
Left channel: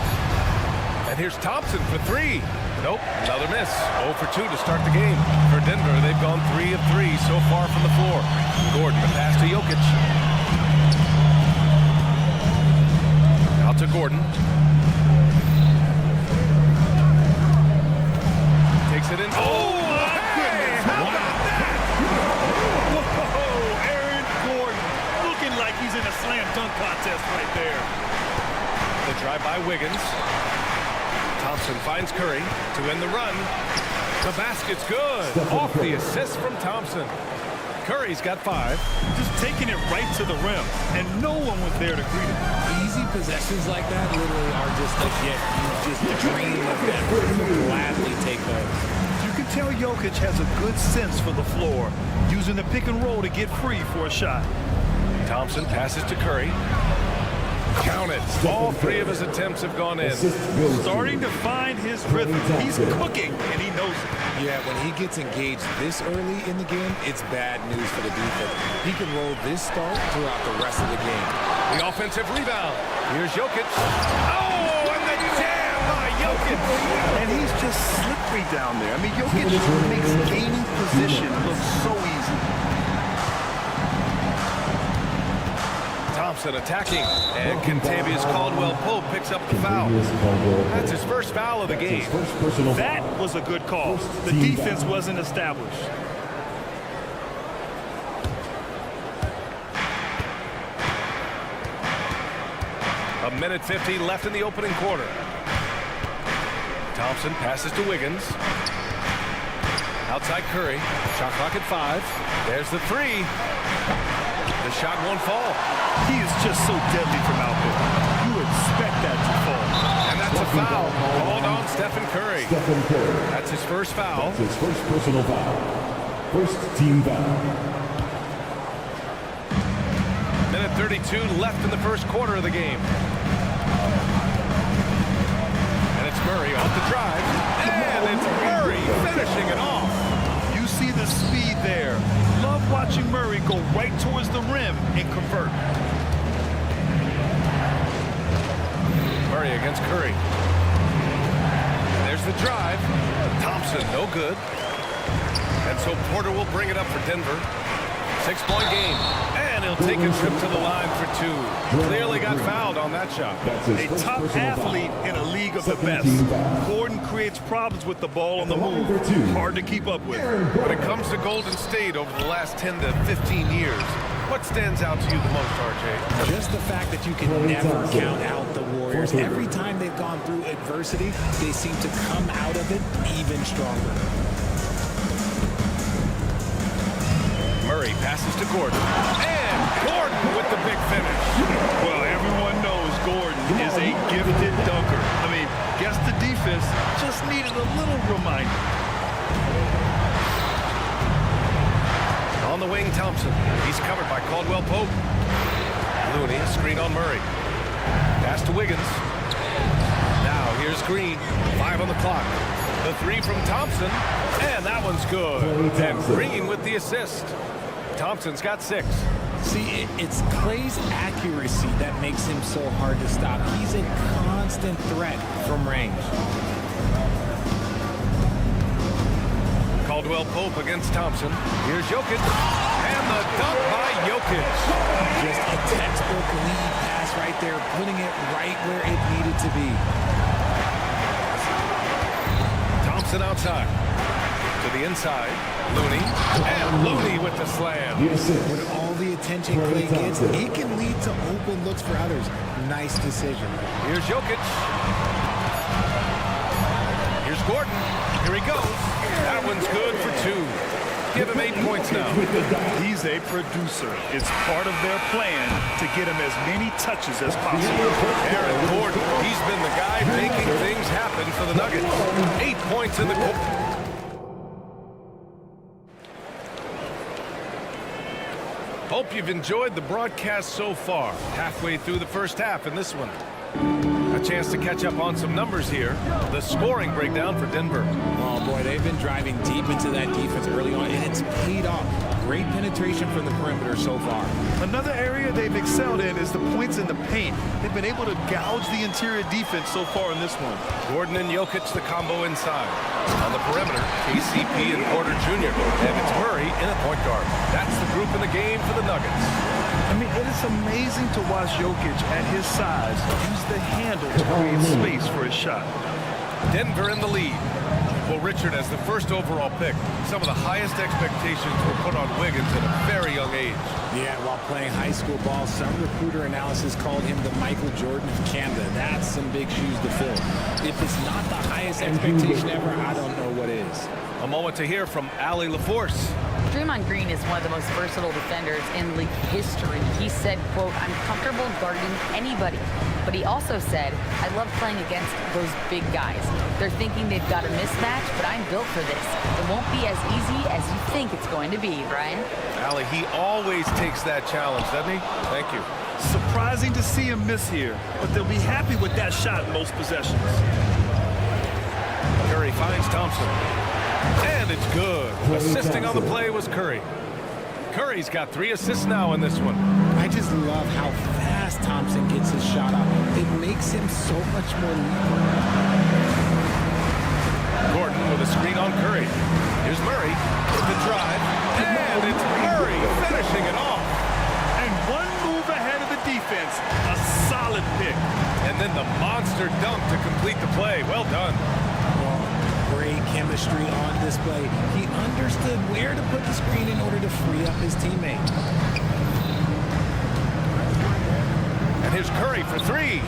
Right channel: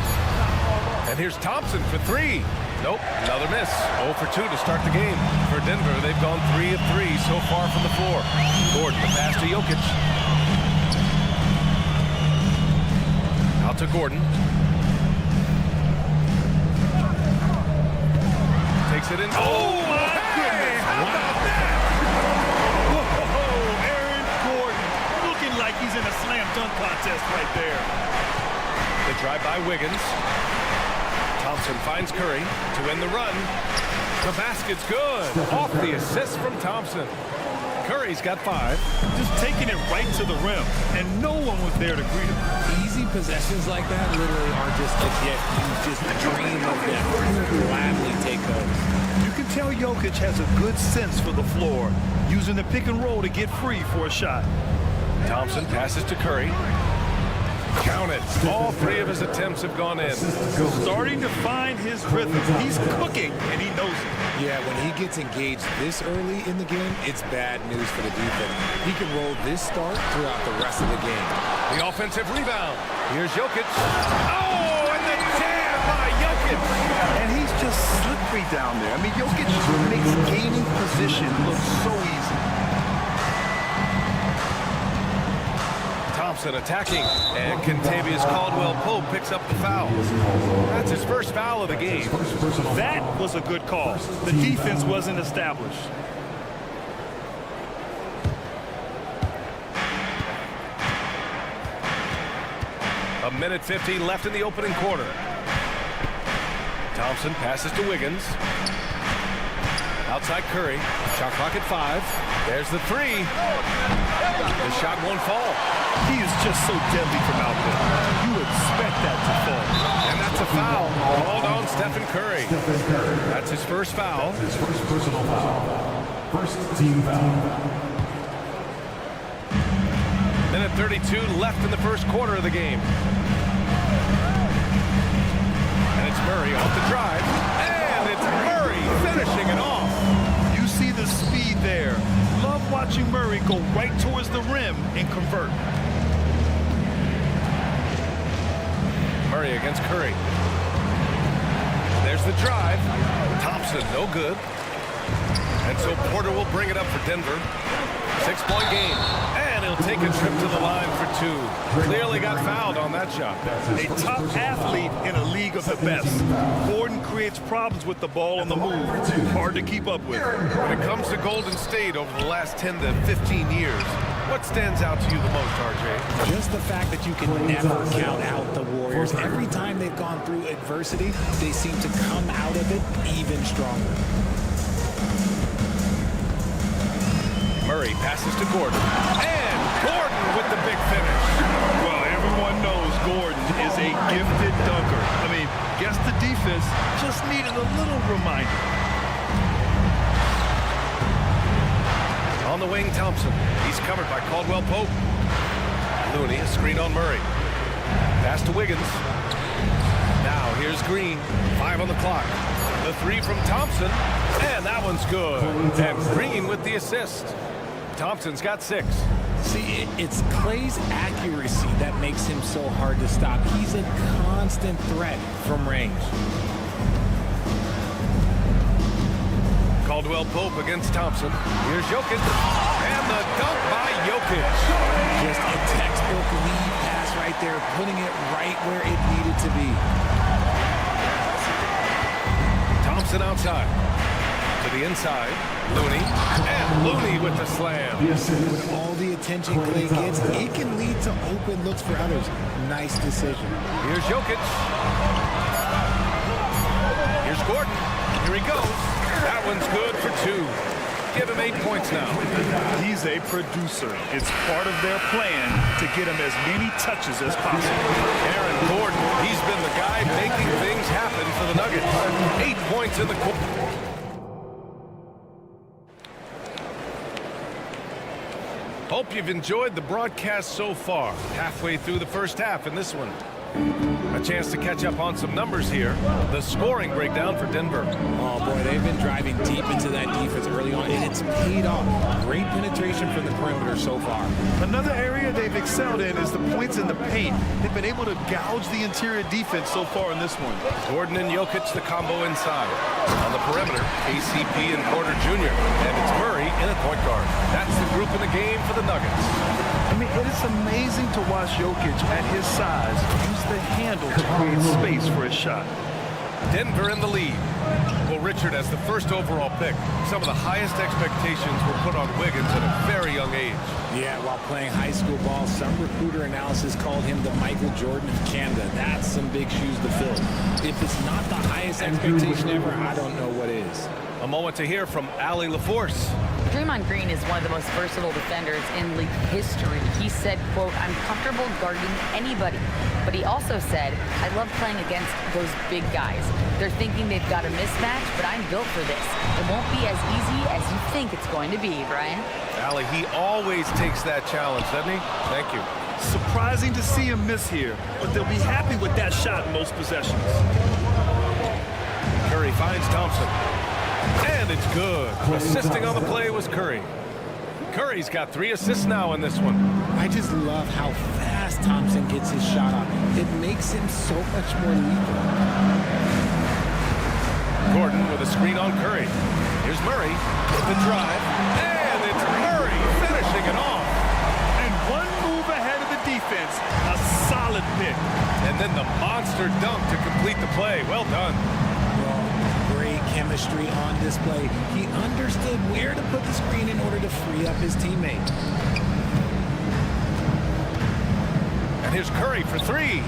And here's Thompson for 3. Nope, another miss. 0 for 2 to start the game. For Denver, they've gone 3 of 3 so far from the floor. Gordon, the pass to Jokic. Out to Gordon. Takes it in. Oh, my goodness. How about that? Whoa, Aaron Gordon looking like he's in a slam dunk contest right there. The drive by Wiggins. Thompson finds Curry to end the run. The basket's good. Off the assist from Thompson. Curry's got 5. Just taking it right to the rim, and no one was there to greet him. Easy possessions like that literally are just a gift. You just dream of them. You gladly take those. You can tell Jokic has a good sense for the floor, using the pick and roll to get free for a shot. Thompson passes to Curry. Count it. All 3 of his attempts have gone in. Starting to find his rhythm. He's cooking, and he knows it. Yeah, when he gets engaged this early in the game, it's bad news for the defense. He can roll this start throughout the rest of the game. The offensive rebound. Here's Jokic. Oh, and the jam by Jokic. And he's just slippery down there. I mean, Jokic makes gaining position look so easy. Thompson attacking, and Kentavious Caldwell-Pope picks up the foul. That's his first foul of the game. That was a good call. The defense wasn't established. A minute 50 left in the opening quarter. Thompson passes to Wiggins. Outside Curry. Shot clock at 5. There's the 3. The shot won't fall. He is just so deadly from out there. You expect that to fall. And that's a foul called on Stephen Curry. That's his first foul. His first personal foul. First team foul. Minute 32 left in the first quarter of the game. And it's Murray off the drive. And it's Murray finishing it off. You see the speed there. Love watching Murray go right towards the rim and convert. Murray against Curry. There's the drive. Thompson, no good. And so Porter will bring it up for Denver. 6-point game. And he'll take a trip to the line for 2. Clearly got fouled on that shot. A top athlete in a league of the best. Gordon creates problems with the ball on the move. Hard to keep up with. When it comes to Golden State over the last 10 to 15 years, what stands out to you the most, RJ? Just the fact that you can never count out the Warriors. Every time they've gone through adversity, they seem to come out of it even stronger. Murray passes to Gordon. And Gordon with the big finish. Well, everyone knows Gordon is a gifted dunker. I mean, guess the defense just needed a little reminder. On the wing, Thompson. He's covered by Caldwell Pope. Looney, a screen on Murray. Pass to Wiggins. Now here's Green. 5 on the clock. The 3 from Thompson. And that one's good. And Green with the assist. Thompson's got 6. See, it's Clay's accuracy that makes him so hard to stop. He's a constant threat from range. Caldwell Pope against Thompson. Here's Jokic. And the dunk by Jokic. Just a textbook lead pass right there, putting it right where it needed to be. Thompson outside. To the inside. Looney. And Looney with the slam. With all the attention Clay gets, it can lead to open looks for others. Nice decision. Here's Jokic. Here's Gordon. Here he goes. That one's good for 2. Give him 8 points now. He's a producer. It's part of their plan to get him as many touches as possible. Aaron Gordon, he's been the guy making things happen for the Nuggets. 8 points in the quarter. Hope you've enjoyed the broadcast so far. Halfway through the first half in this one. A chance to catch up on some numbers here. The scoring breakdown for Denver. Oh, boy, they've been driving deep into that defense early on, and it's paid off. Great penetration from the perimeter so far. Another area they've excelled in is the points in the paint. They've been able to gouge the interior defense so far in this one. Gordon and Jokic, the combo inside. On the perimeter, KCP and Porter Jr. And it's Murray in at point guard. That's the group in the game for the Nuggets. I mean, it is amazing to watch Jokic at his size use the handle to create space for his shot. Denver in the lead. Well, Richard, as the first overall pick, some of the highest expectations were put on Wiggins at a very young age. Yeah, while playing high school ball, some recruiter analysis called him the Michael Jordan of Canada. That's some big shoes to fill. If it's not the highest expectation ever, I don't know what is. A moment to hear from Allie LaForce. Draymond Green is one of the most versatile defenders in league history. He said, quote, "I'm comfortable guarding anybody." But he also said, "I love playing against those big guys. They're thinking they've got a mismatch, but I'm built for this. It won't be as easy as you think it's going to be," Brian. Allie, he always takes that challenge, doesn't he? Thank you. Surprising to see him miss here, but they'll be happy with that shot in most possessions. Curry finds Thompson. And it's good. Assisting on the play was Curry. Curry's got 3 assists now in this one. I just love how fast Thompson gets his shot off. It makes him so much more lethal. Gordon with a screen on Curry. Here's Murray with the drive. And it's Murray finishing it off. And one move ahead of the defense. A solid pick. And then the monster dunk to complete the play. Well done. Well, great chemistry on display. He understood where to put the screen in order to free up his teammate. And here's Curry for 3.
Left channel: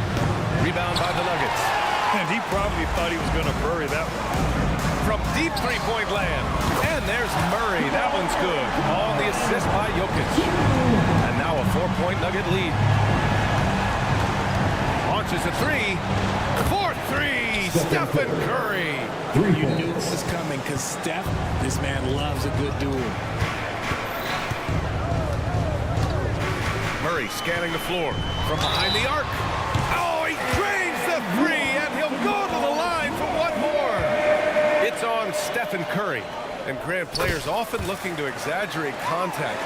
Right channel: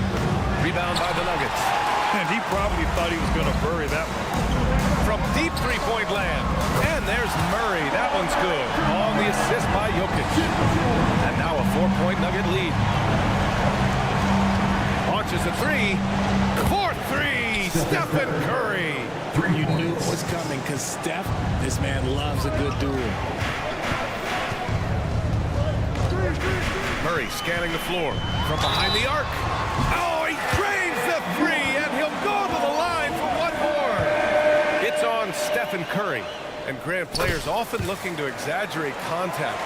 Rebound by the Nuggets. And he probably thought he was going to bury that one. From deep three-point land. And there's Murray. That one's good. On the assist by Jokic. And now a 4-point Nugget lead. Launches a 3. For 3, Stephen Curry. You knew it was coming because Steph, this man loves a good duel. Murray scanning the floor from behind the arc. Oh, he drains the 3, and he'll go to the line for one more. It's on Stephen Curry. And Grant, players often looking to exaggerate contact.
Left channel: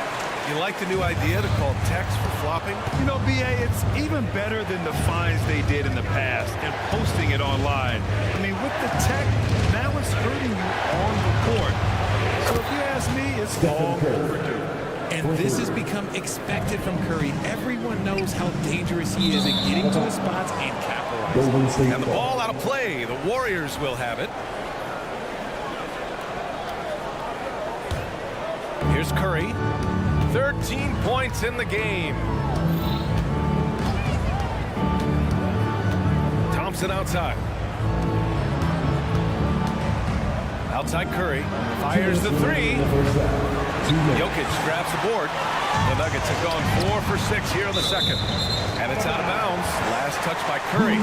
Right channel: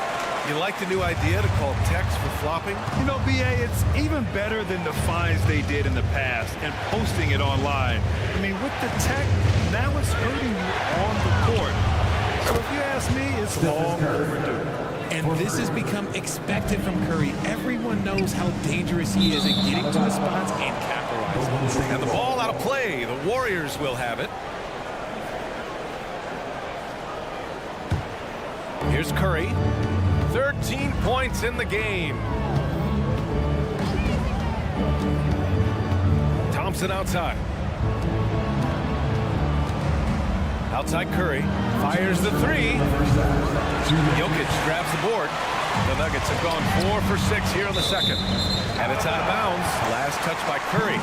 You like the new idea to call techs for flopping? You know, B.A., it's even better than the fines they did in the past and posting it online. I mean, with the tech, now it's hurting you on the court. So if you ask me, it's long overdue. And this has become expected from Curry. Everyone knows how dangerous he is at getting to his spots and capitalizing. And the ball out of play. The Warriors will have it. Here's Curry. 13 points in the game. Thompson outside. Outside Curry. Fires the 3. Jokic grabs the board. The Nuggets have gone 4 for 6 here in the second. And it's out of bounds. Last touch by Curry.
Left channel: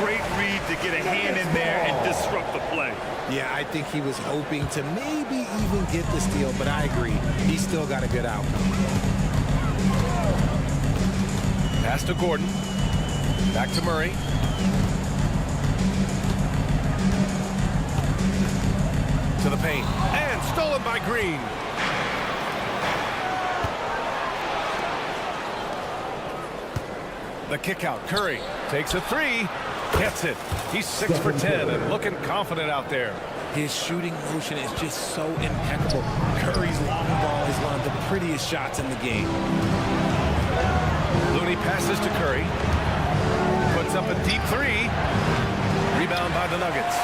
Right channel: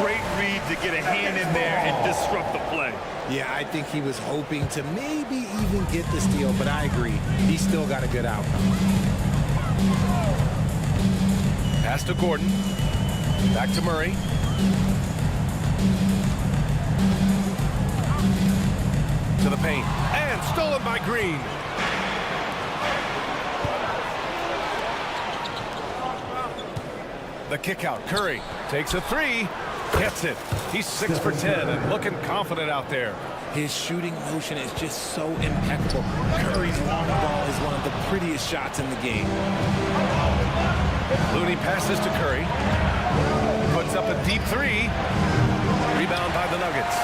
Great read to get a hand in there and disrupt the play. Yeah, I think he was hoping to maybe even get the steal, but I agree. He still got a good outcome. Pass to Gordon. Back to Murray. To the paint. And stolen by Green. The kick out. Curry takes a three. Gets it. He's 6 for 10 and looking confident out there. His shooting motion is just so impeccable. Curry's long ball is one of the prettiest shots in the game. Looney passes to Curry. Puts up a deep three. Rebound by the Nuggets.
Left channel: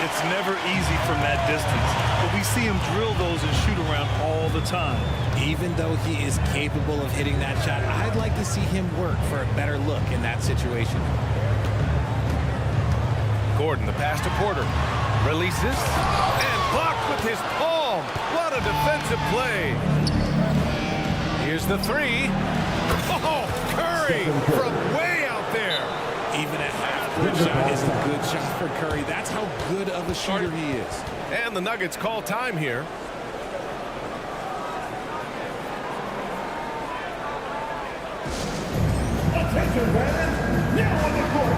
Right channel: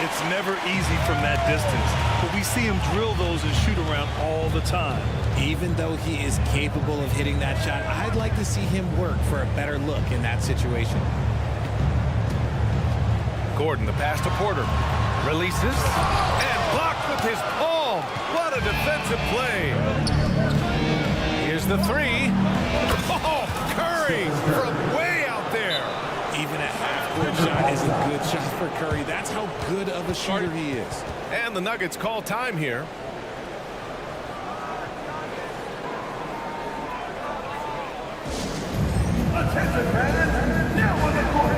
It's never easy from that distance, but we see him drill those and shoot around all the time. Even though he is capable of hitting that shot, I'd like to see him work for a better look in that situation. Gordon, the pass to Porter. Releases and blocked with his palm. What a defensive play. Here's the three. Oh, Curry from way out there. Even a half-court shot is a good shot for Curry. That's how good of a shooter he is. And the Nuggets call time here. Attention, fans. Now on the court.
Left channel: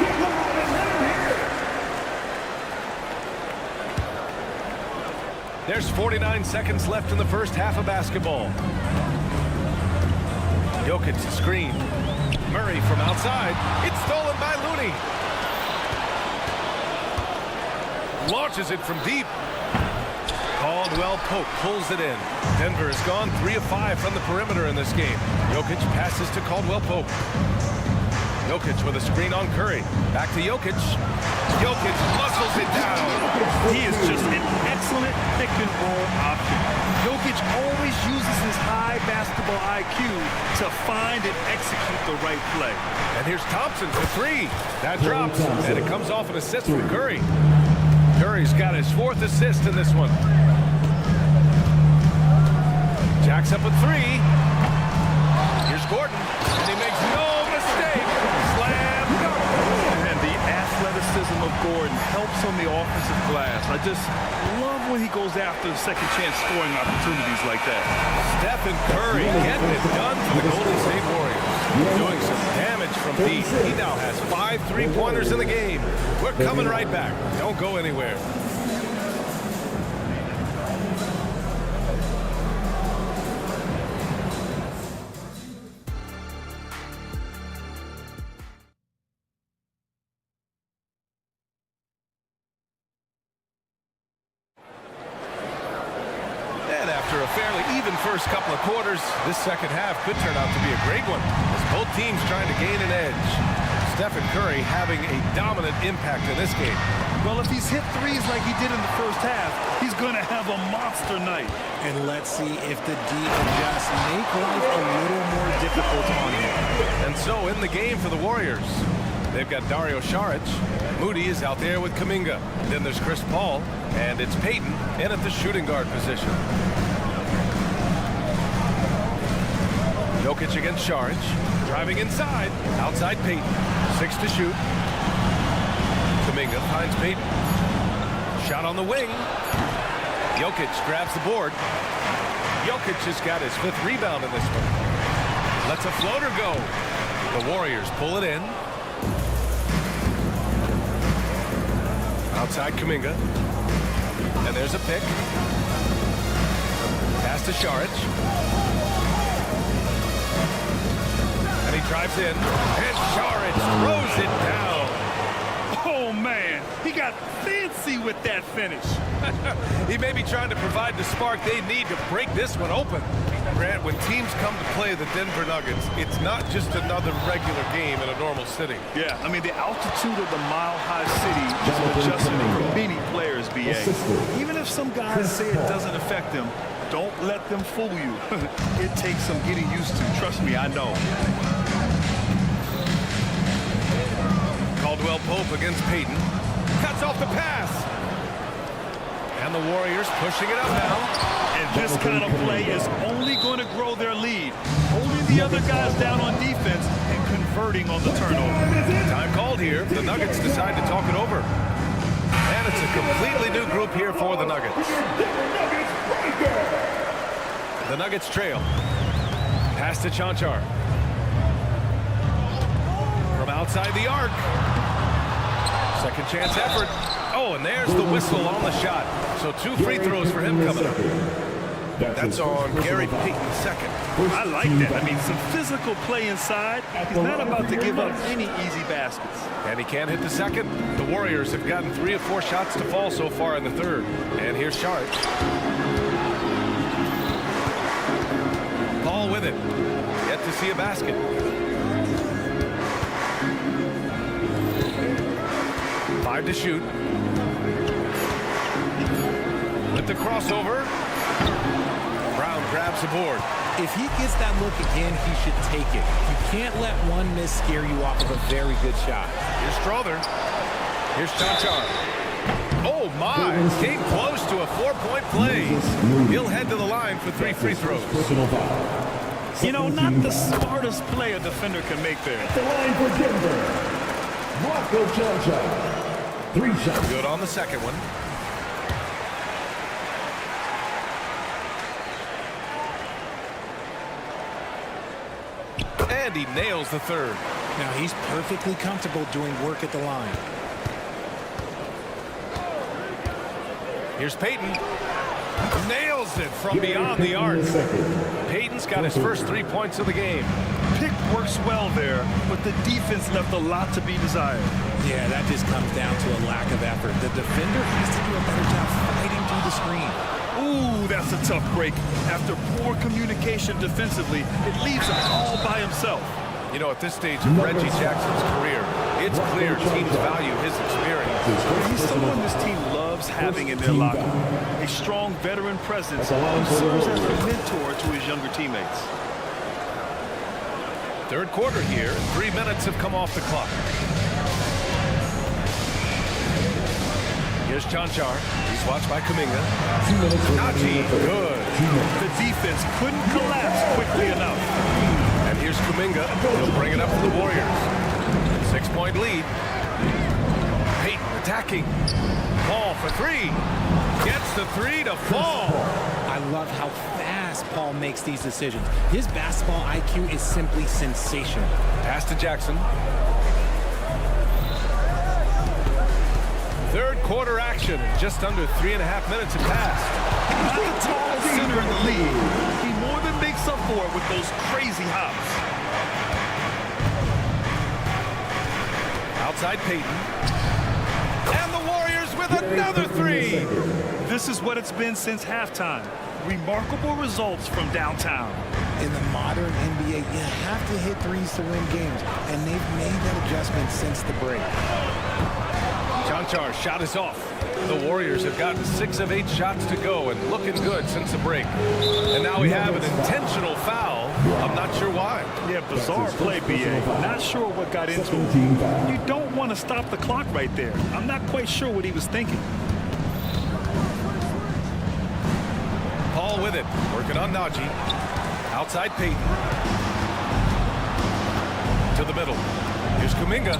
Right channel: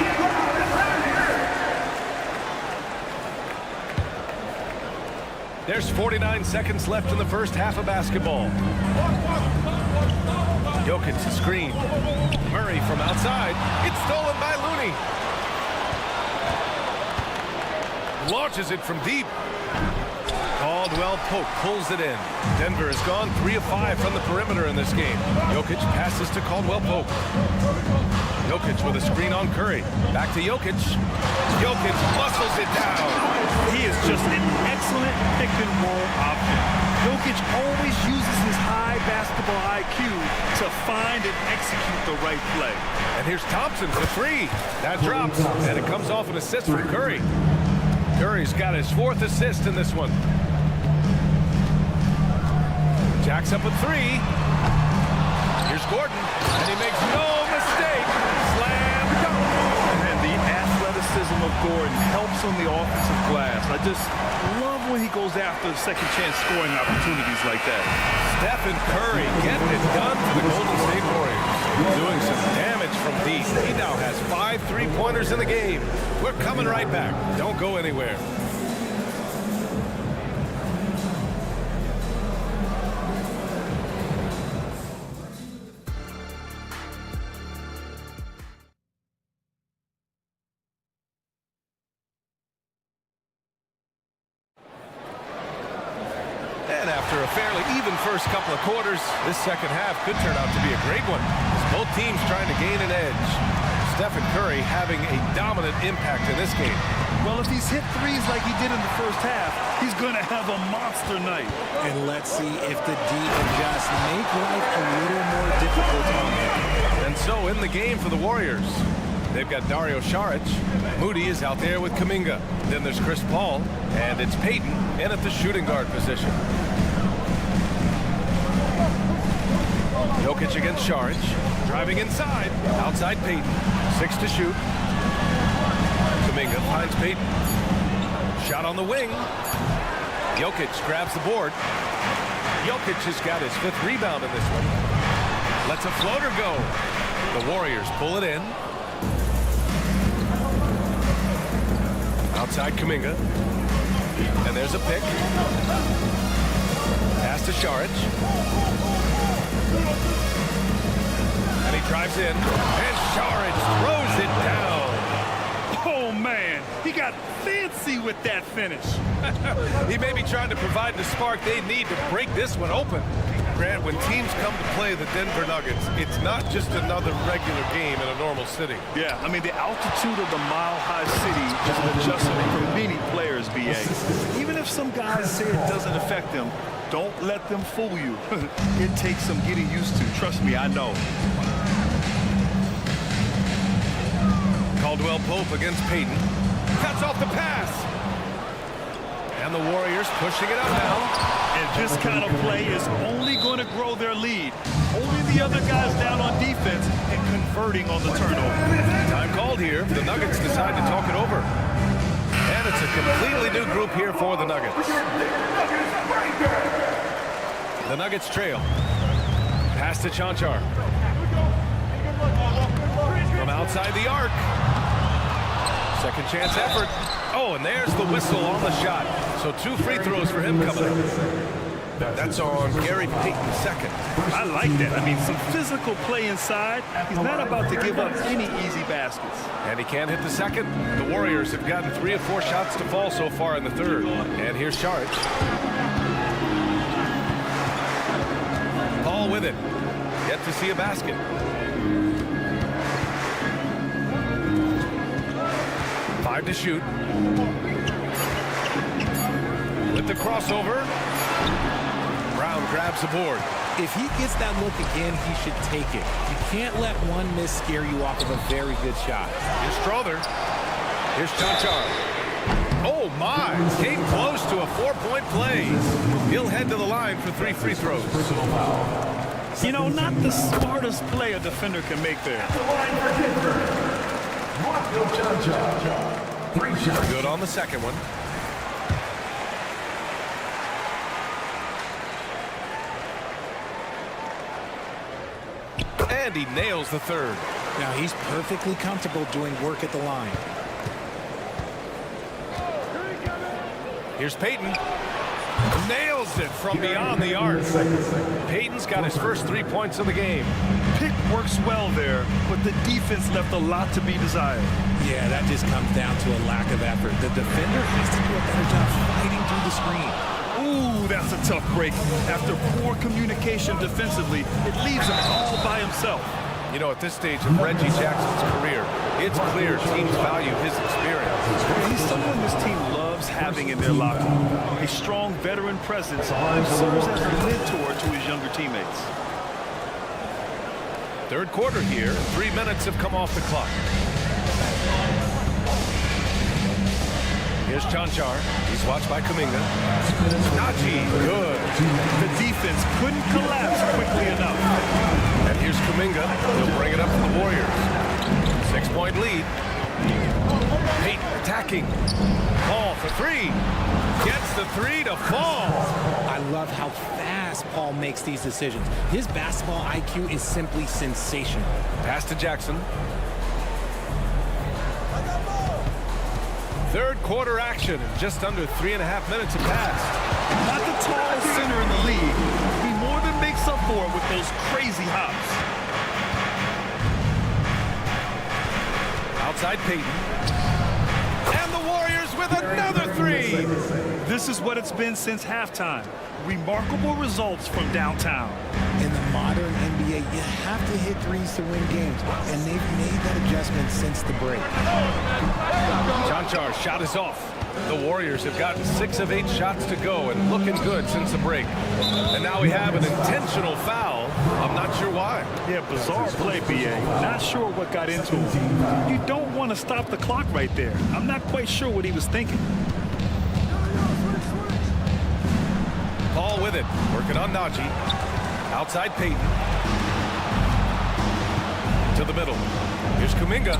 Get loud and let him hear it. There's 49 seconds left in the first half of basketball. Jokic to screen. Murray from outside. It's stolen by Looney. Launches it from deep. Caldwell Pope pulls it in. Denver has gone 3 of 5 from the perimeter in this game. Jokic passes to Caldwell Pope. Jokic with a screen on Curry. Back to Jokic. Jokic muscles it down. He is just an excellent pick-and-roll option. Jokic always uses his high basketball IQ to find and execute the right play. And here's Thompson for three. That drops, and it comes off an assist from Curry. Curry's got his 4th assist in this one. Jacks up a three. Here's Gordon, and he makes no mistake. Slam dunk. And the athleticism of Gordon helps on the offensive glass. I just love when he goes after second chance scoring opportunities like that. Stephen Curry getting it done for the Golden State Warriors. Doing some damage from deep. He now has 5 3-pointers in the game. We're coming right back. Don't go anywhere. And after a fairly even first couple of quarters, this second half could turn out to be a great one as both teams trying to gain an edge. Stephen Curry having a dominant impact in this game. Well, if he's hit threes like he did in the first half, he's going to have a monster night. And let's see if the D can just make life a little more difficult on him. And so in the game for the Warriors, they've got Dario Saric. Moody is out there with Kuminga. Then there's Chris Paul, and it's Payton in at the shooting guard position. Jokic against Saric. Driving inside. Outside Payton. 6 to shoot. Kuminga finds Payton. Shot on the wing. Jokic grabs the board. Jokic has got his 5th rebound in this one. Lets a floater go. The Warriors pull it in. Outside Kuminga. And there's a pick. Pass to Saric. And he drives in. And Saric throws it down. Oh, man. He got fancy with that finish. He may be trying to provide the spark they need to break this one open. Grant, when teams come to play the Denver Nuggets, it's not just another regular game in a normal city. Yeah, I mean, the altitude of the mile-high city is an adjustment for many players, B.A. Even if some guys say it doesn't affect them, don't let them fool you. It takes some getting used to. Trust me, I know. Caldwell Pope against Payton. Cuts off the pass. And the Warriors pushing it up now. And this kind of play is only going to grow their lead, holding the other guys down on defense and converting on the turnover. Time called here. The Nuggets decide to talk it over. And it's a completely new group here for the Nuggets. The Nuggets trail. Pass to Chanchar. From outside the arc. Second chance effort. Oh, and there's the whistle on the shot. So 2 free throws for him coming up. That's on Gary Payton II. I like that. I mean, some physical play inside. He's not about to give up any easy baskets. And he can't hit the second. The Warriors have gotten 3 of 4 shots to fall so far in the third. And here's Saric. Paul with it. Yet to see a basket. Five to shoot. With the crossover. Brown grabs the board. If he gets that look again, he should take it. You can't let one miss scare you off of a very good shot. Here's Strother. Here's Chanchar. Oh, my. Came close to a 4-point play. He'll head to the line for 3 free throws. You know, not the smartest play a defender can make there. The line for Denver. Rockville Chanchar. 3 shots. Good on the second one. And he nails the third. Now he's perfectly comfortable doing work at the line. Here's Payton. Nails it from beyond the arc. Payton's got his first 3 points of the game. Pick works well there, but the defense left a lot to be desired. Yeah, that just comes down to a lack of effort. The defender has to do a better job fighting through the screen. Ooh, that's a tough break. After poor communication defensively, it leaves him all by himself. You know, at this stage of Reggie Jackson's career, it's clear teams value his experience. He's someone this team loves having in their locker room. A strong veteran presence who serves as a mentor to his younger teammates. Third quarter here, and 3 minutes have come off the clock. Here's Chanchar. He's watched by Kuminga. Najee, good. The defense couldn't collapse quickly enough. And here's Kuminga. He'll bring it up for the Warriors. 6-point lead. Payton attacking. Paul for 3. Gets the 3 to fall. I love how fast Paul makes these decisions. His basketball IQ is simply sensational. Pass to Jackson. Third quarter action, and just under 3.5 minutes have passed. Not the tallest center in the league. He more than makes up for it with those crazy hops. Outside Payton. And the Warriors with another 3. This is what it's been since halftime. Remarkable results from downtown. In the modern NBA, you have to hit threes to win games, and they've made that adjustment since the break. Chanchar's shot is off. The Warriors have gotten 6 of 8 shots to go and looking good since the break. And now we have an intentional foul. I'm not sure why. Yeah, bizarre play, B.A. Not sure what got into him. You don't want to stop the clock right there. I'm not quite sure what he was thinking. Paul with it, working on Najee. Outside Payton. To the middle. Here's Kuminga.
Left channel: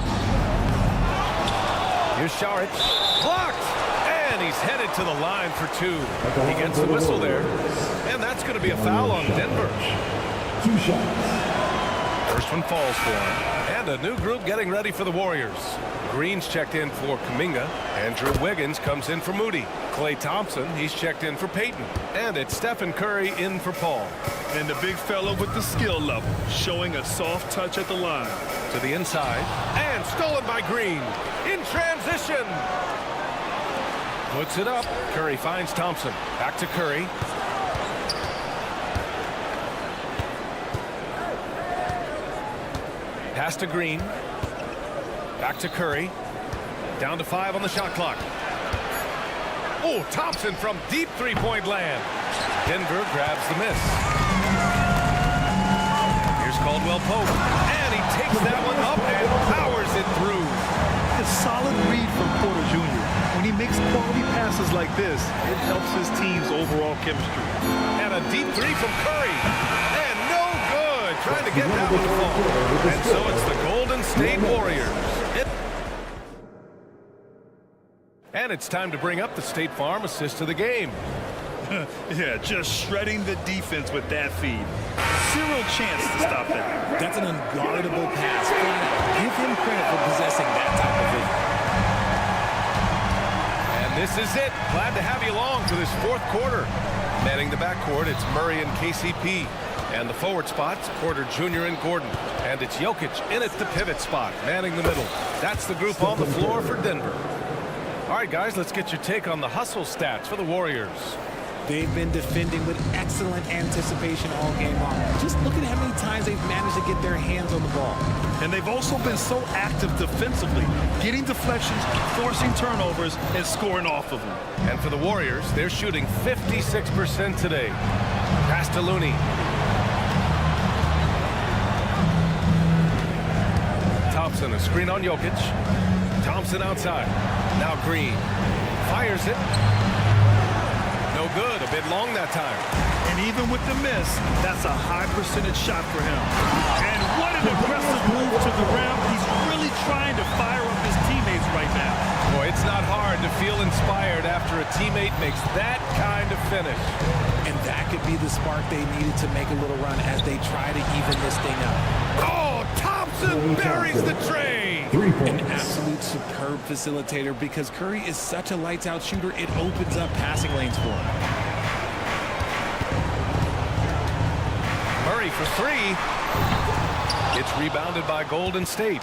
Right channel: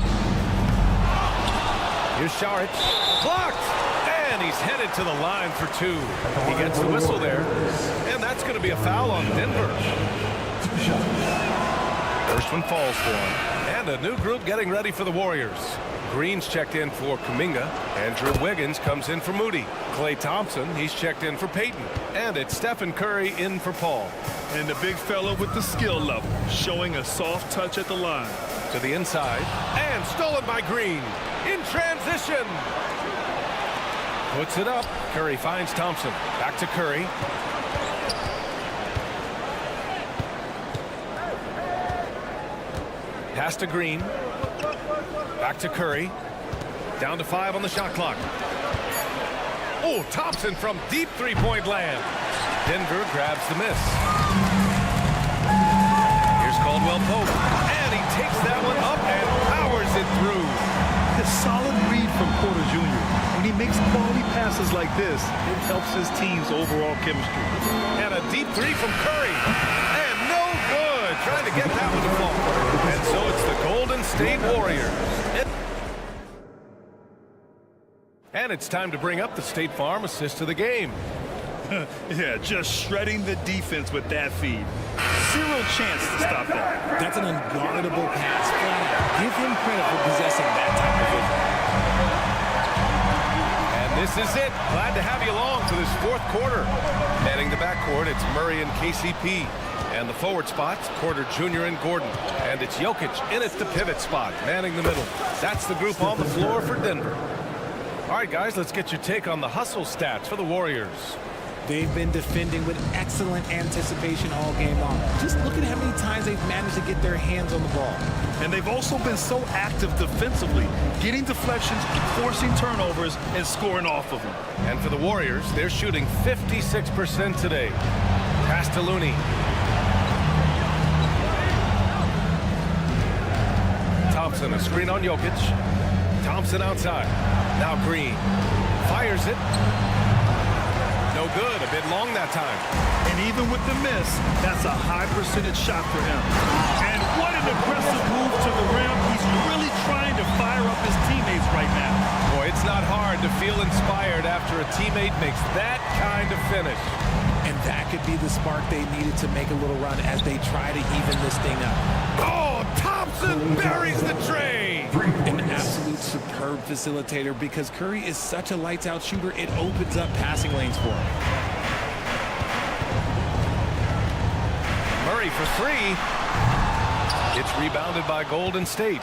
Here's Saric. Blocked! And he's headed to the line for 2. He gets the whistle there. And that's going to be a foul on Denver. 2 shots. First one falls for him. And a new group getting ready for the Warriors. Green's checked in for Kuminga. Andrew Wiggins comes in for Moody. Klay Thompson, he's checked in for Payton. And it's Stephen Curry in for Paul. And the big fella with the skill level, showing a soft touch at the line. To the inside. And stolen by Green. In transition. Puts it up. Curry finds Thompson. Back to Curry. Pass to Green. Back to Curry. Down to 5 on the shot clock. Oh, Thompson from deep 3-point land. Denver grabs the miss. Here's Caldwell Pope. And he takes that one up and powers it through. A solid read from Porter Jr. When he makes quality passes like this, it helps his team's overall chemistry. And a deep three from Curry. And no good. Trying to get that one to fall. And so it's the Golden State Warriors. And it's time to bring up the State Farm assist of the game. Yeah, just shredding the defense with that feed. Zero chance to stop that. That's an unguardable pass, flat out. Give him credit for possessing that type of vision. And this is it. Glad to have you along for this fourth quarter. Manning the backcourt, it's Murray and KCP. And the forward spots, Porter Jr. and Gordon. And it's Jokic in at the pivot spot, manning the middle. That's the group on the floor for Denver. All right, guys, let's get your take on the hustle stats for the Warriors. They've been defending with excellent anticipation all game long. Just look at how many times they've managed to get their hands on the ball. And they've also been so active defensively, getting deflections, forcing turnovers, and scoring off of them. And for the Warriors, they're shooting 56% today. Pass to Looney. Thompson, a screen on Jokic. Thompson outside. Now Green. Fires it. No good. A bit long that time. And even with the miss, that's a high percentage shot for him. And what an aggressive move to the rim. He's really trying to fire up his teammates right now. Boy, it's not hard to feel inspired after a teammate makes that kind of finish. And that could be the spark they needed to make a little run as they try to even this thing up. Oh, Thompson buries the tray. An absolute superb facilitator because Curry is such a lights-out shooter, it opens up passing lanes for him. Murray for three. It's rebounded by Golden State.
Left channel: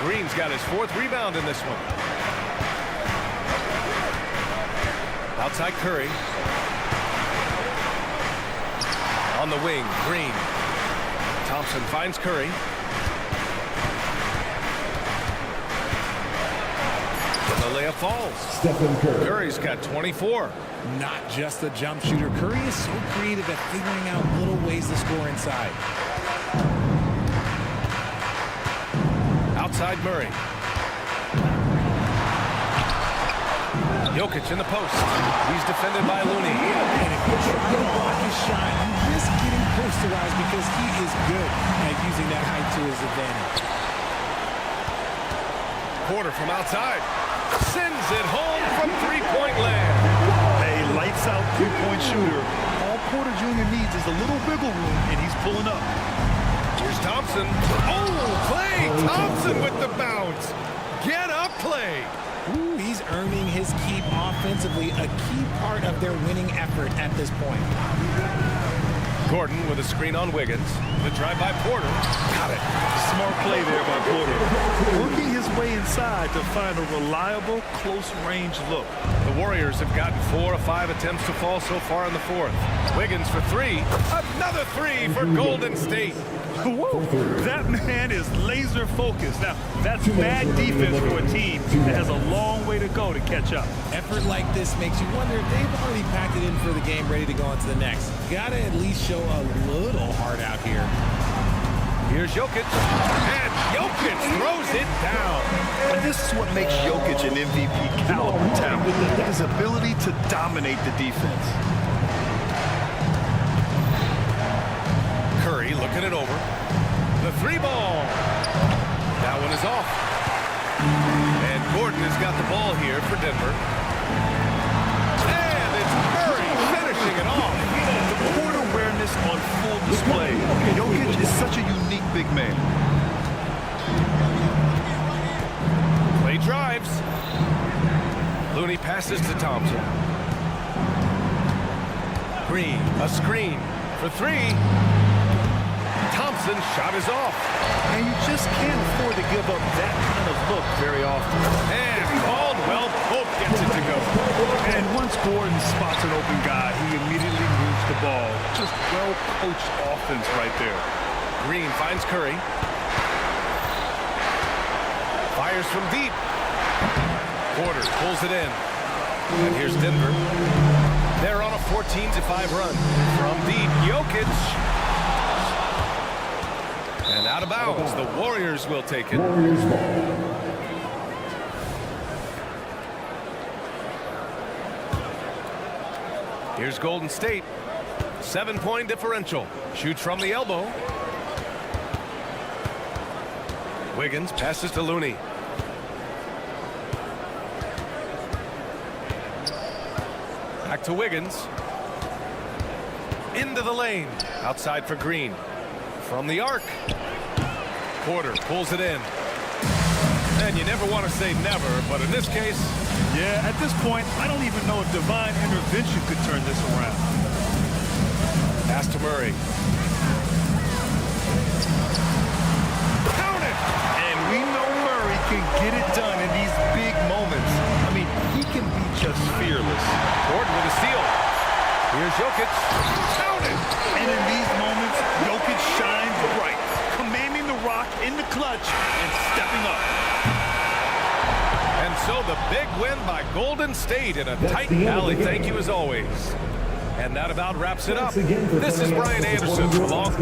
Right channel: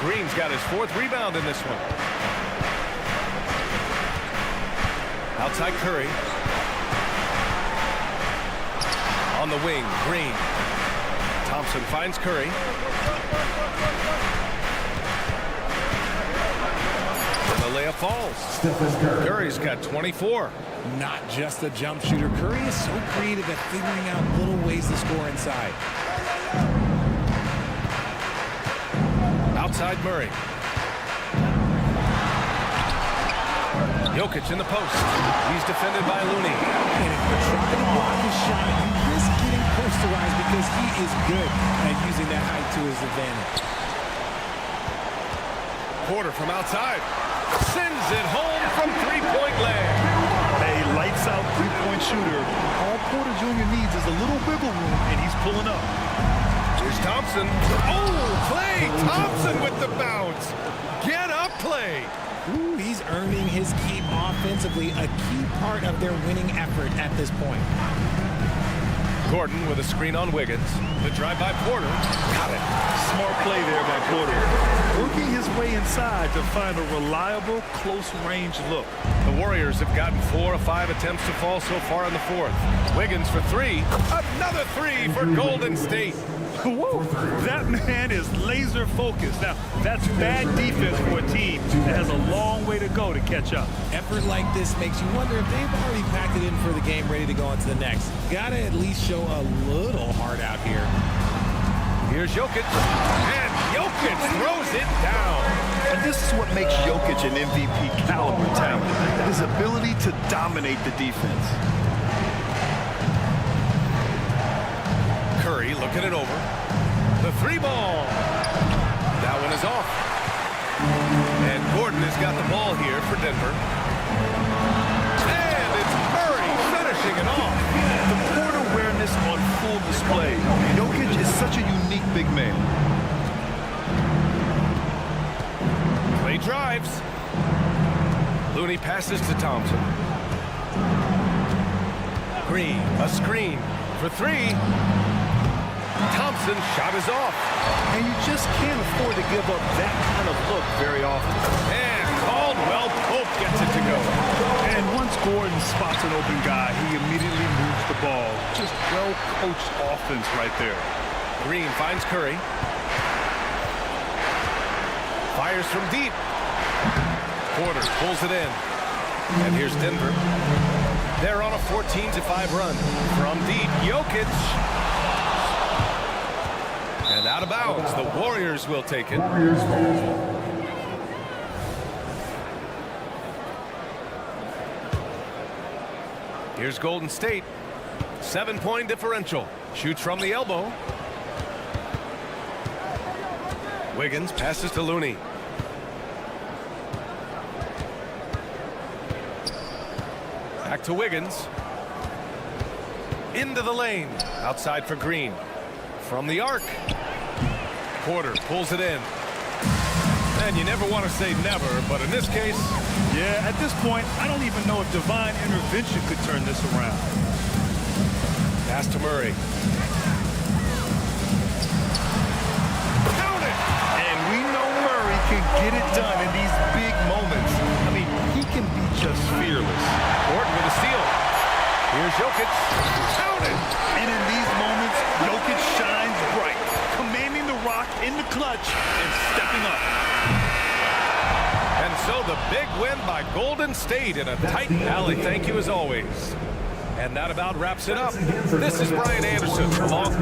Green's got his fourth rebound in this one. Outside Curry. On the wing, Green. Thompson finds Curry. And the layup falls. Curry's got 24. Not just a jump shooter. Curry is so creative at figuring out little ways to score inside. Outside Murray. Jokic in the post. He's defended by Looney. And if you try to block his shot, you risk getting posterized because he is good at using that height to his advantage. Porter from outside. Sends it home from three-point land. A lights-out three-point shooter. All Porter Jr. needs is a little wiggle room, and he's pulling up. Here's Thompson. Oh, Klay Thompson with the bounce. Get up, Klay. Ooh, he's earning his keep offensively, a key part of their winning effort at this point. Gordon with a screen on Wiggins. The drive by Porter. Got it. Smart play there by Porter. Working his way inside to find a reliable, close-range look. The Warriors have gotten 4 of 5 attempts to fall so far in the fourth. Wiggins for three. Another three for Golden State. Whoa, that man is laser focused. Now, that's bad defense for a team that has a long way to go to catch up. Effort like this makes you wonder if they've already packed it in for the game ready to go on to the next. Gotta at least show a little heart out here. Here's Jokic, and Jokic throws it down. And this is what makes Jokic an MVP caliber talent, his ability to dominate the defense. Curry looking it over. The three ball. That one is off. And Gordon has got the ball here for Denver. And it's Murray finishing it off. The court awareness on full display. Jokic is such a unique big man. Klay drives. Looney passes to Thompson. Green, a screen for three. Thompson's shot is off. And you just can't afford to give up that kind of look very often. And Caldwell Pope gets it to go. And once Gordon spots an open guy, he immediately moves the ball. Just well-coached offense right there. Green finds Curry. Fires from deep. Porter pulls it in. And here's Denver. They're on a 14-5 run. From deep, Jokic. And out of bounds, the Warriors will take it. Warriors ball. Here's Golden State. 7-point differential. Shoots from the elbow. Wiggins passes to Looney. Back to Wiggins. Into the lane. Outside for Green. From the arc. Porter pulls it in. And you never want to say never, but in this case... Yeah, at this point, I don't even know if divine intervention could turn this around. Pass to Murray. Count it! And we know Murray can get it done in these big moments. I mean, he can be just fearless. Gordon with a steal. Here's Jokic. Count it! And in these moments, Jokic shines bright, commanding the rock in the clutch and stepping up. And so the big win by Golden State in a tight alley. Thank you as always. And that about wraps it up. This is Brian Anderson along.